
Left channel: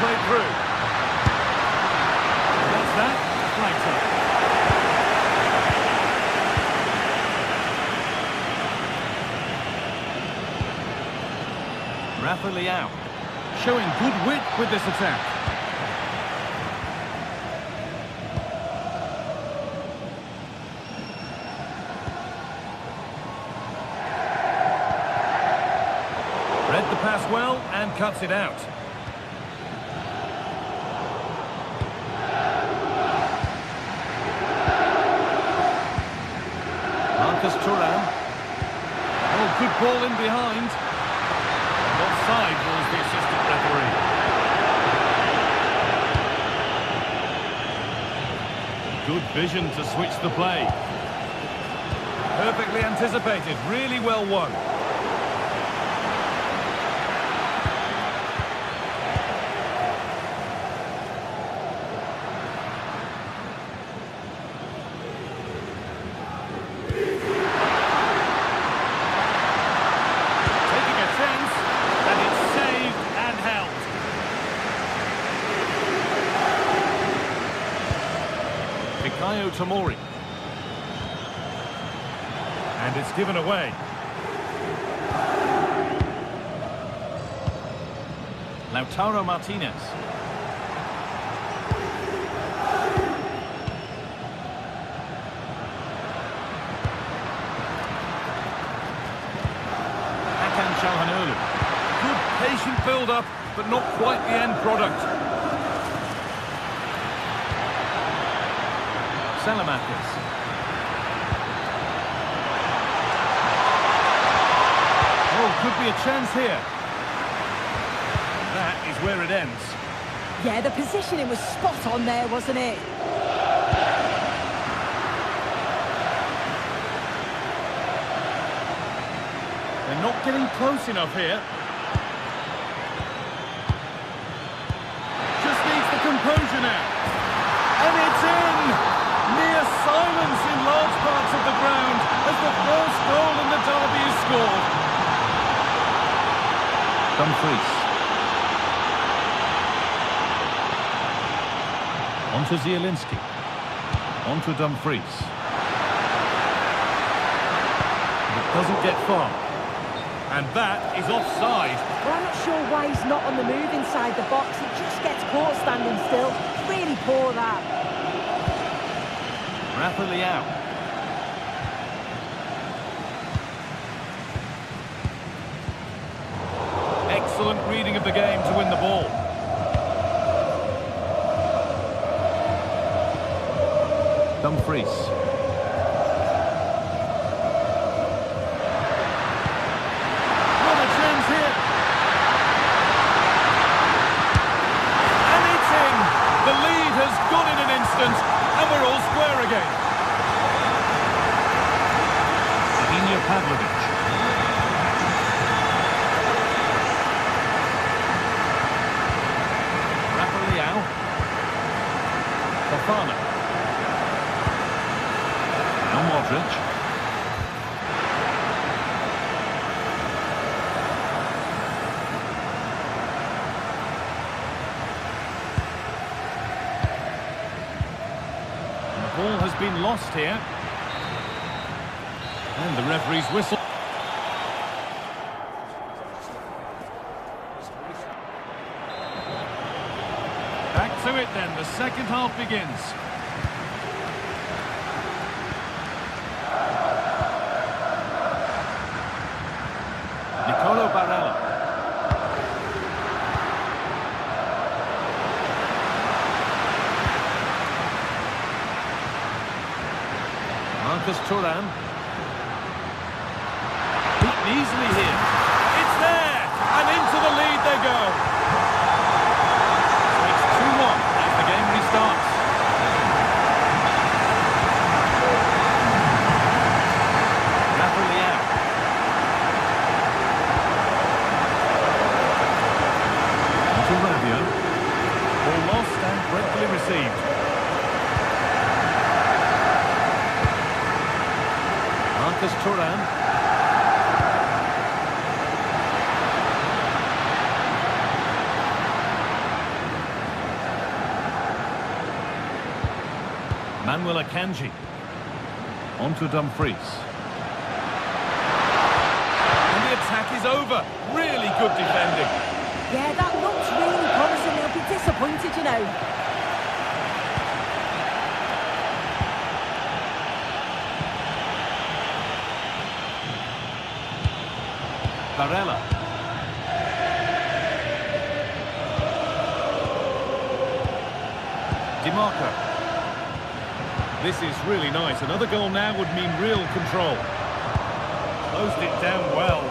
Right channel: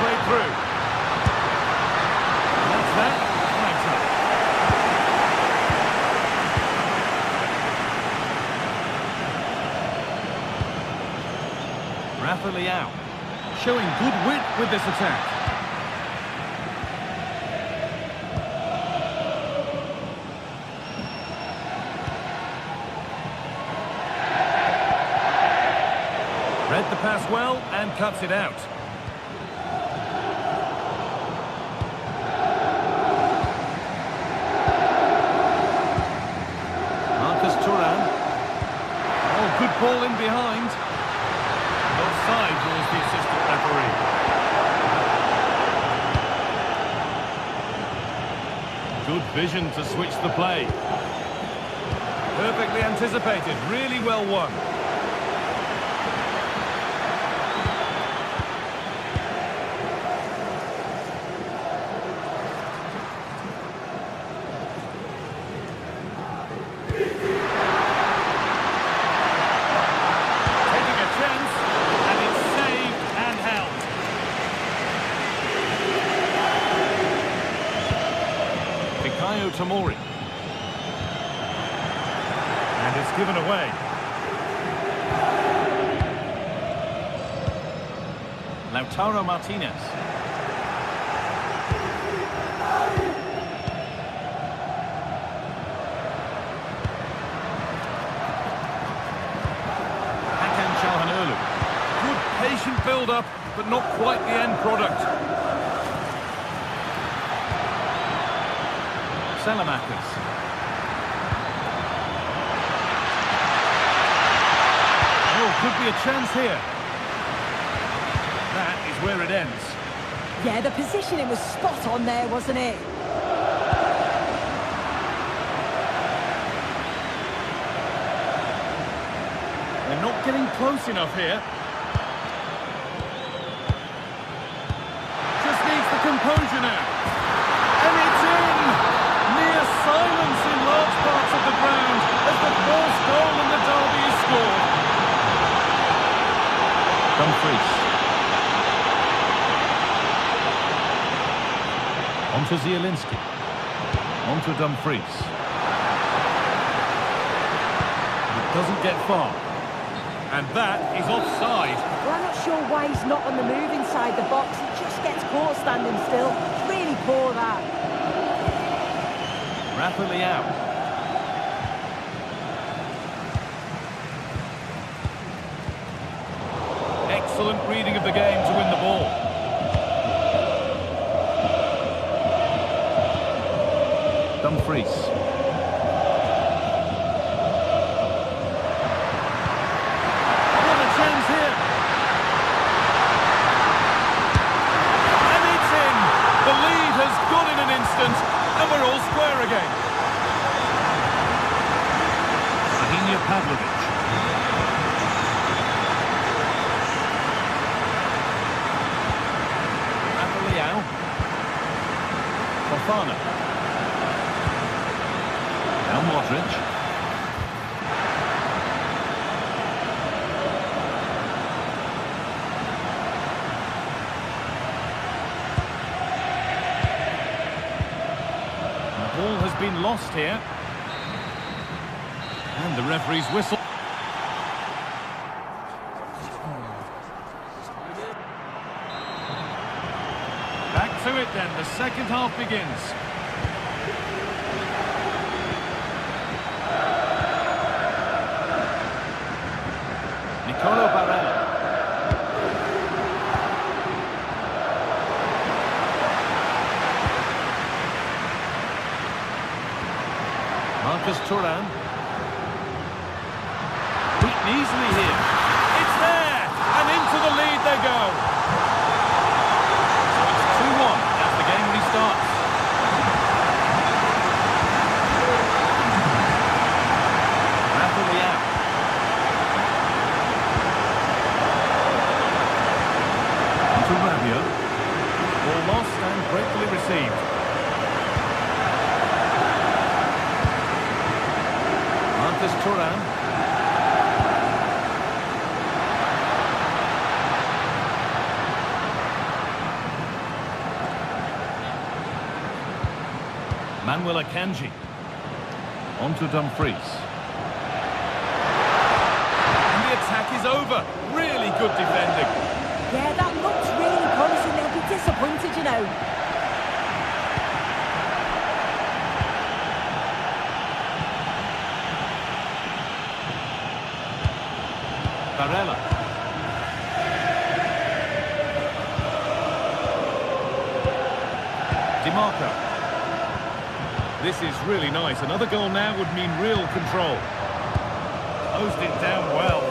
Played through. And that's that. Flags up. Rafa Leao showing good wit with this attack. Read the pass well and cuts it out. Marcus Thuram. Oh, good ball in behind. And offside rules the assistant referee. Good vision to switch the play. Perfectly anticipated, really well won. Chance, and it's saved and held. Fikayo Tomori. And it's given away. Lautaro Martinez. Hakan Çalhanoğlu. Good patient build-up, but not quite the end product. Salamakis. Oh, could be a chance here. That is where it ends. Yeah, the positioning was spot on there, wasn't it? They're not getting close enough here. Just needs the composure now. And it's in! Near silence in large parts of the ground as the first goal in the derby is scored. Dumfries. On to Zielinski. On to Dumfries. It doesn't get far. And that is offside. Well, I'm not sure why he's not on the move inside the box. He just gets caught standing still. It's really poor, that. Rafa Leao. Excellent reading of the game to win the ball. Dumfries. Chance here. And it's in. The lead has gone in an instant, and we're all square again. Adina Pavlovic. Rafa Leao. Fofana. Now Modric. Ball has been lost here. And the referee's whistle. Back to it then, the second half begins. Nicolo Barella. Marcus Thuram. Beaten easily here. It's there! And into the lead they go. So it's 2-1 as the game restarts. Rafa Leao. On to Rabiot. Ball lost and gratefully received. Marcus Thuram. Manuel Akanji. On to Dumfries. And the attack is over. Really good defending. Yeah, that looks really promising. They'll be disappointed, you know. Barella. DiMarco. This is really nice. Another goal now would mean real control. Closed it down well.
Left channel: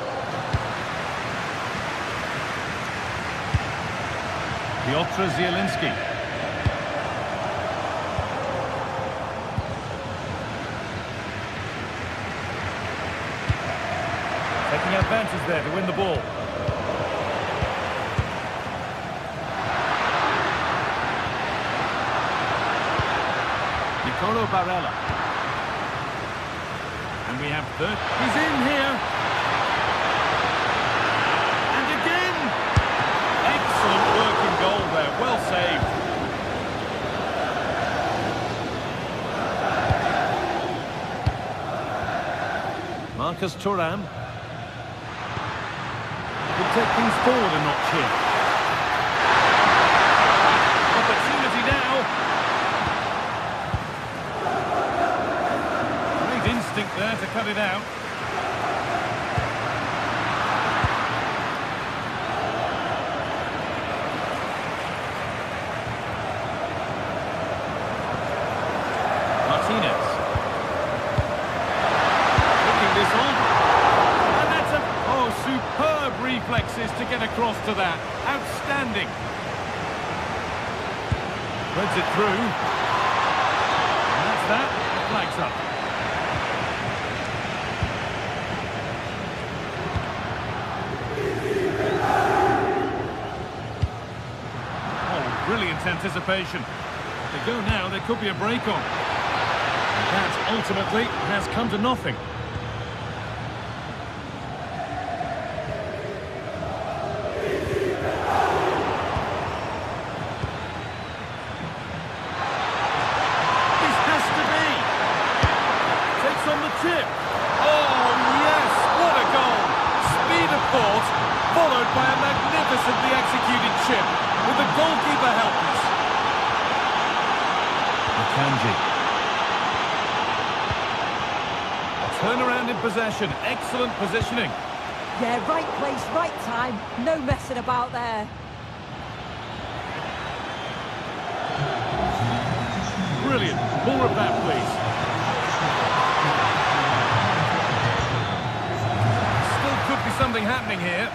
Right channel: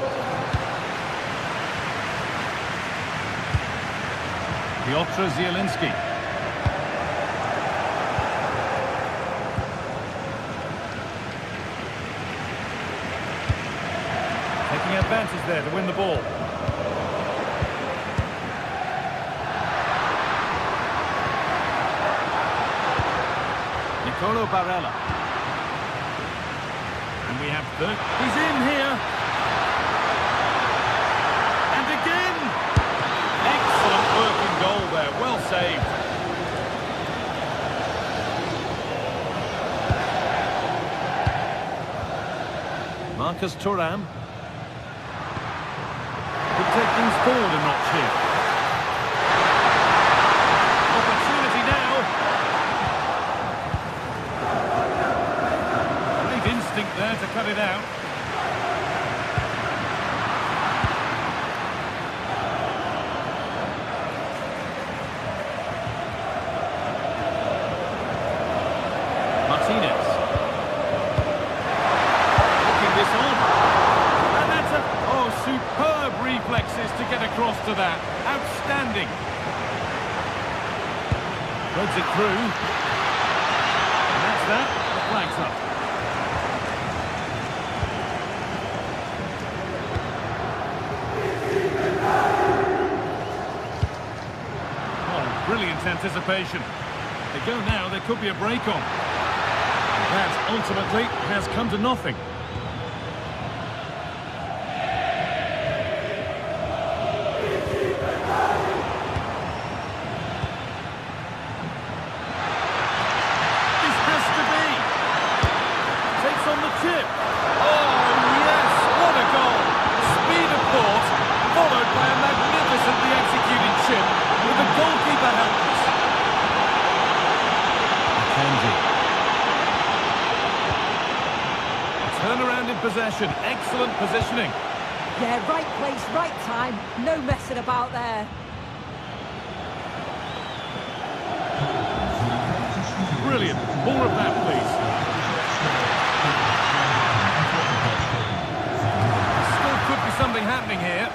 Piotr Zielinski. Taking advantage there to win the ball. Nicolo Barella. And we have third. He's in here. And again. Excellent working goal there. Well saved. Marcus Thuram. Could take things forward a notch here. Opportunity now. Great instinct there to cut it out. Martinez. Looking this on. And that's a... Oh, superb reflexes to get across to that. Outstanding. Threads it through. And that's that. The flag's up. Oh, brilliant anticipation. If they go now, there could be a break on. And that ultimately has come to nothing. followed by a magnificently executed chip, with the goalkeeper helpless. Akanji. A turnaround in possession, excellent positioning. Yeah, right place, right time, no messing about there. Brilliant. More of that, please. Still could be something happening here.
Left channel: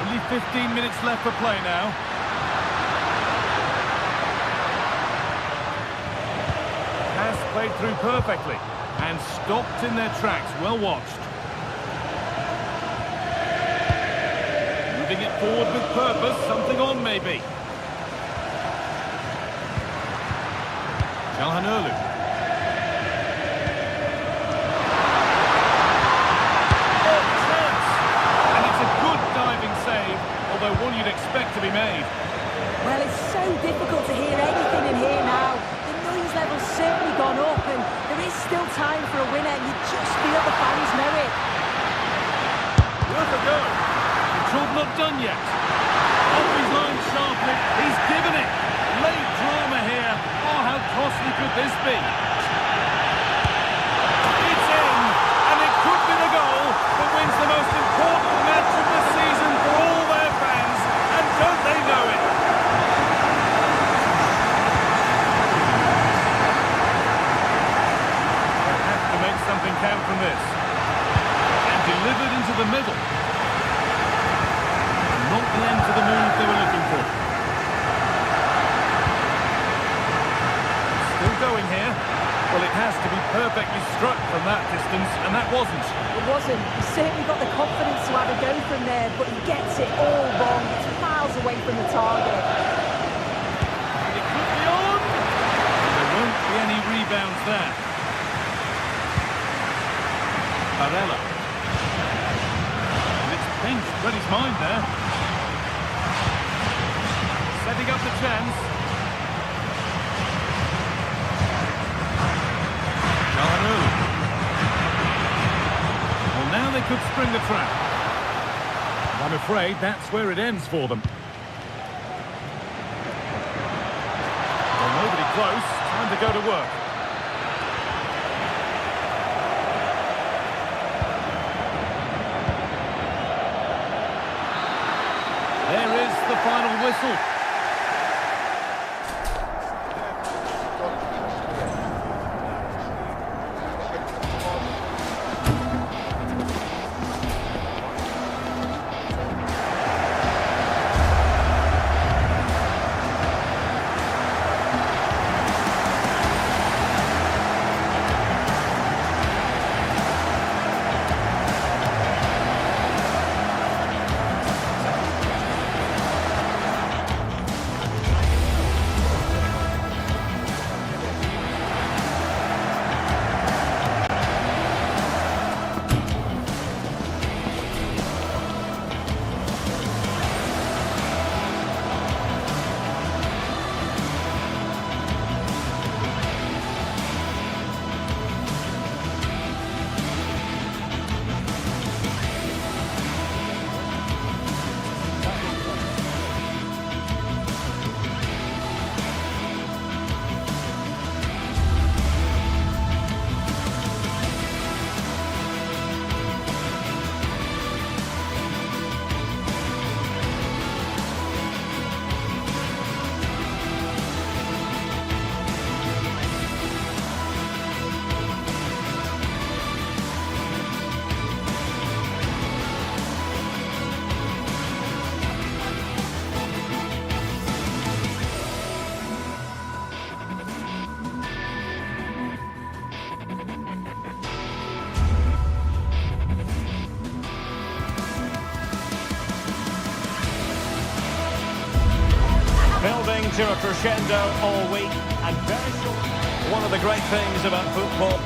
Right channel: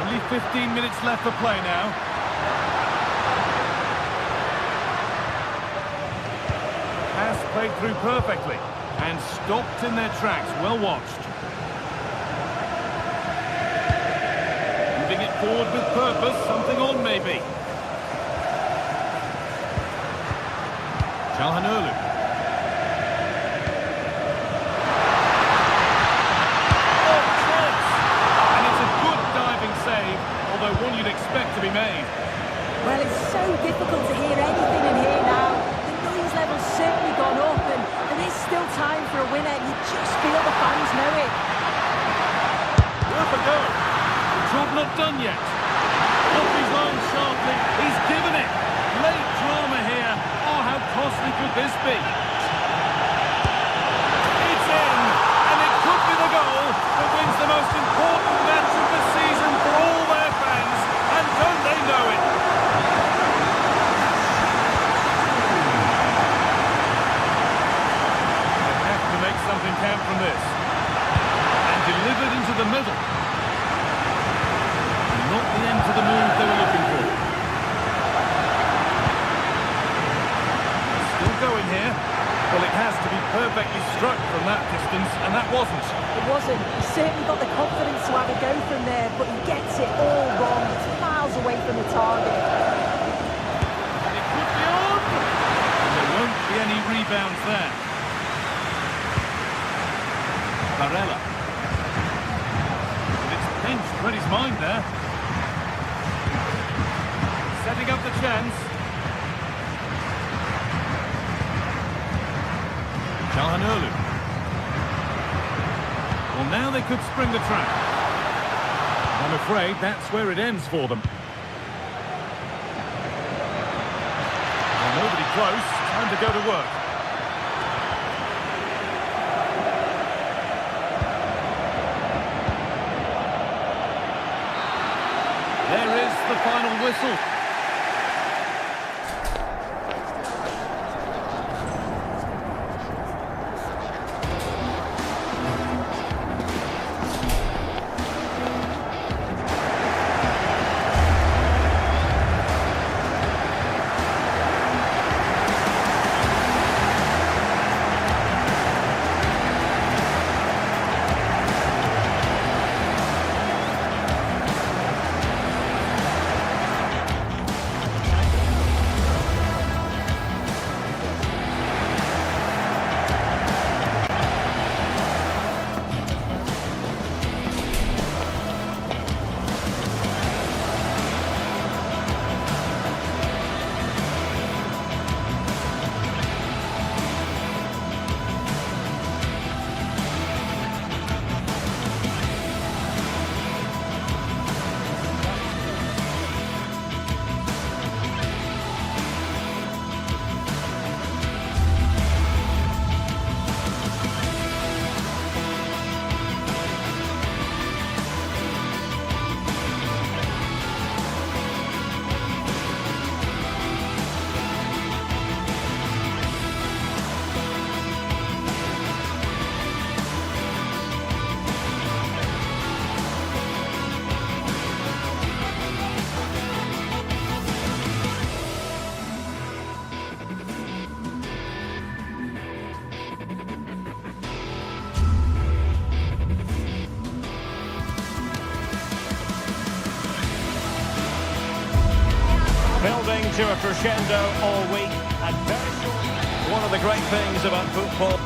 Only 15 minutes left for play now. Pass played through perfectly and stopped in their tracks. Well watched. Moving it forward with purpose. Something on, maybe. Calhanoglu. Oh, chance! And it's a good diving save, although one you'd expect to be made. Well, it's so difficult to hear anything in here now. The noise level's certainly gone up, and there is still time for a winner. You just feel the fans know it. Worth a go. The job not done yet. Off his line sharply. He's given it. Late drama here. Oh, how costly could this be? It's in, and it could be the goal that wins the most important match of the season for all their fans, and don't they know it? They have to make something count from this. And delivered into the middle. And not the end to the move they were looking for. Still going here. Well, it has to be perfectly struck from that distance, and that wasn't. It wasn't. He's certainly got the confidence to have a go from there, but he gets it all wrong. It's miles away from the target. And it could be on! And there won't be any rebounds there. Barella. And it's pinched, read his mind there. Setting up the chance. Calhanoglu. Well, now they could spring the trap. And I'm afraid that's where it ends for them. Well, nobody close. Time to go to work. There is the final whistle. Building to a crescendo all week, and very short. One of the great things about football.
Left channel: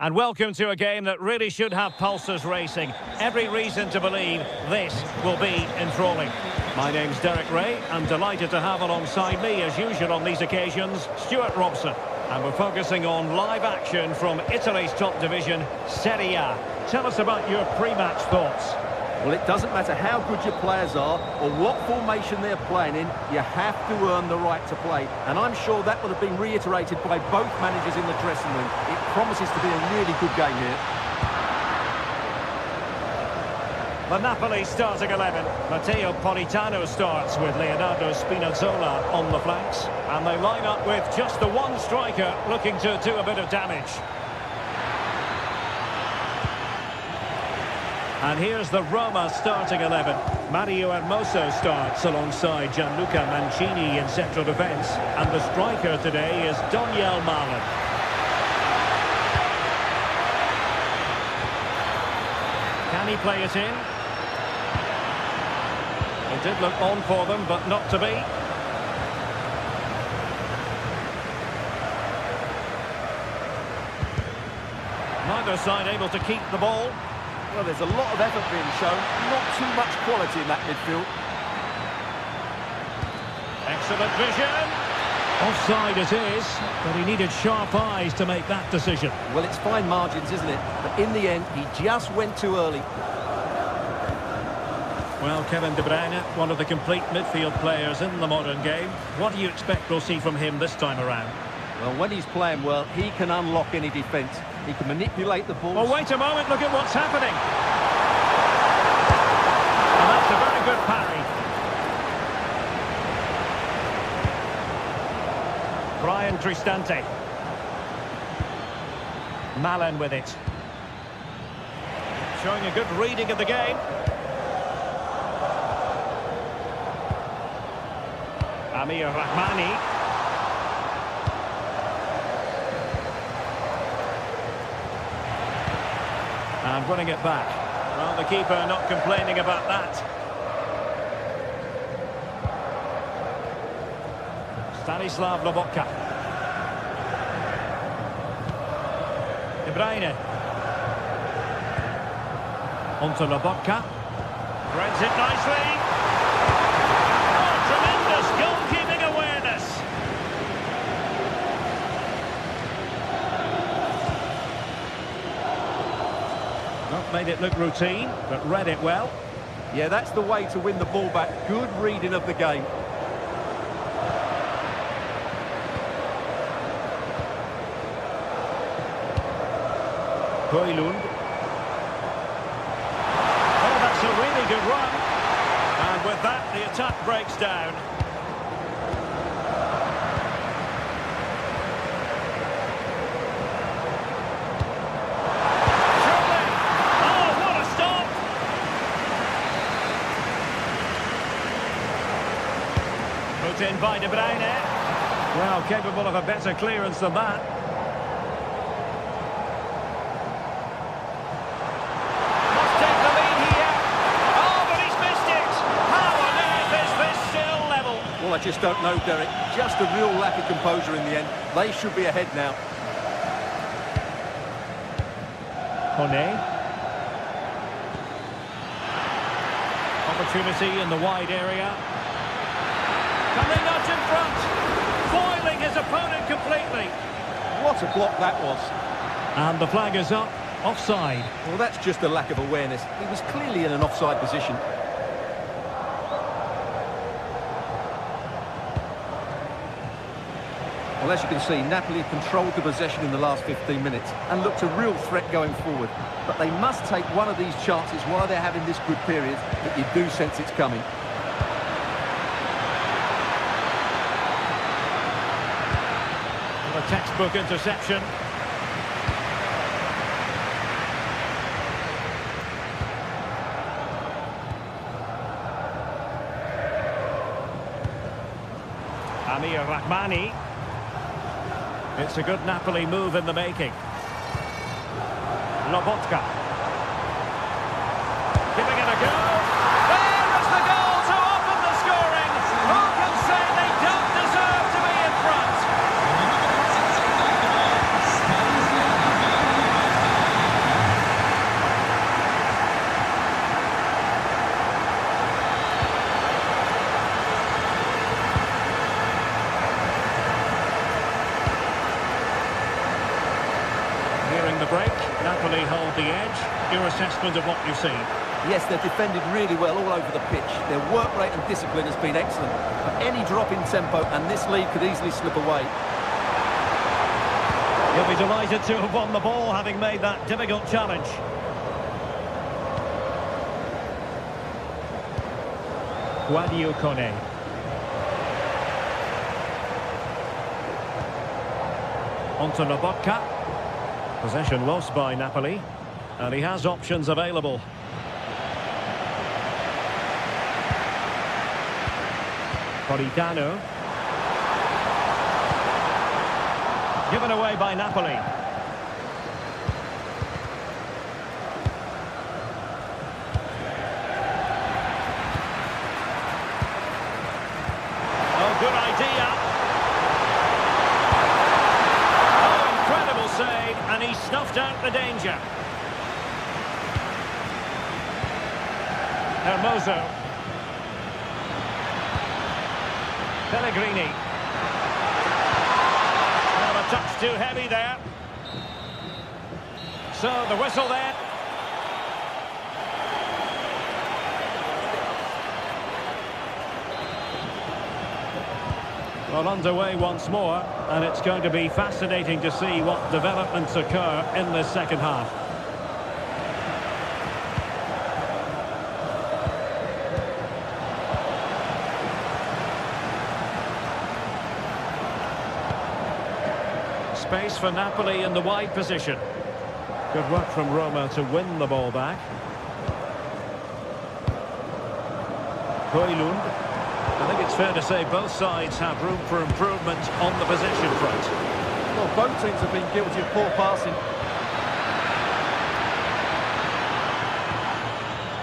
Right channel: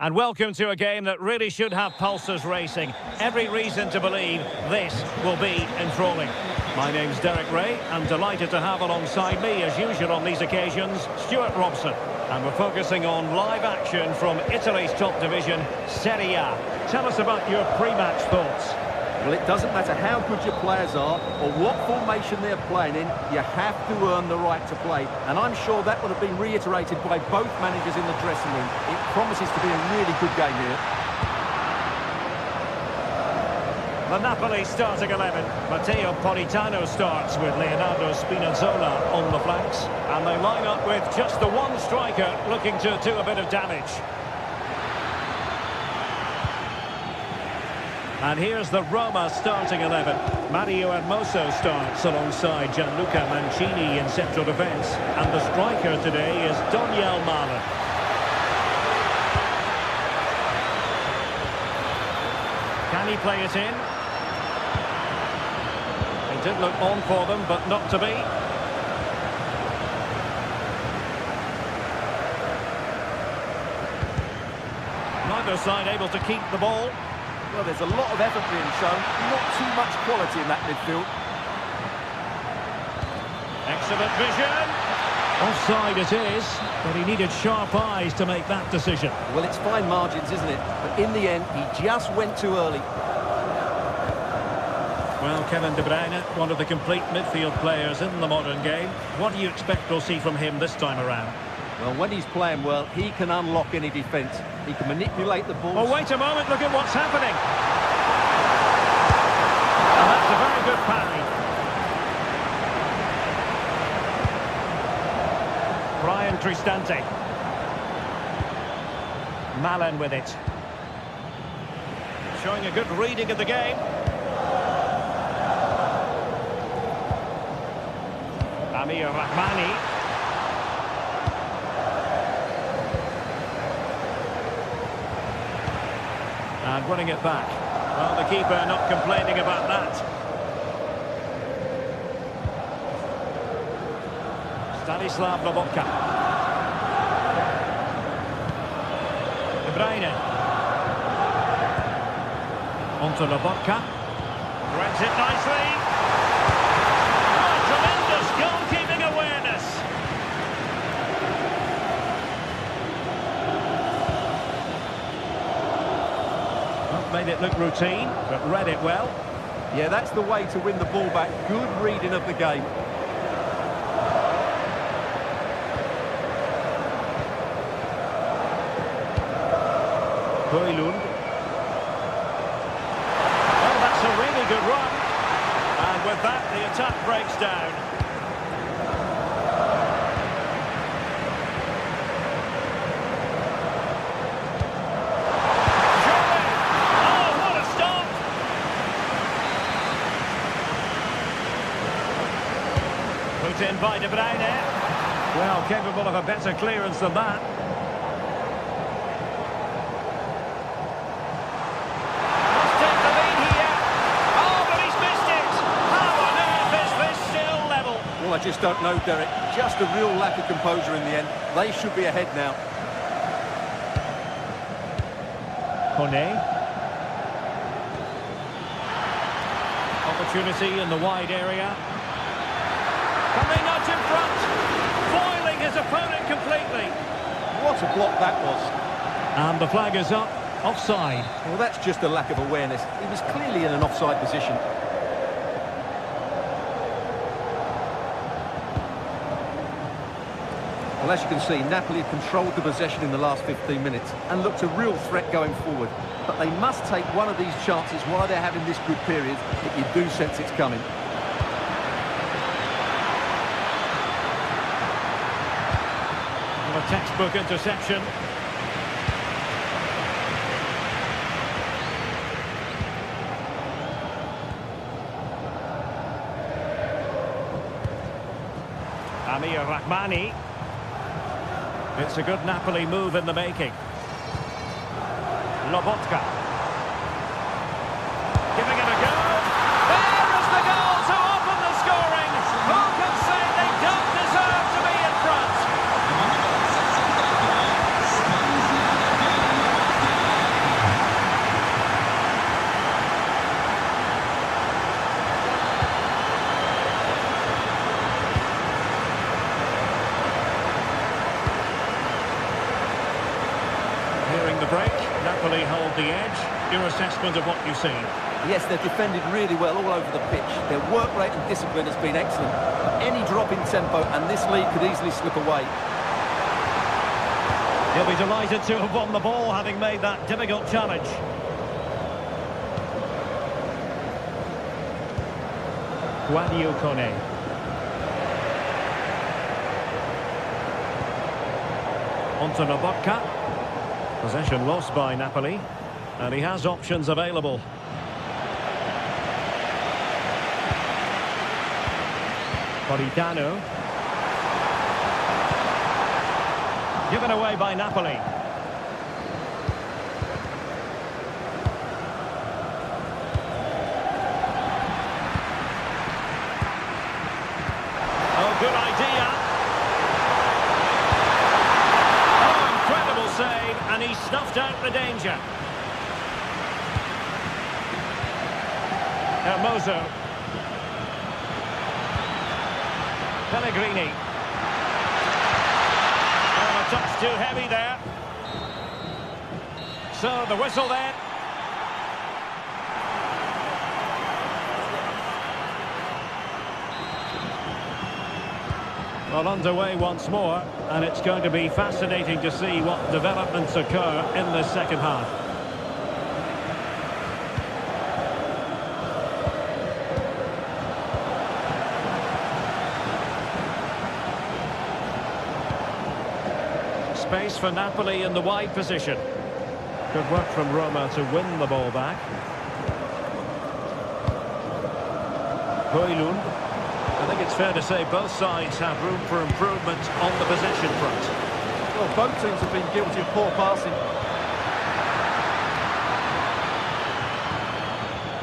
And welcome to a game that really should have pulses racing. Every reason to believe this will be enthralling. My name's Derek Ray. I'm delighted to have alongside me, as usual on these occasions, Stuart Robson. And we're focusing on live action from Italy's top division, Serie A. Tell us about your pre-match thoughts. Well, it doesn't matter how good your players are or what formation they're playing in, you have to earn the right to play. And I'm sure that would have been reiterated by both managers in the dressing room. It promises to be a really good game here. The Napoli starting 11. Matteo Politano starts with Leonardo Spinazzola on the flanks. And they line up with just the one striker looking to do a bit of damage. And here's the Roma starting 11. Mario Hermoso starts alongside Gianluca Mancini in central defence. And the striker today is Daniel Malen. Can he play it in? It did look on for them, but not to be. Neither side able to keep the ball. Well, there's a lot of effort being shown, not too much quality in that midfield. Excellent vision. Offside it is, but he needed sharp eyes to make that decision. Well, it's fine margins, isn't it? But in the end, he just went too early. Well, Kevin De Bruyne, one of the complete midfield players in the modern game. What do you expect we'll see from him this time around? Well, when he's playing well, he can unlock any defence. He can manipulate the ball. Oh, wait a moment, look at what's happening. And that's a very good parry. Brian Cristante. Malen with it. Showing a good reading of the game. Amir Rahmani. And winning it back. Well, the keeper not complaining about that. Stanislav Lobotka. De Bruyne. Onto Lobotka. Threads it nicely. Oh, tremendous goalkeeping awareness. Well, made it look routine, but read it well. Yeah, that's the way to win the ball back. Good reading of the game. Højlund. Oh, that's a really good run. And with that, the attack breaks down. Surely! Oh, what a stop! Put in by De Bruyne. Well, capable of a better clearance than that. Well, I just don't know, Derek. Just a real lack of composure in the end. They should be ahead now. Kone. Opportunity in the wide area. Can they nudge in front? Foiling his opponent completely. What a block that was. And the flag is up. Offside. Well, that's just a lack of awareness. He was clearly in an offside position. Well, as you can see, Napoli have controlled the possession in the last 15 minutes and looked a real threat going forward. But they must take one of these chances while they're having this good period that you do sense it's coming. Well, a textbook interception. Amir Rahmani. It's a good Napoli move in the making. Lobotka. Giving it a go. There is the goal to open the scoring. Who can say they don't deserve to be in front? Nearing the break, Napoli hold the edge. Your assessment of what you've seen? Yes, they've defended really well all over the pitch. Their work rate and discipline has been excellent. But any drop in tempo and this lead could easily slip away. He'll be delighted to have won the ball, having made that difficult challenge. Guadio Kone. Onto Lobotka. Possession lost by Napoli. And he has options available. Politano. Given away by Napoli. Oh, good idea. Oh, incredible save, and he snuffed out the danger. Hermoso. Pellegrini. Well, a touch too heavy there. So the whistle there. Well, underway once more, and it's going to be fascinating to see what developments occur in the second half. Space for Napoli in the wide position. Good work from Roma to win the ball back. Højlund. I think it's fair to say both sides have room for improvement on the possession front. Well, both teams have been guilty of poor passing.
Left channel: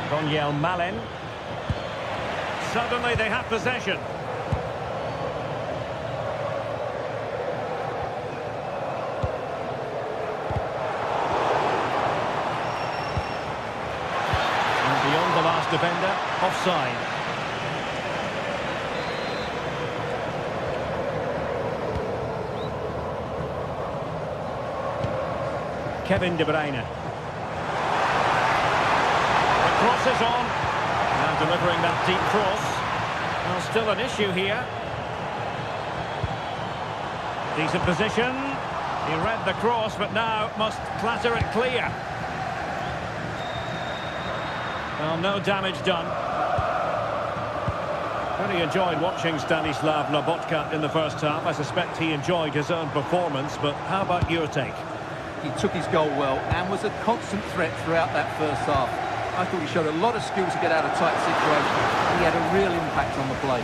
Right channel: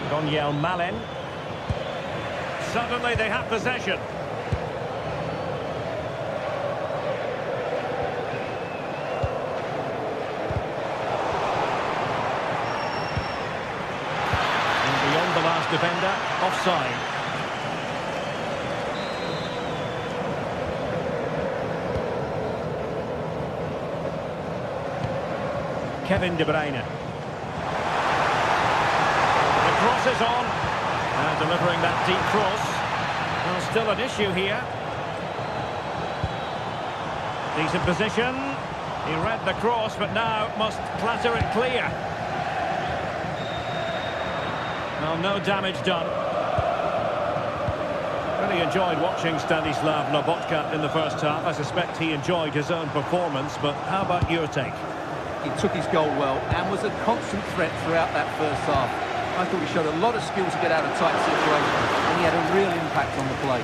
Daniel Malen. Suddenly they have possession. And beyond the last defender, offside. Kevin De Bruyne. The cross is on. Now delivering that deep cross. Well, still an issue here. Decent position. He read the cross, but now must clatter it clear. Well, no damage done. Really enjoyed watching Stanislav Lobotka in the first half. I suspect he enjoyed his own performance, but how about your take? He took his goal well and was a constant threat throughout that first half. I thought he showed a lot of skill to get out of tight situations, and he had a real impact on the play.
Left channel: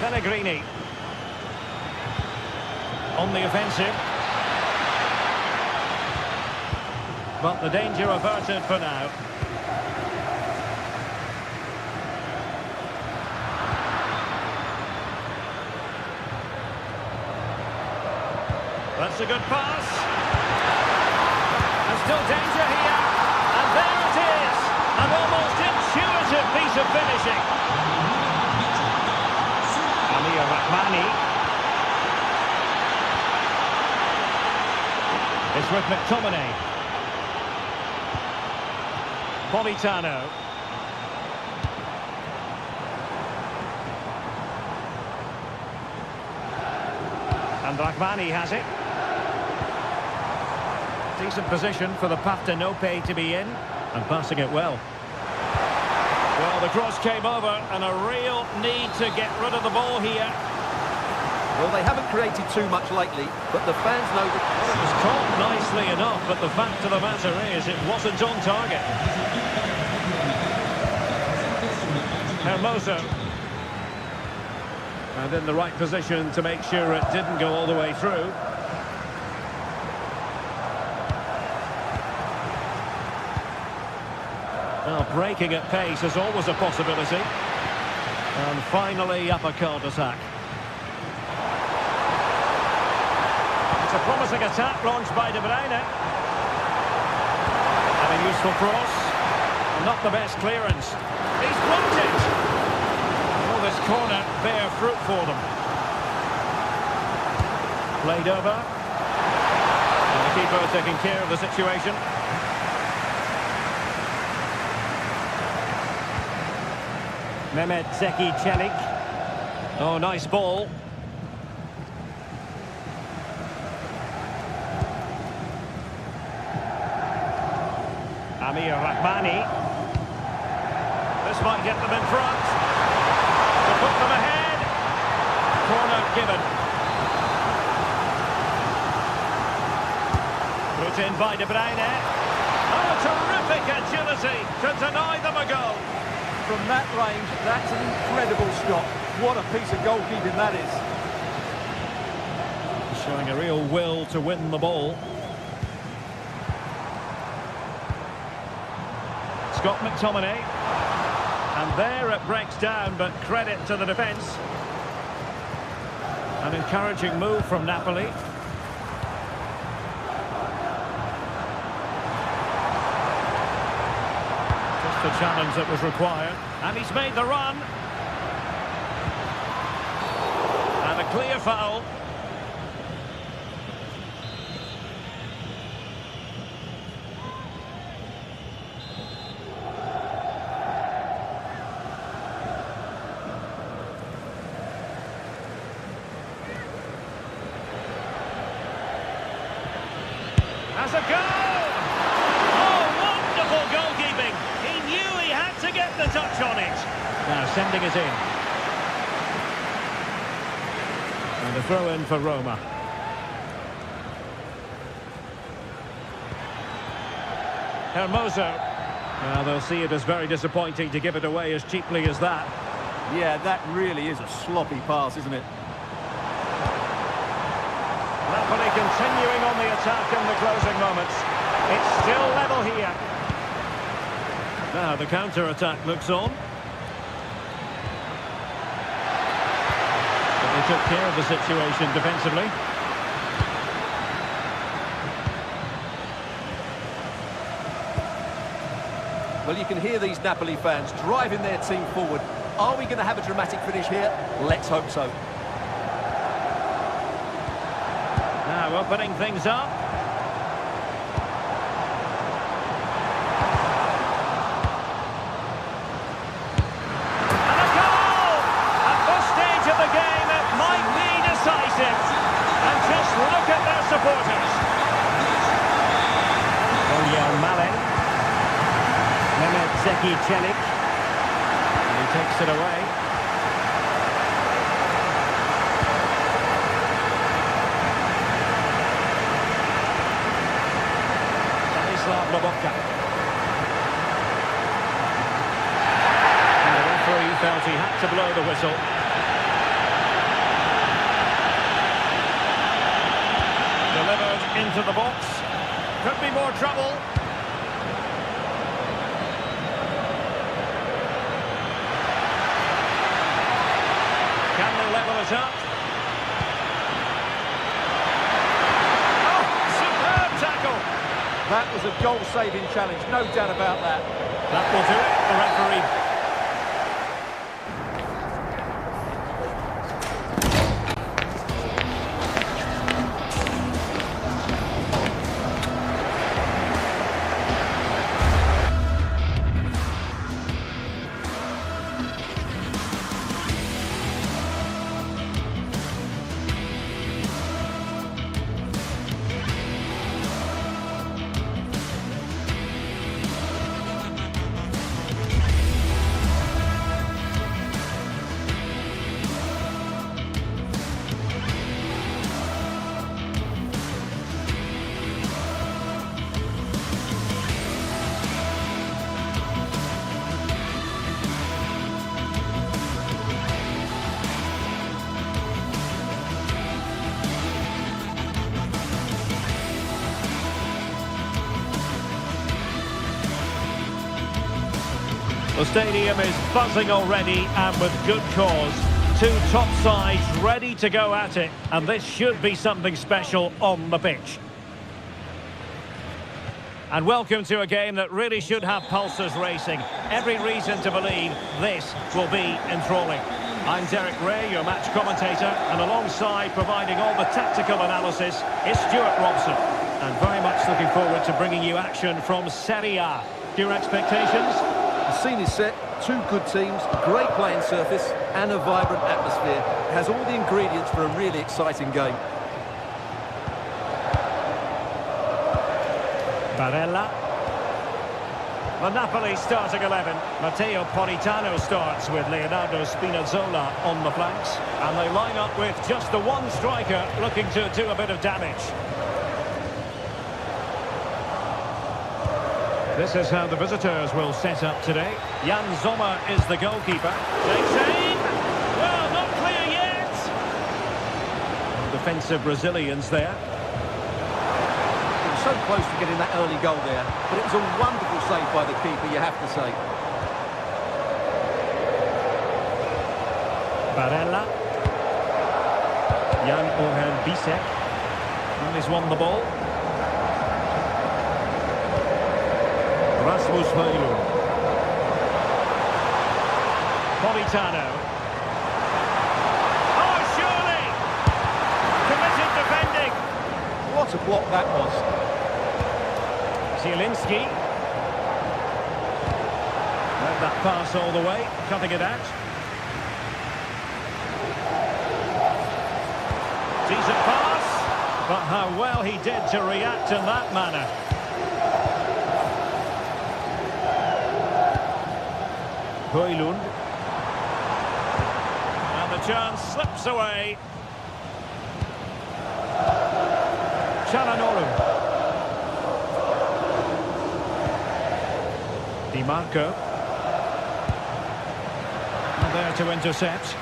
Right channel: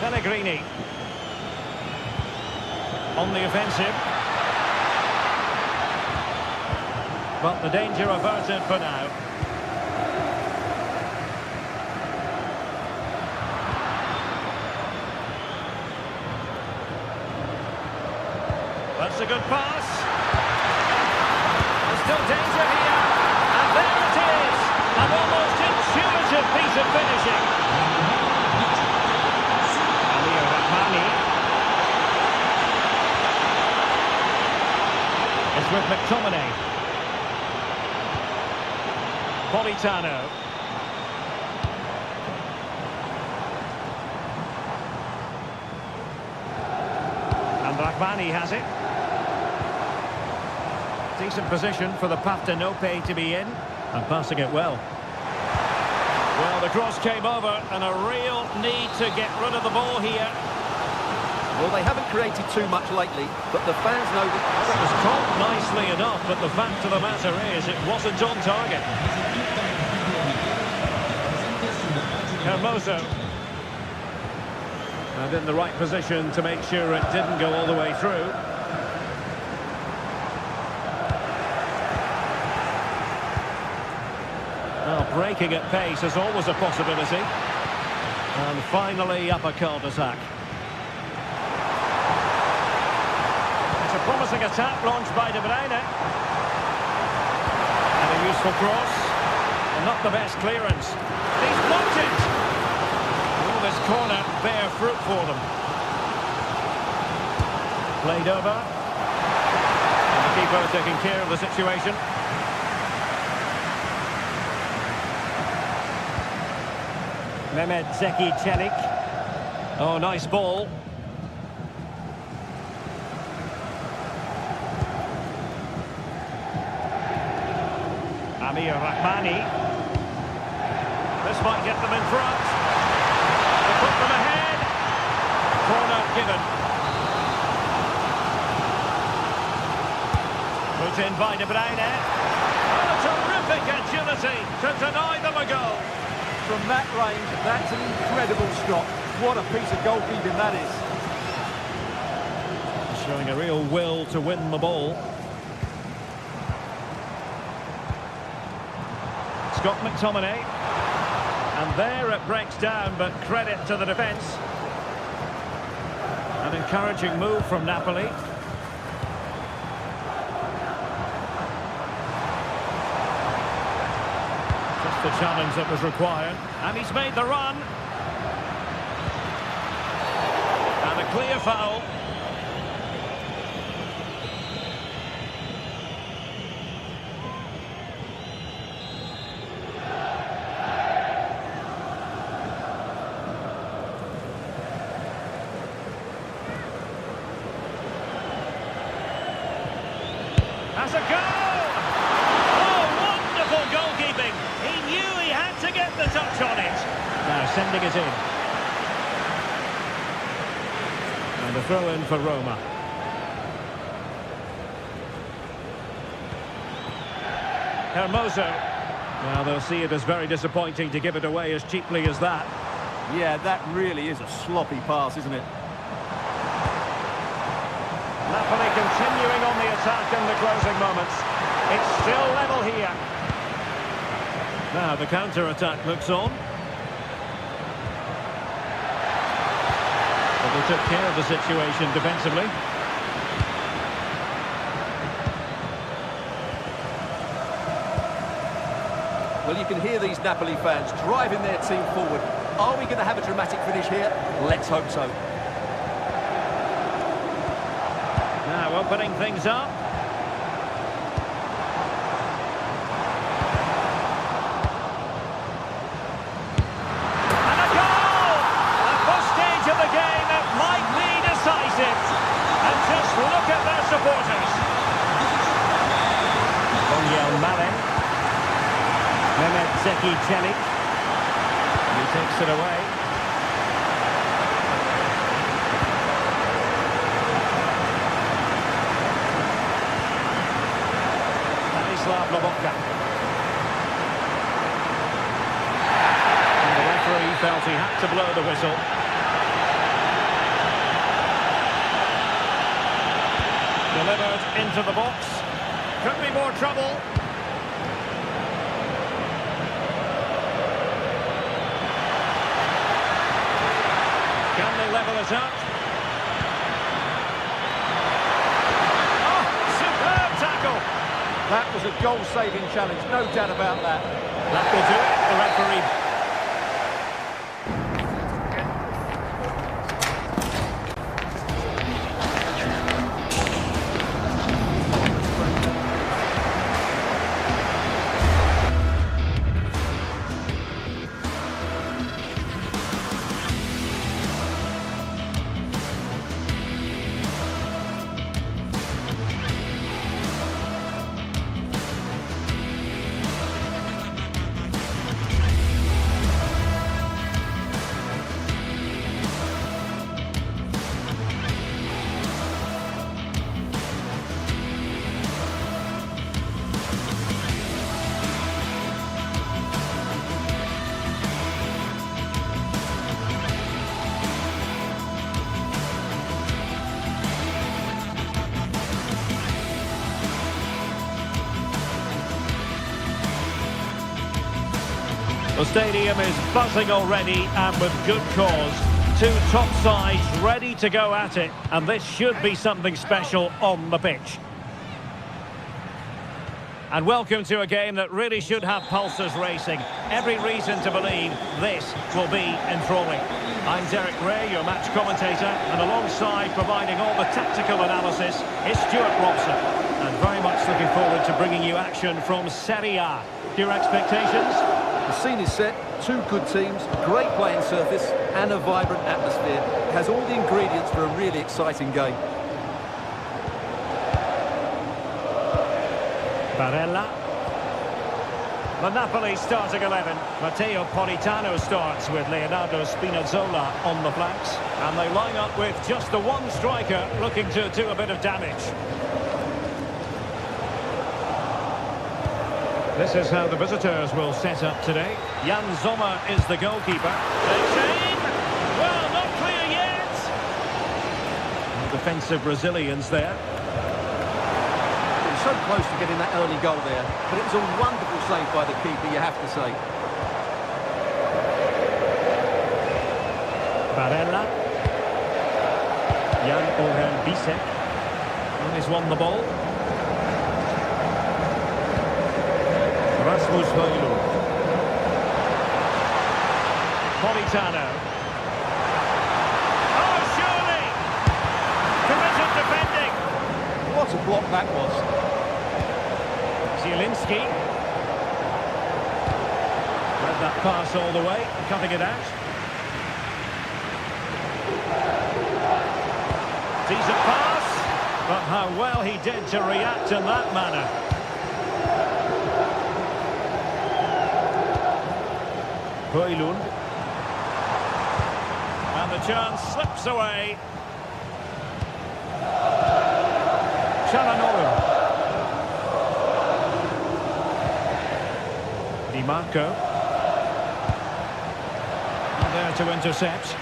Pellegrini. On the offensive. But the danger averted for now. That's a good pass. And still danger here. And there it is. An almost intuitive piece of finishing. Amir Rahmani. It's with McTominay. Politano. And Rahmani has it. Decent position for the Partenope to be in, and passing it well. Well, the cross came over, and a real need to get rid of the ball here. Well, they haven't created too much lately, but the fans know that... Well, it was caught nicely enough, but the fact of the matter is it wasn't on target. Hermoso. And in the right position to make sure it didn't go all the way through. Well, breaking at pace is always a possibility. And finally up a cul-de-sac. It's a promising attack launched by De Bruyne. And a useful cross. Well, not the best clearance. He's blocked it! Will this corner bear fruit for them? Played over. And the keeper taking care of the situation. Mehmet Zeki Çelik. Oh, nice ball. Amir Rahmani. This might get them in front. To put them ahead. Corner given. Put in by De Bruyne. Oh, terrific agility to deny them a goal. From that range, that's an incredible stop. What a piece of goalkeeping that is. Showing a real will to win the ball. Scott McTominay. And there it breaks down, but credit to the defence. An encouraging move from Napoli. Just the challenge that was required. And he's made the run. And a clear foul. Has a goal! Oh, wonderful goalkeeping! He knew he had to get the touch on it. Now sending it in. And a throw in for Roma. Hermoso. Well, they'll see it as very disappointing to give it away as cheaply as that. Yeah, that really is a sloppy pass, isn't it? Napoli continuing on the attack in the closing moments. It's still level here. Now the counter-attack looks on. But they took care of the situation defensively. Well, you can hear these Napoli fans driving their team forward. Are we going to have a dramatic finish here? Let's hope so. Now opening things up. And a goal! At this stage of the game, it might be decisive. And just look at their supporters. Daniel Malen. Mehmet Zeki Çelik. And he takes it away. Lobotka. And the referee felt he had to blow the whistle. Delivered into the box. Could be more trouble. Can they level it up? Oh, superb tackle. That was a goal-saving challenge, no doubt about that. That will do it, the referee. The stadium is buzzing already, and with good cause. Two top sides ready to go at it, and this should be something special on the pitch. And welcome to a game that really should have pulses racing. Every reason to believe this will be enthralling. I'm Derek Ray, your match commentator, and alongside providing all the tactical analysis is Stuart Robson. And very much looking forward to bringing you action from Serie A. Your expectations? The scene is set, two good teams, great playing surface and a vibrant atmosphere. It has all the ingredients for a really exciting game. Barella. The Napoli starting 11. Matteo Politano starts with Leonardo Spinazzola on the flanks. And they line up with just the one striker looking to do a bit of damage. This is how the visitors will set up today. Jan Sommer is the goalkeeper. Takes aim. Well, not clear yet. Well, defensive Brazilians there. So close to getting that early goal there, but it was a wonderful save by the keeper, you have to say. Barella. Jan Ogen Bisek. And he's won the ball. Rasmus Højlund. Politano. Oh, surely! Committed defending. What a block that was. Zielinski. Read that pass all the way, cutting it out. Decent pass, but how well he did to react in that manner. Højlund. And the chance slips away. Çalhanoğlu. Di Marco. Not there to intercept.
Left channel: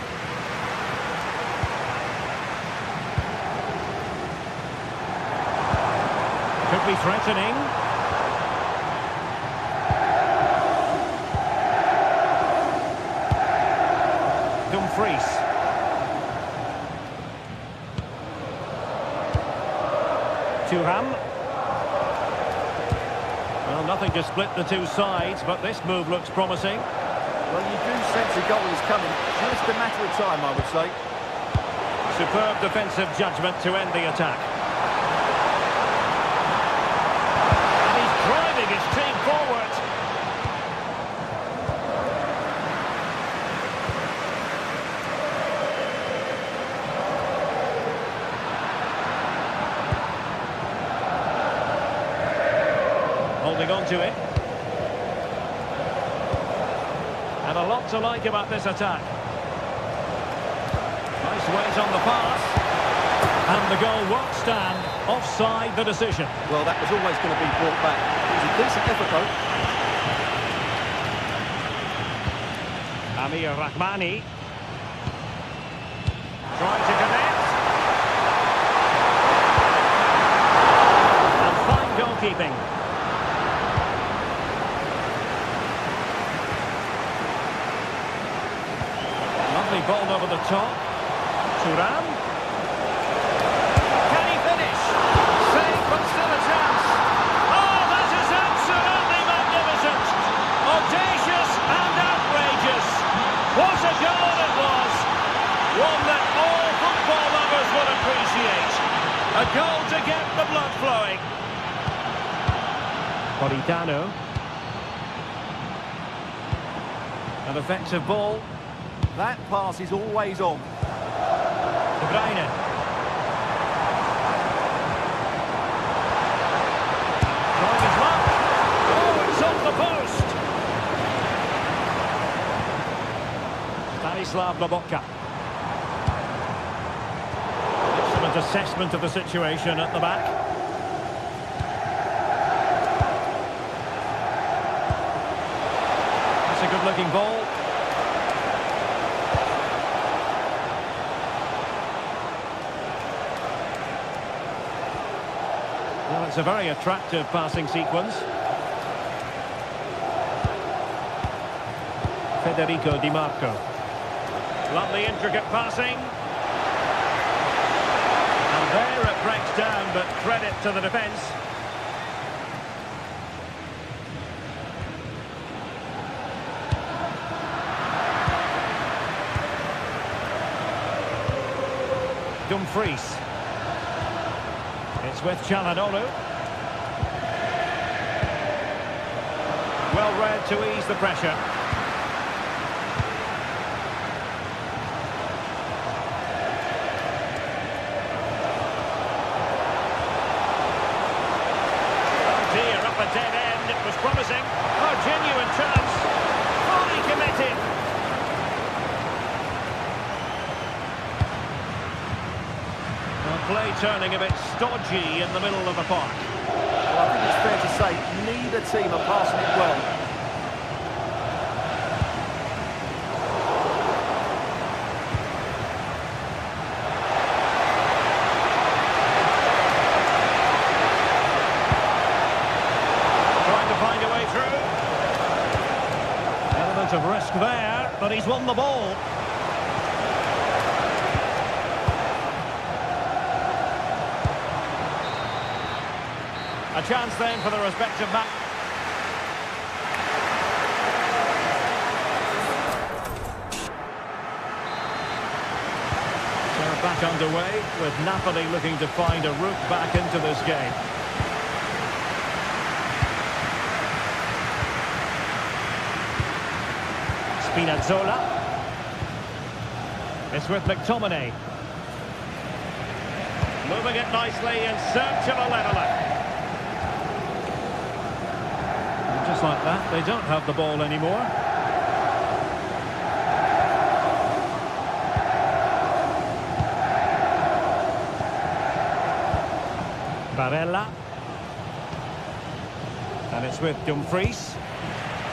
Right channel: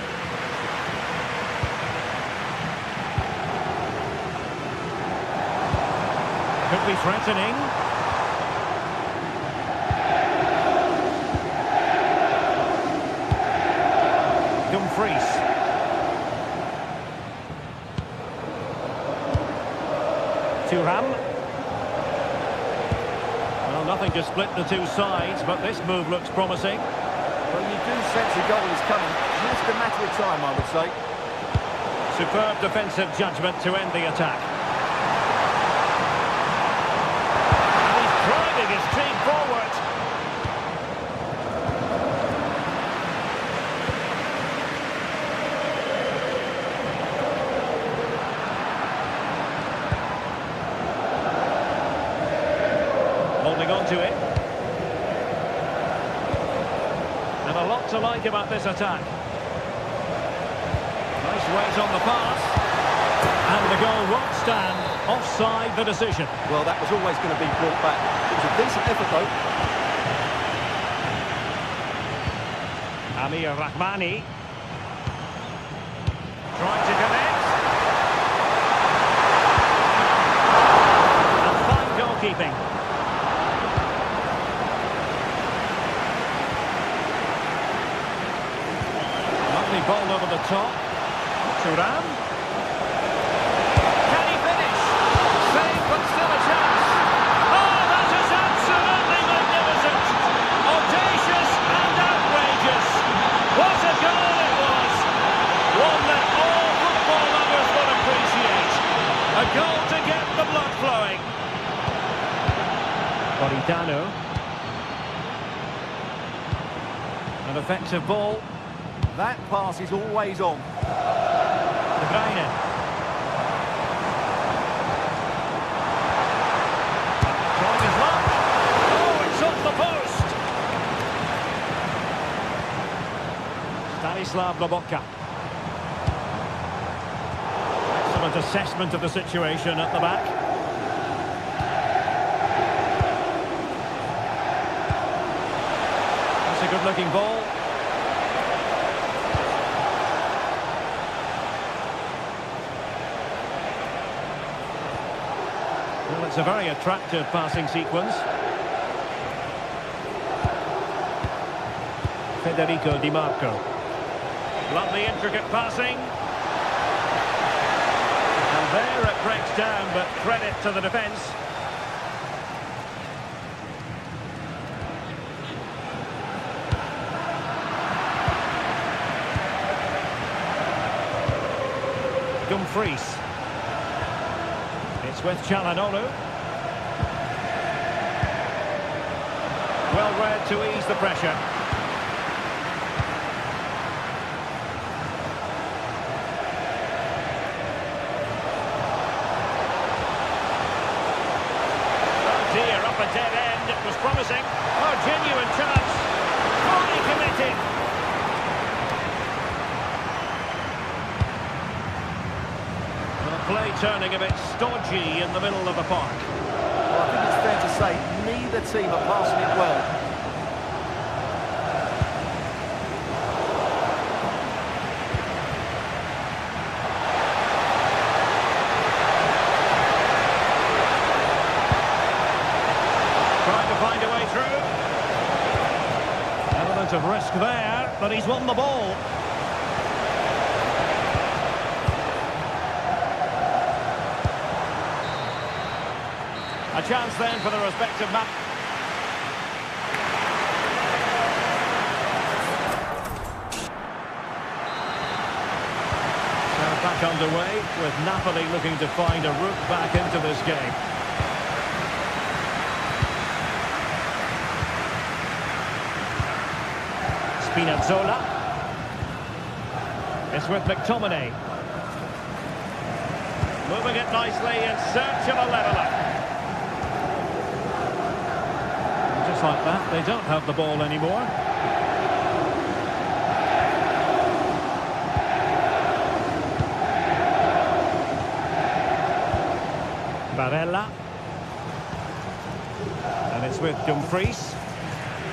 Could be threatening. Dumfries. Thuram. Well, nothing to split the two sides, but this move looks promising. Well, you do sense a goal is coming. Just a matter of time, I would say. Superb defensive judgment to end the attack. And he's driving his team forward. Holding on to it. And a lot to like about this attack. Nice weight on the pass. And the goal won't stand. Offside the decision. Well, that was always going to be brought back. It was a decent effort, though. Amir Rahmani. Trying to connect. And fine goalkeeping. Lovely ball over the top. Thuram. Can he finish? Save, but still a chance. Oh, that is absolutely magnificent. Audacious and outrageous. What a goal it was. One that all football lovers will appreciate. A goal to get the blood flowing. Politano. An effective ball. That pass is always on. De Bruyne. Trying his luck. Oh, it's off the post. Stanislav Lobotka. Excellent assessment of the situation at the back. That's a good-looking ball. Well, it's a very attractive passing sequence. Federico Di Marco. Lovely intricate passing. And there it breaks down, but credit to the defence. Dumfries. It's with Çalhanoğlu. Well read to ease the pressure. Oh dear, up a dead end. It was promising. Oh, genuine chance. Fully committed. Well, play turning a bit stodgy in the middle of the park. Well, I think it's fair to say neither team are passing it well. Trying to find a way through. Element of risk there, but he's won the ball. A chance then for the respective match. So back underway with Napoli looking to find a route back into this game. Spinazzola. It's with McTominay. Moving it nicely in search of a leveller. Just like that, they don't have the ball anymore. Barella. And it's with Dumfries.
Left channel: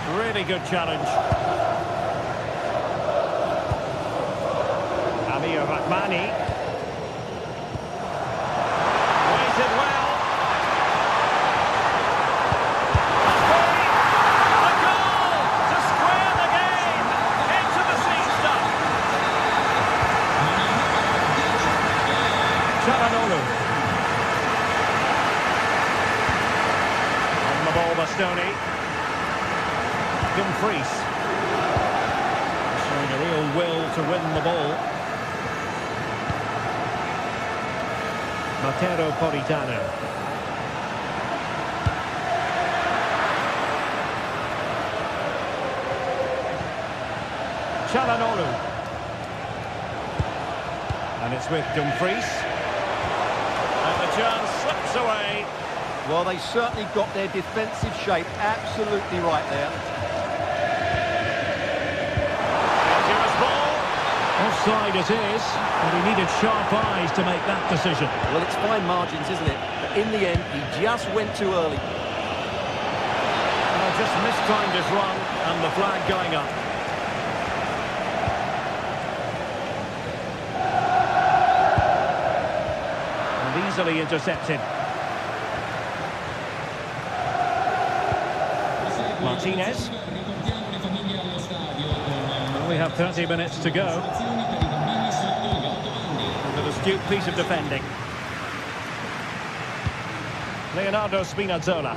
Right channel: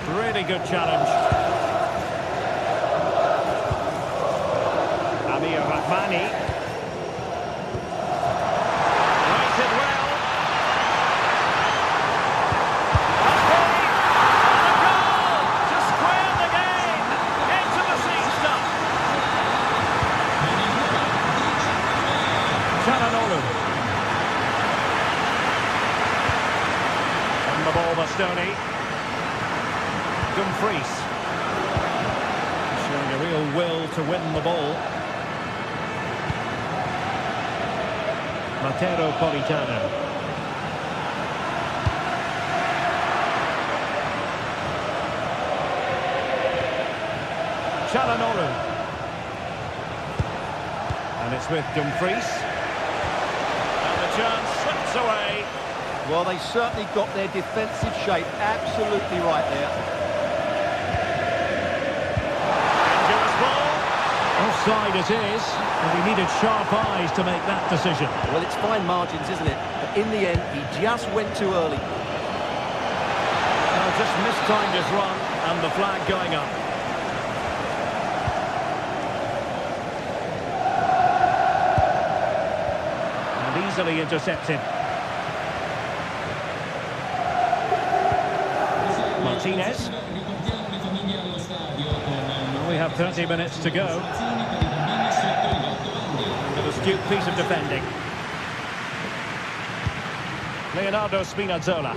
Really good challenge. Amir Rahmani. Waited well. Çalhanoğlu. On the ball, Bastoni. Dumfries. Showing a real will to win the ball. Matteo Politano. Çalhanoğlu. And it's with Dumfries. And the chance slips away. Well, they certainly got their defensive shape absolutely right there. Dangerous ball. Offside it is, but he needed sharp eyes to make that decision. Well, it's fine margins, isn't it? But in the end, he just went too early. Just mistimed his run, and the flag going up. Easily intercepted. Martinez. Well, we have 30 minutes to go. And an astute piece of defending. Leonardo Spinazzola.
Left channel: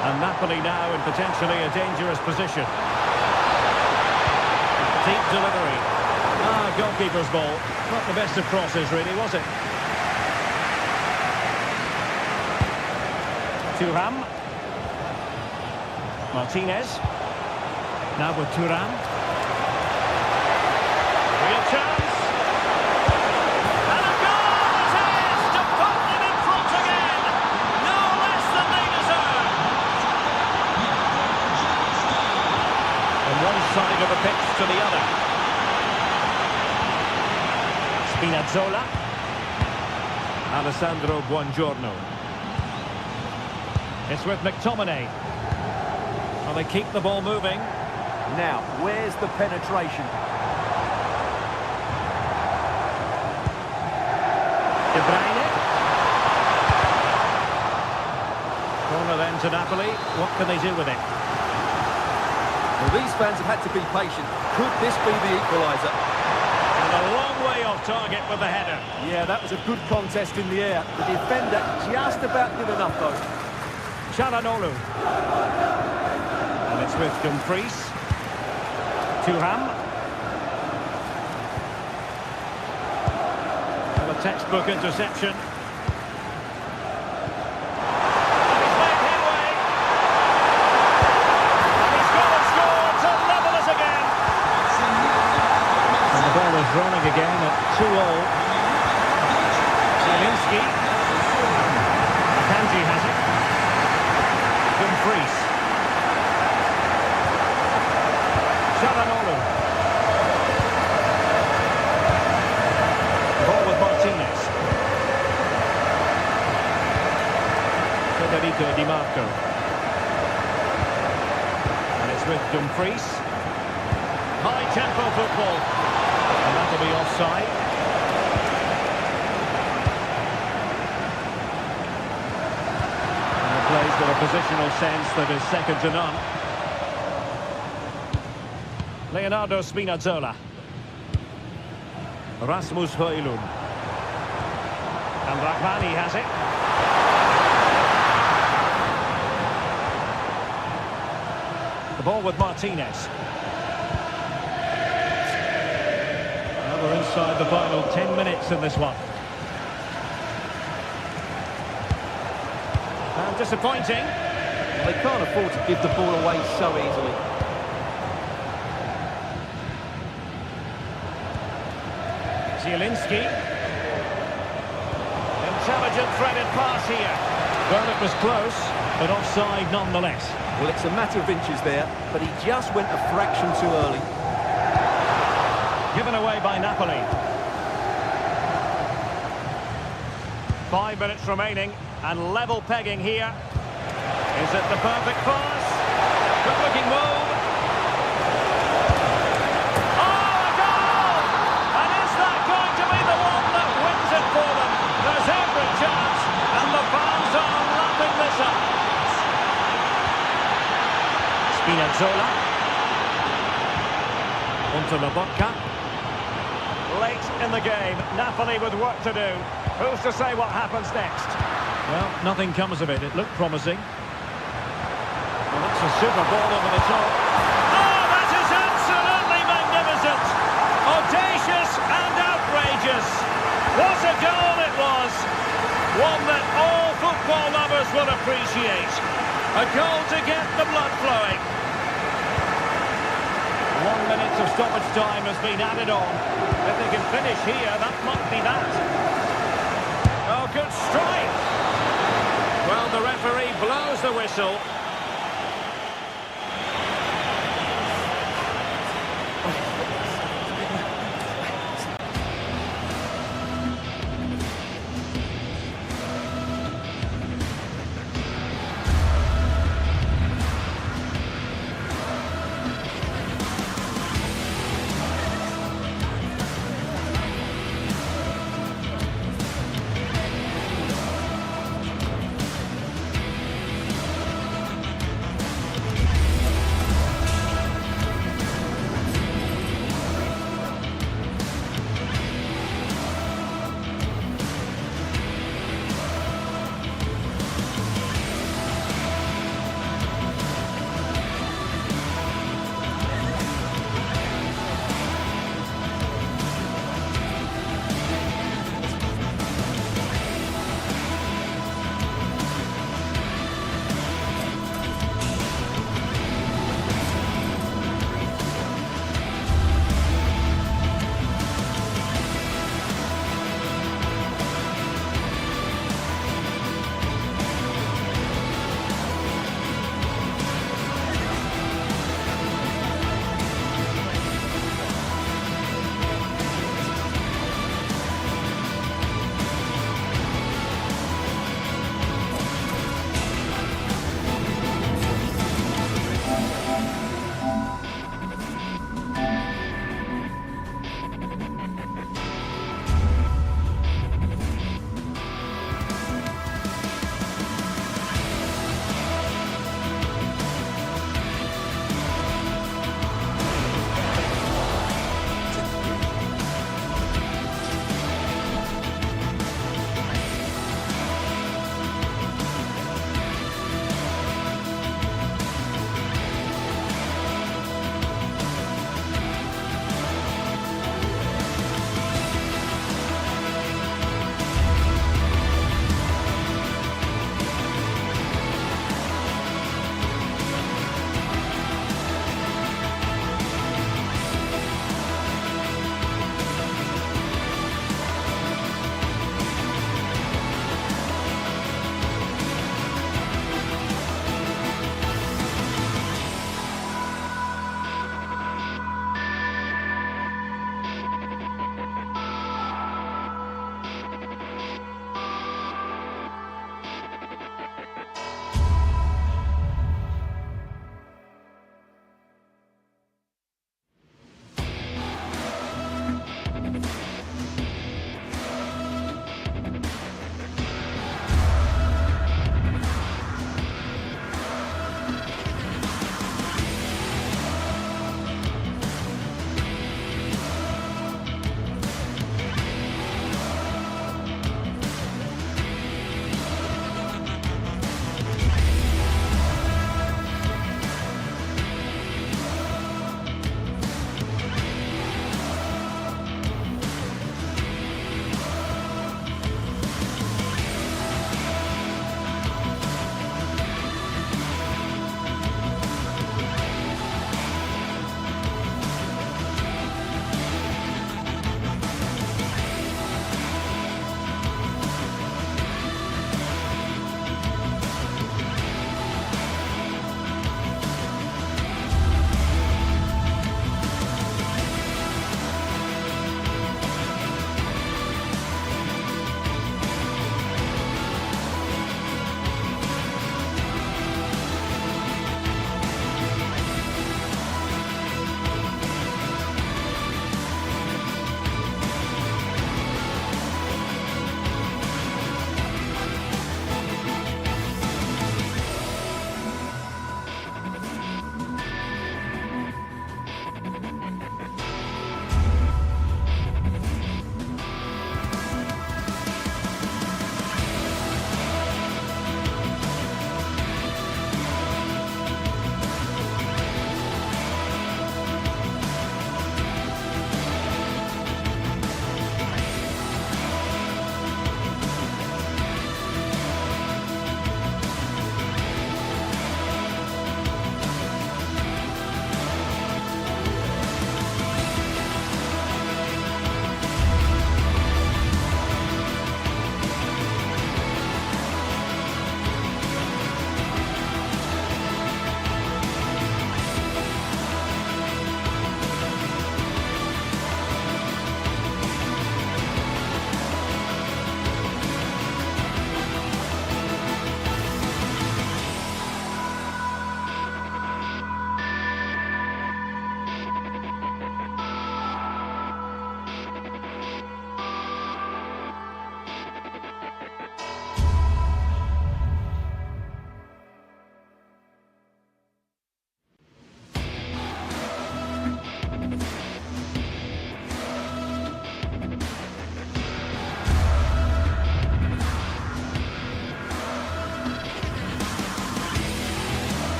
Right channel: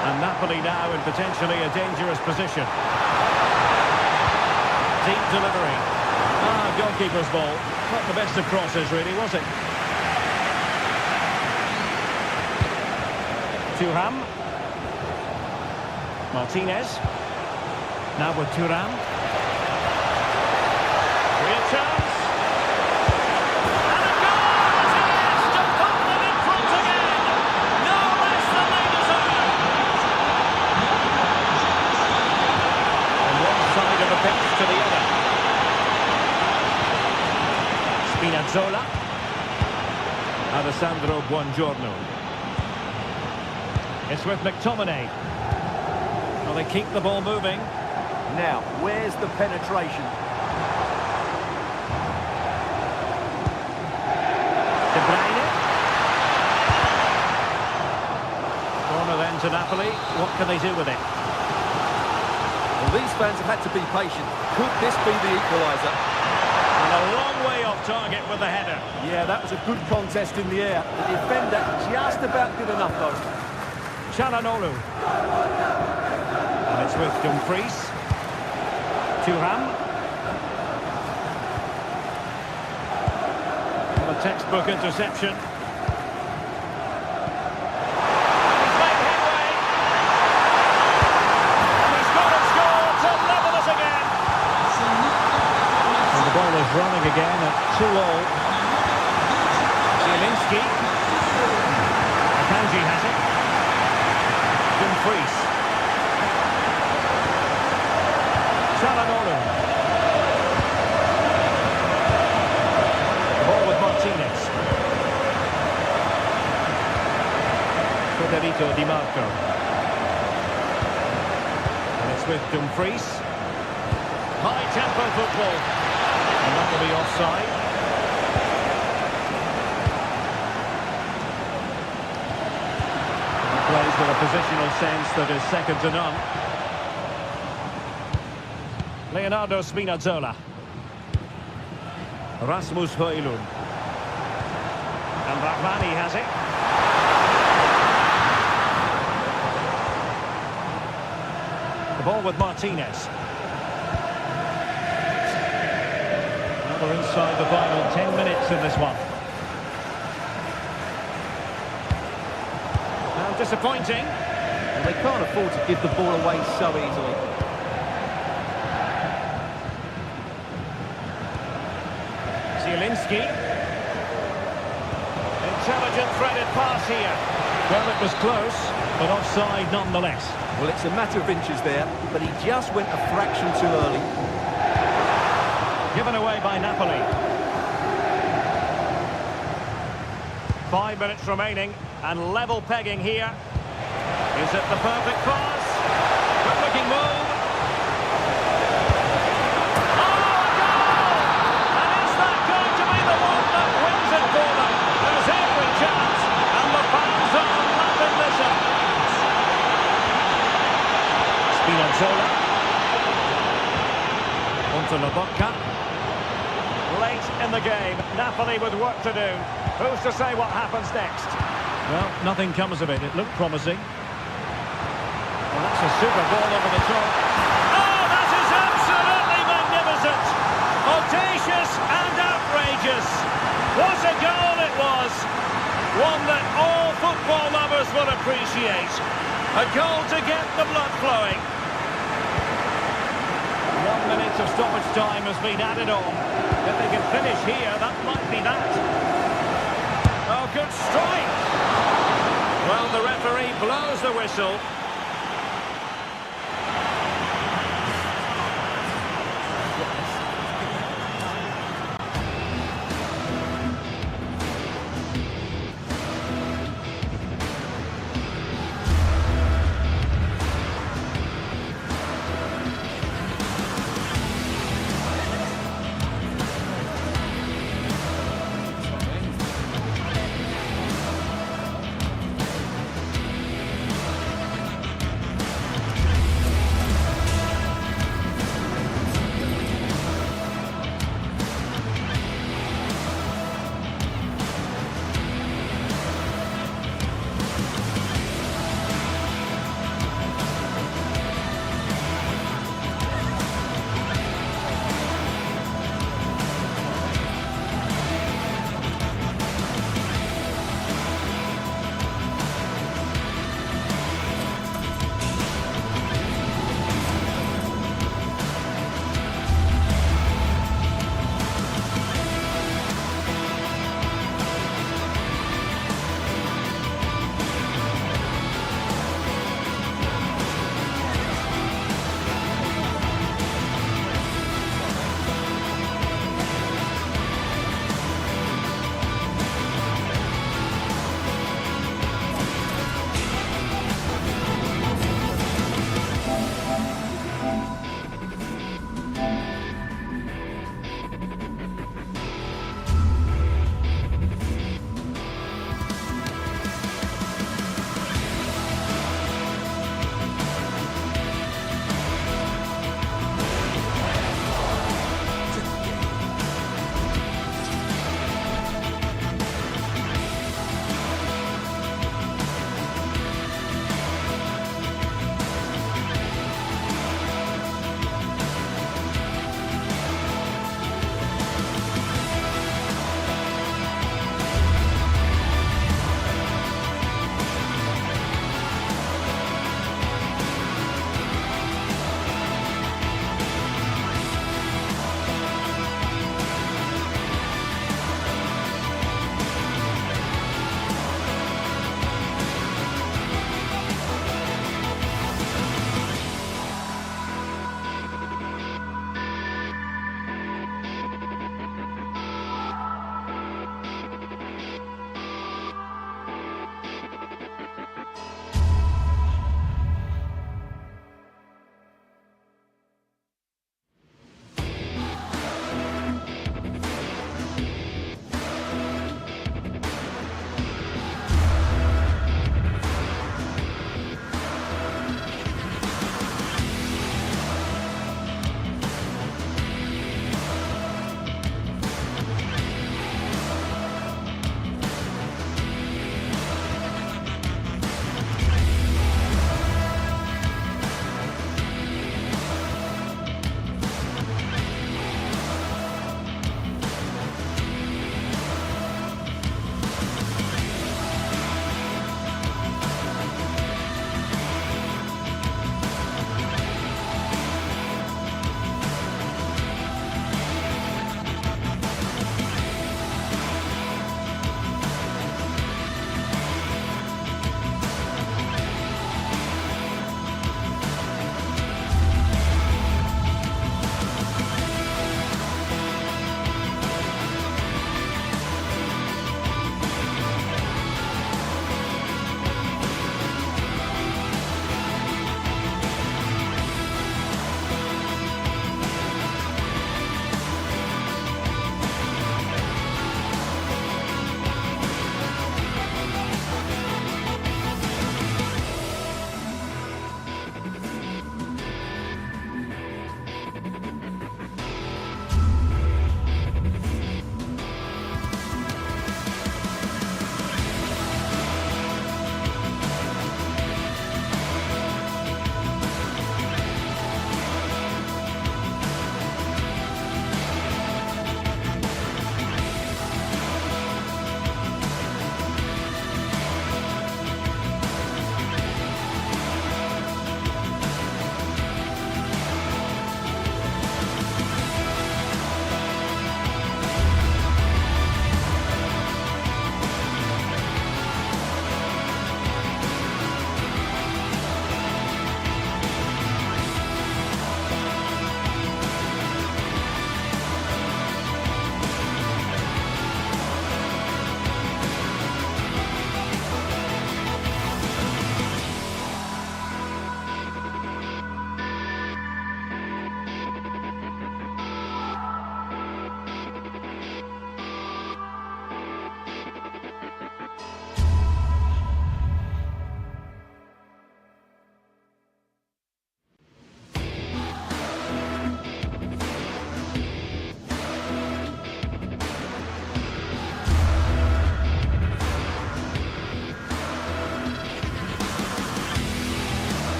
And Napoli now in potentially a dangerous position. Deep delivery. Goalkeeper's ball. Not the best of crosses, really, was it? Thuram. Martinez. Now with Thuram. Real chance. And a goal it is to put them in front again. No less than they deserve. From one side of the pitch to the other. Spinazzola. Alessandro Buongiorno. It's with McTominay. Well, they keep the ball moving. Now, where's the penetration? De Bruyne. Corner then to Napoli. What can they do with it? Well, these fans have had to be patient. Could this be the equaliser? And a long way off target with the header. Yeah, that was a good contest in the air. The defender just about did enough, though. Çalhanoğlu. And it's with Dumfries. Thuram. And a textbook interception. And he's made headway. And he's got to score to level us again. And the ball is running again at 2-all. Zielinski. Akanji has it. Dumfries. Çalhanoğlu. The ball with Martinez. Federico Di Marco. And it's with Dumfries. High tempo football. And that'll be offside. And plays with a positional sense that is second to none. Leonardo Spinazzola. Rasmus Højlund. And Rahmani has it. The ball with Martinez. Now we're inside the final 10 minutes in this one. And disappointing. Well, they can't afford to give the ball away so easily. Zielinski. Intelligent threaded pass here. Well, it was close, but offside nonetheless. Well, it's a matter of inches there, but he just went a fraction too early. Given away by Napoli. 5 minutes remaining, and level pegging here. Is it the perfect pass? Good-looking move. Oh, a goal! And is that going to be the one that wins it for them? There's every chance, and the fans are lapping this up. Spinazzola. Onto Lobotka. Late in the game, Napoli with work to do. Who's to say what happens next? Well, nothing comes of it. It looked promising. Well, that's a super ball over the top. Oh, that is absolutely magnificent! Audacious and outrageous. What a goal it was! One that all football lovers will appreciate. A goal to get the blood flowing. 1 minute of stoppage time has been added on. If they can finish here, that might be that. Oh, good strike! Well, the referee blows the whistle.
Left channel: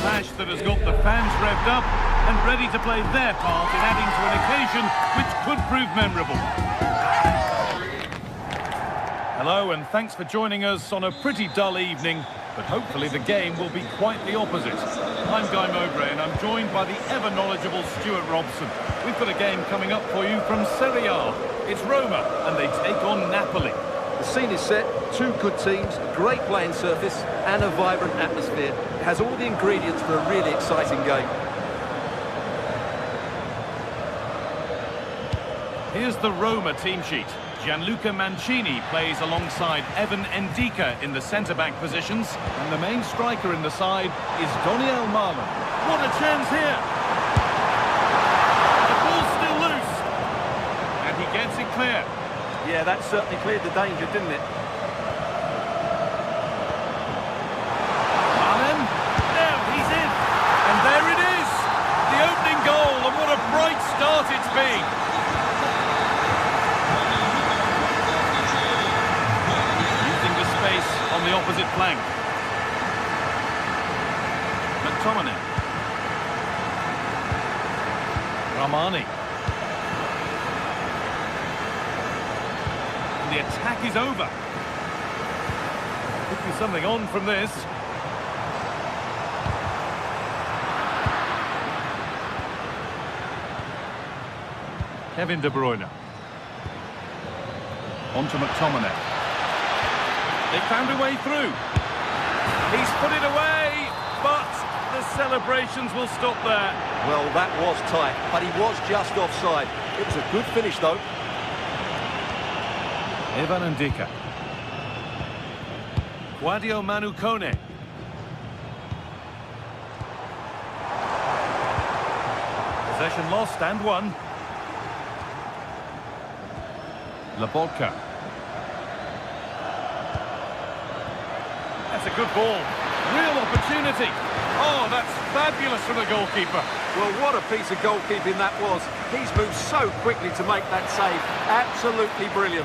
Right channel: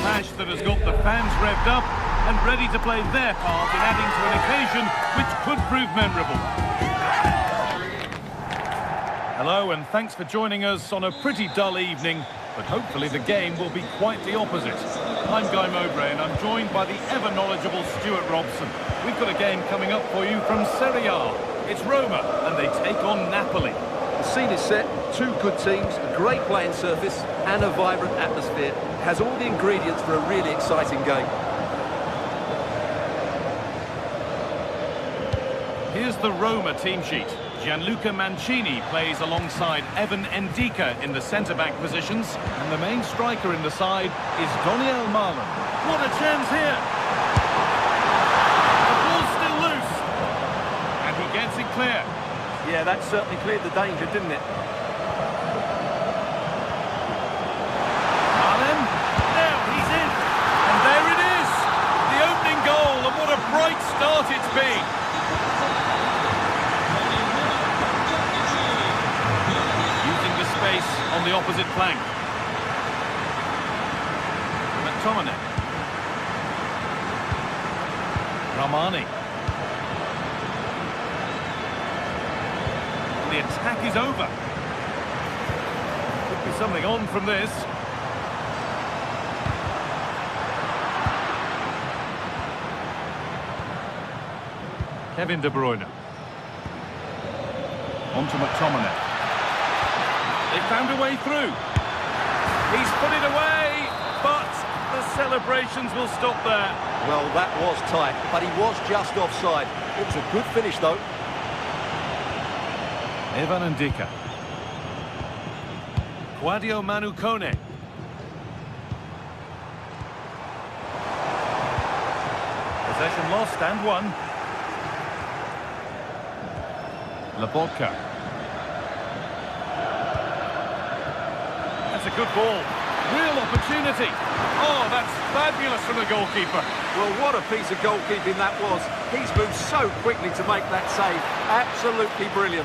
clash that has got the fans revved up and ready to play their part in adding to an occasion which could prove memorable. Hello, and thanks for joining us on a pretty dull evening, but hopefully the game will be quite the opposite. I'm Guy Mowbray, and I'm joined by the ever-knowledgeable Stuart Robson. We've got a game coming up for you from Serie A. It's Roma, and they take on Napoli. The scene is set, two good teams, a great playing surface and a vibrant atmosphere. It has all the ingredients for a really exciting game. Here's the Roma team sheet. Gianluca Mancini plays alongside Evan Ndika in the centre-back positions, and the main striker in the side is Doniel Marlon. What a chance here! The ball's still loose, and he gets it clear. Yeah, that certainly cleared the danger, didn't it? Marlon, now he's in, and there it is! The opening goal, and what a bright start it's been! The space on the opposite flank. McTominay. Ramani. And the attack is over. Could be something on from this. Kevin De Bruyne. On to McTominay. They found a way through. He's put it away, but the celebrations will stop there. Well, that was tight, but he was just offside. It was a good finish, though. Evan Ndika. Quadio Manu Kone. Possession lost and won. Lobotka. That's a good ball. Real opportunity. Oh, that's fabulous from the goalkeeper. Well, what a piece of goalkeeping that was. He's moved so quickly to make that save. Absolutely brilliant.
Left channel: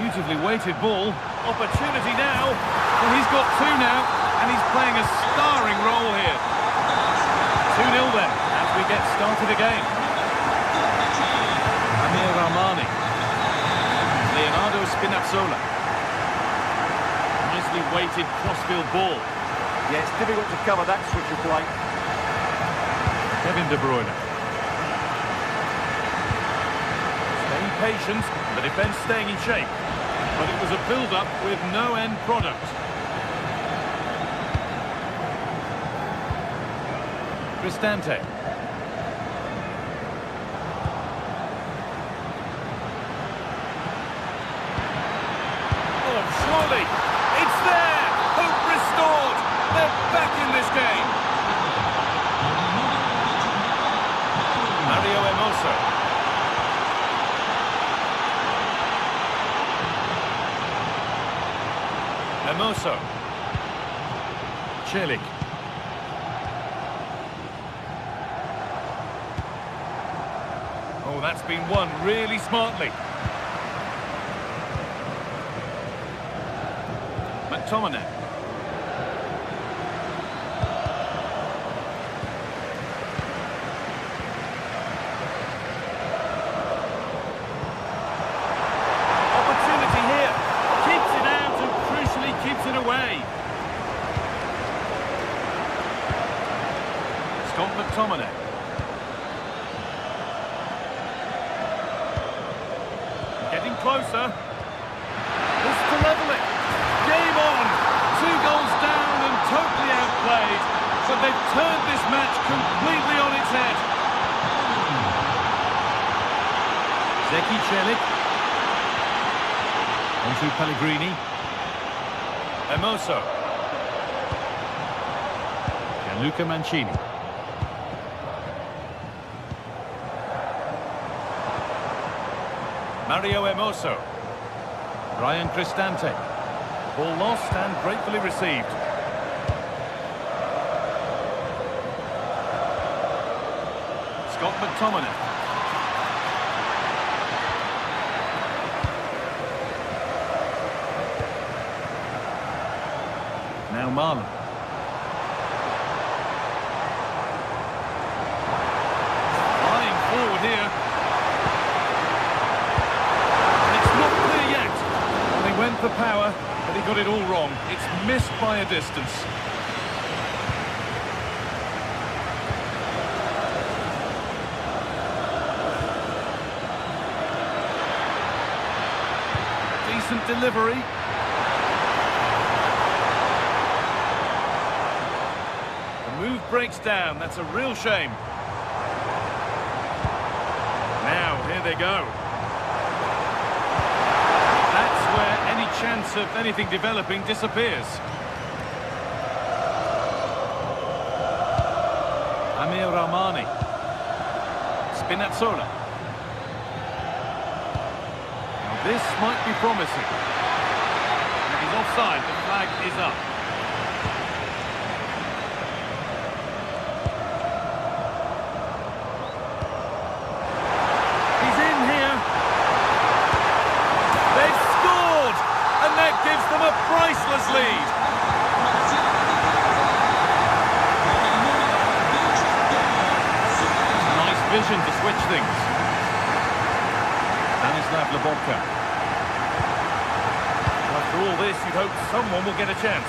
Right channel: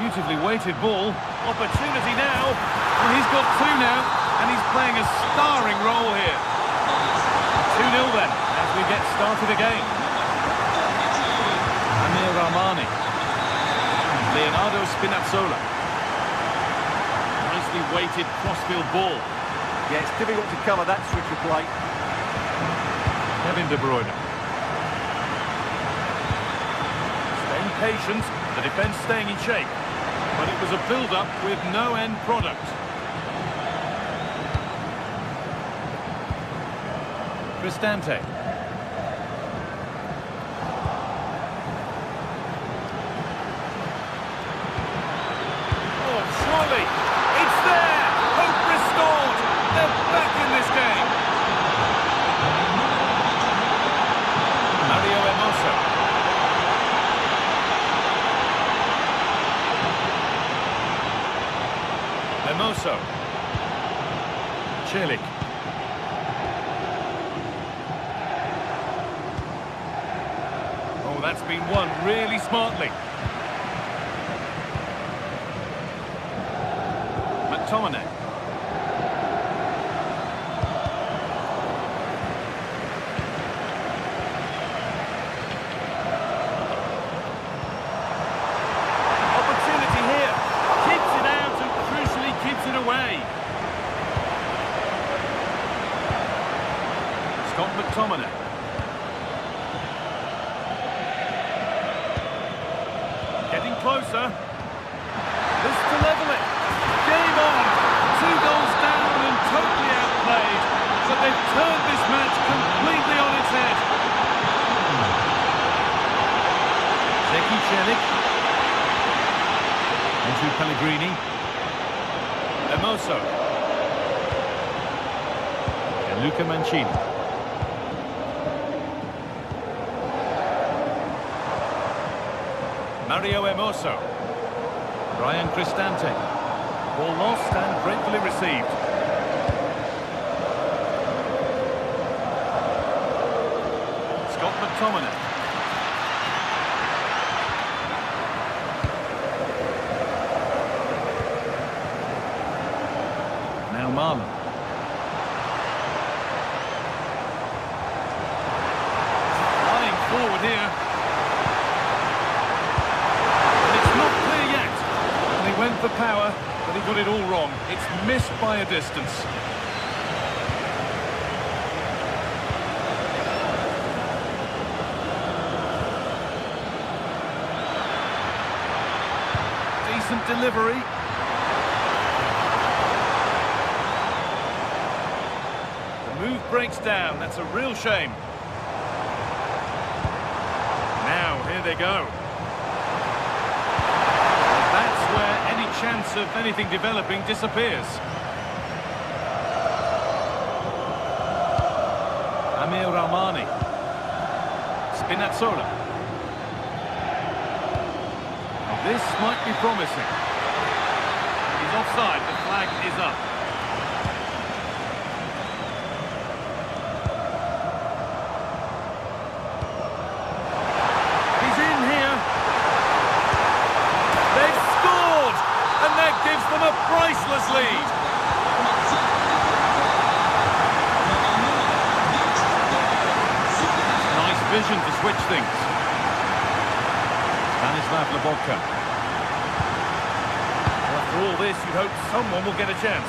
Beautifully weighted ball. Opportunity now. Well, he's got two now, and he's playing a starring role here. 2-0 then, as we get started again. Amir Rahmani. Leonardo Spinazzola. Nicely weighted crossfield ball. Yeah, it's difficult to cover that switch of play. Kevin De Bruyne. Staying patient, the defence staying in shape. But it was a build-up with no end product. Cristante. Surely, it's there! Hope restored! They're back in this game! Mario Hermoso. Hermoso. Celik. Oh, that's been won really smartly. McTominay. Opportunity here. Keeps it out and crucially keeps it away. Scott McTominay. Getting closer. This to level it. Game on! 2 goals down and totally outplayed, but they've turned this match completely on its head. Zeki Celik. Onto Pellegrini. Hermoso. Gianluca Mancini. Mario Hermoso. Brian Cristante. Ball lost and gratefully received. Scott McTominay. Now Marlon. Flying forward here. And it's not clear yet. Well, he went for power, but he got it all wrong. It's missed by a distance. Decent delivery. The move breaks down. That's a real shame. Now, here they go. That's where any chance of anything developing disappears. Amir Rahmani. Spinazzola. Now this might be promising. He's offside. The flag is up. He's in here. They've scored, and that gives them a priceless lead. Nice vision to switch things. Stanislav Lobotka. Well, after all this, you'd hope someone will get a chance.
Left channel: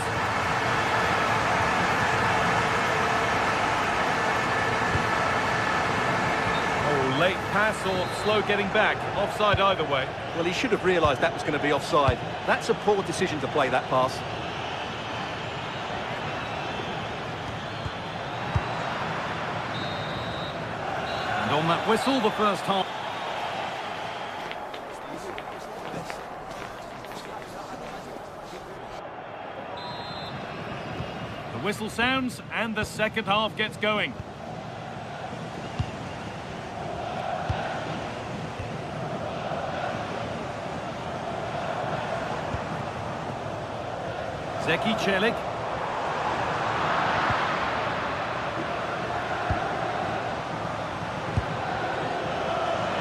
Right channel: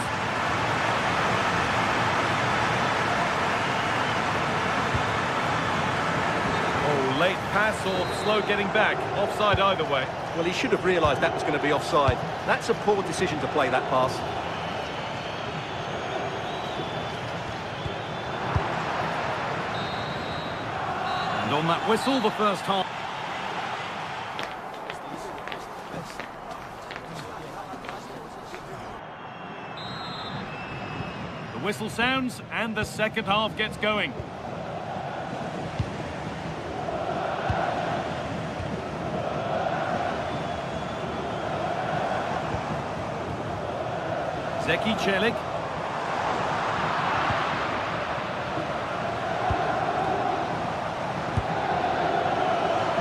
Oh, late pass or slow getting back. Offside either way. Well, he should have realised that was going to be offside. That's a poor decision to play that pass. And on that whistle, the first half. The whistle sounds and the second half gets going. Zeki Celik.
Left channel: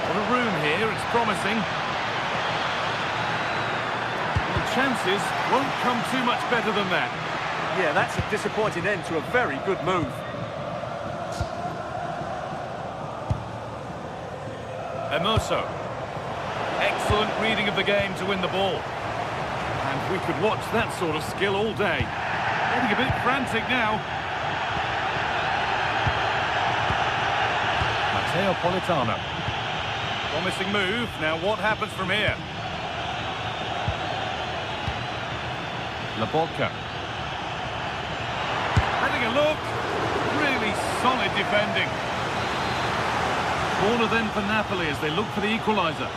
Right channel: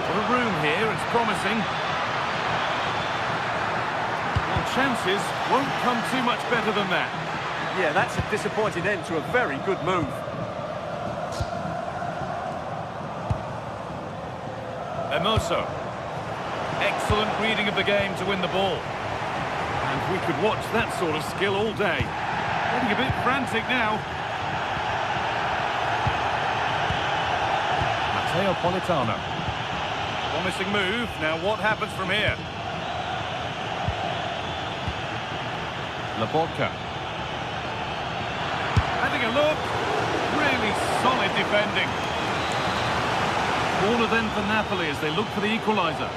What a room here, it's promising. Well, chances won't come too much better than that. Yeah, that's a disappointing end to a very good move. Hermoso. Excellent reading of the game to win the ball. And we could watch that sort of skill all day. Getting a bit frantic now. Matteo Politano. Promising move. Now what happens from here? Lobotka. Having a look. Really solid defending. Corner then for Napoli as they look for the equaliser.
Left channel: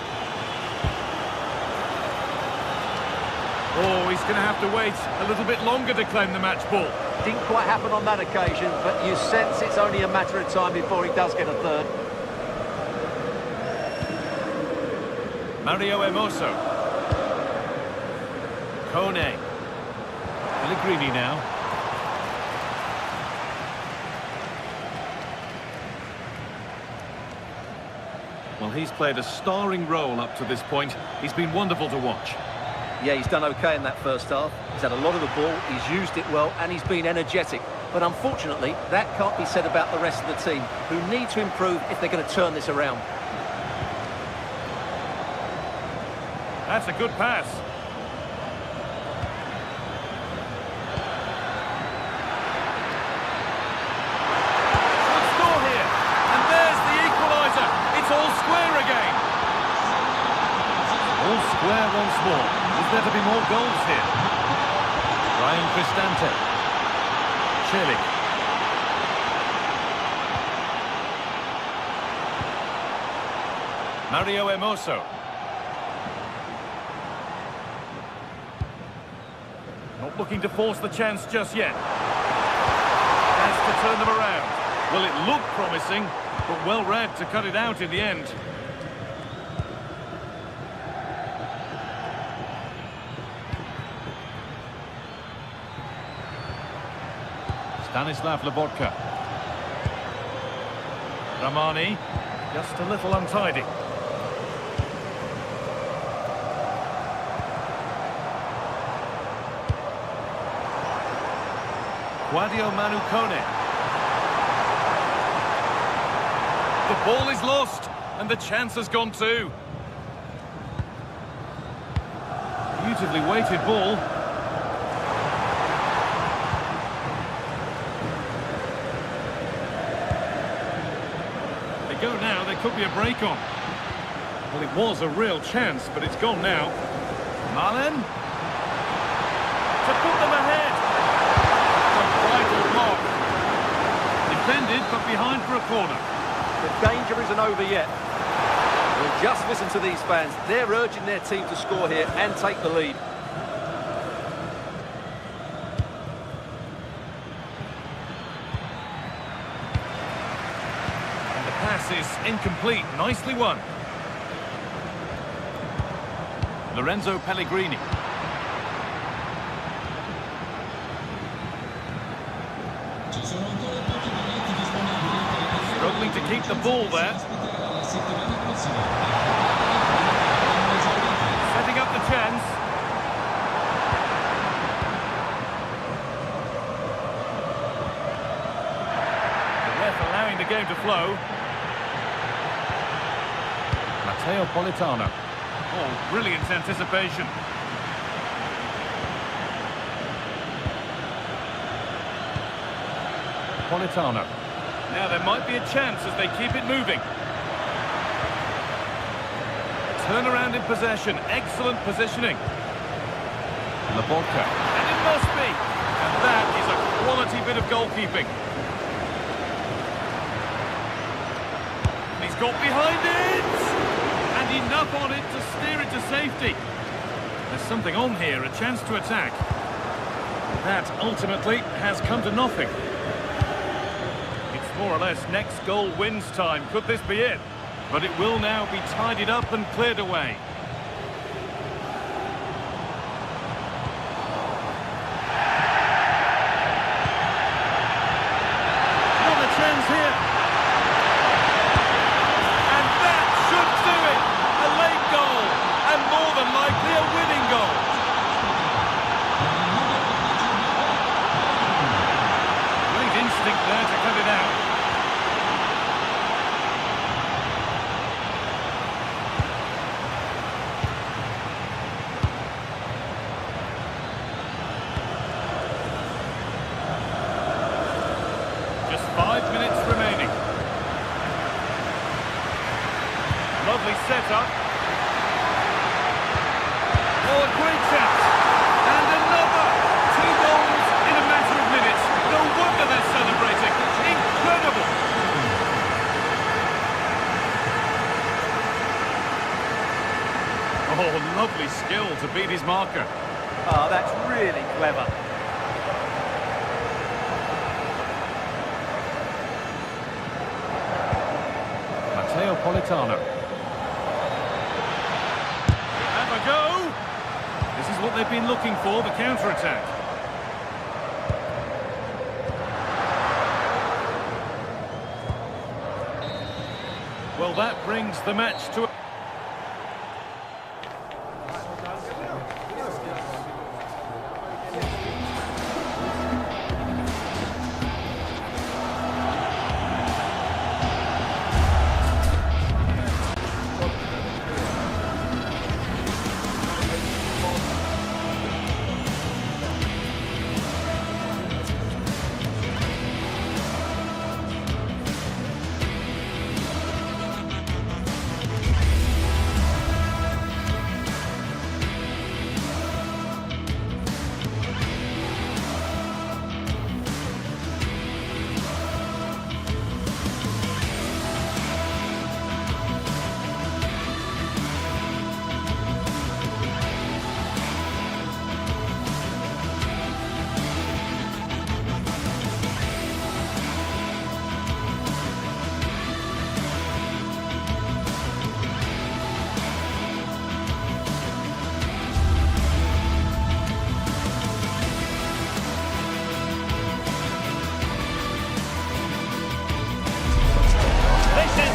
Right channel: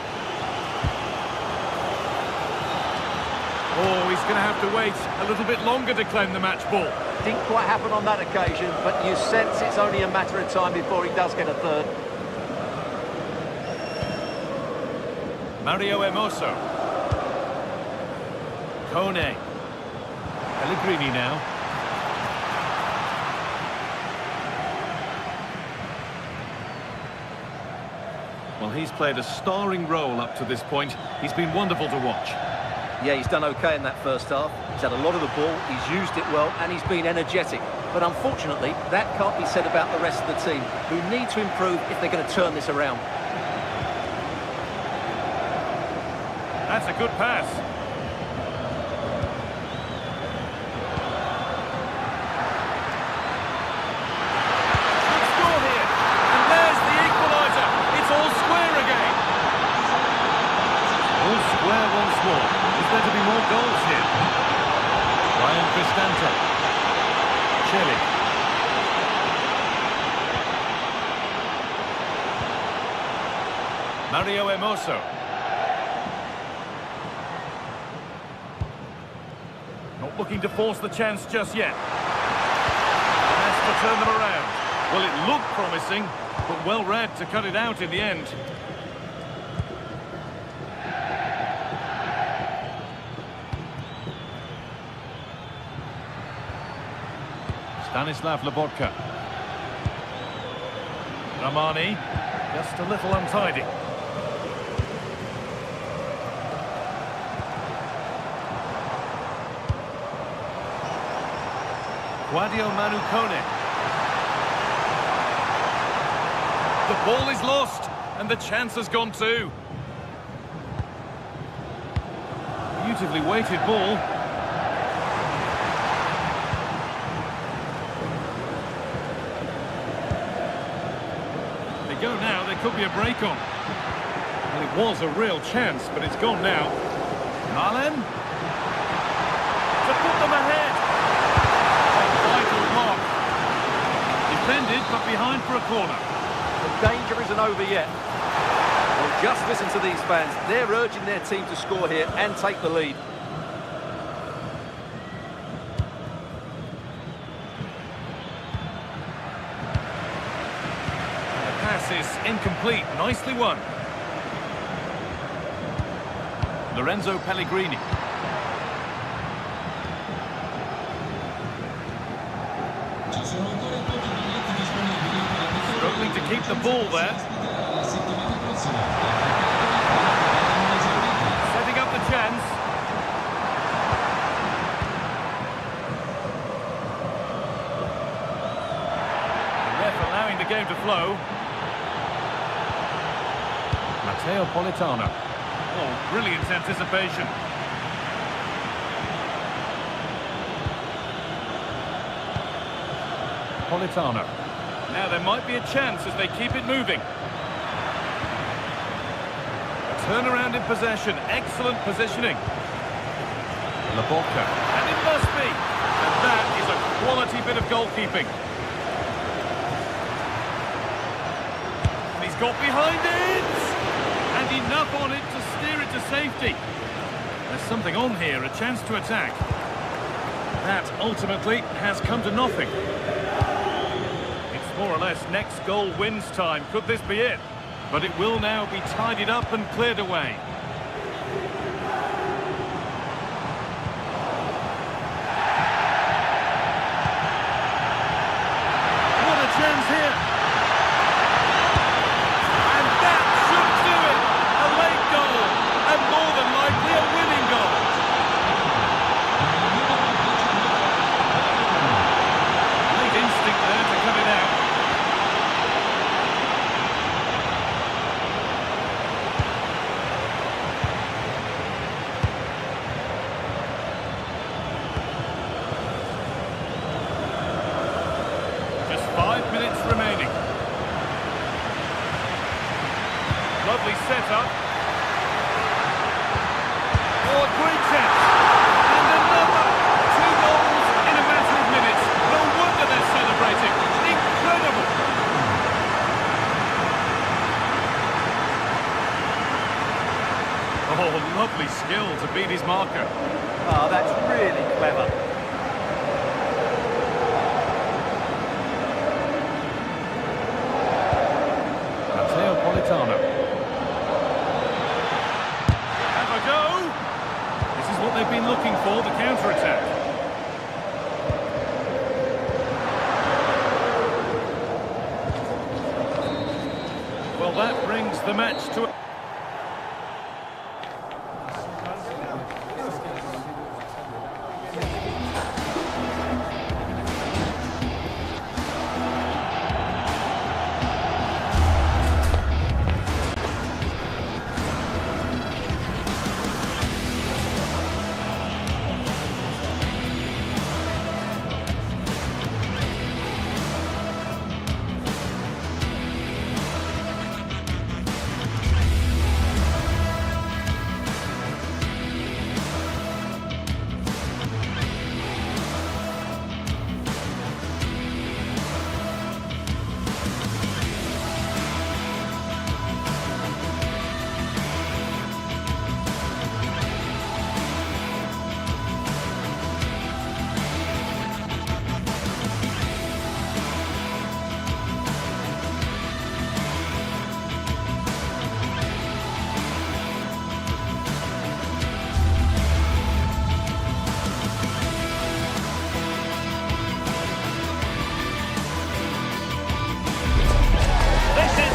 Oh, he's going to have to wait a little bit longer to claim the match ball. Didn't quite happen on that occasion, but you sense it's only a matter of time before he does get a third. Mario Hermoso. Kone. Pellegrini now. Well, he's played a starring role up to this point. He's been wonderful to watch. Yeah, he's done okay in that first half. He's had a lot of the ball, he's used it well, and he's been energetic. But unfortunately, that can't be said about the rest of the team, who need to improve if they're going to turn this around. That's a good pass. Should score here. And there's the equaliser. It's all square again. All square once more. Is there to be more goals here? Ryan Cristante. Celik. Mario Hermoso. Not looking to force the chance just yet. Has to turn them around. Well, it looked promising, but well read to cut it out in the end. Stanislav Lobotka. Rahmani, just a little untidy. Guadio Manu Kone. The ball is lost, and the chance has gone too. Beautifully weighted ball. They go now, there could be a break on. Well, it was a real chance, but it's gone now. Malen. To put them ahead. A vital block. Defended, but behind for a corner. The danger isn't over yet. Well, just listen to these fans. They're urging their team to score here and take the lead. And the pass is incomplete. Nicely won. Lorenzo Pellegrini. Ci sono ancora pochi biglietti disponibili per il tifo. Struggling to keep the ball there. Ospiterà la settimana prossima. Setting up the chance. The ref allowing the game to flow. Matteo Politano. Oh, brilliant anticipation. Politano. Now there might be a chance as they keep it moving. A turnaround in possession. Excellent positioning. Lobotka. And it must be. And that is a quality bit of goalkeeping. And he's got behind it! And enough on it to steer it to safety. There's something on here, a chance to attack. That ultimately has come to nothing. It's more or less next goal wins time. Could this be it? But it will now be tidied up and cleared away. What a chance here! And that should do it! A late goal, and more than likely a winning goal. Great instinct there to cut it out. Just 5 minutes remaining. Lovely setup. Oh, a great chance. And another. 2 goals in a matter of minutes. No wonder they're celebrating. Incredible. Oh, lovely skill to beat his marker. Ah, that's really clever. Matteo Politano. Have a go. This is what they've been looking for, the counter-attack. Well, that brings the match to...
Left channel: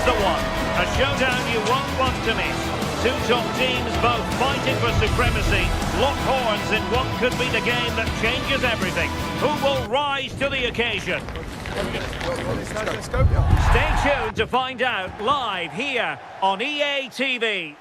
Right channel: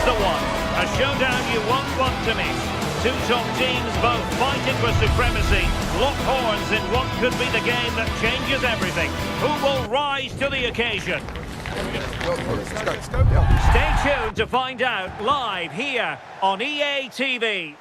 The one, a showdown you won't want to miss. Two top teams both fighting for supremacy. lock horns in what could be the game that changes everything. Who will rise to the occasion? Stay tuned to find out live here on EA TV.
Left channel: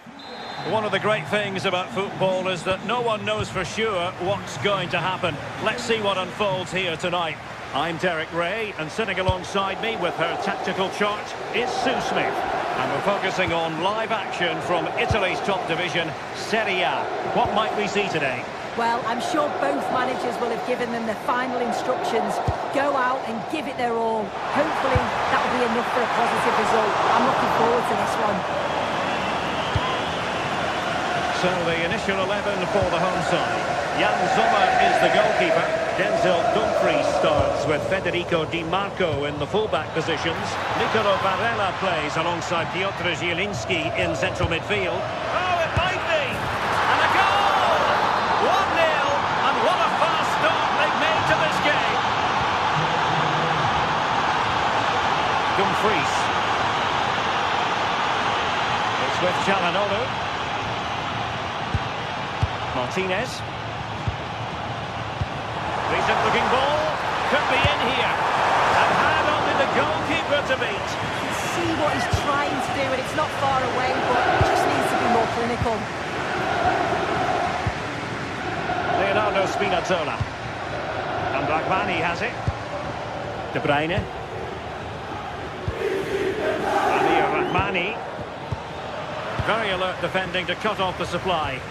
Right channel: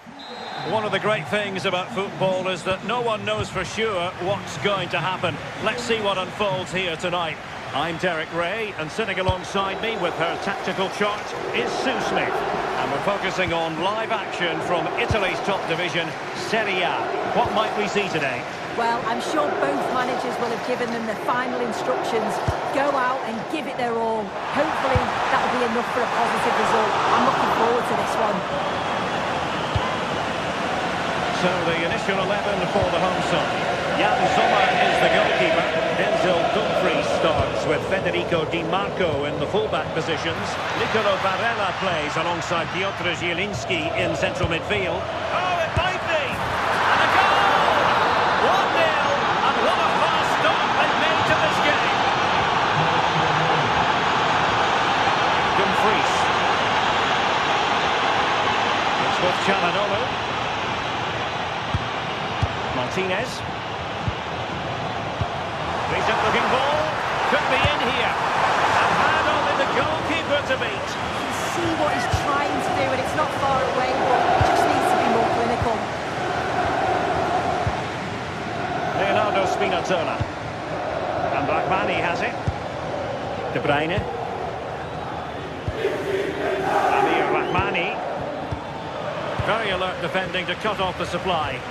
One of the great things about football is that no one knows for sure what's going to happen. Let's see what unfolds here tonight. I'm Derek Ray, and sitting alongside me with her tactical chart is Sue Smith. And we're focusing on live action from Italy's top division, Serie A. What might we see today? Well, I'm sure both managers will have given them the final instructions. Go out and give it their all. Hopefully, that'll be enough for a positive result. I'm looking forward to this one. So the initial 11 for the home side. Jan Sommer is the goalkeeper. Denzel Dumfries starts with Federico Di Marco in the fullback positions. Nicolo Barella plays alongside Piotr Zielinski in central midfield. Oh, it might be! And a goal! 1-0, and what a fast start they've made to this game. Dumfries. It's with Çalhanoğlu. Martinez. Decent looking ball. Could be in here. And had only the goalkeeper to beat. You can see what he's trying to do, and it's not far away, but just needs to be more clinical. Leonardo Spinazzola. And Rahmani has it. De Bruyne. Amir Rahmani. Very alert defending to cut off the supply.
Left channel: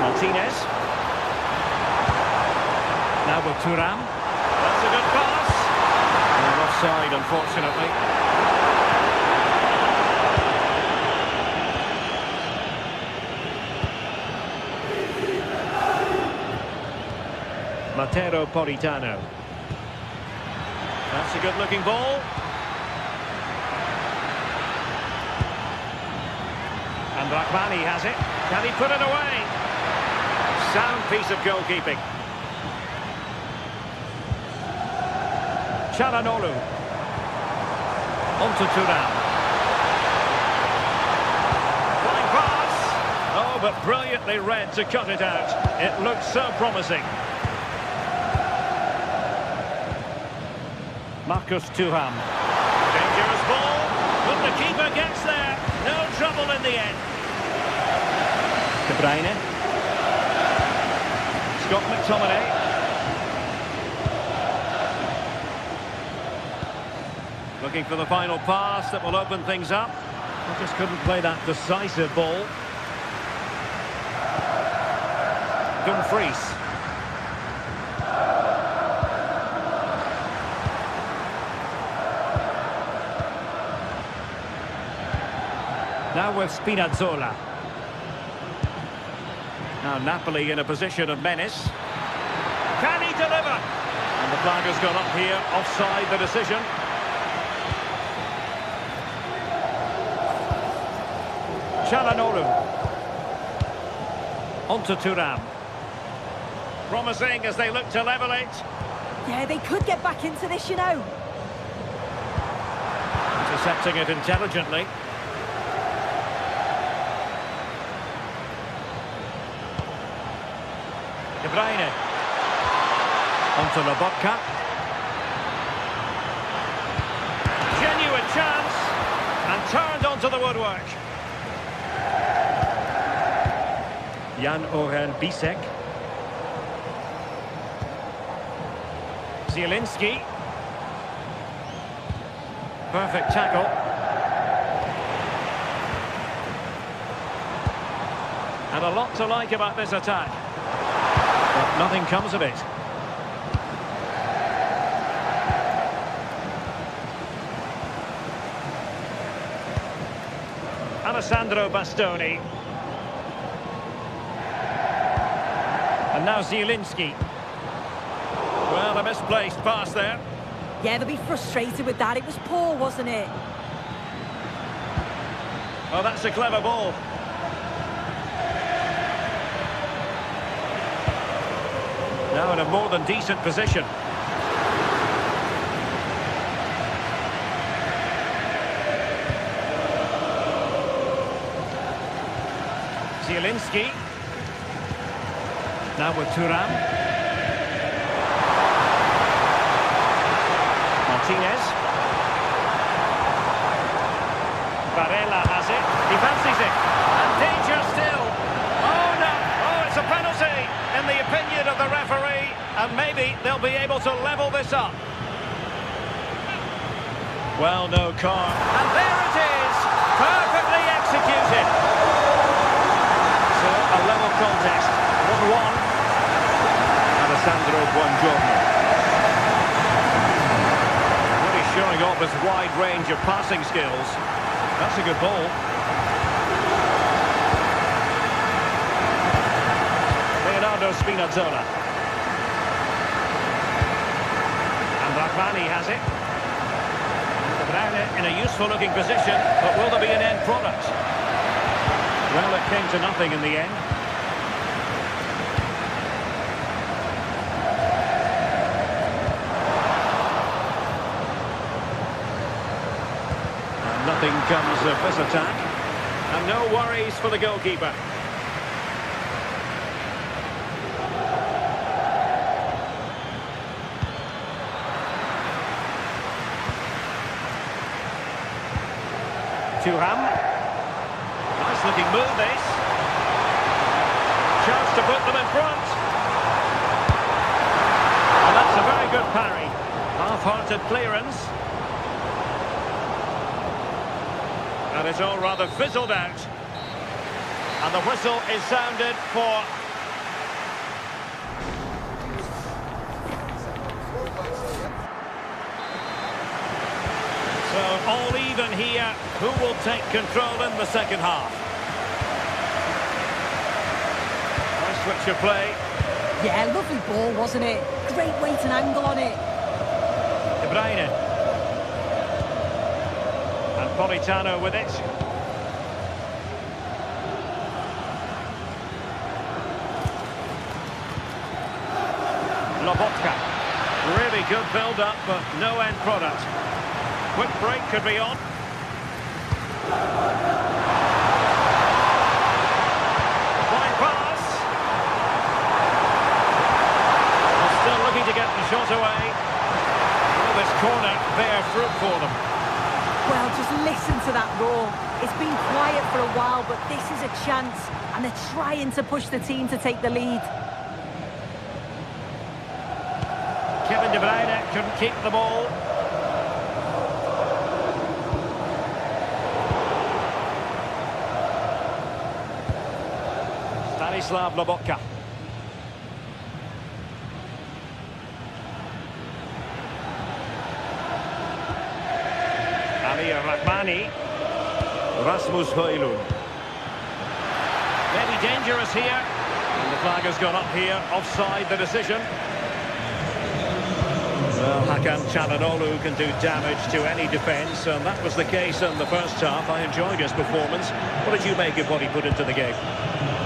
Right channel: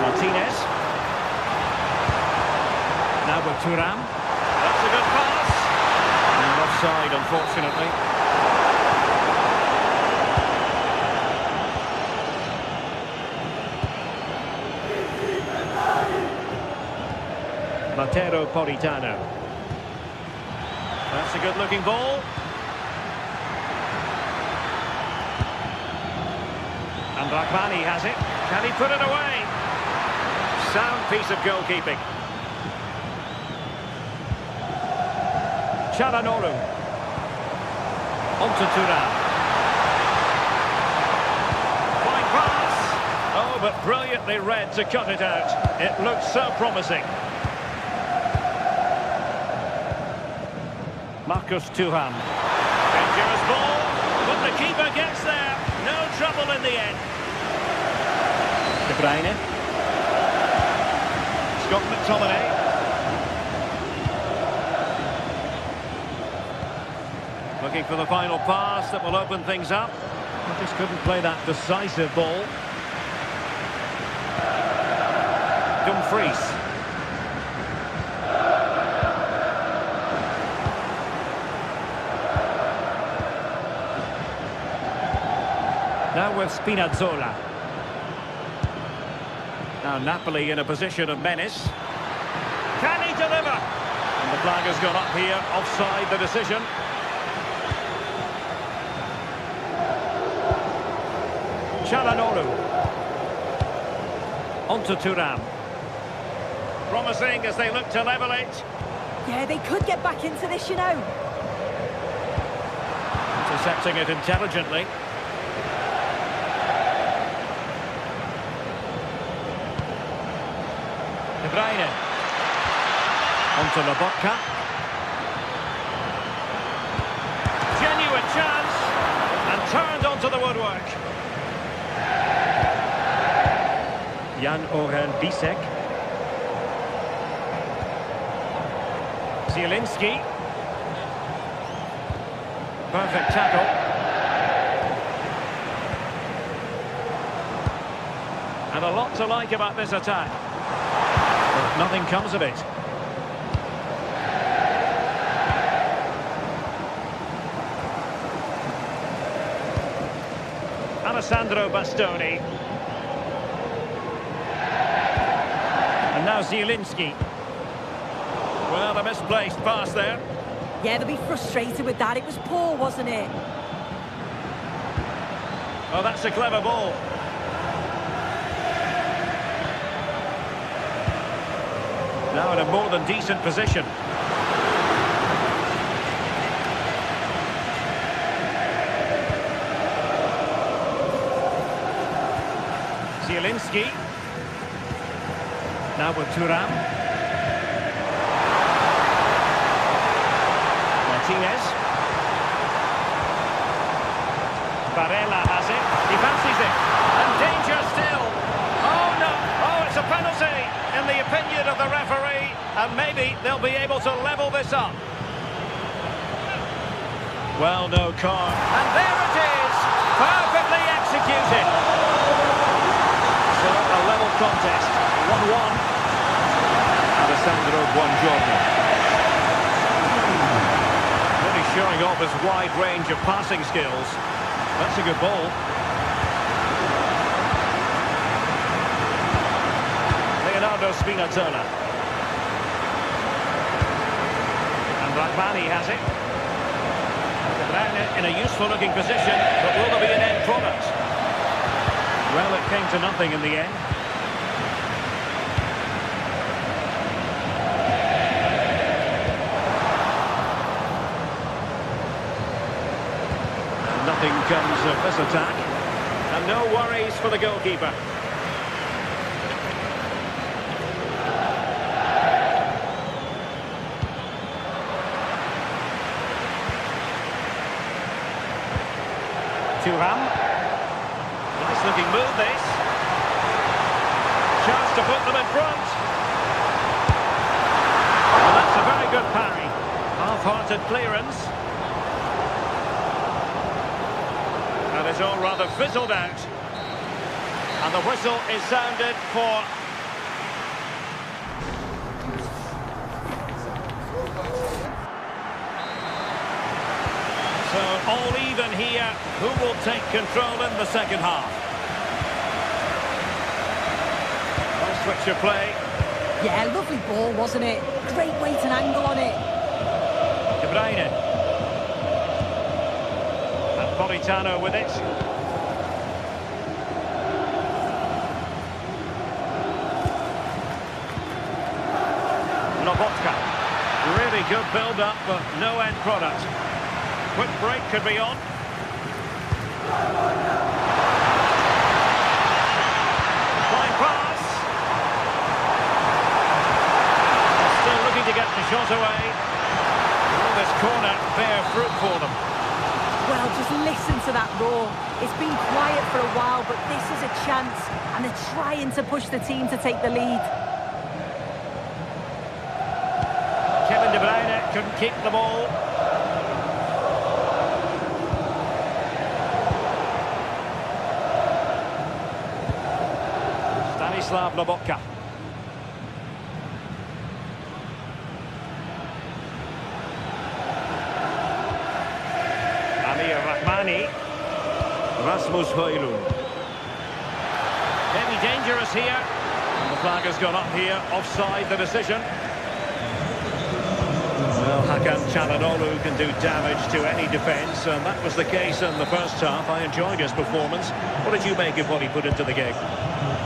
Martinez. Now with Thuram. That's a good pass. And offside, unfortunately. Matteo Politano. That's a good looking ball. And Rahmani has it. Can he put it away? Sound piece of goalkeeping. Çalhanoğlu. On to Thuram. Fine pass. Oh, but brilliantly read to cut it out. It looks so promising. Marcus Thuram. Dangerous ball, but the keeper gets there. No trouble in the end. De Bruyne. Scott McTominay. Looking for the final pass that will open things up. I just couldn't play that decisive ball. Dumfries. Now with Spinazzola. Now Napoli in a position of menace. Can he deliver? And the flag has gone up here. Offside the decision. Çalhanoğlu. On to Thuram. Promising as they look to level it. Yeah, they could get back into this, you know. Intercepting it intelligently. De Bruyne. On to Lobotka. Genuine chance. And turned onto the woodwork. Jan Orel Bisek. Zielinski. Perfect tackle. And a lot to like about this attack. But nothing comes of it. Alessandro Bastoni. And now Zielinski. Well, a misplaced pass there. Yeah, they'll be frustrated with that. It was poor, wasn't it? Oh, that's a clever ball. Now in a more than decent position. Zielinski. Now with Thuram. Martinez. Barella has it. He fancies it. And danger still. Oh, no. Oh, it's a penalty in the opinion of the referee. And maybe they'll be able to level this up. Well, no card. And there it is. Perfectly executed. So, a level contest. 1-1. Alessandro Buongiorno. Really showing off his wide range of passing skills. That's a good ball. Leonardo Spinazzola. And Rahmani has it. And De Bruyne in a useful looking position, but will there be an end product? Well, it came to nothing in the end. And nothing comes of this attack. And no worries for the goalkeeper. Thuram. Nice looking move this. Chance to put them in front. And that's a very good parry. Half-hearted clearance. And it's all rather fizzled out. And the whistle is sounded for... So all even here. Who will take control in the second half? Nice switch of play. Yeah, lovely ball, wasn't it? Great weight and angle on it. De Bruyne. And Politano with it. Lobotka. Really good build-up, but no end product. Quick break could be on. Fine pass. Well, still looking to get the shot away. Will this corner bear fruit for them? Well, just listen to that roar. It's been quiet for a while, but this is a chance, and they're trying to push the team to take the lead. Kevin De Bruyne couldn't keep the ball. Stanislav Lobotka. Amir Rahmani. Rasmus Højlund. Maybe dangerous here. And the flag has gone up here. Offside the decision. Well, Hakan Çalhanoğlu can do damage to any defence, and that was the case in the first half. I enjoyed his performance. What did you make of what he put into the game?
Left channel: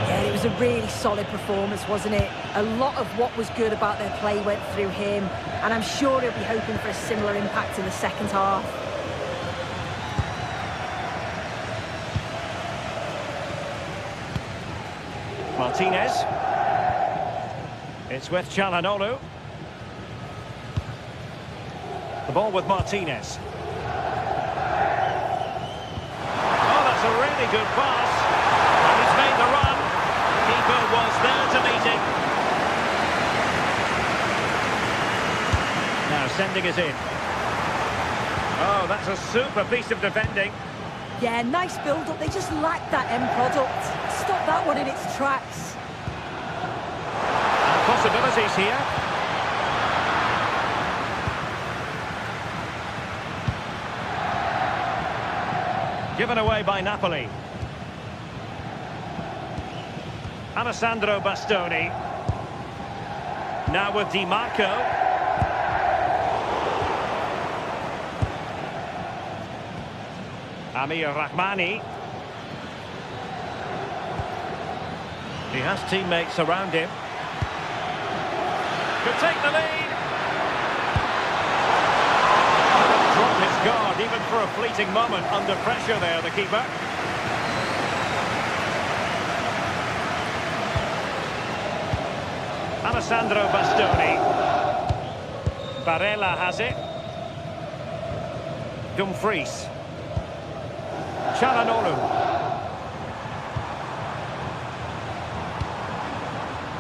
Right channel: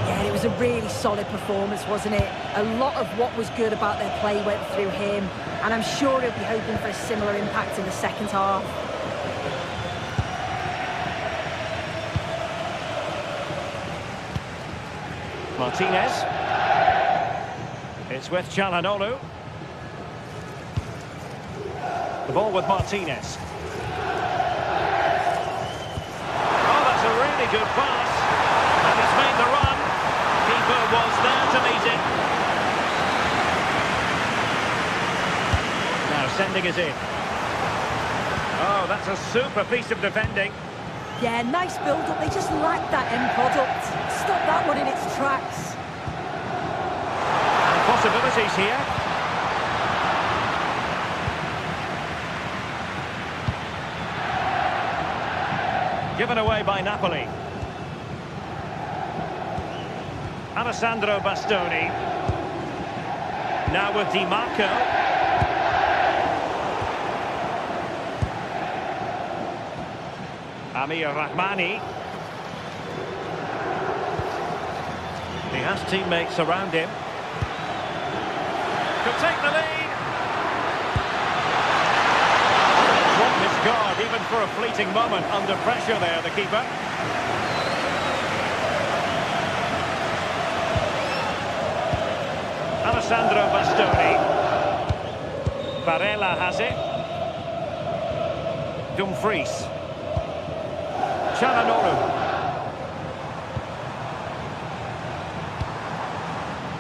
Yeah, it was a really solid performance, wasn't it? A lot of what was good about their play went through him, and I'm sure he'll be hoping for a similar impact in the second half. Martinez. It's with Çalhanoğlu. The ball with Martinez. Oh, that's a really good pass. And he's made the run. Keeper was there to meet it. Now sending it in. Oh, that's a super piece of defending. Yeah, nice build-up. They just lacked that end product. Stop that one in its tracks. And possibilities here. Given away by Napoli. Alessandro Bastoni. Now with Di Marco. Amir Rahmani. He has teammates around him. Could take the lead. Couldn't drop his guard even for a fleeting moment under pressure there, the keeper. Alessandro Bastoni. Barella has it. Dumfries. Çalhanoğlu.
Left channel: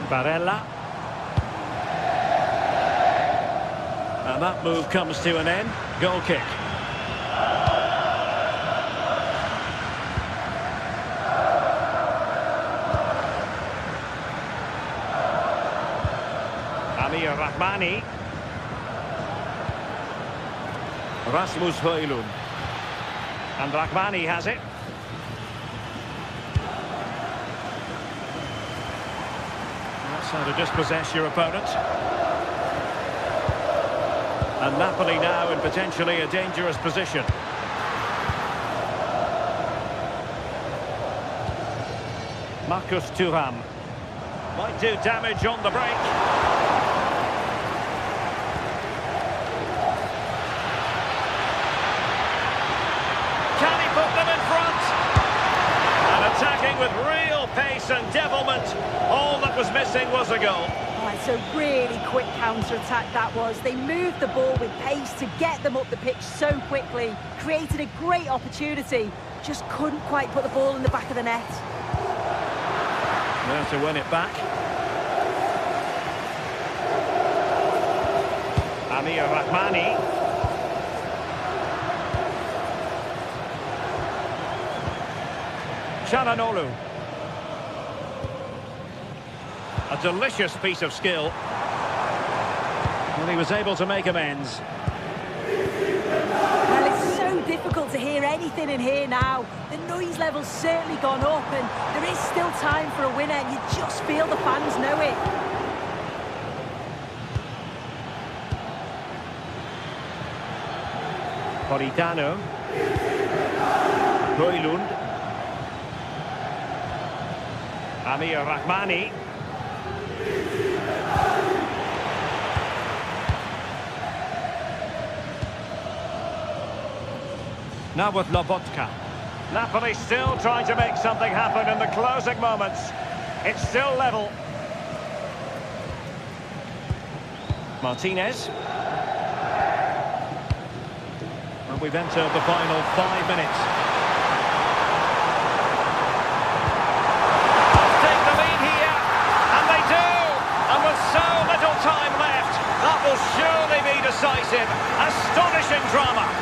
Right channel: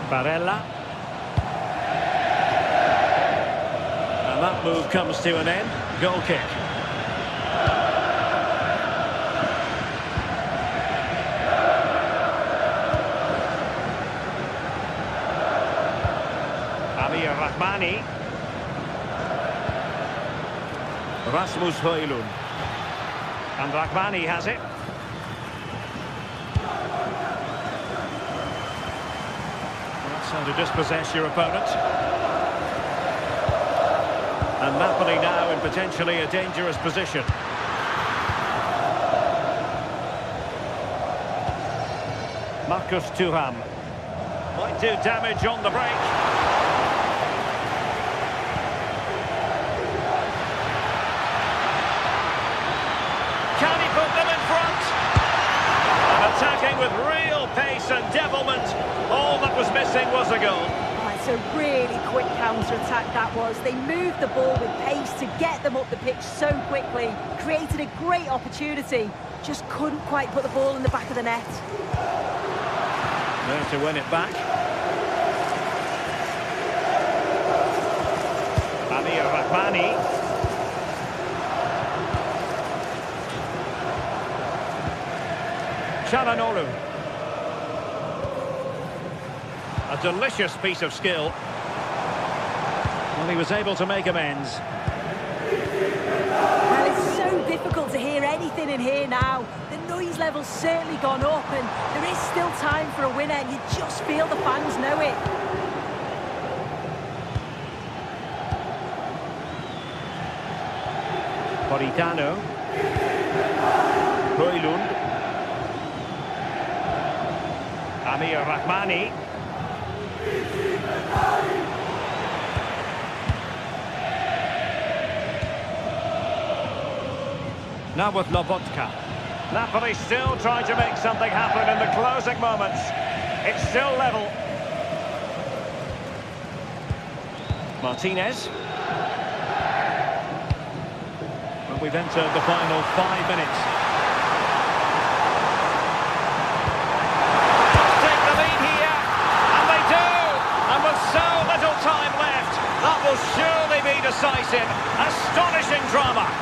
Barella. And that move comes to an end. Goal kick. Amir Rahmani. Rasmus Højlund. And Rahmani has it. That's how to dispossess your opponent. And Napoli now in potentially a dangerous position. Marcus Thuram. Might do damage on the break. Can he put them in front? And attacking with real pace and devilment. All that was missing was a goal. Oh, it's a really quick counter-attack that was. They moved the ball with pace to get them up the pitch so quickly. Created a great opportunity. Just couldn't quite put the ball in the back of the net. There to win it back. Amir Rahmani. Çalhanoğlu. A delicious piece of skill. Well, he was able to make amends. Well, it's so difficult to hear anything in here now. The noise level's certainly gone up and there is still time for a winner. You just feel the fans know it. Politano. Højlund. Amir Rahmani. Now with Lobotka. Napoli still trying to make something happen in the closing moments. It's still level. Martinez. And we've entered the final 5 minutes. Must take the lead here, and they do! And with so little time left, that will surely be decisive. Astonishing drama.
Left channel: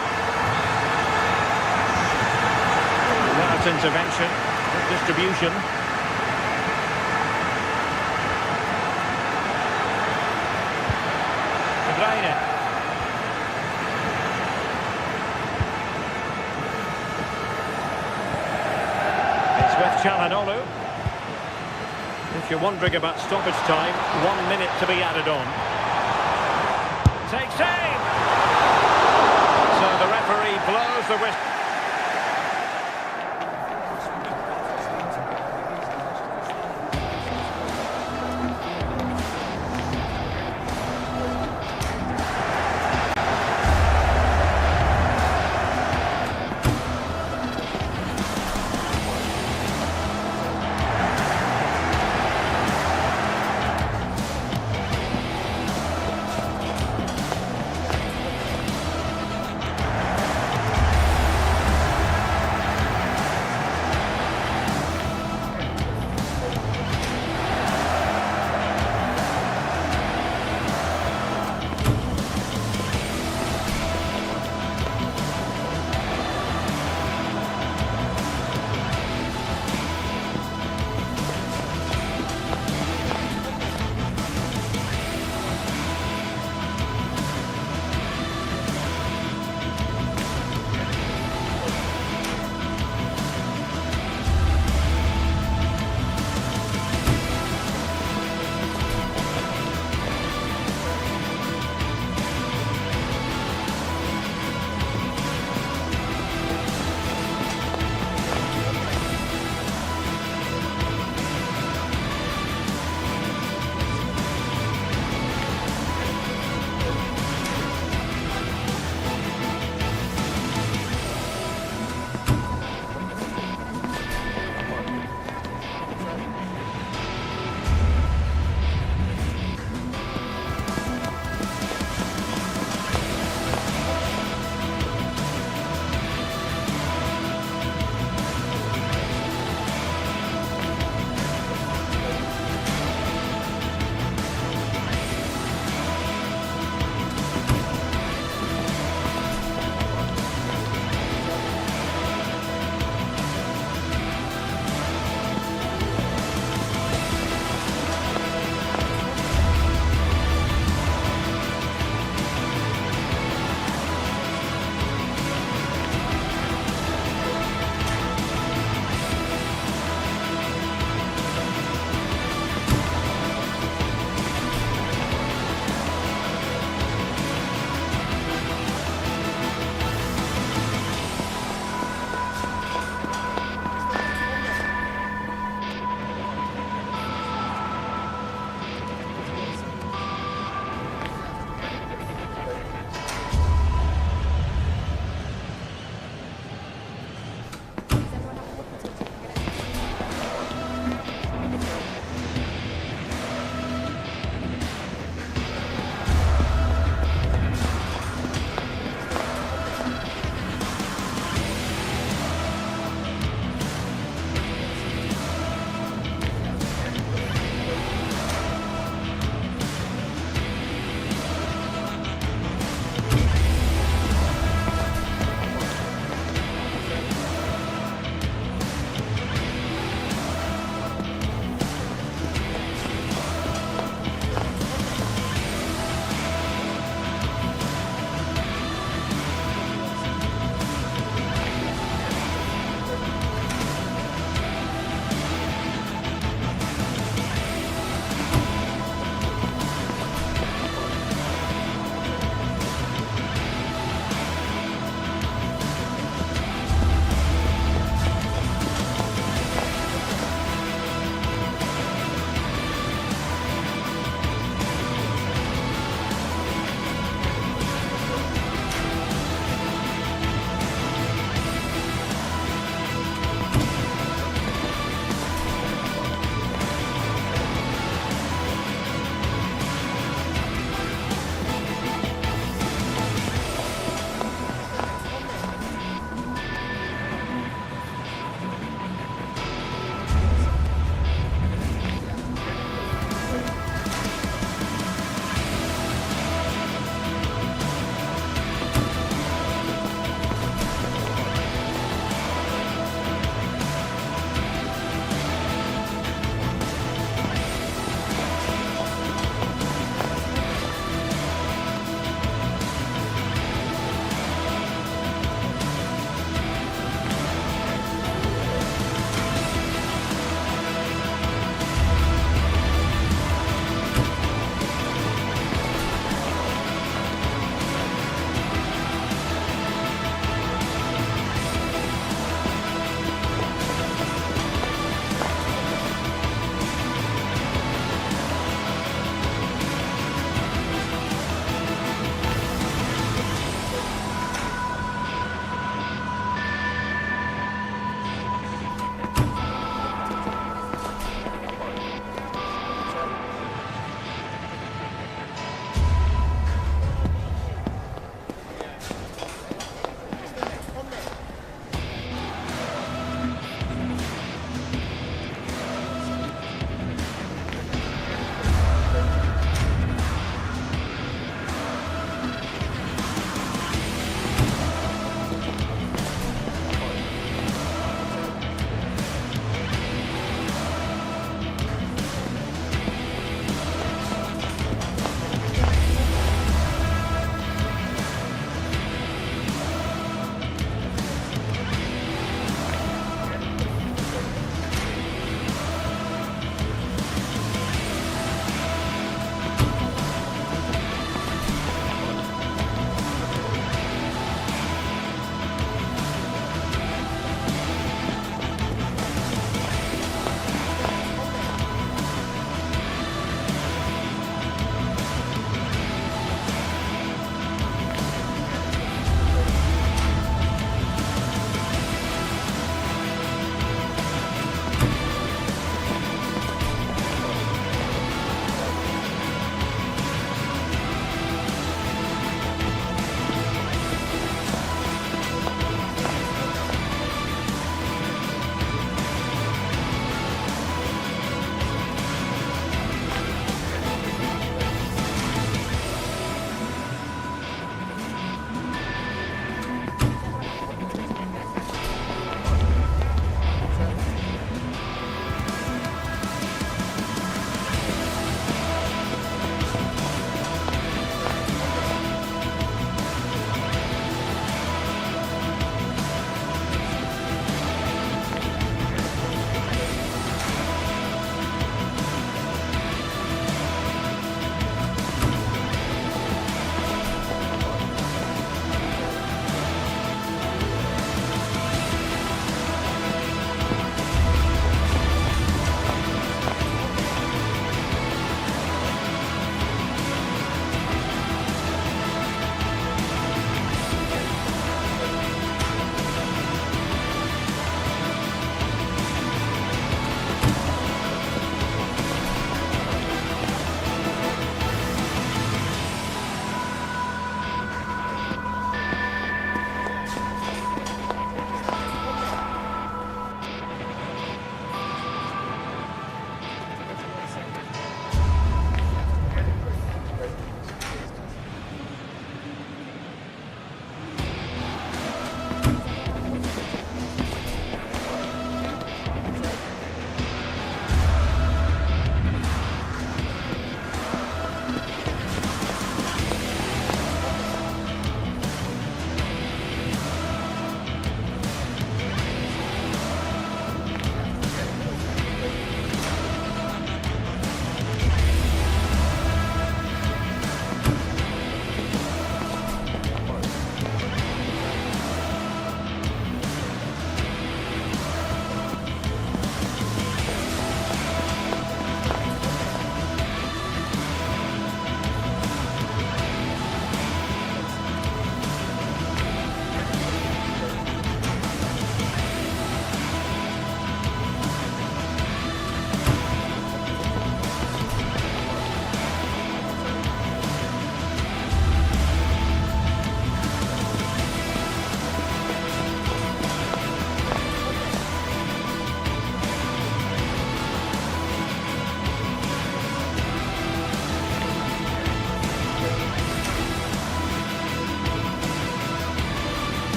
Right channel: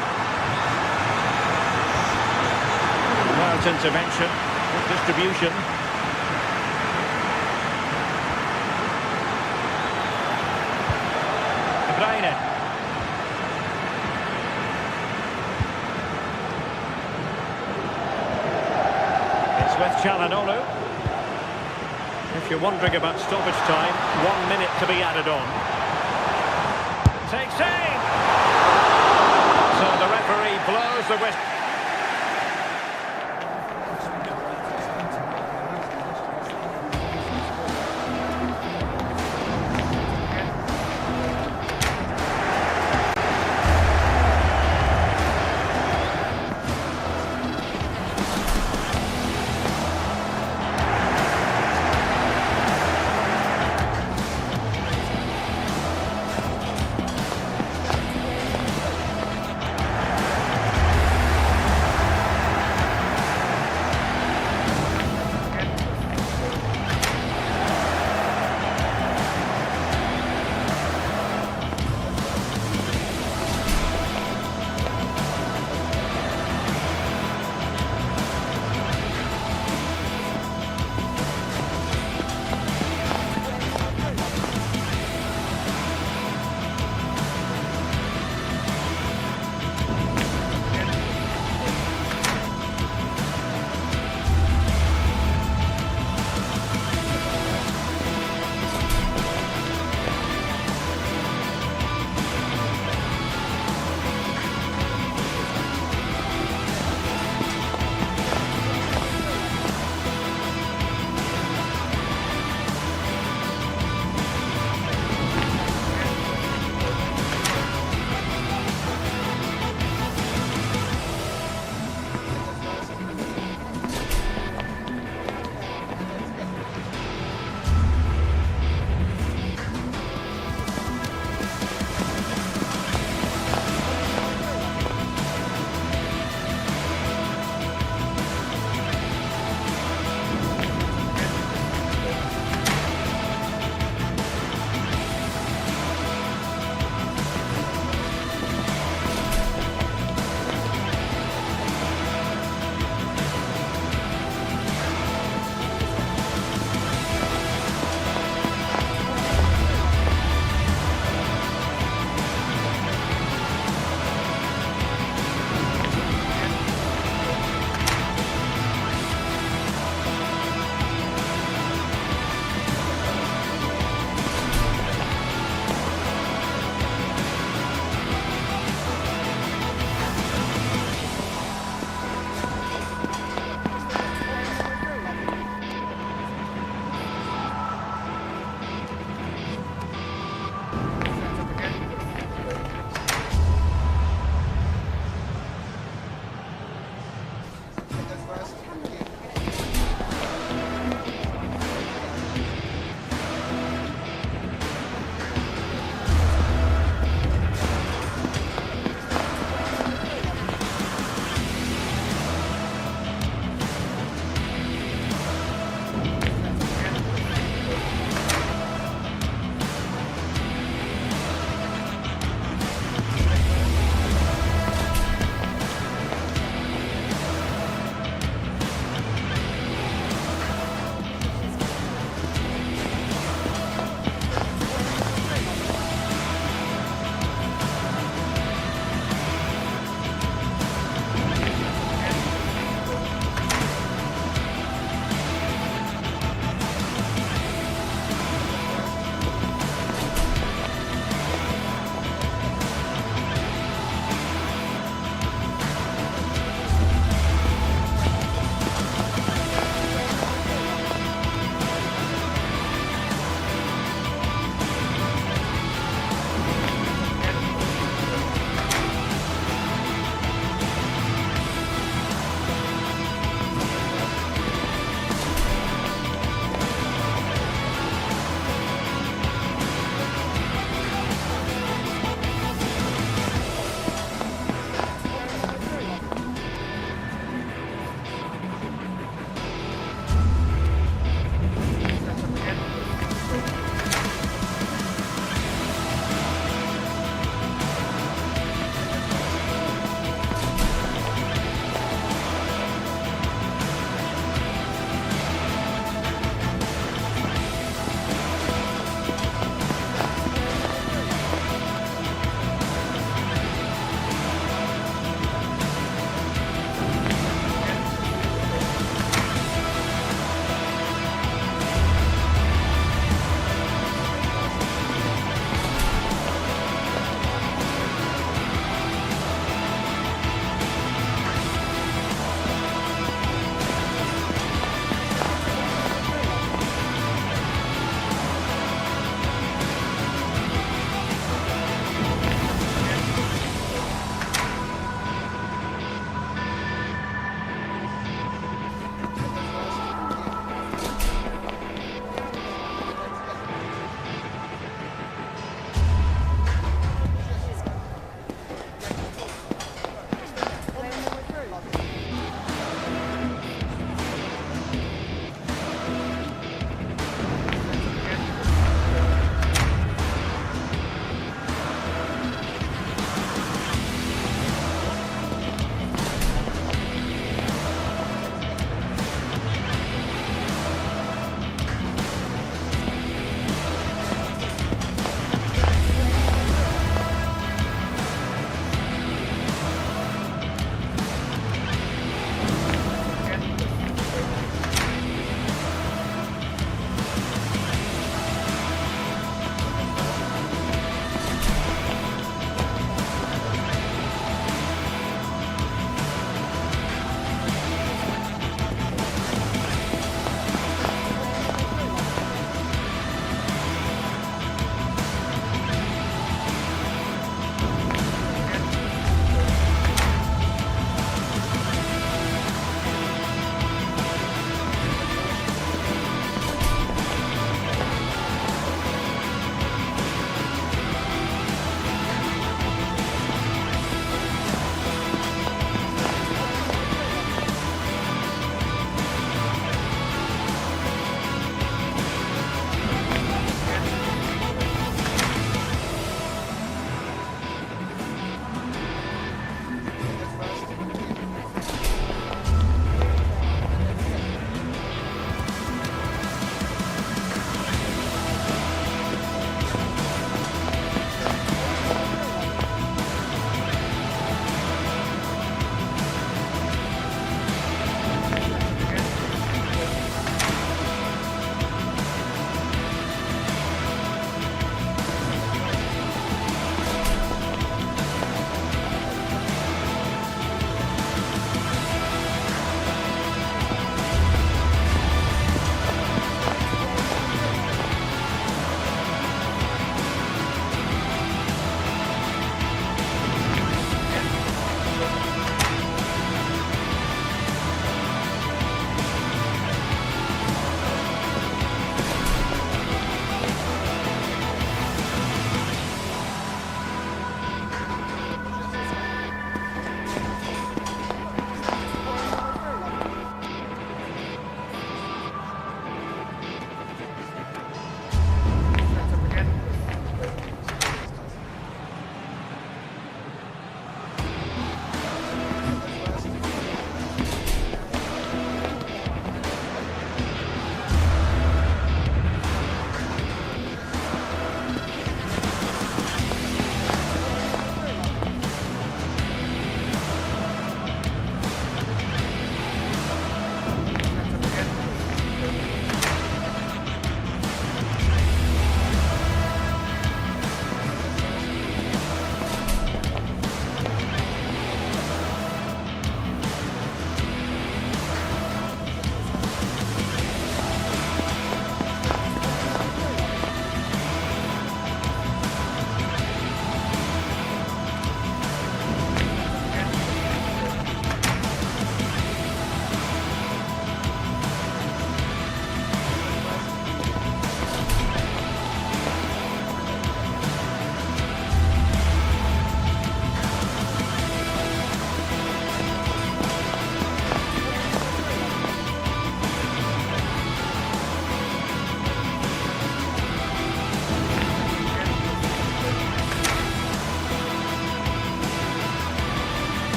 That's intervention, good distribution. De Bruyne. It's with Çalhanoğlu. If you're wondering about stoppage time, 1 minute to be added on. Takes aim! So the referee blows the whistle.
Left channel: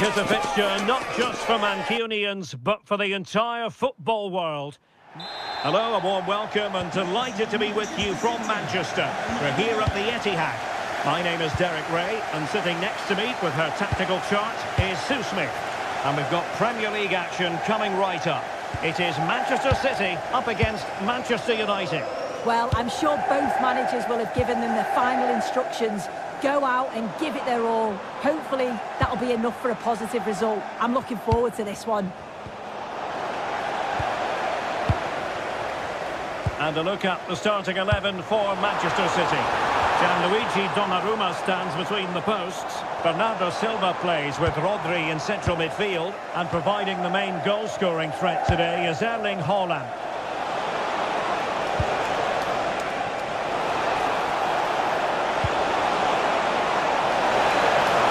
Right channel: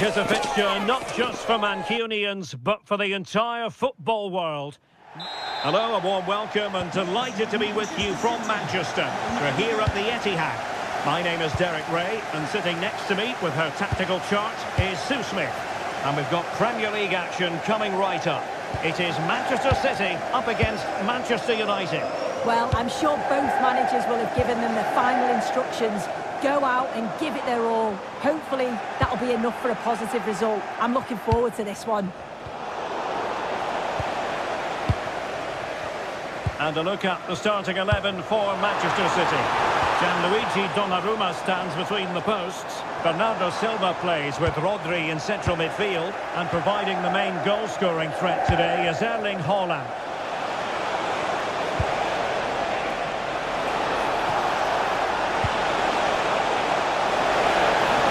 Here's a fixture not just for Mancunians, but for the entire football world. Hello, a warm welcome and delighted to be with you from Manchester. We're here at the Etihad. My name is Derek Ray, and sitting next to me with her tactical chart is Sue Smith. And we've got Premier League action coming right up. It is Manchester City up against Manchester United. Well, I'm sure both managers will have given them their final instructions. Go out and give it their all. Hopefully, that'll be enough for a positive result. I'm looking forward to this one. And a look at the starting 11 for Manchester City. Gianluigi Donnarumma stands between the posts. Bernardo Silva plays with Rodri in central midfield. And providing the main goal-scoring threat today is Erling Haaland.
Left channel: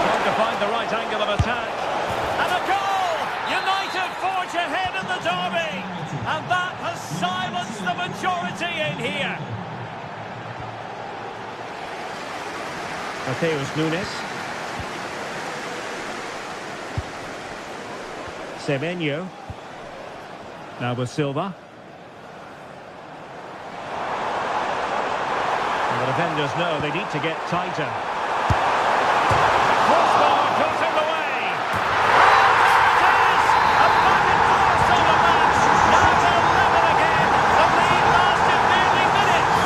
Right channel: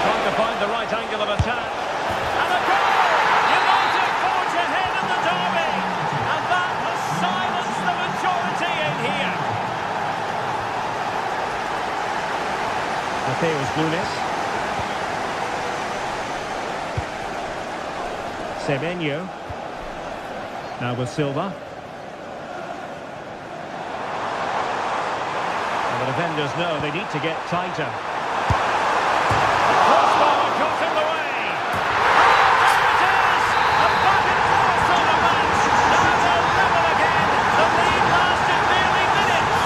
Trying to find the right angle of attack. And a goal! United forge ahead in the derby. And that has silenced the majority in here. Mateus Nunes. Semenyo. Now with Silva. And the defenders know they need to get tighter. The crossbar got in the way. Oh, there it is! A back and forth on the match. Now they're level again. The lead lasted nearly minutes.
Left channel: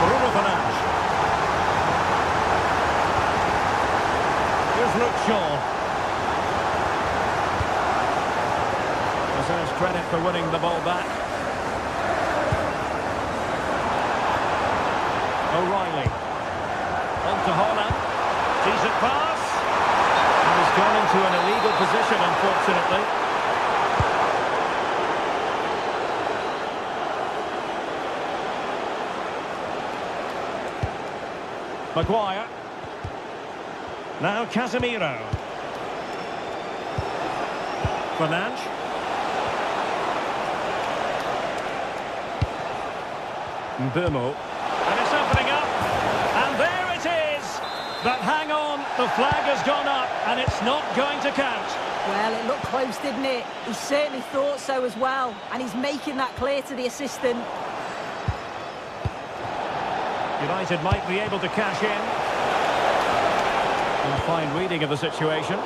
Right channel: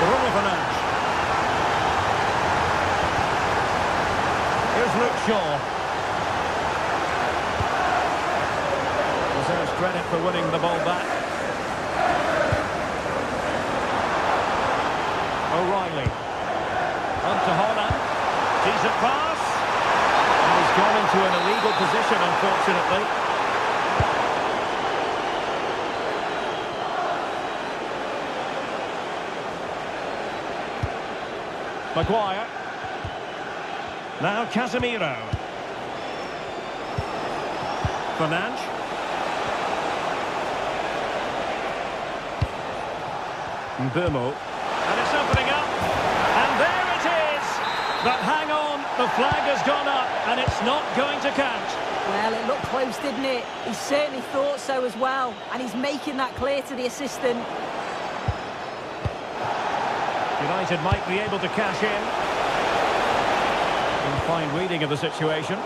Bruno Fernandes. Here's Luke Shaw. Deserves credit for winning the ball back. O'Reilly. On to Haaland. Decent pass. And he's gone into an illegal position, unfortunately. Maguire. Now Casemiro. Fernandes. Mbeumo. And it's opening up. And there it is. But hang on, the flag has gone up and it's not going to count. Well, it looked close, didn't it? He certainly thought so as well. And he's making that clear to the assistant. United might be able to cash in. A fine reading of the situation.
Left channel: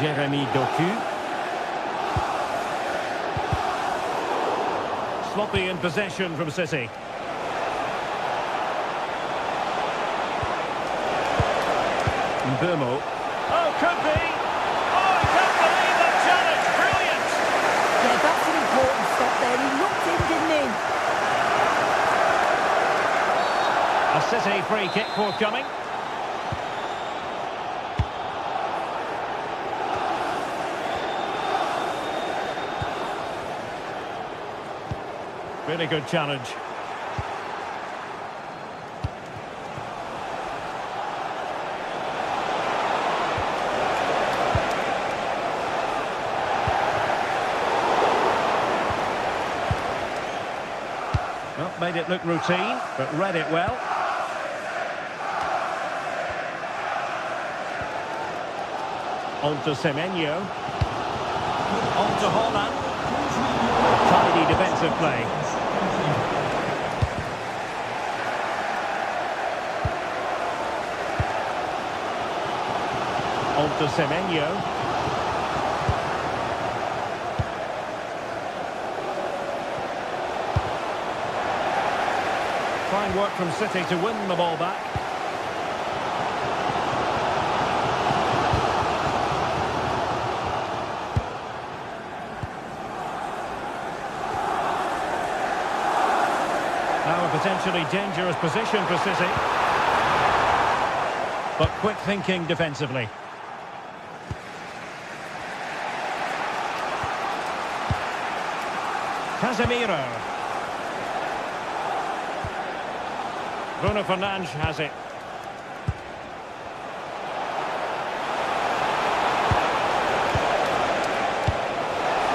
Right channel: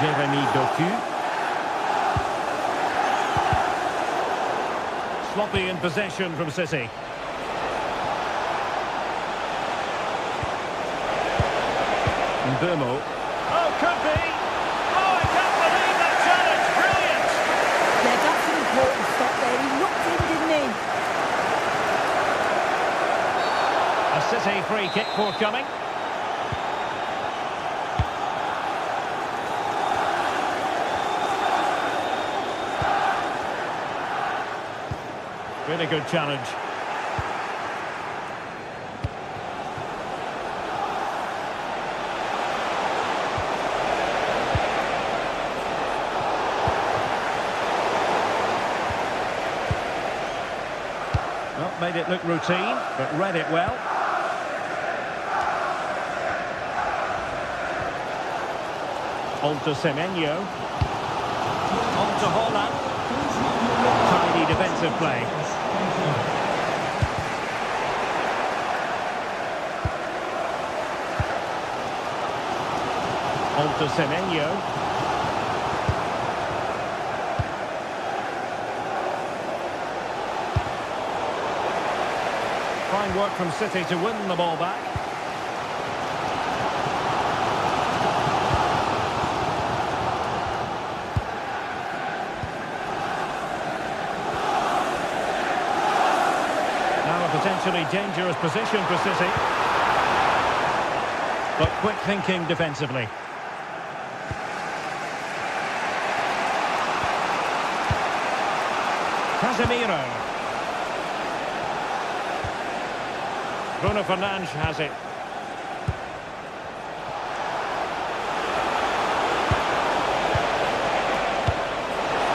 Jeremy Doku. Sloppy in possession from City. Mbeumo. Oh, could be. Oh, I can't believe that challenge. Brilliant. Yeah, that's an important stop there. He looked in, didn't he? A City free kick forthcoming. Really good challenge. Well, made it look routine, but read it well. On to Semenyo. On to Haaland. Tidy defensive play. On to Semenyo. Fine work from City to win the ball back. Now a potentially dangerous position for City. But quick thinking defensively. Casemiro. Bruno Fernandes has it.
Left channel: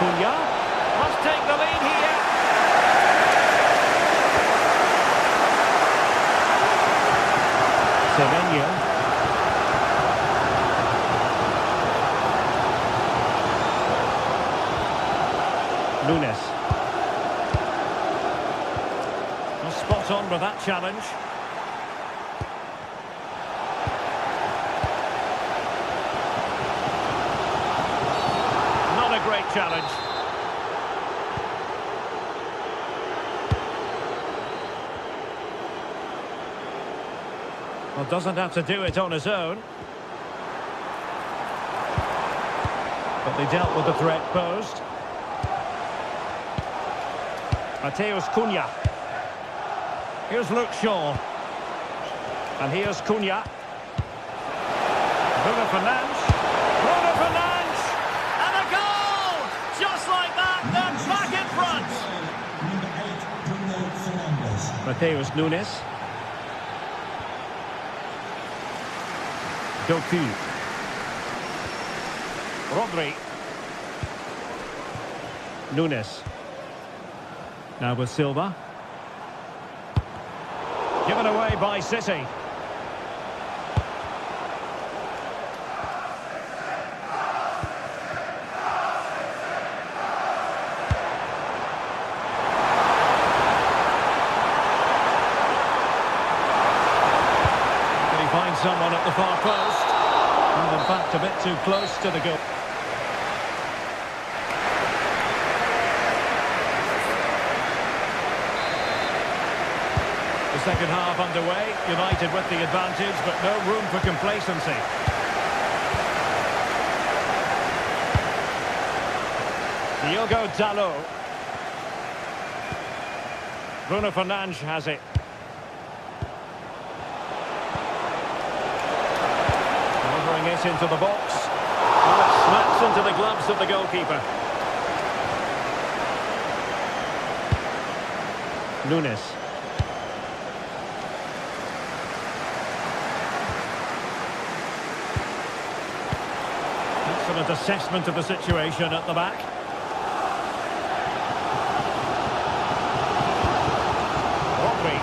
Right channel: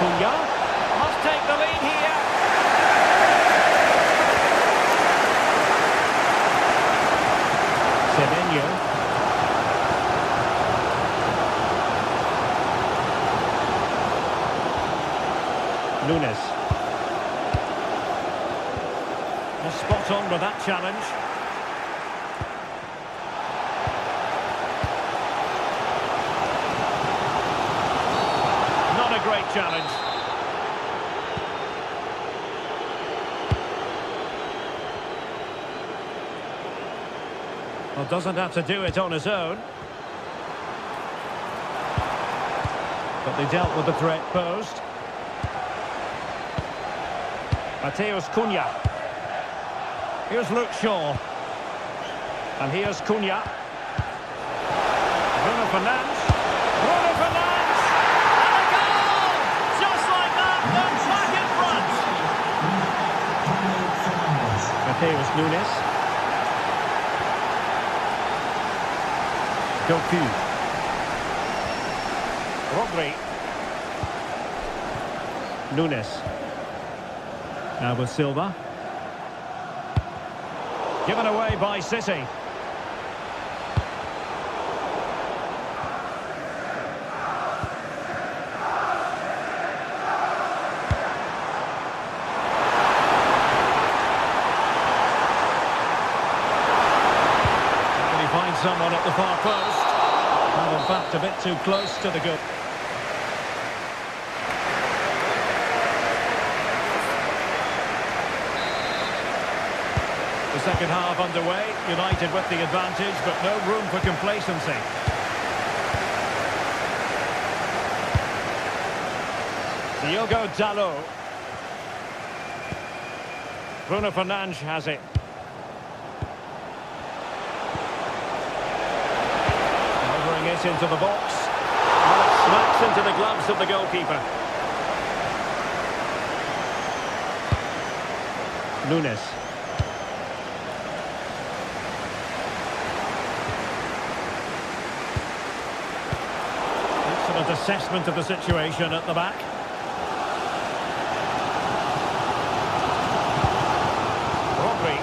Cunha must take the lead here. Semenyo. Nunes. Well, spot on with that challenge. Not a great challenge. Well, doesn't have to do it on his own. But they dealt with the threat posed. Mateus Cunha. Here's Luke Shaw. And here's Cunha. Bruno Fernandes. Bruno Fernandes! And a goal! Just like that, they're back in front. Mateus Nunes. Doku. Rodri. Nunes. Now with Silva. Given away by City. Can he find someone at the far post? And in fact, a bit too close to the goal. The second half underway, United with the advantage, but no room for complacency. Diogo Dalot. Bruno Fernandes has it. Delivering it into the box. Well, it smacks into the gloves of the goalkeeper. Nunes. Excellent assessment of the situation at the back. Rodri.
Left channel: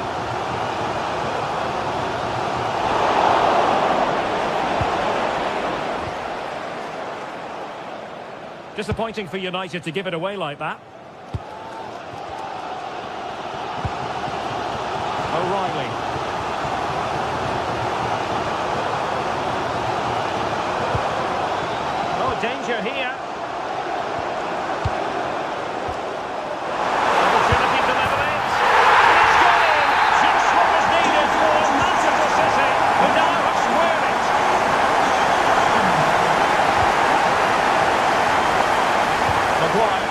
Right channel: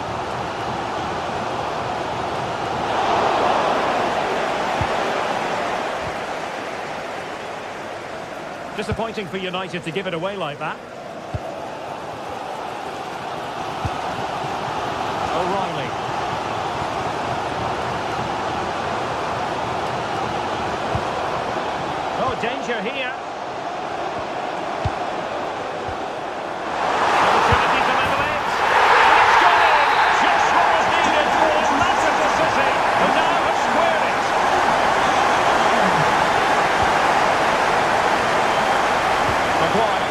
Disappointing for United to give it away like that. O'Reilly. Oh, danger here. Opportunity to level it. And it's gone in. Just what was needed for Manchester City, who now have squared it. Maguire.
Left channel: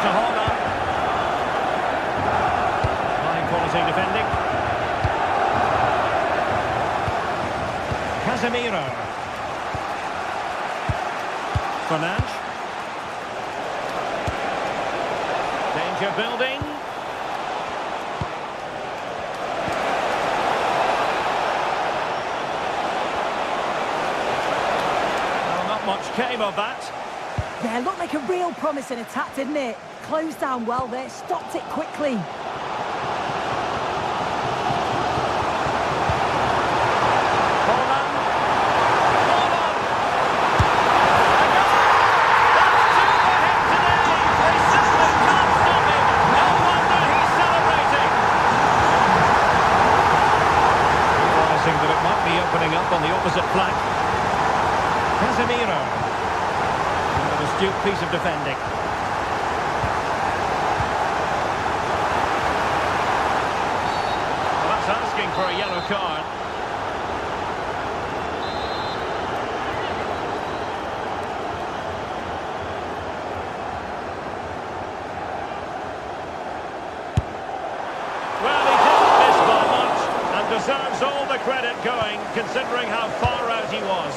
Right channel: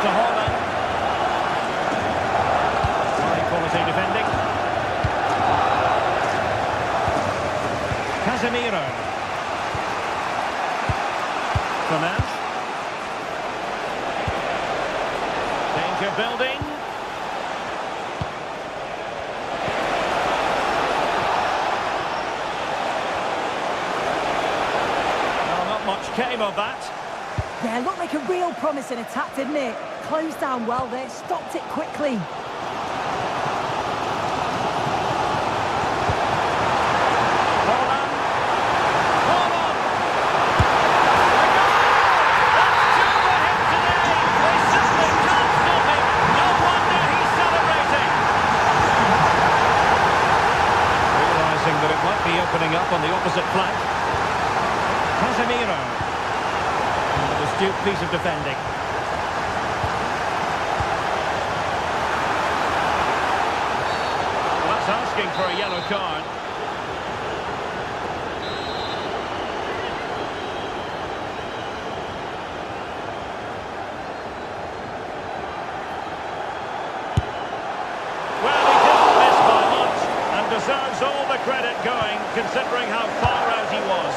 To Holland. High quality defending. Casemiro. Fernandes. Danger building. Well, not much came of that. Yeah, looked like a real promising attack, didn't it? Closed down well there, stopped it quickly. Holland. Holland. A goal! That's two for him today. They simply can't stop him. No wonder he's celebrating. Realising that it might be opening up on the opposite flank. Casemiro. An astute piece of defending. Well, that's asking for a yellow card. Well, he didn't miss by much and deserves all the credit going, considering how far out he was.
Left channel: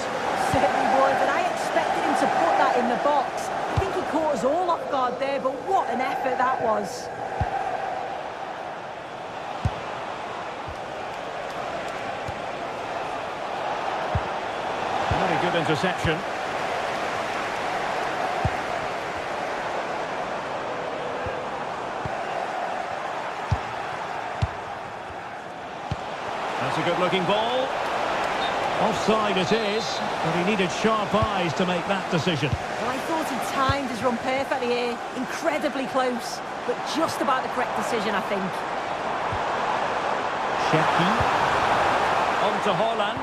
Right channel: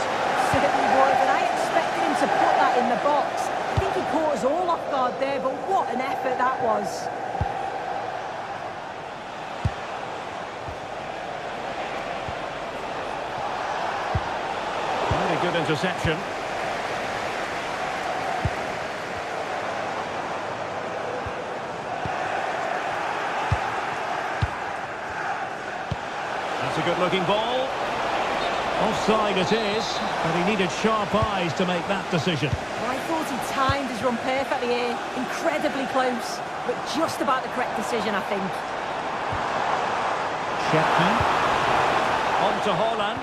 Certainly would, and I expected him to put that in the box. I think he caught us all off guard there, but what an effort that was. good interception. That's a good-looking ball. Offside it is, but he needed sharp eyes to make that decision. Well, I thought he timed his run perfectly here. Incredibly close, but just about the correct decision, I think. Shepki. On to Haaland.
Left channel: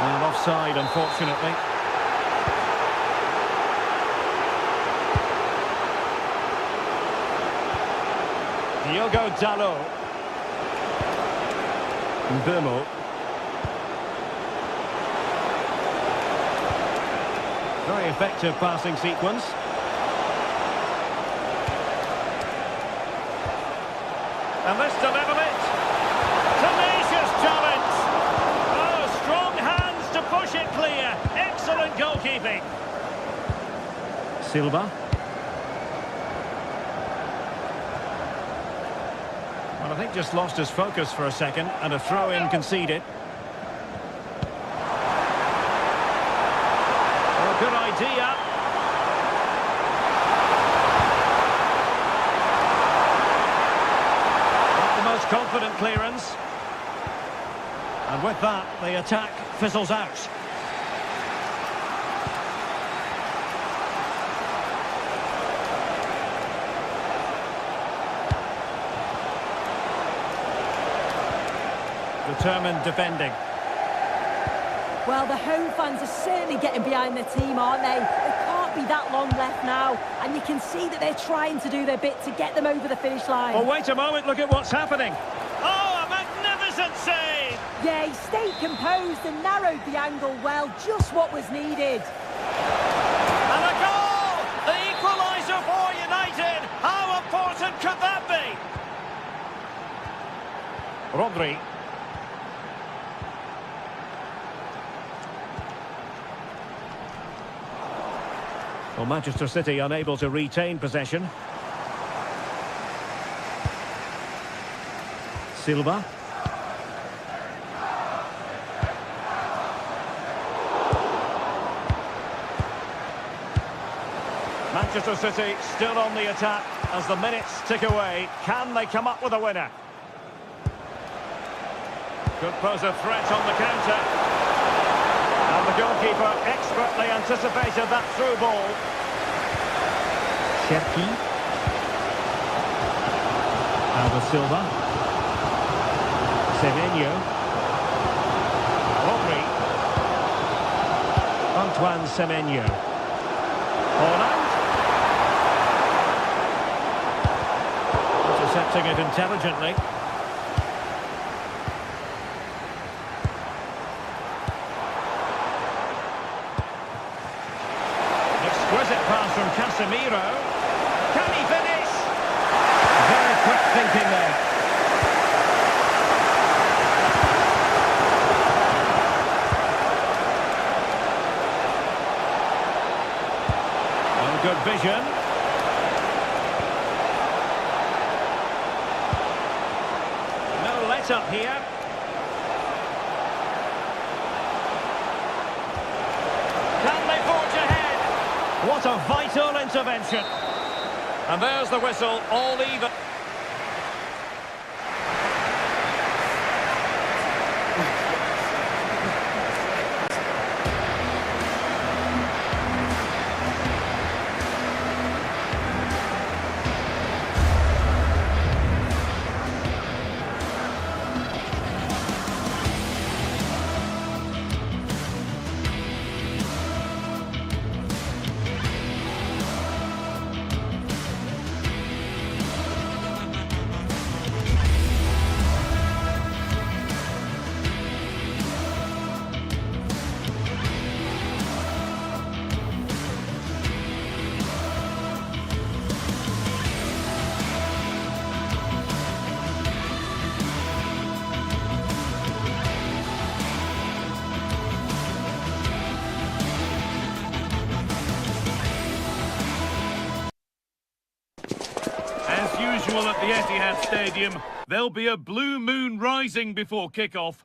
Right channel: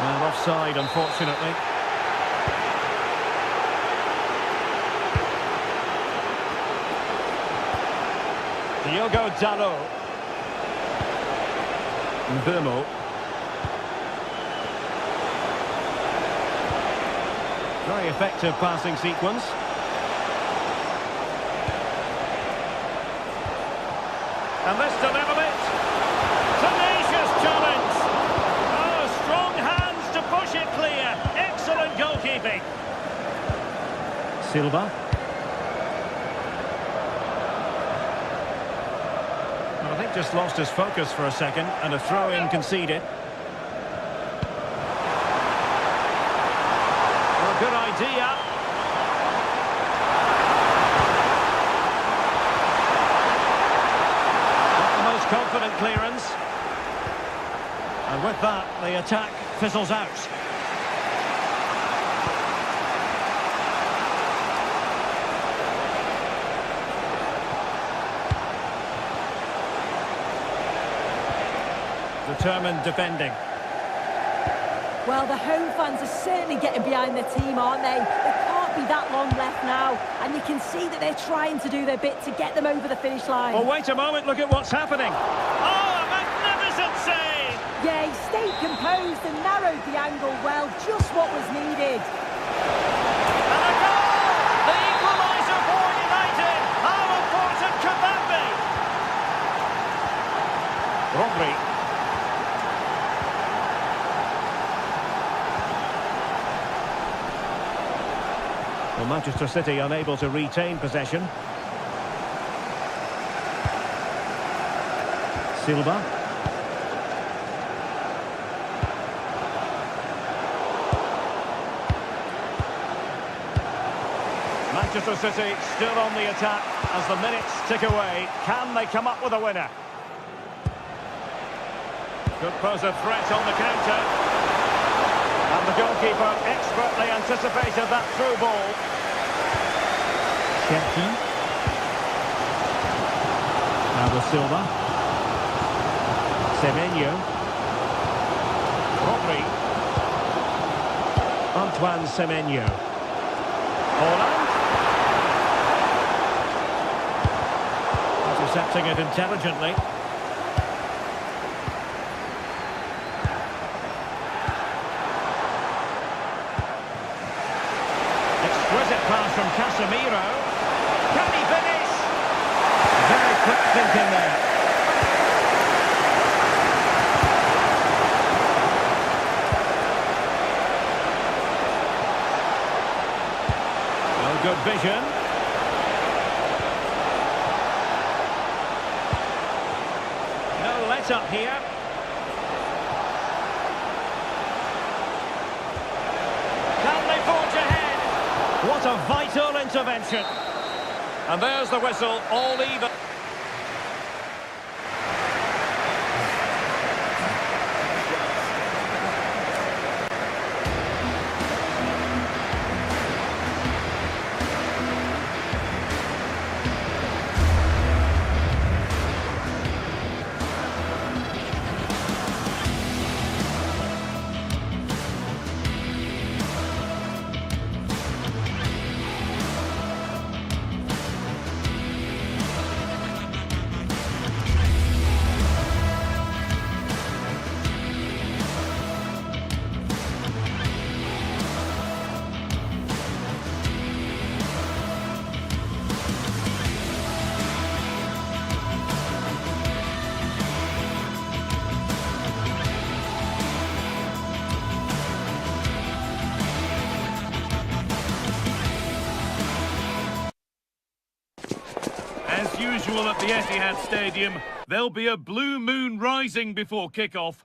Well, offside, unfortunately. Diogo Dalot. Mbemo. Very effective passing sequence. And this to level it. Tenacious challenge. Oh, strong hands to push it clear. Excellent goalkeeping. Silva. Well, I think just lost his focus for a second, and a throw-in conceded. Oh, good idea. Not the most confident clearance. And with that, the attack fizzles out. Determined defending. Well, the home fans are certainly getting behind their team, aren't they? There can't be that long left now, and you can see that they're trying to do their bit to get them over the finish line. Oh, wait a moment, look at what's happening. Oh, a magnificent save! Yeah, he stayed composed and narrowed the angle well, just what was needed. And a goal! The equaliser for United! How important could that be? Rodri. Well, Manchester City unable to retain possession. Silva. Manchester City still on the attack as the minutes tick away. Can they come up with a winner? Could pose a threat on the counter. And the goalkeeper expertly anticipated that through ball. Shepki. Now with Silva. Semenyo. Rodri. Antoine Semenyo. Haaland. Intercepting it intelligently. Exquisite pass from Casemiro. Can he finish? Very quick thinking there. Well, good vision. No let-up here. Can they forge ahead? What a vital intervention. And there's the whistle, all even. As usual at the Etihad Stadium, there'll be a blue moon rising before kick-off.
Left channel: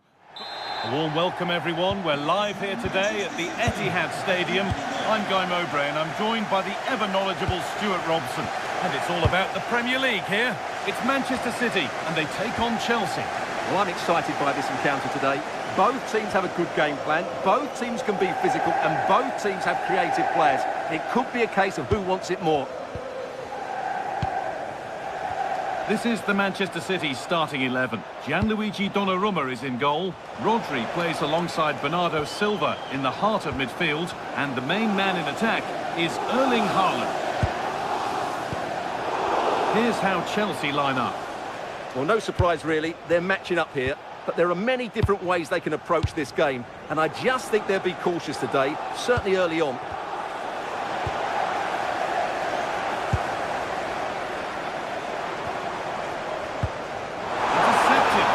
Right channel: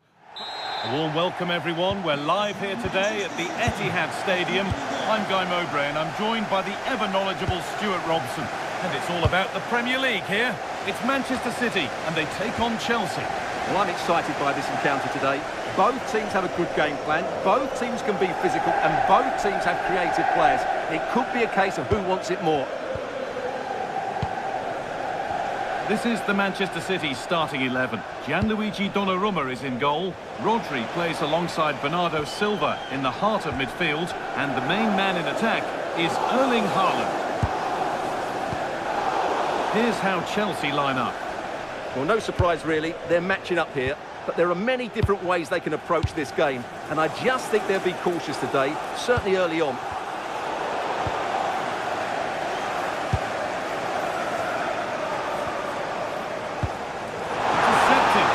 A warm welcome, everyone. We're live here today at the Etihad Stadium. I'm Guy Mowbray, and I'm joined by the ever-knowledgeable Stuart Robson. And it's all about the Premier League here. It's Manchester City, and they take on Chelsea. Well, I'm excited by this encounter today. Both teams have a good game plan, both teams can be physical, and both teams have creative players. It could be a case of who wants it more. This is the Manchester City starting 11. Gianluigi Donnarumma is in goal. Rodri plays alongside Bernardo Silva in the heart of midfield. And the main man in attack is Erling Haaland. Here's how Chelsea line up. Well, no surprise really, they're matching up here. But there are many different ways they can approach this game. And I just think they'll be cautious today, certainly early on.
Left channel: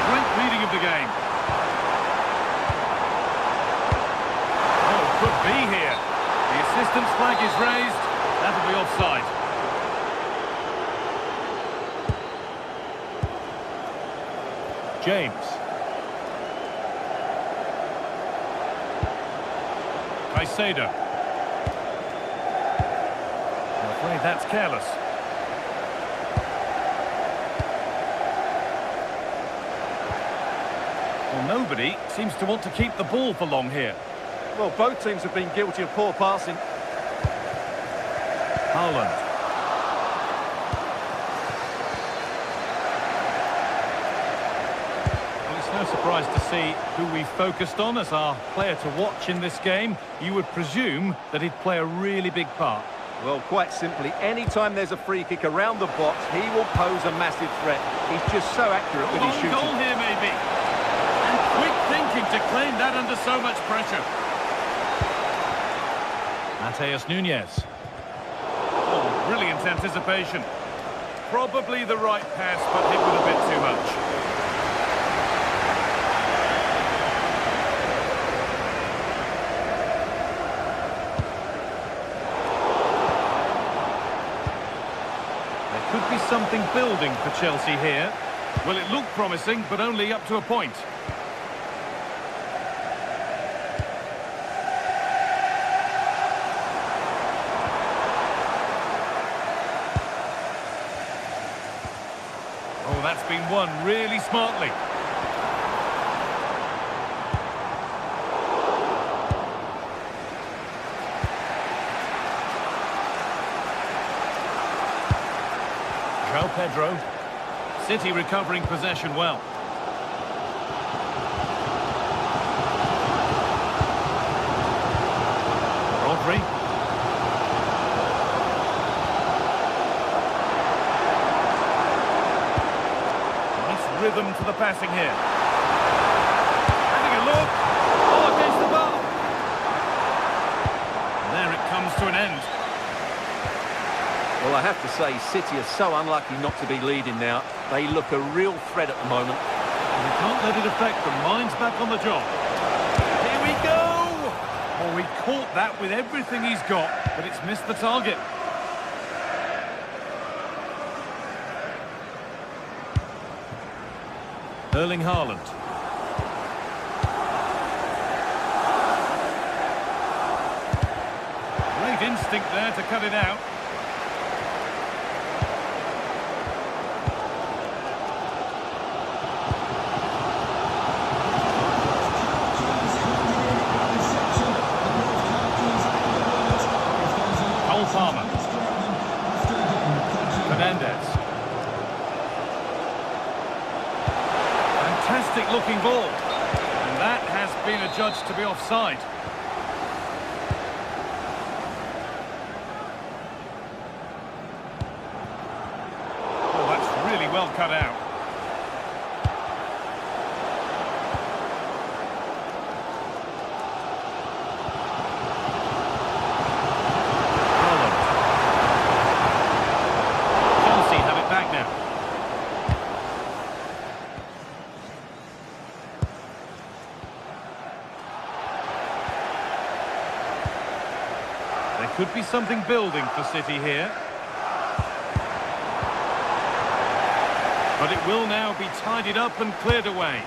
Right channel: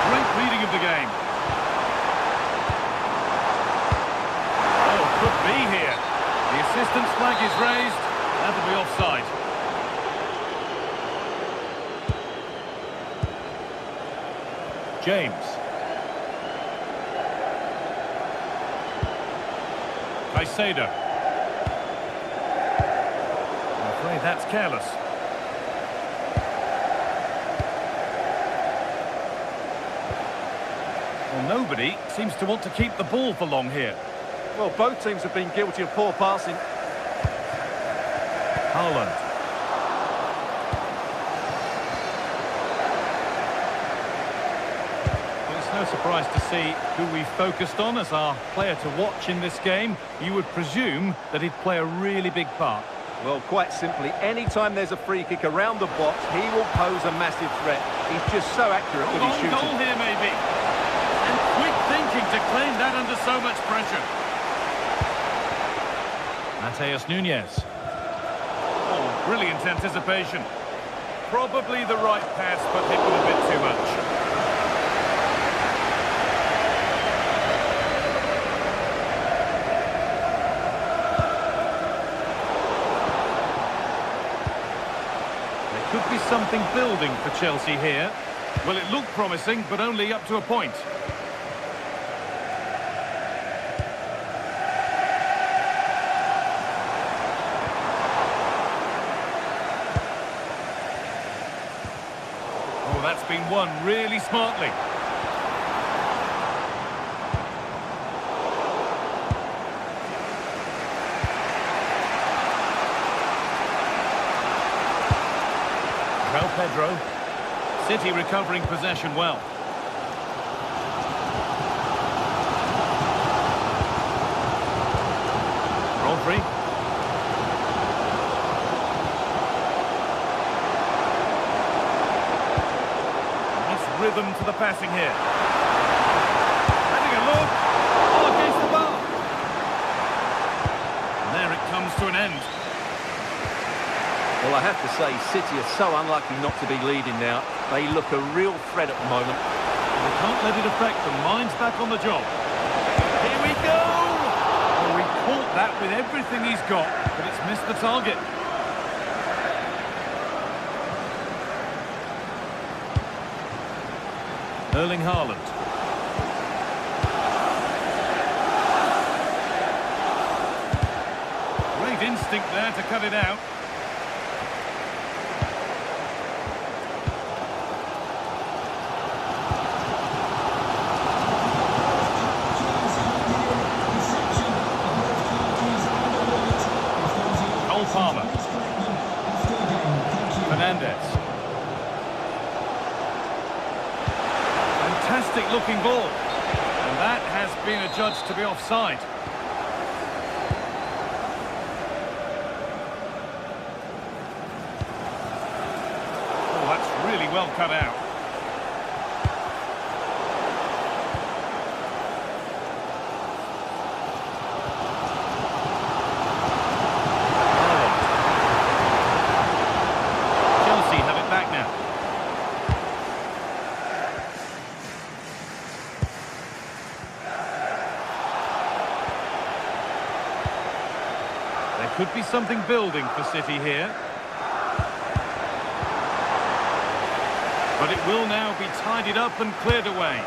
Great reading of the game. Oh, could be here. The assistant's flag is raised. That'll be offside. James. Caicedo. I'm afraid that's careless. Well, nobody seems to want to keep the ball for long here. Well, both teams have been guilty of poor passing. Haaland. Well, it's no surprise to see who we focused on as our player to watch in this game. You would presume that he'd play a really big part. Well, quite simply, anytime there's a free kick around the box, he will pose a massive threat. He's just so accurate with his shooting. Goal here, maybe. And quick thinking to claim that under so much pressure. Mateus Nunes. Oh, brilliant anticipation. Probably the right pass, but hit with a bit too much. There could be something building for Chelsea here. Well, it looked promising, but only up to a point. Oh, that's been won really smartly. João Pedro. City recovering possession well. Rodri. Nice rhythm to the passing here. Having a look. Oh, against the bar. And there it comes to an end. Well, I have to say, City are so unlucky not to be leading now. They look a real threat at the moment. And they can't let it affect them. Mind's back on the job. Here we go! Oh, he caught that with everything he's got, but it's missed the target. Erling Haaland. Great instinct there to cut it out. Palmer. Fernandez. Fantastic looking ball. And that has been adjudged to be offside. Oh, that's really well cut out. Have it back now. There could be something building for City here. But it will now be tidied up and cleared away.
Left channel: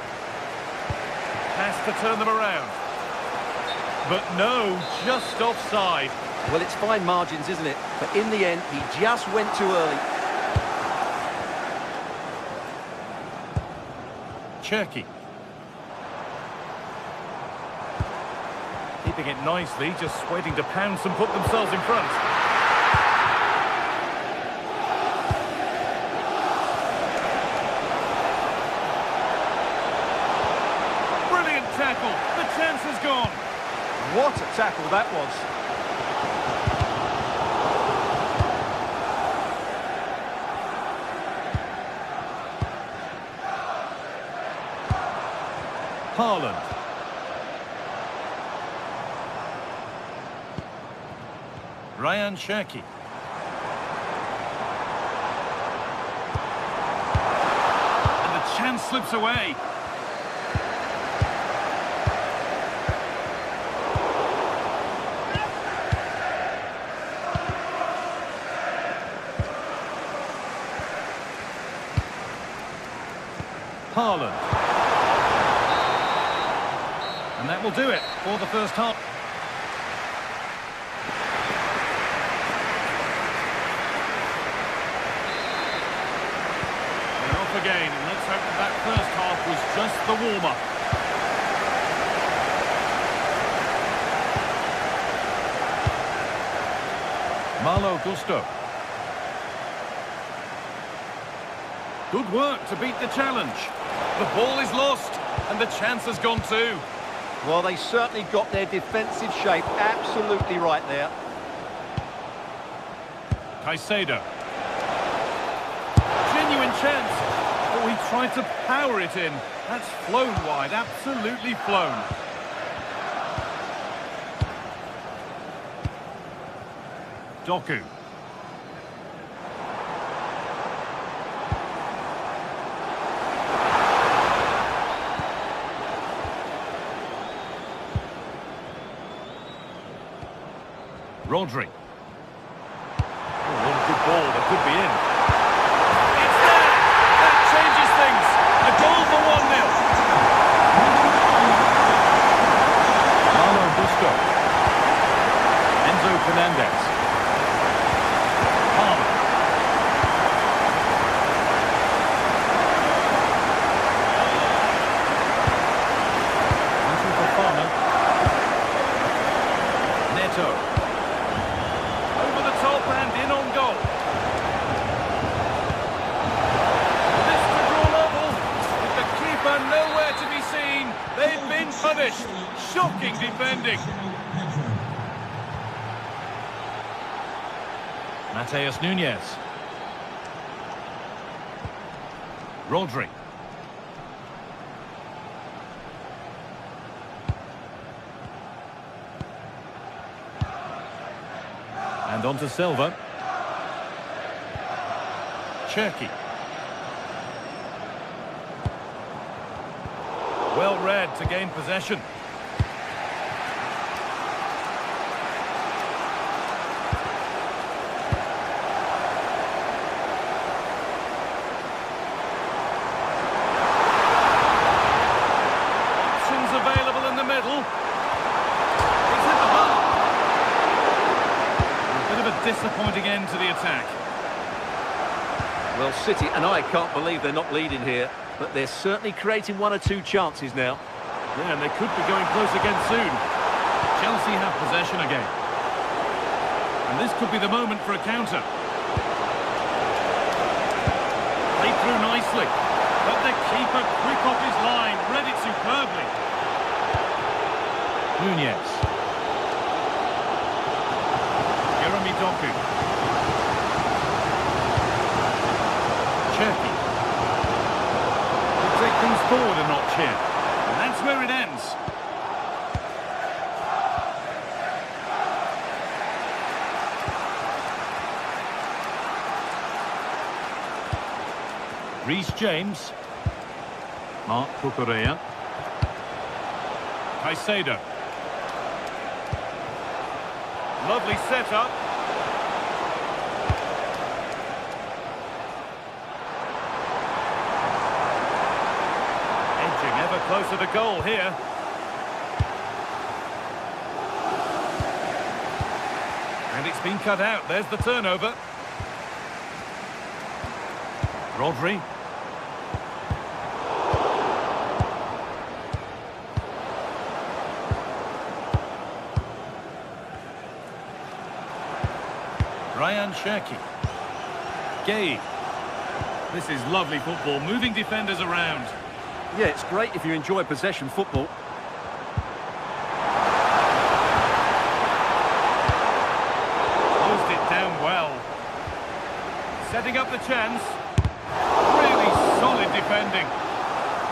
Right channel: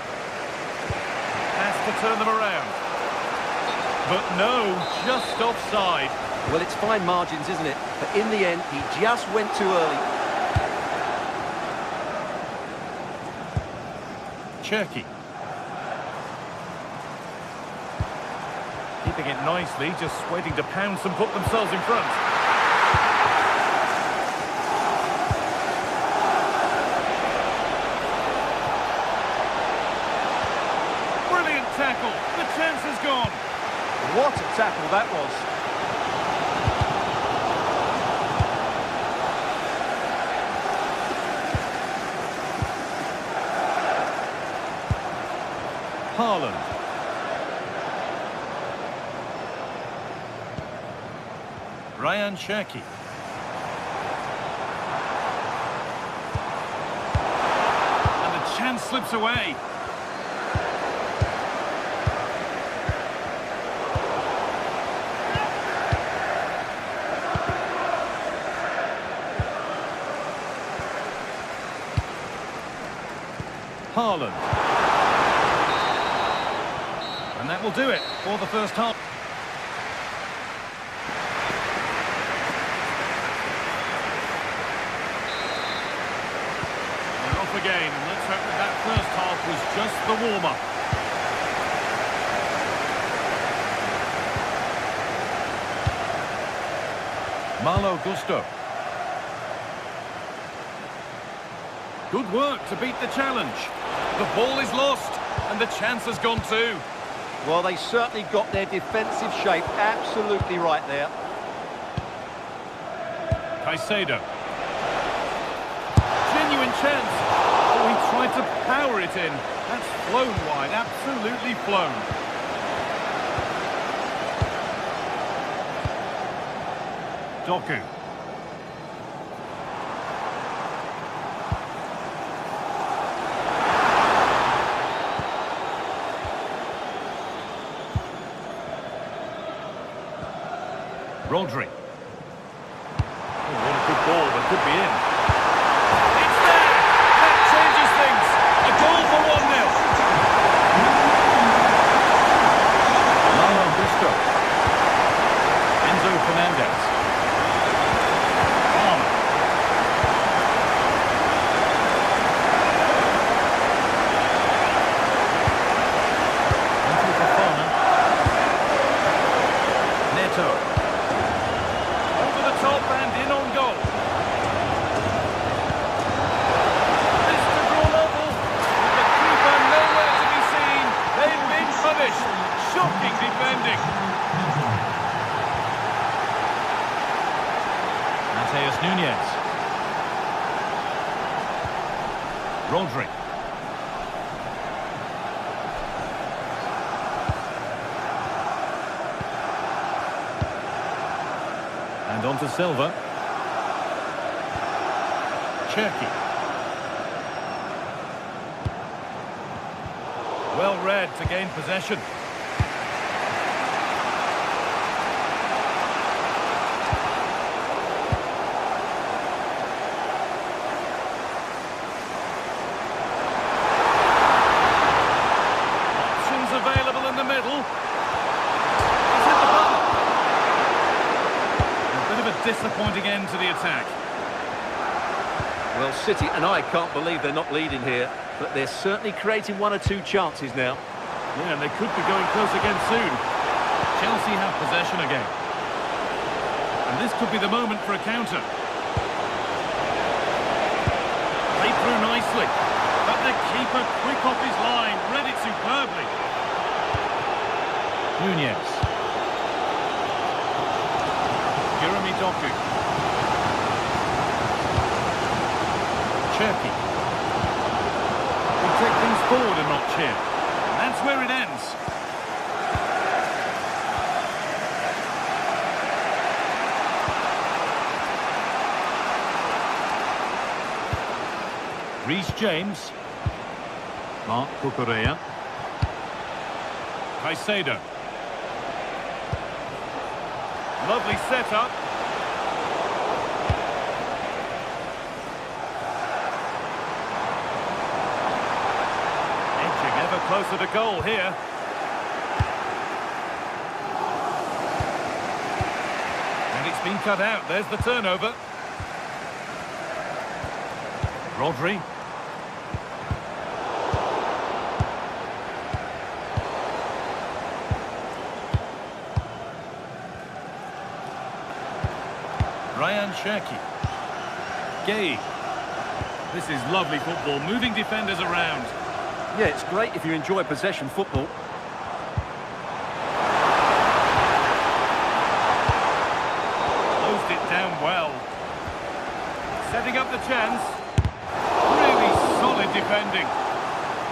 has to turn them around. But no, just offside. Well, it's fine margins, isn't it? But in the end, he just went too early. Cherky. Keeping it nicely, just waiting to pounce and put themselves in front. Brilliant tackle. The chance is gone. What a tackle that was. Haaland. Ryan Cherky. And the chance slips away. Haaland. And that will do it for the first half. They're off again, and let's hope that first half was just the warm-up. Malo Gusto. Good work to beat the challenge. The ball is lost, and the chance has gone too. Well, they certainly got their defensive shape absolutely right there. Caicedo. Genuine chance. Oh, he tried to power it in. That's flown wide, absolutely flown. Doku. Rodri. Oh, what a good ball, that could be in. It's there! That changes things. A goal for 1-0. Malo Gusto. Enzo Fernandez. Palmer. Into Fofana. Neto. Over the top and in on goal. This to draw level, with the keeper nowhere to be seen. They've been punished. Shocking defending. Mateus Nunes. Rodri. And on to Silva. Cherky. Well read to gain possession. Options available in the middle. He's hit the bar. A bit of a disappointing end to the attack. Well, City and I can't believe they're not leading here, but they're certainly creating one or two chances now. Yeah, and they could be going close again soon. Chelsea have possession again. And this could be the moment for a counter. Played through nicely. But the keeper quick off his line, read it superbly. Nunez. Jeremy Doku. Cherky. Will take things forward a notch here. And that's where it ends. Reece James. Mark Cucurella. Caicedo. Lovely setup. Edging ever closer to goal here. it's been cut out. There's the turnover. Rodri. Ryan Cherki. Gay. This is lovely football, moving defenders around. Yeah, it's great if you enjoy possession football. Closed it down well. Setting up the chance. Really solid defending.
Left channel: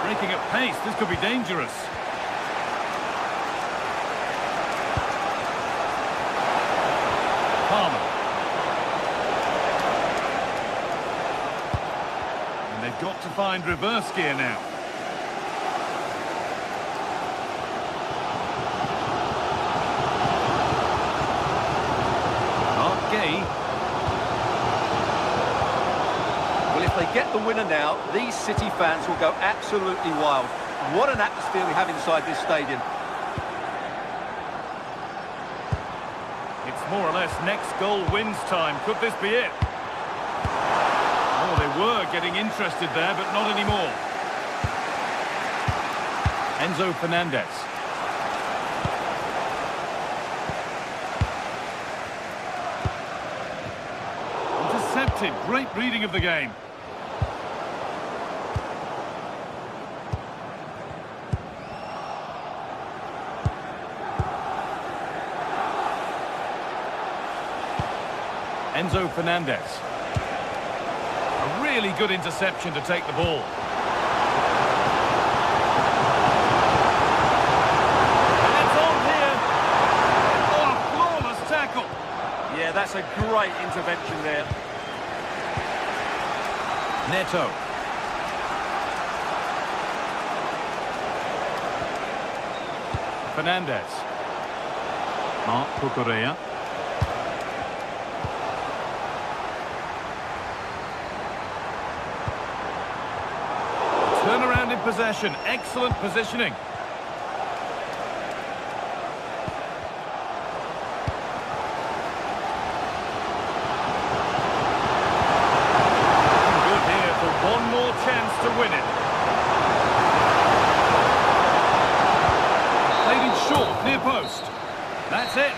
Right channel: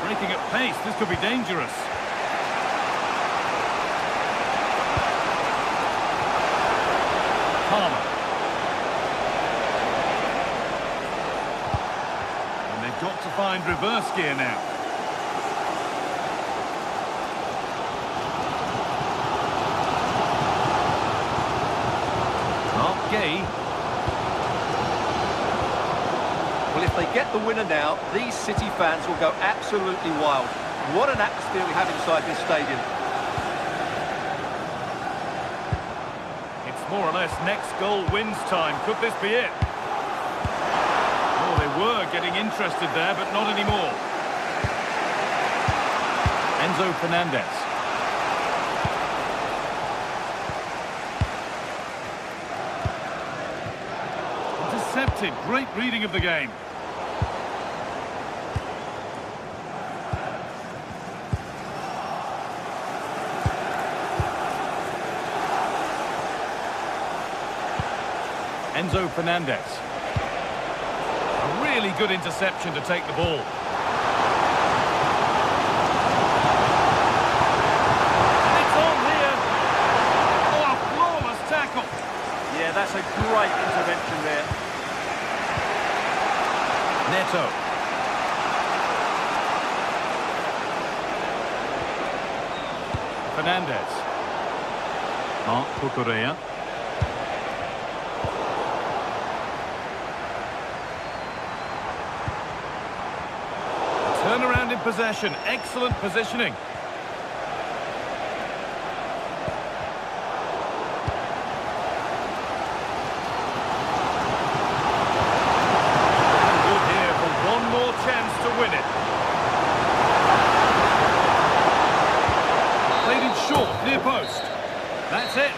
Breaking at pace, this could be dangerous. Palmer. And they've got to find reverse gear now. Mark Gay. Well, if they get the winner now, these City fans will go absolutely wild. What an atmosphere we have inside this stadium. It's more or less next goal wins time. Could this be it? Oh, they were getting interested there, but not anymore. Enzo Fernandez. Intercepted. Great reading of the game. Enzo Fernandez. A really good interception to take the ball. And it's on here. Oh, a flawless tackle. Yeah, that's a great intervention there. Neto. Fernandez. Marc Cucurella. Turnaround in possession. Excellent positioning. Good here for one more chance to win it. Played in short, near post. That's it.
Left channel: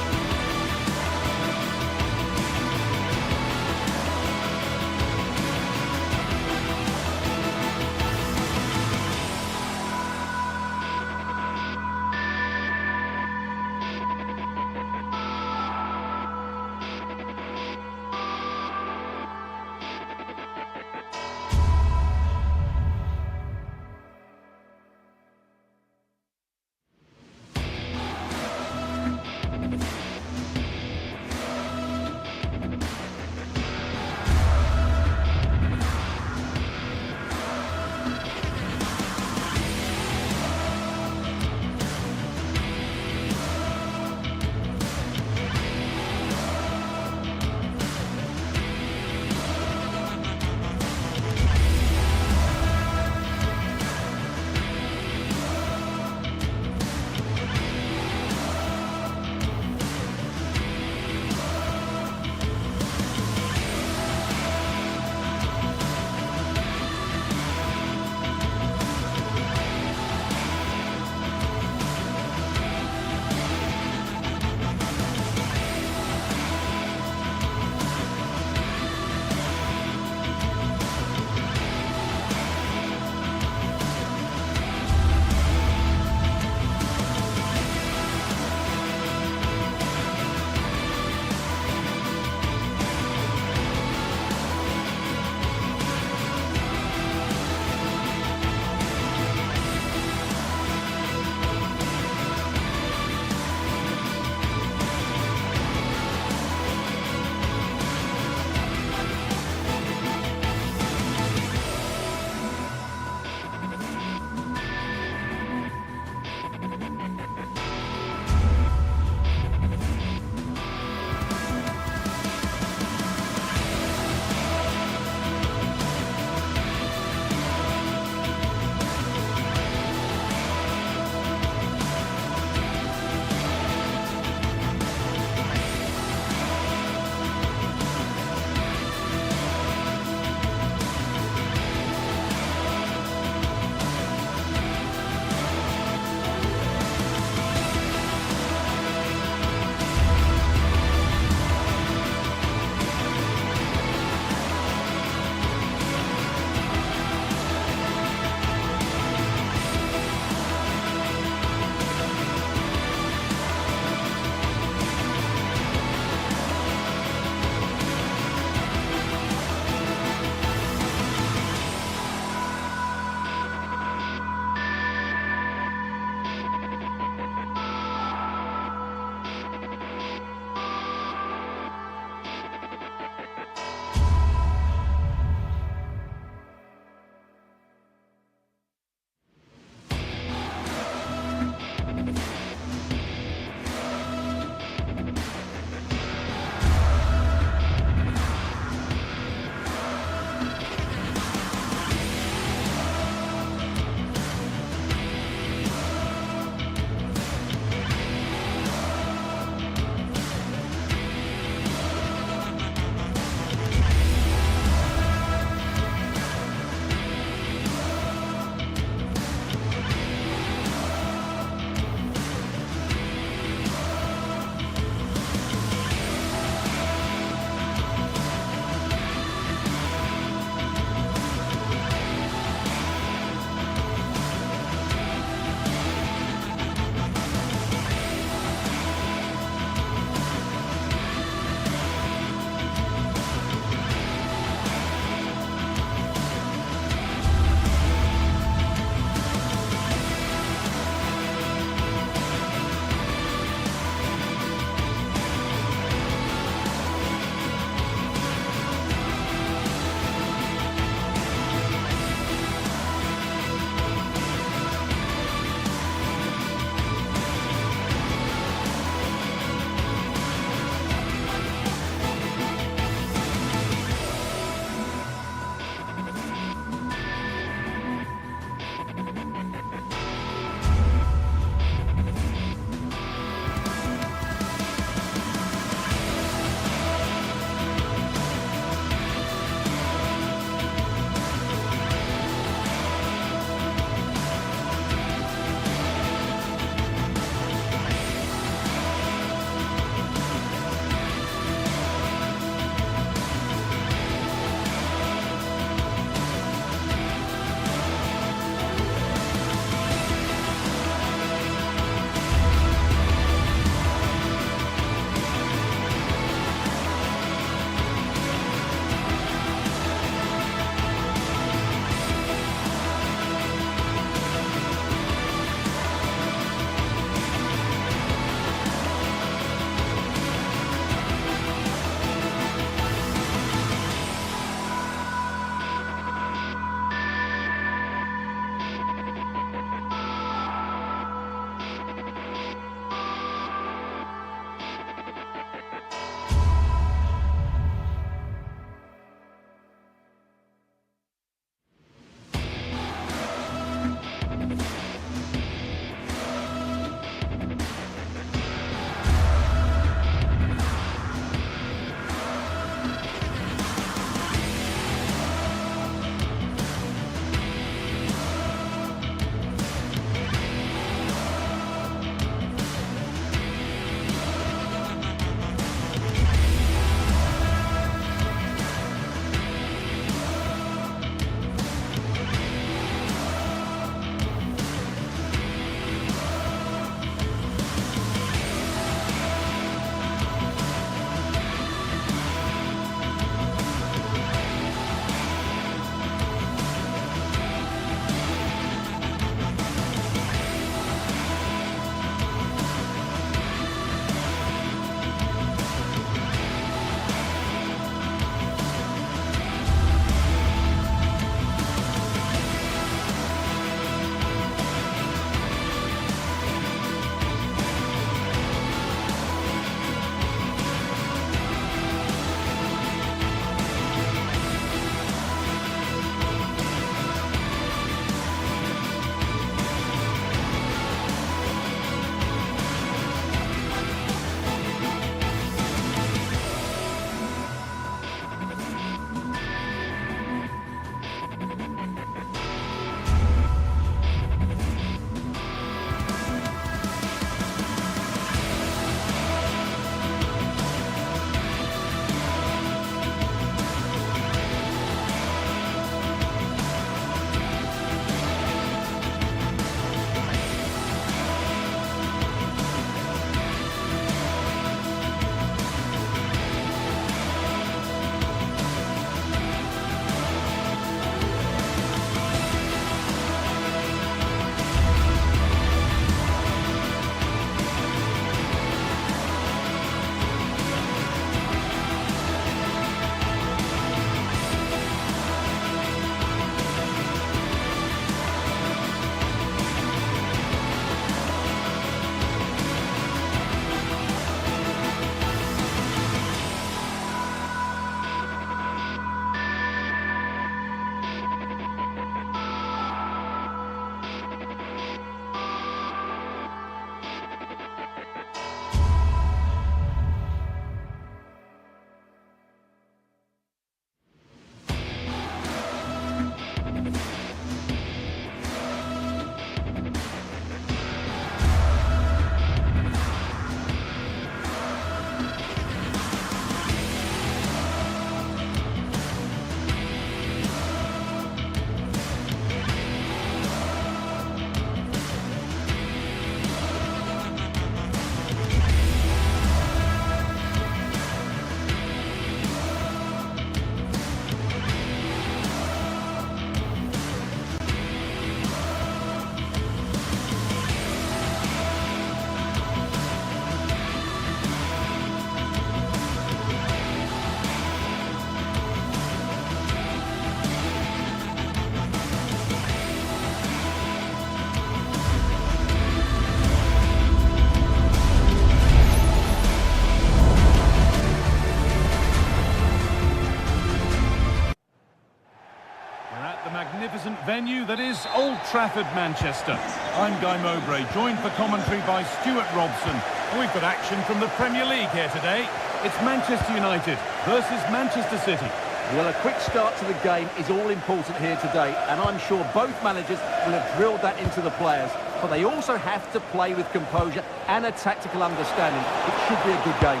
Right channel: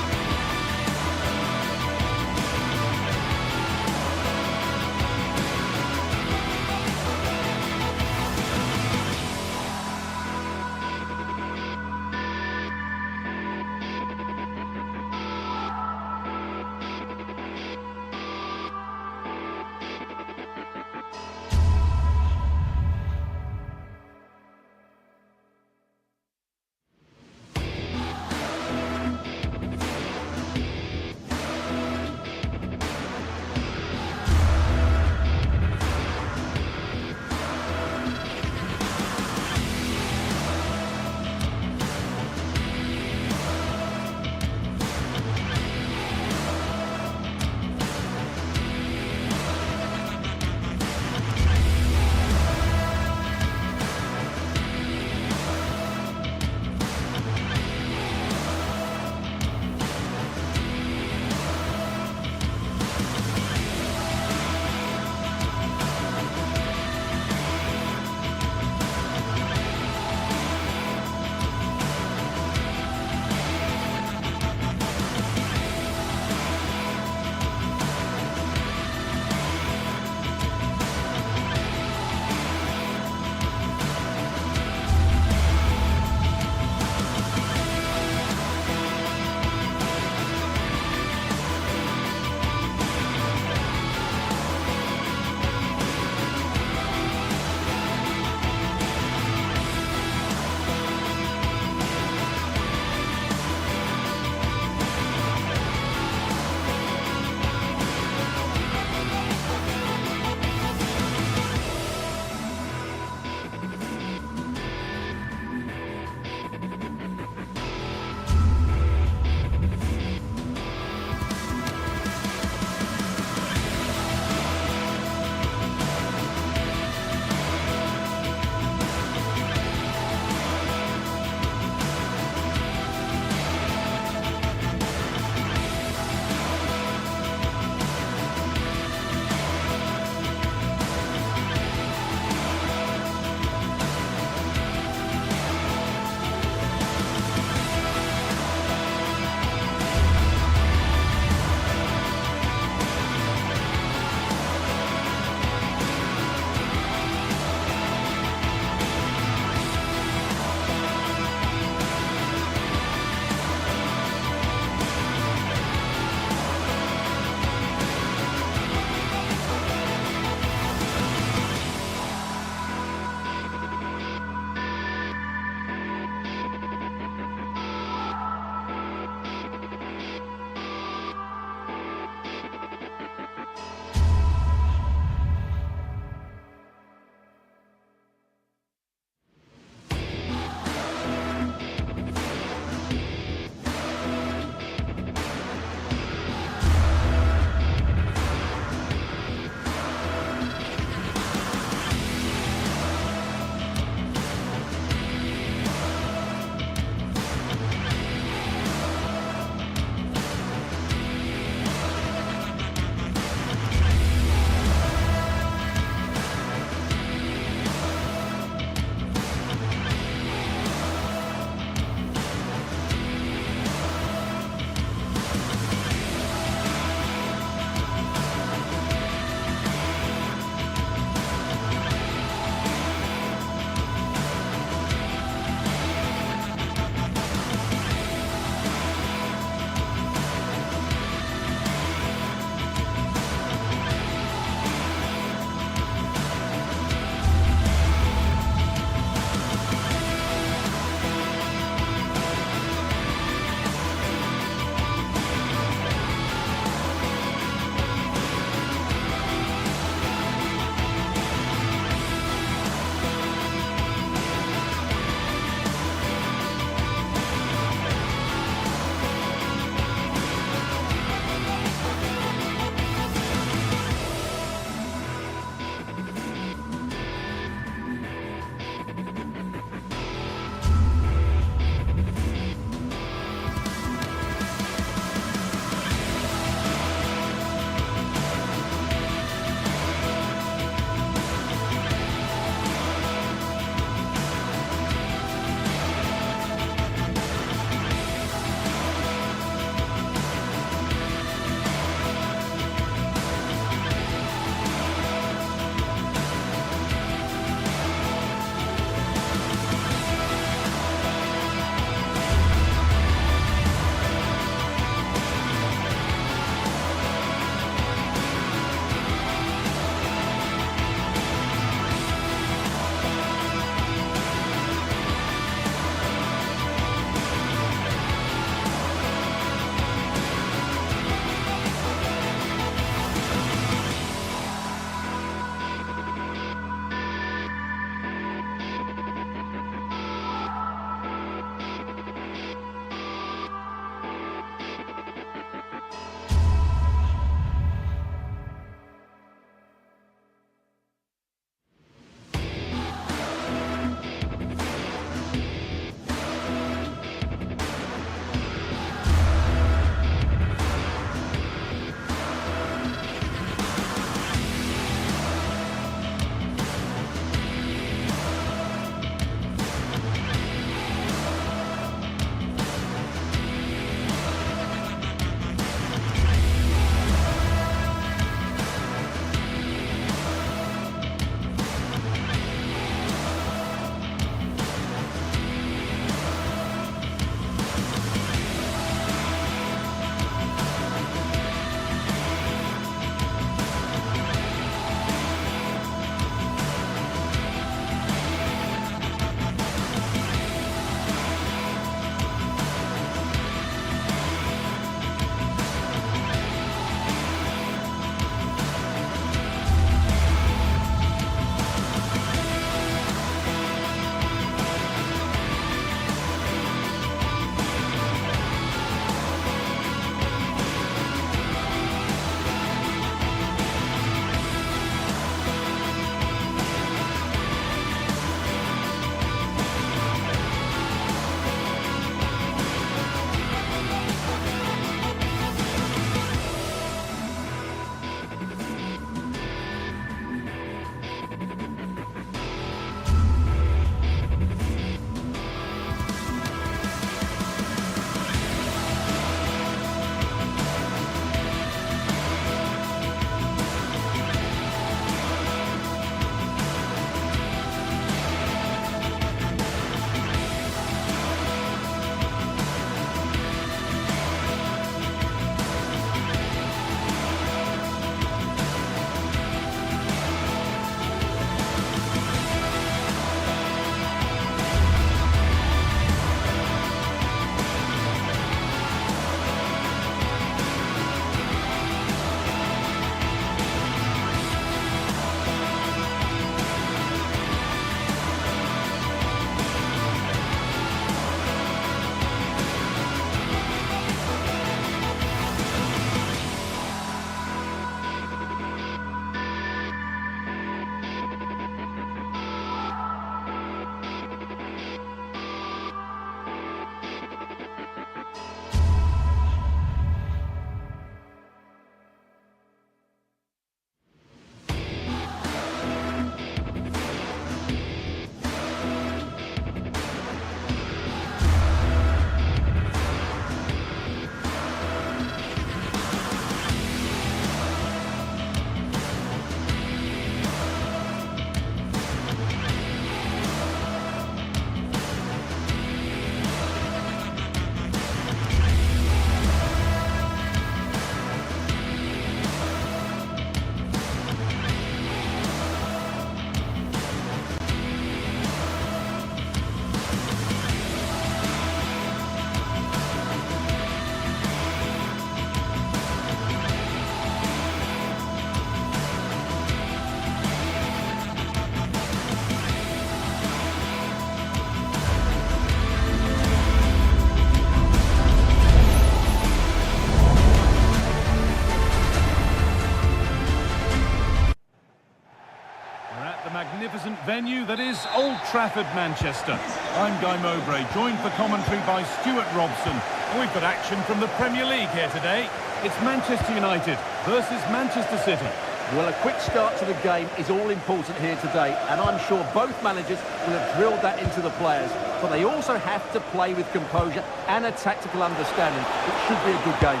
venue that is Old Trafford, Manchester. I'm Guy Mowbray, joined for commentary by Stuart Robson. And we've got action from the Premier League here today. It's Manchester United versus Manchester City. Well, a quick start to the game is all important here today, and I'm sure both managers will have drilled that into the players. But they also have to play with composure and a tactical understanding. It should be a good game.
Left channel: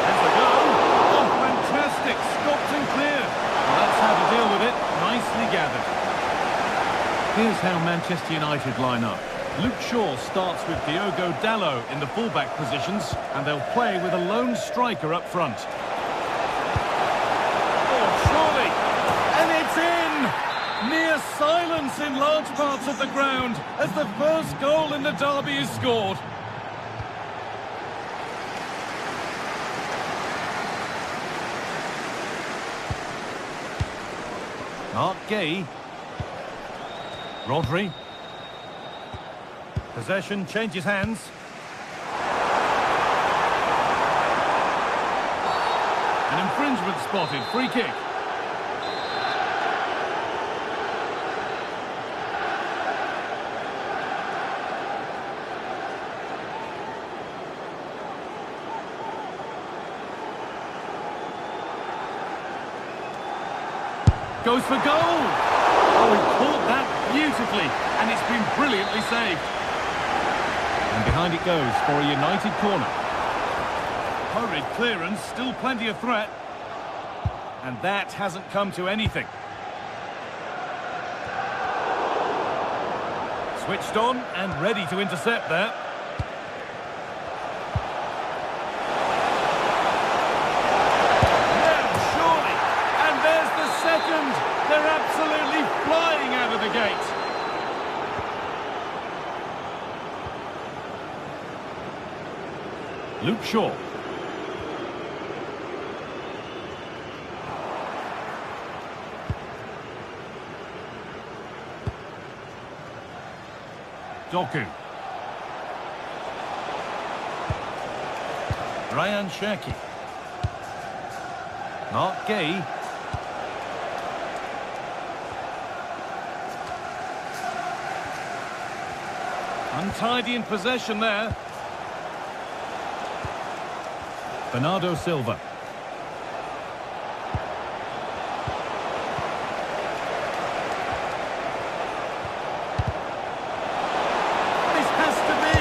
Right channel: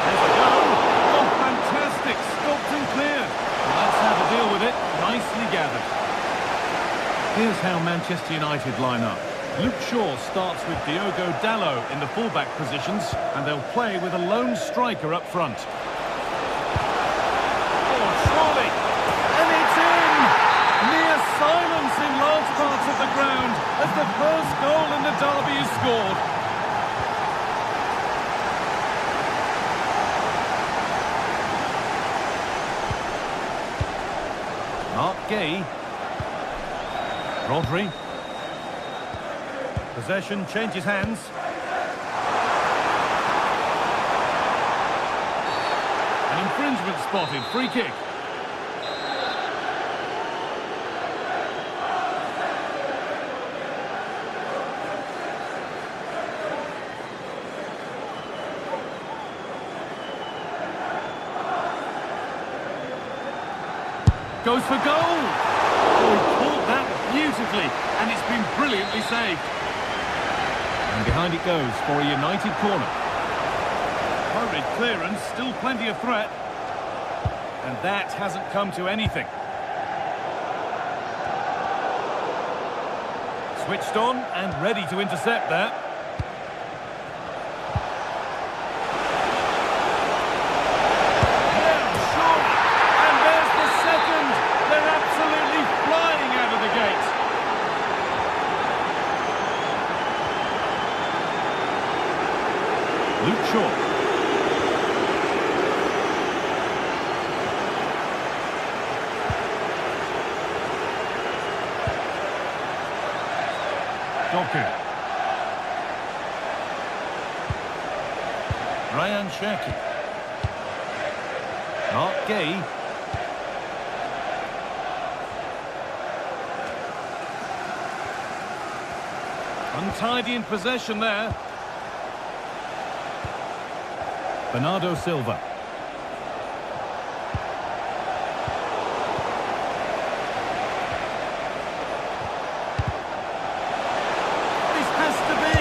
There's a go. Oh, fantastic. Stopped and cleared. Well, that's how to deal with it. Nicely gathered. Here's how Manchester United line up. Luke Shaw starts with Diogo Dalot in the fullback positions, and they'll play with a lone striker up front. Surely, and it's in! Near silence in large parts of the ground as the first goal in the derby is scored. Mark Gay. Rodri. Possession changes hands. An infringement spotted, free kick. Goes for goal! Oh, he caught that beautifully, and it's been brilliantly saved. And behind it goes for a United corner. Hurried clearance, still plenty of threat. And that hasn't come to anything. Switched on and ready to intercept that. Second, they're absolutely flying out of the gate. Luke Shaw. Doku. Ryan Cherki. Mark Gay. Untidy in possession there. Bernardo Silva. This has to be.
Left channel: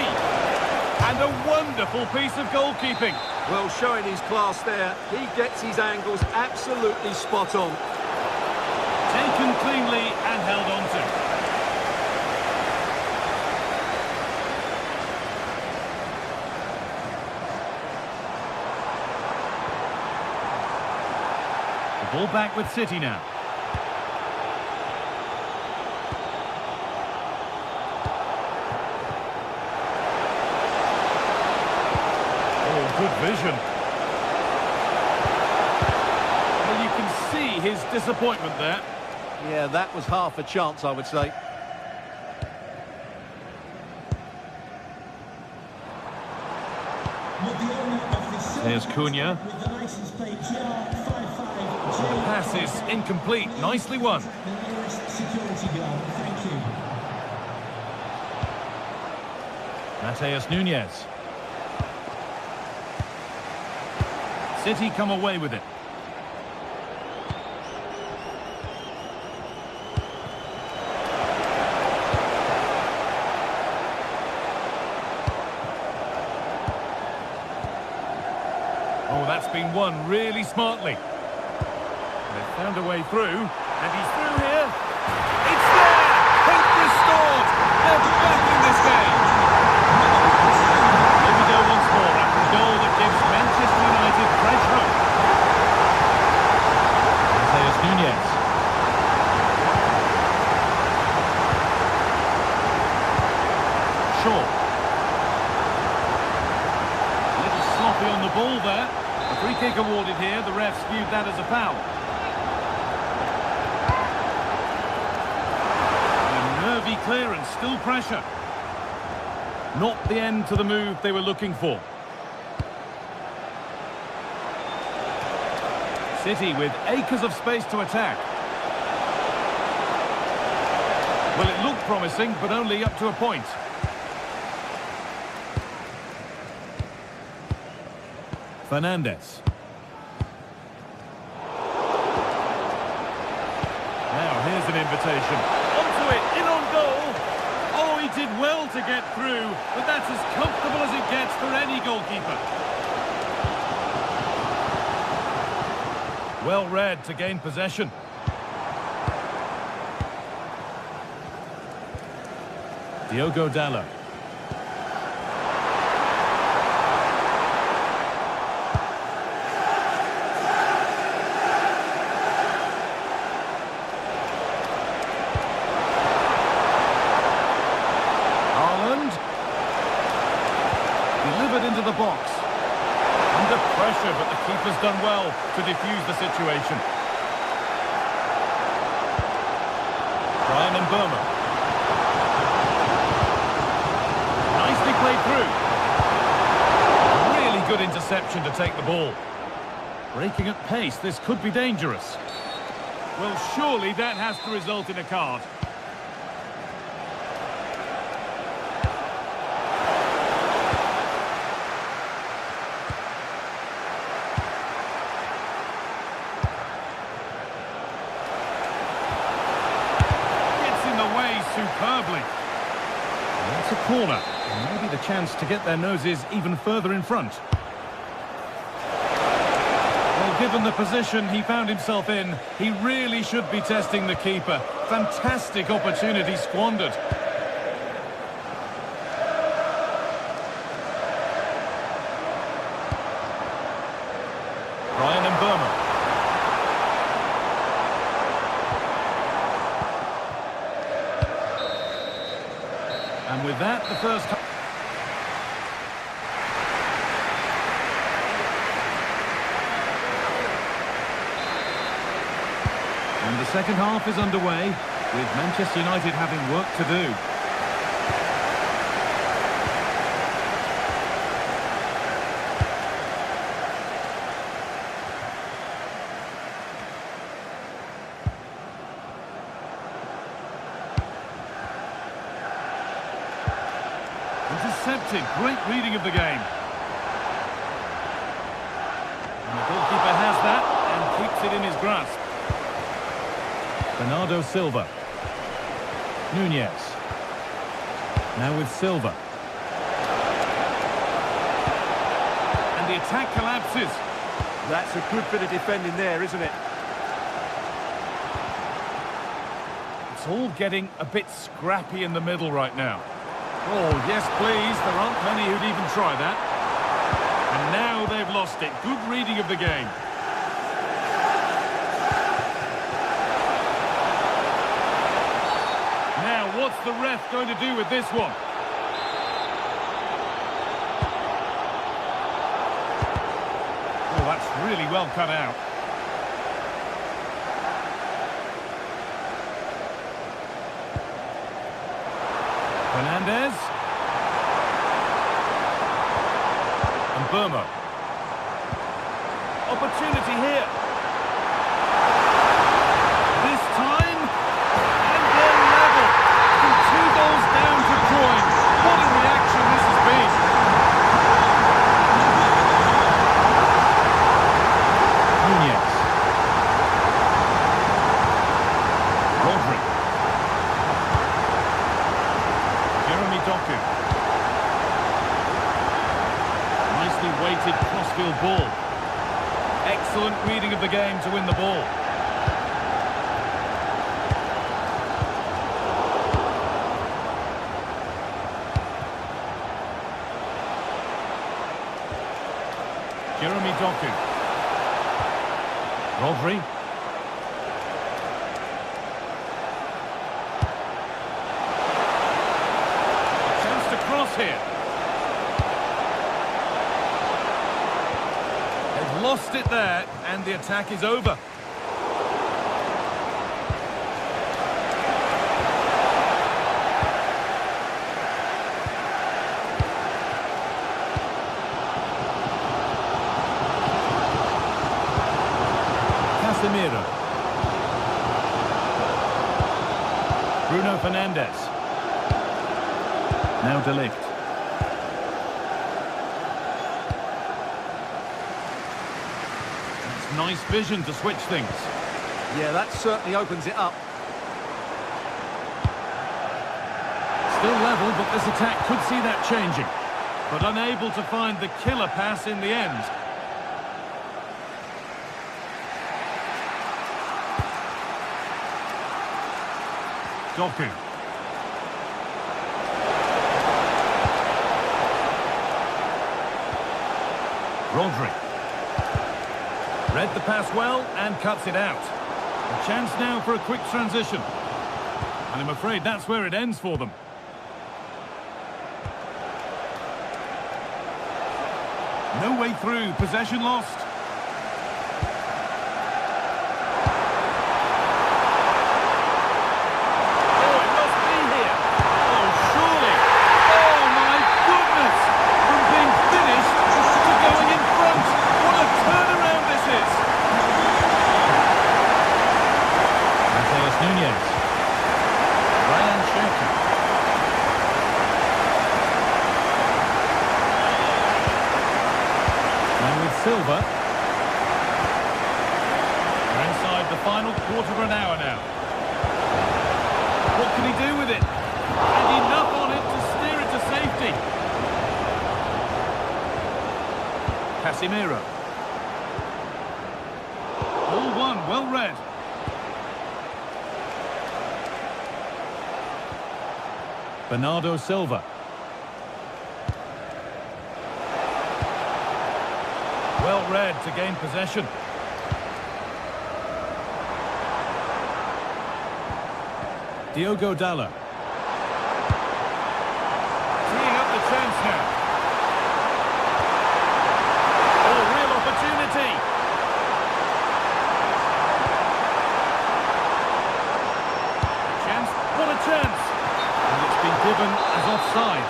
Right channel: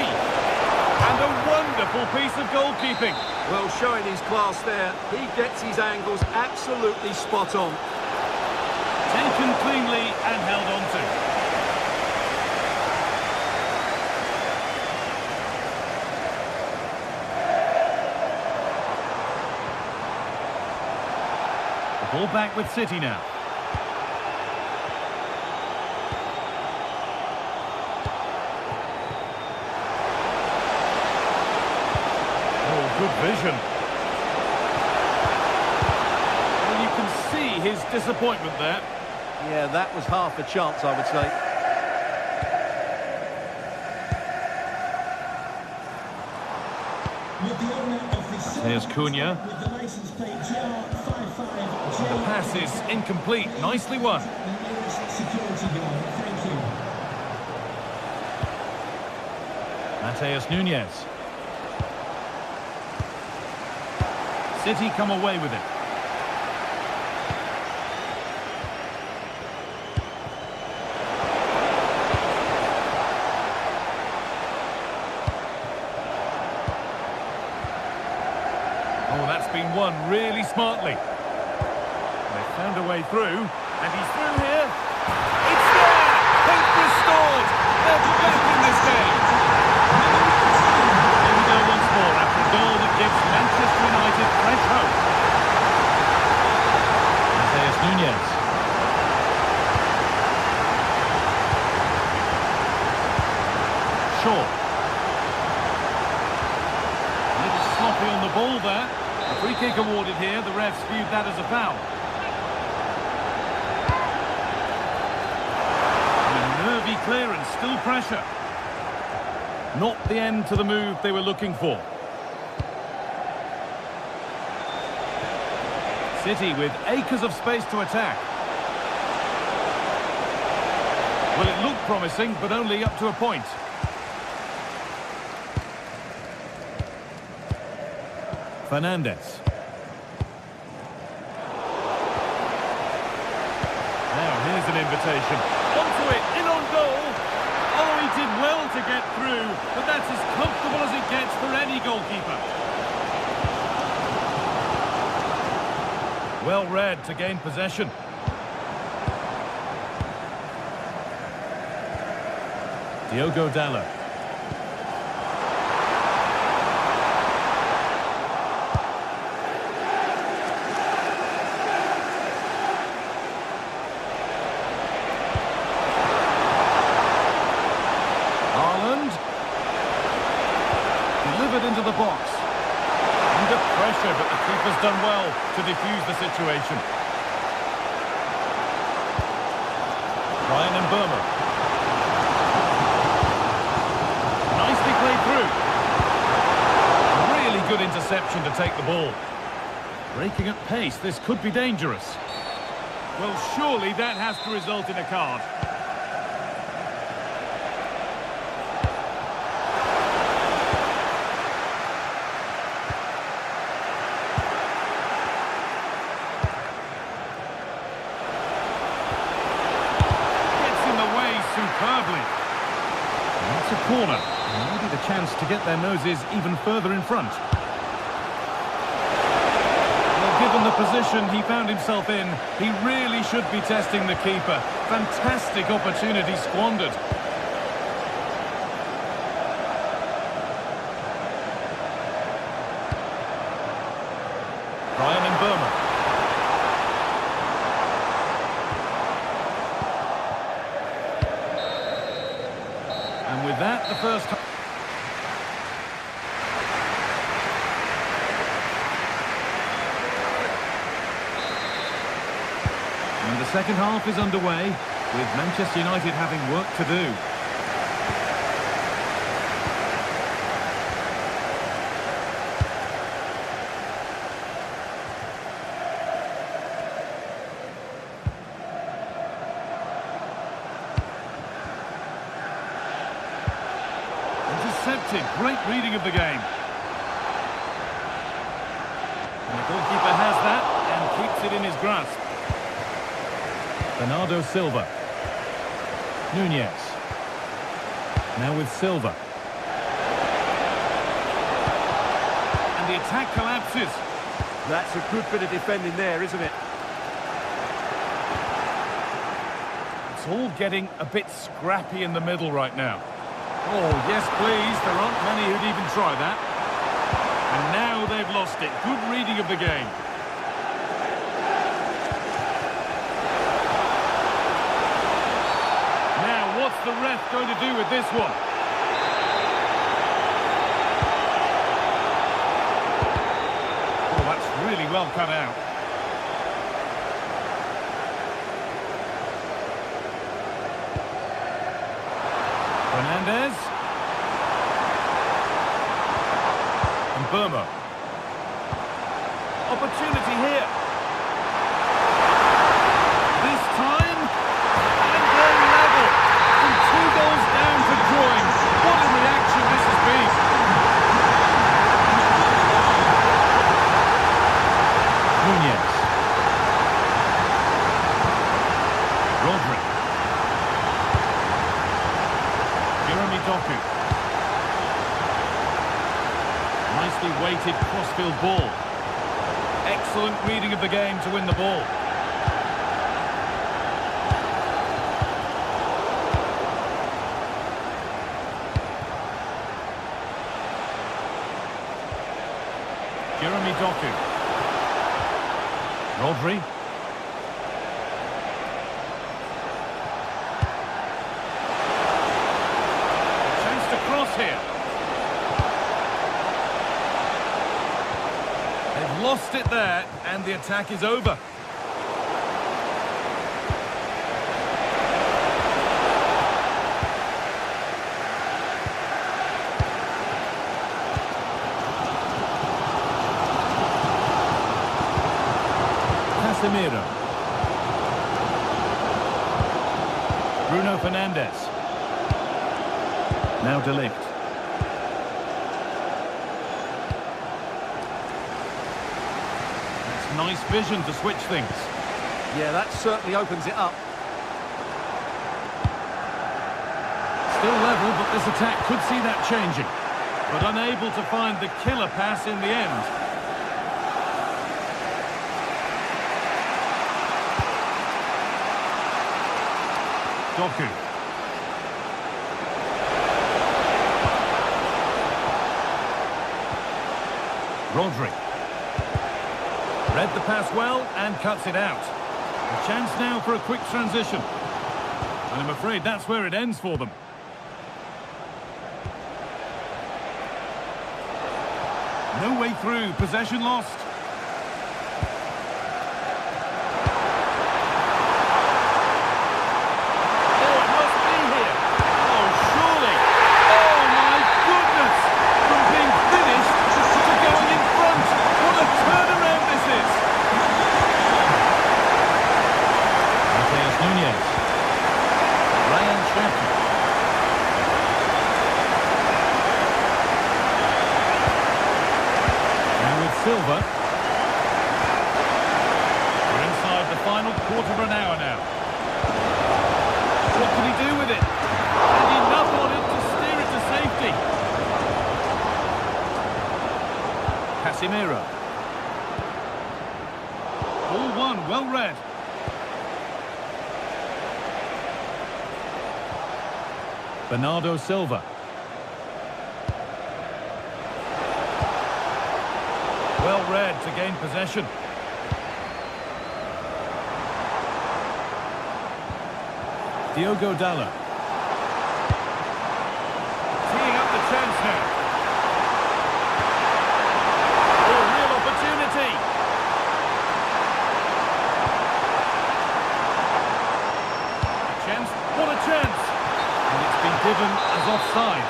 And a wonderful piece of goalkeeping. Well, showing his class there. He gets his angles absolutely spot on. Taken cleanly and held on to. Ball back with City now. Oh, good vision. Well, you can see his disappointment there. Yeah, that was half a chance, I would say. There's Cunha. With the license plate GR55J. The pass is incomplete. Nicely won. The nearest security guard. Thank you. Mateus Nunes. City come away with it. Oh, that's been won really smartly. They've found a way through, and he's through here. It's there! Hope restored! They're back in this game! Here we go once more after a goal that gives Manchester United fresh hope. Mateus Nunes. Shaw. A little sloppy on the ball there. A free kick awarded here. The refs viewed that as a foul. And a nervy clearance, still pressure. Not the end to the move they were looking for. City with acres of space to attack. Well, it looked promising, but only up to a point. Fernandez. Now, here's an invitation. Onto it, in on goal. Oh, he did well to get through, but that's as comfortable as it gets for any goalkeeper. Well read to gain possession. Diogo Dallo. Delivered into the box. Under pressure, but the keeper's done well to defuse the situation. Brian Mbeumo. Nicely played through. Really good interception to take the ball. Breaking at pace, this could be dangerous. Well, surely that has to result in a card. Superbly. And that's a corner. And maybe the chance to get their noses even further in front. Well, given the position he found himself in, he really should be testing the keeper. Fantastic opportunity squandered. Brian Mbeumo. And with that, the first half. And the second half is underway, with Manchester United having work to do. Intercepted, great reading of the game. And the goalkeeper has that and keeps it in his grasp. Bernardo Silva. Nunez. Now with Silva. And the attack collapses. That's a good bit of defending there, isn't it? It's all getting a bit scrappy in the middle right now. Oh, yes, please. There aren't many who'd even try that. And now they've lost it. Good reading of the game. Now, what's the ref going to do with this one? Oh, that's really well cut out. Fernandez. And Mbeumo. Opportunity here. This time, and they're level. From 2 goals down to drawing. What a reaction this has been. Nunez. Rodri. Jeremy Doku. Nicely weighted crossfield ball. Excellent reading of the game to win the ball. Jeremy Doku. Rodri. Cross here. They've lost it there, and the attack is over. Casemiro. Bruno Fernandes. Now De Ligt. That's nice vision to switch things. Yeah, that certainly opens it up. Still level, but this attack could see that changing. But unable to find the killer pass in the end. Doku. Rodri. Read the pass well and cuts it out. A chance now for a quick transition. And I'm afraid that's where it ends for them. No way through, possession lost. Oh, it must be here. Oh, surely. Oh, my goodness. From being finished to going in front. What a turnaround this is. Mateus Nunes. Ryan Shaki. With Silva. We're inside the final quarter of an hour now. What can he do with it? And enough on it to steer it to safety. Casemiro. All one, well read. Bernardo Silva. Well read to gain possession. Diogo Dalot. Teeing up the chance now. Oh, real opportunity. A chance. What a chance. And it's been given as offside.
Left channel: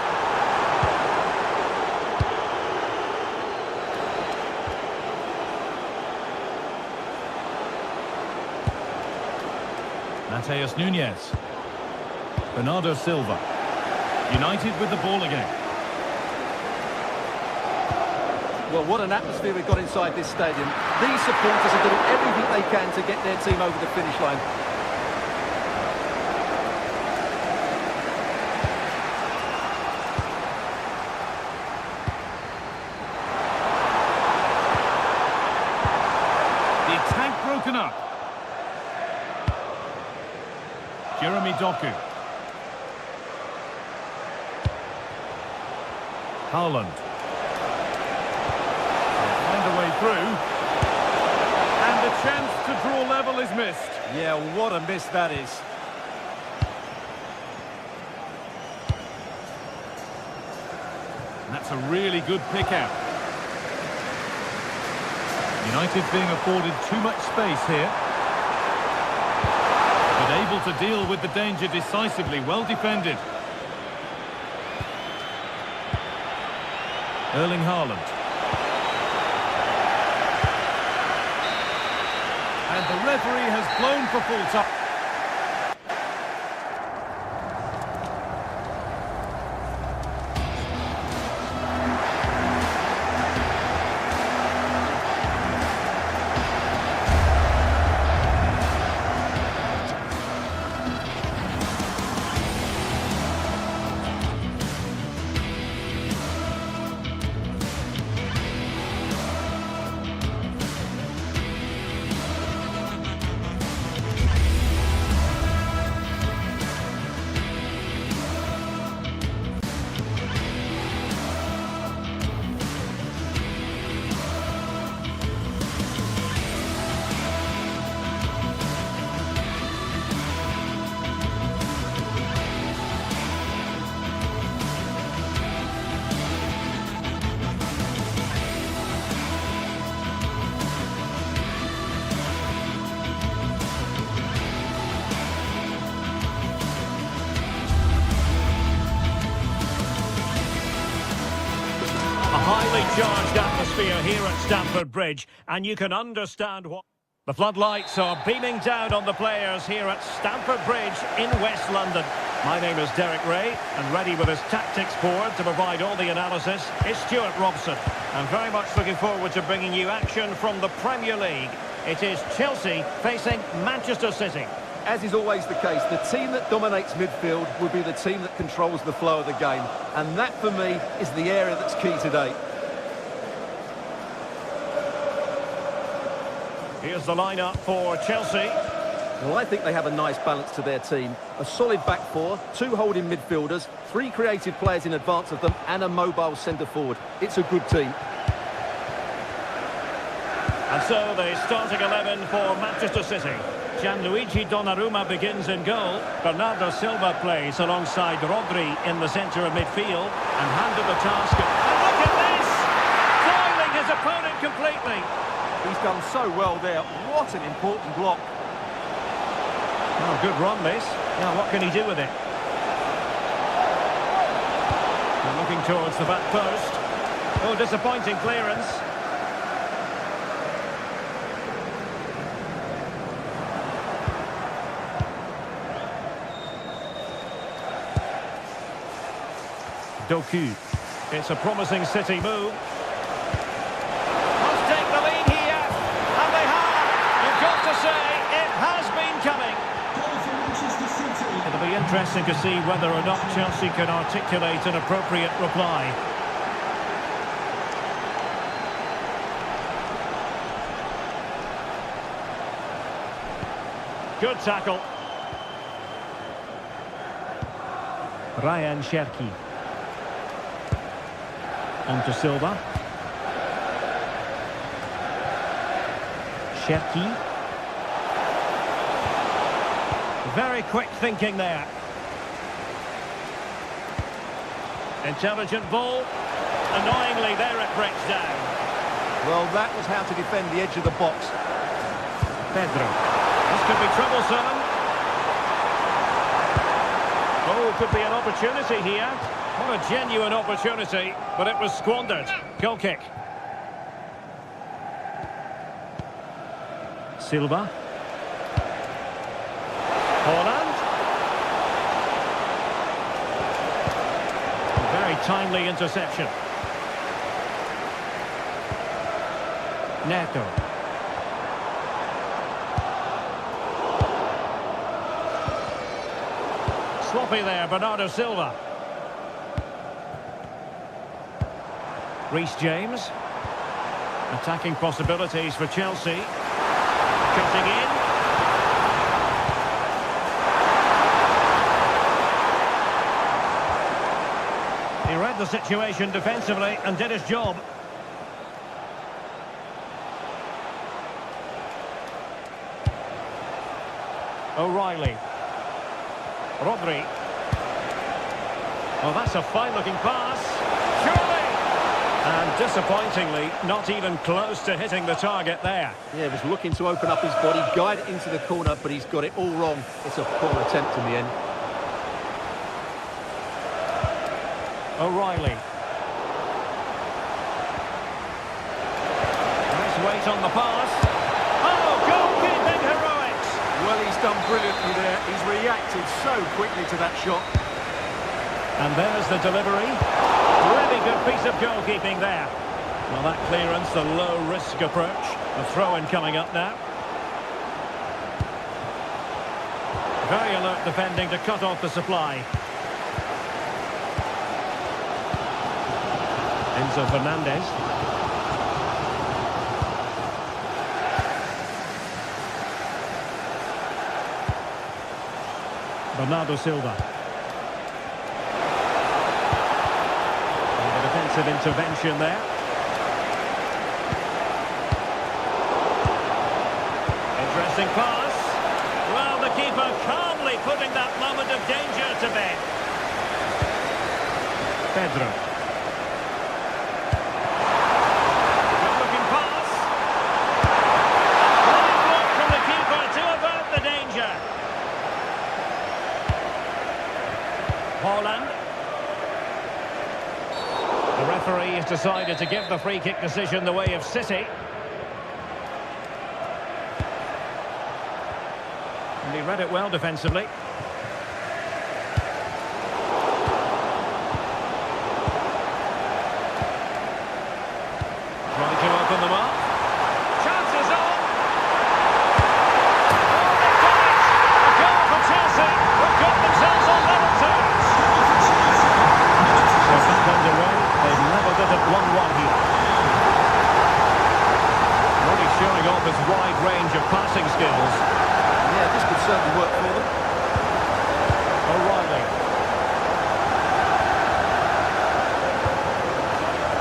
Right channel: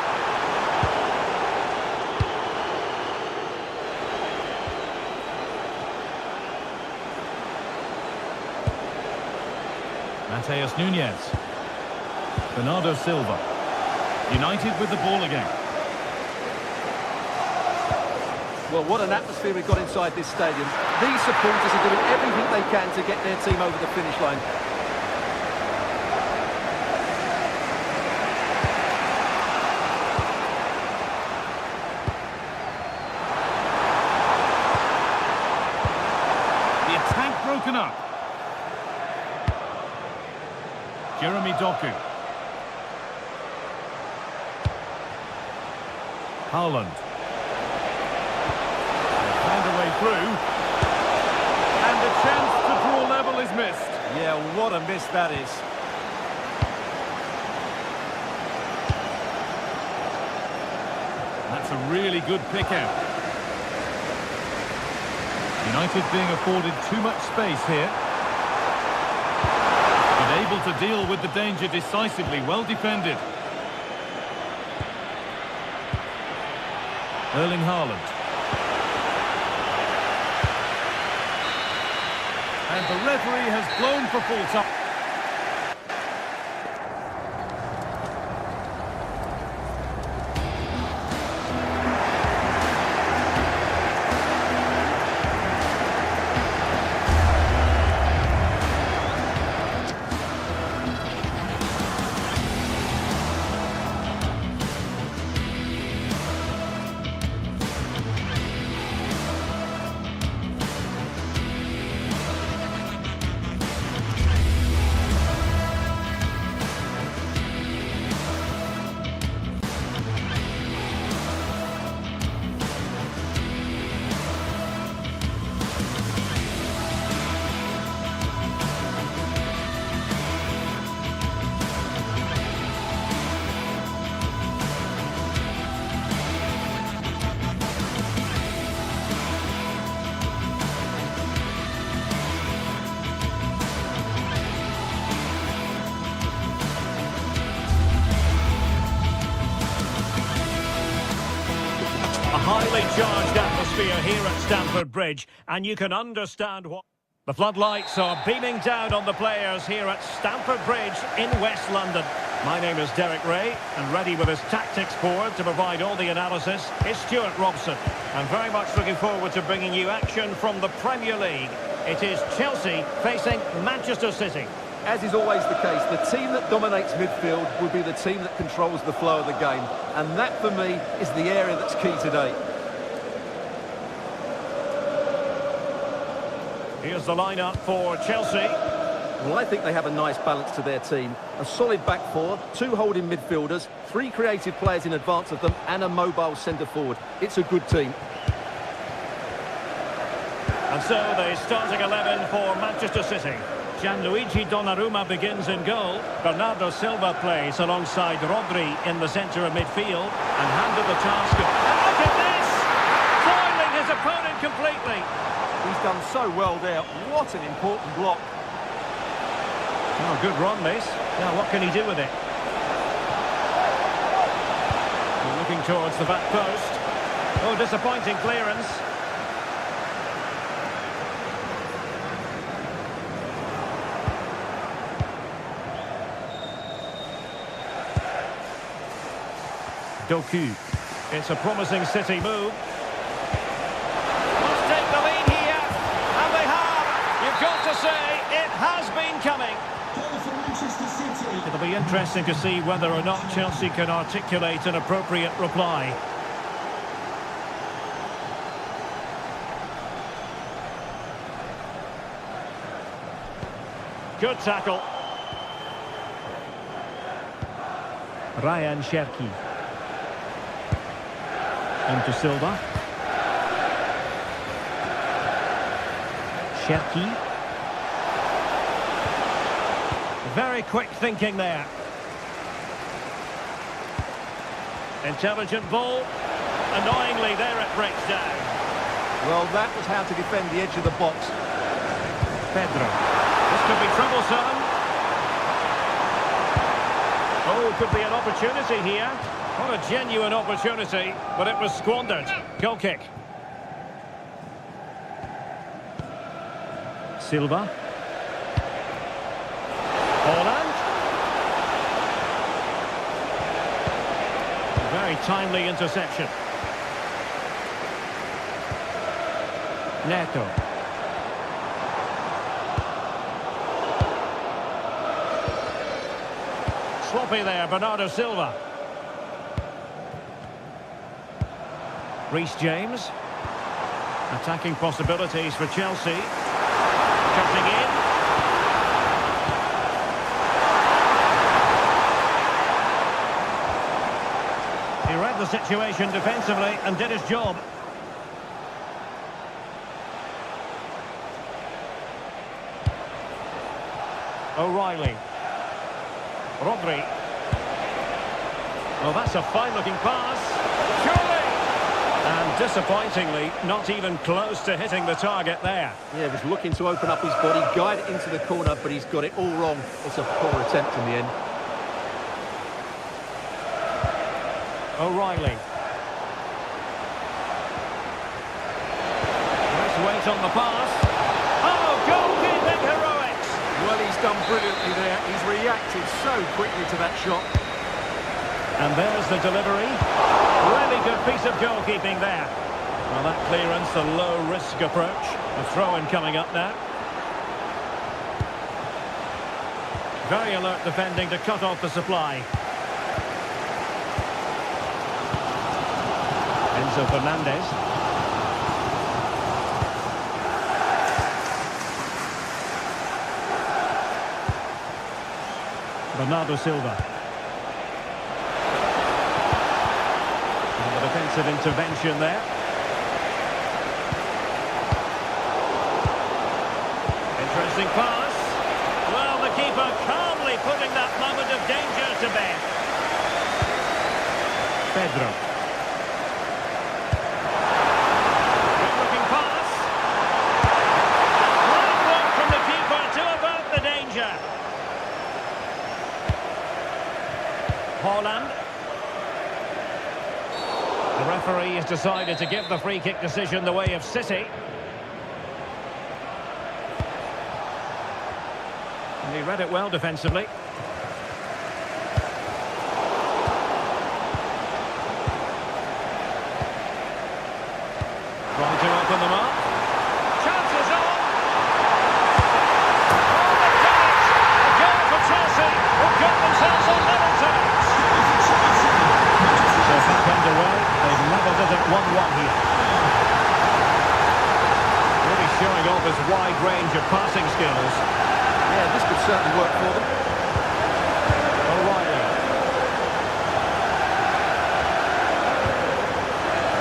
Mateus Nunes. Bernardo Silva. United with the ball again. Well, what an atmosphere we've got inside this stadium. These supporters are doing everything they can to get their team over the finish line. The attack broken up. Jeremy Doku. Haaland. They find a way through. And the chance to draw level is missed. Yeah, what a miss that is. That's a really good pick out. United being afforded too much space here. But able to deal with the danger decisively, well defended. Erling Haaland. And the referee has blown for full time. A highly charged atmosphere here at Stamford Bridge, and you can understand what... The floodlights are beaming down on the players here at Stamford Bridge in West London. My name is Derek Ray, and ready with his tactics board to provide all the analysis is Stuart Robson. I'm very much looking forward to bringing you action from the Premier League. It is Chelsea facing Manchester City. As is always the case, the team that dominates midfield will be the team that controls the flow of the game. And that, for me, is the area that's key today. Here's the lineup for Chelsea. Well, I think they have a nice balance to their team. A solid back four, 2 holding midfielders, 3 creative players in advance of them, and a mobile centre-forward. It's a good team. And so the starting 11 for Manchester City. Gianluigi Donnarumma begins in goal. Bernardo Silva plays alongside Rodri in the centre of midfield and handed the task. And look at this! Foiling his opponent completely. He's done so well there. What an important block. Oh, good run, this. Now, what can he do with it? We're looking towards the back post. Oh, disappointing clearance. Doku. It's a promising City move. Must take the lead here. And they have. You've got to say, it has been coming. Goal for Manchester City. It'll be interesting to see whether or not Chelsea can articulate an appropriate reply. Good tackle. Ryan Cherki. On to Silva. Cherki. Very quick thinking there. Intelligent ball. Annoyingly, there it breaks down. Well, that was how to defend the edge of the box. Pedro. This could be troublesome. Oh, could be an opportunity here. What a genuine opportunity, but it was squandered. Goal kick. Silva. Holland. Very timely interception. Neto. Sloppy there, Bernardo Silva. Reece James. Attacking possibilities for Chelsea. Cutting in. He read the situation defensively and did his job. O'Reilly. Rodri. Oh, that's a fine-looking pass. Surely! And disappointingly, not even close to hitting the target there. Yeah, he was looking to open up his body, guide it into the corner, but he's got it all wrong. It's a poor attempt in the end. O'Reilly. Nice weight on the pass. Oh, goalkeeping heroics! Well, he's done brilliantly there. He's reacted so quickly to that shot. And there's the delivery. Really good piece of goalkeeping there. Well, that clearance, the low-risk approach. A throw-in coming up now. Very alert defending to cut off the supply. Enzo Fernandez. Bernardo Silva. And the defensive intervention there. Interesting pass. Well, the keeper calmly putting that moment of danger to bed. Pedro. Good looking pass. And great work from the keeper to avert the danger. Holland. The referee has decided to give the free kick decision the way of City. And he read it well defensively. Trying to open them up. Chances on! Oh, they've done it! A goal for Chelsea, who've got themselves on level terms. So back underway, they've levelled it at 1-1 here. Really showing off his wide range of passing skills. Yeah, this could certainly work for them. O'Reilly.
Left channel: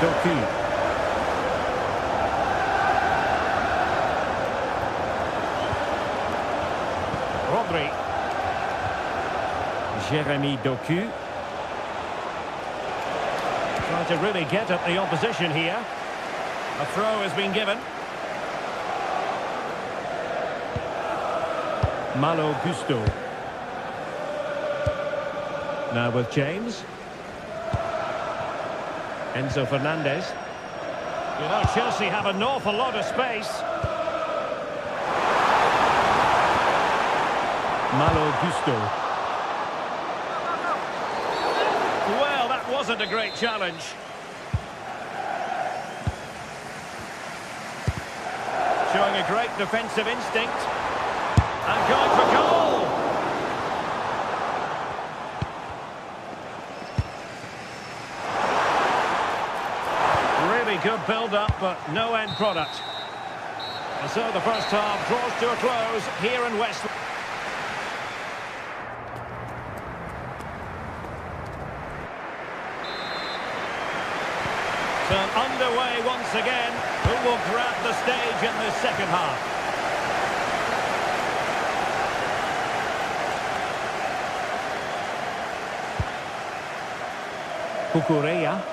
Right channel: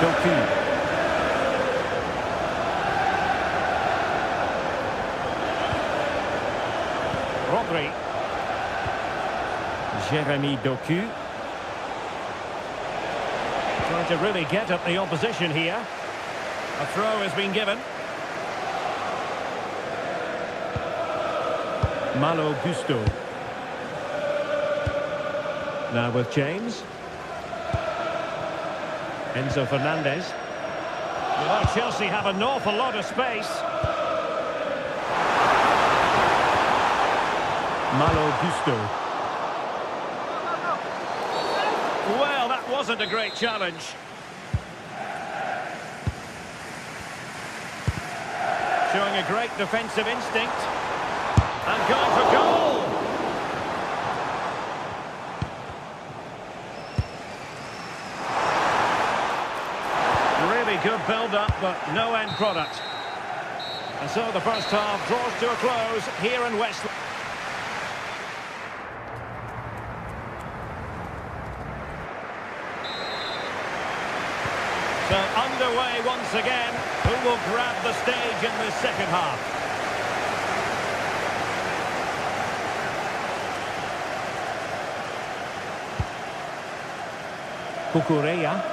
Doku. Rodri. Jeremy Doku. Trying to really get at the opposition here. A throw has been given. Malo Gusto. Now with James. Enzo Fernandez. You know, Chelsea have an awful lot of space. Malo Gusto. Well, that wasn't a great challenge. Showing a great defensive instinct. And going for goal! Really good build-up, but no end product. And so the first half draws to a close here in West. So underway once again. Who will grab the stage in this second half? Cucurella.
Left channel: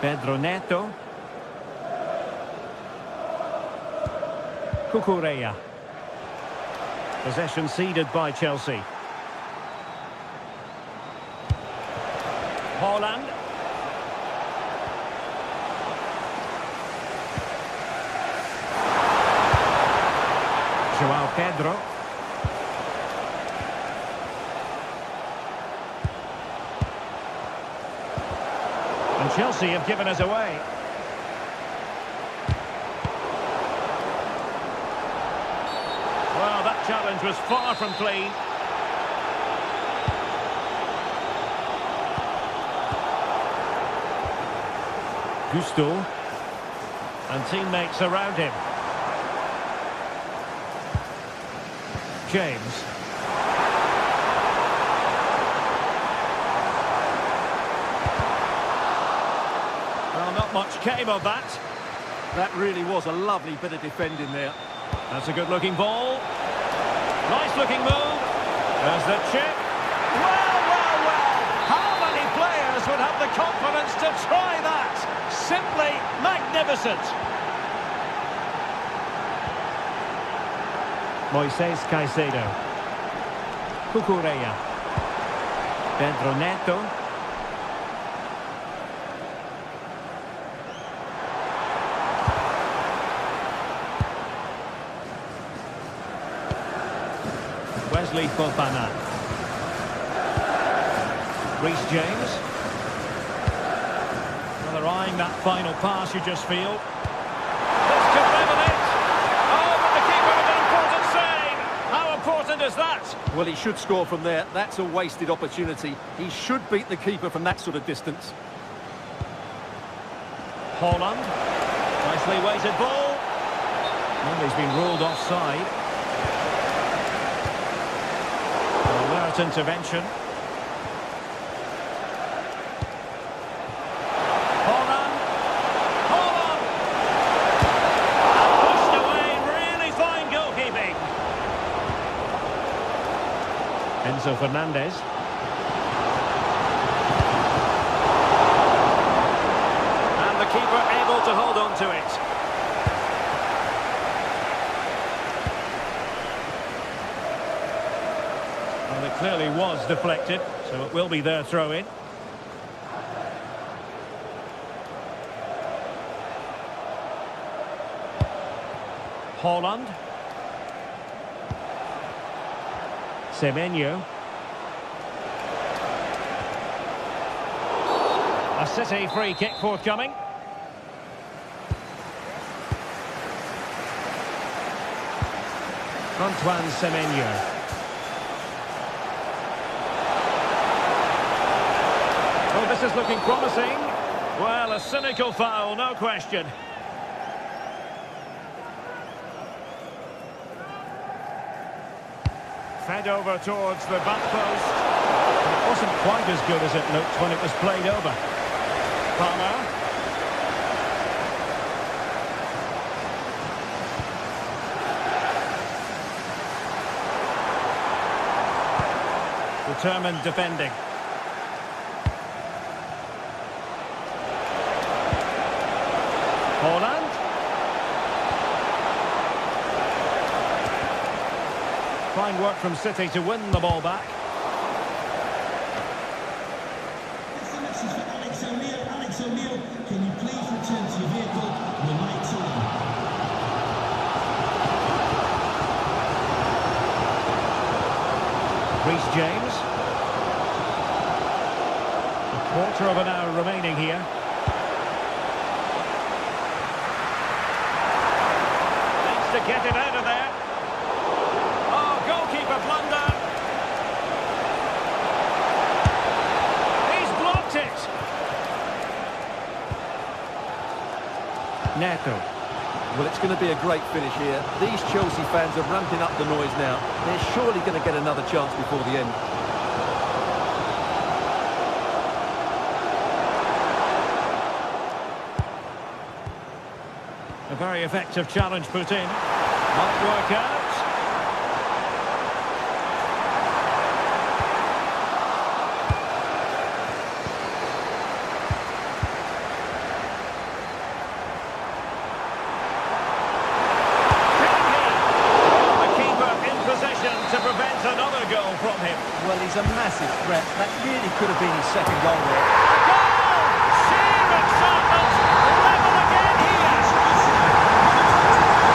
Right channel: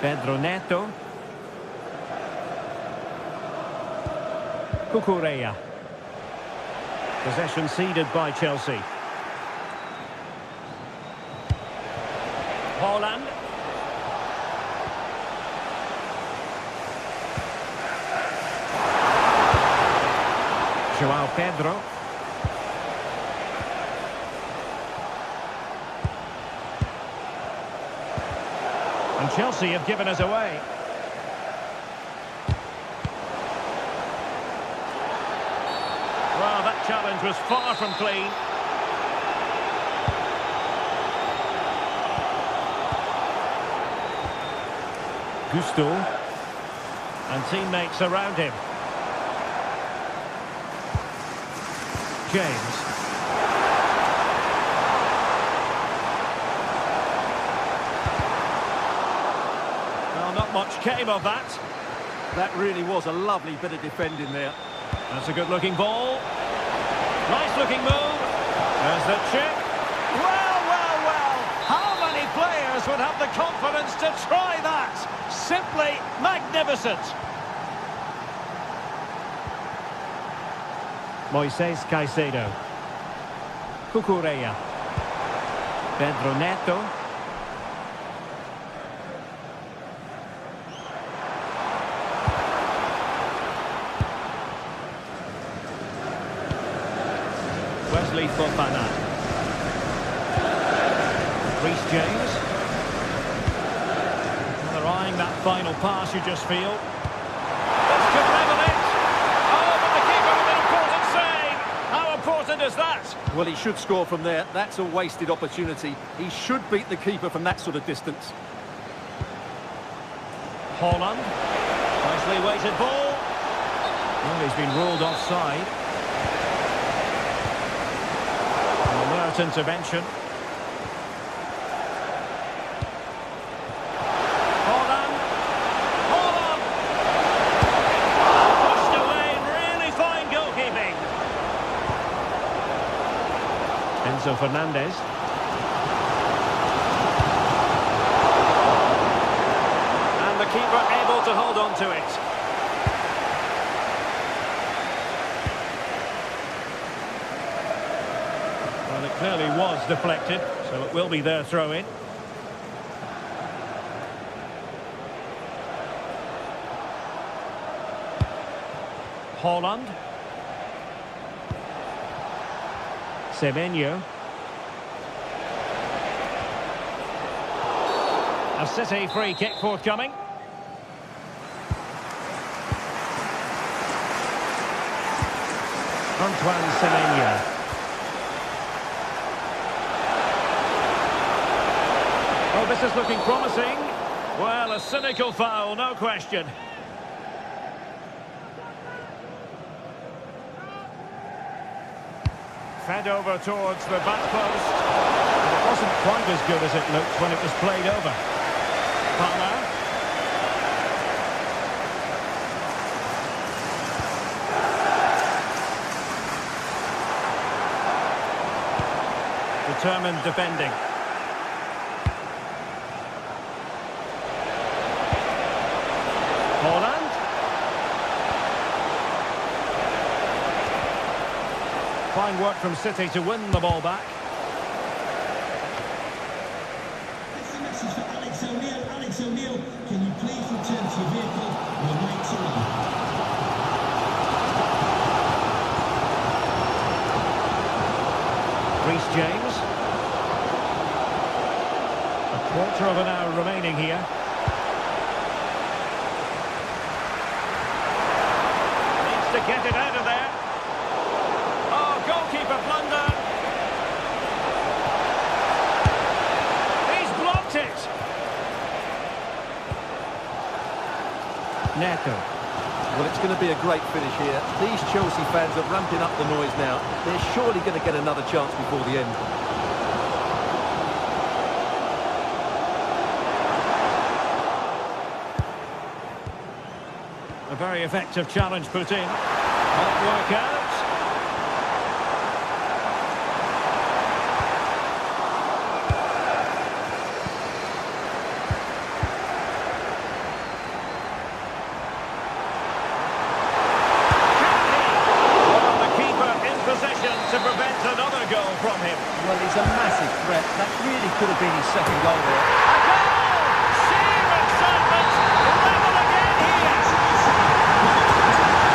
Pedro Neto. Cucurella. Possession ceded by Chelsea. Haaland. João Pedro. And Chelsea have given us away. Well, that challenge was far from clean. Gusto. And teammates around him. James. Well, not much came of that. That really was a lovely bit of defending there. That's a good-looking ball. Nice-looking move. There's the chip. Well, well, well. How many players would have the confidence to try that? Simply magnificent. Moises Caicedo. Cucurella. Pedro Neto. Wesley Fofana. Reece James. Well, they're eyeing that final pass, you just feel. This could level it. Oh, but the keeper with an important save. How important is that? Well, he should score from there. That's a wasted opportunity. He should beat the keeper from that sort of distance. Haaland. Nicely weighted ball. Well, he's been ruled offside. An alert intervention. Haaland. Haaland. Pushed away. Really fine goalkeeping. Enzo Fernandez. And the keeper able to hold on to it. Well, it clearly was deflected, so it will be their throw-in. Haaland. Semenyo. A City free kick forthcoming. Antoine Semenyo. Oh, this is looking promising. Well, a cynical foul, no question. Fed over towards the back post. But it wasn't quite as good as it looked when it was played over. Palmer. Determined defending. Haaland. Fine work from City to win the ball back. It's the message for Alex O'Neill. Alex O'Neill, can you please return to your vehicle? We're late to run. Reece James. A quarter of an hour remaining here. Needs to get it out of there. Oh, goalkeeper blunder. He's blocked it. Neto. Well, it's going to be a great finish here. These Chelsea fans are ramping up the noise now. They're surely going to get another chance before the end. A very effective challenge put in. Might work out. To prevent another goal from him. Well, he's a massive threat. That really could have been his second goal there. A goal! Sheer excitement! Level again here!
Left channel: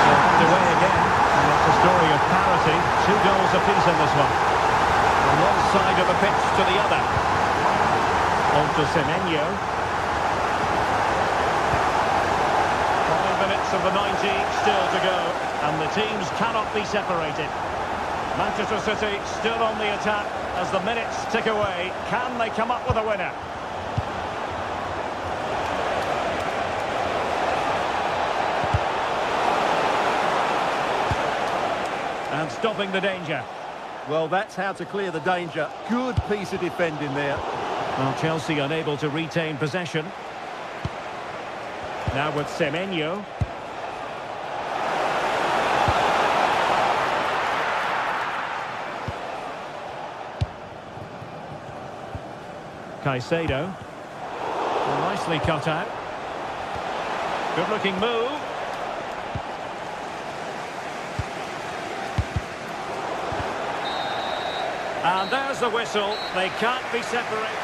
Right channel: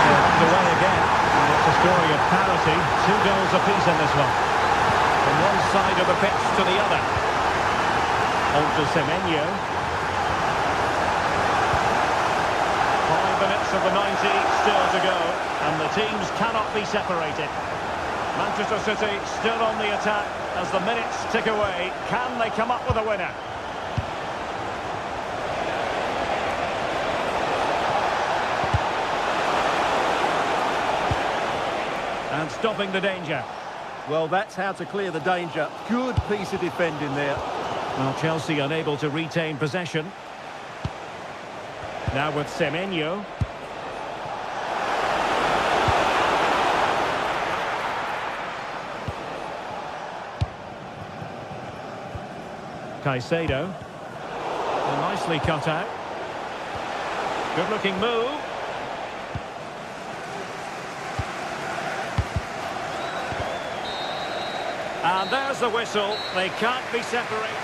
So underway again, and it's a story of parity. 2 goals apiece in this one. From one side of the pitch to the other. On to Semenyo. 5 minutes of the 90 still to go, and the teams cannot be separated. Manchester City still on the attack as the minutes tick away. Can they come up with a winner? And stopping the danger. Well, that's how to clear the danger. Good piece of defending there. Well, Chelsea unable to retain possession. Now with Semenyo. Caicedo. Well, nicely cut out. Good looking move. And there's the whistle. They can't be separated.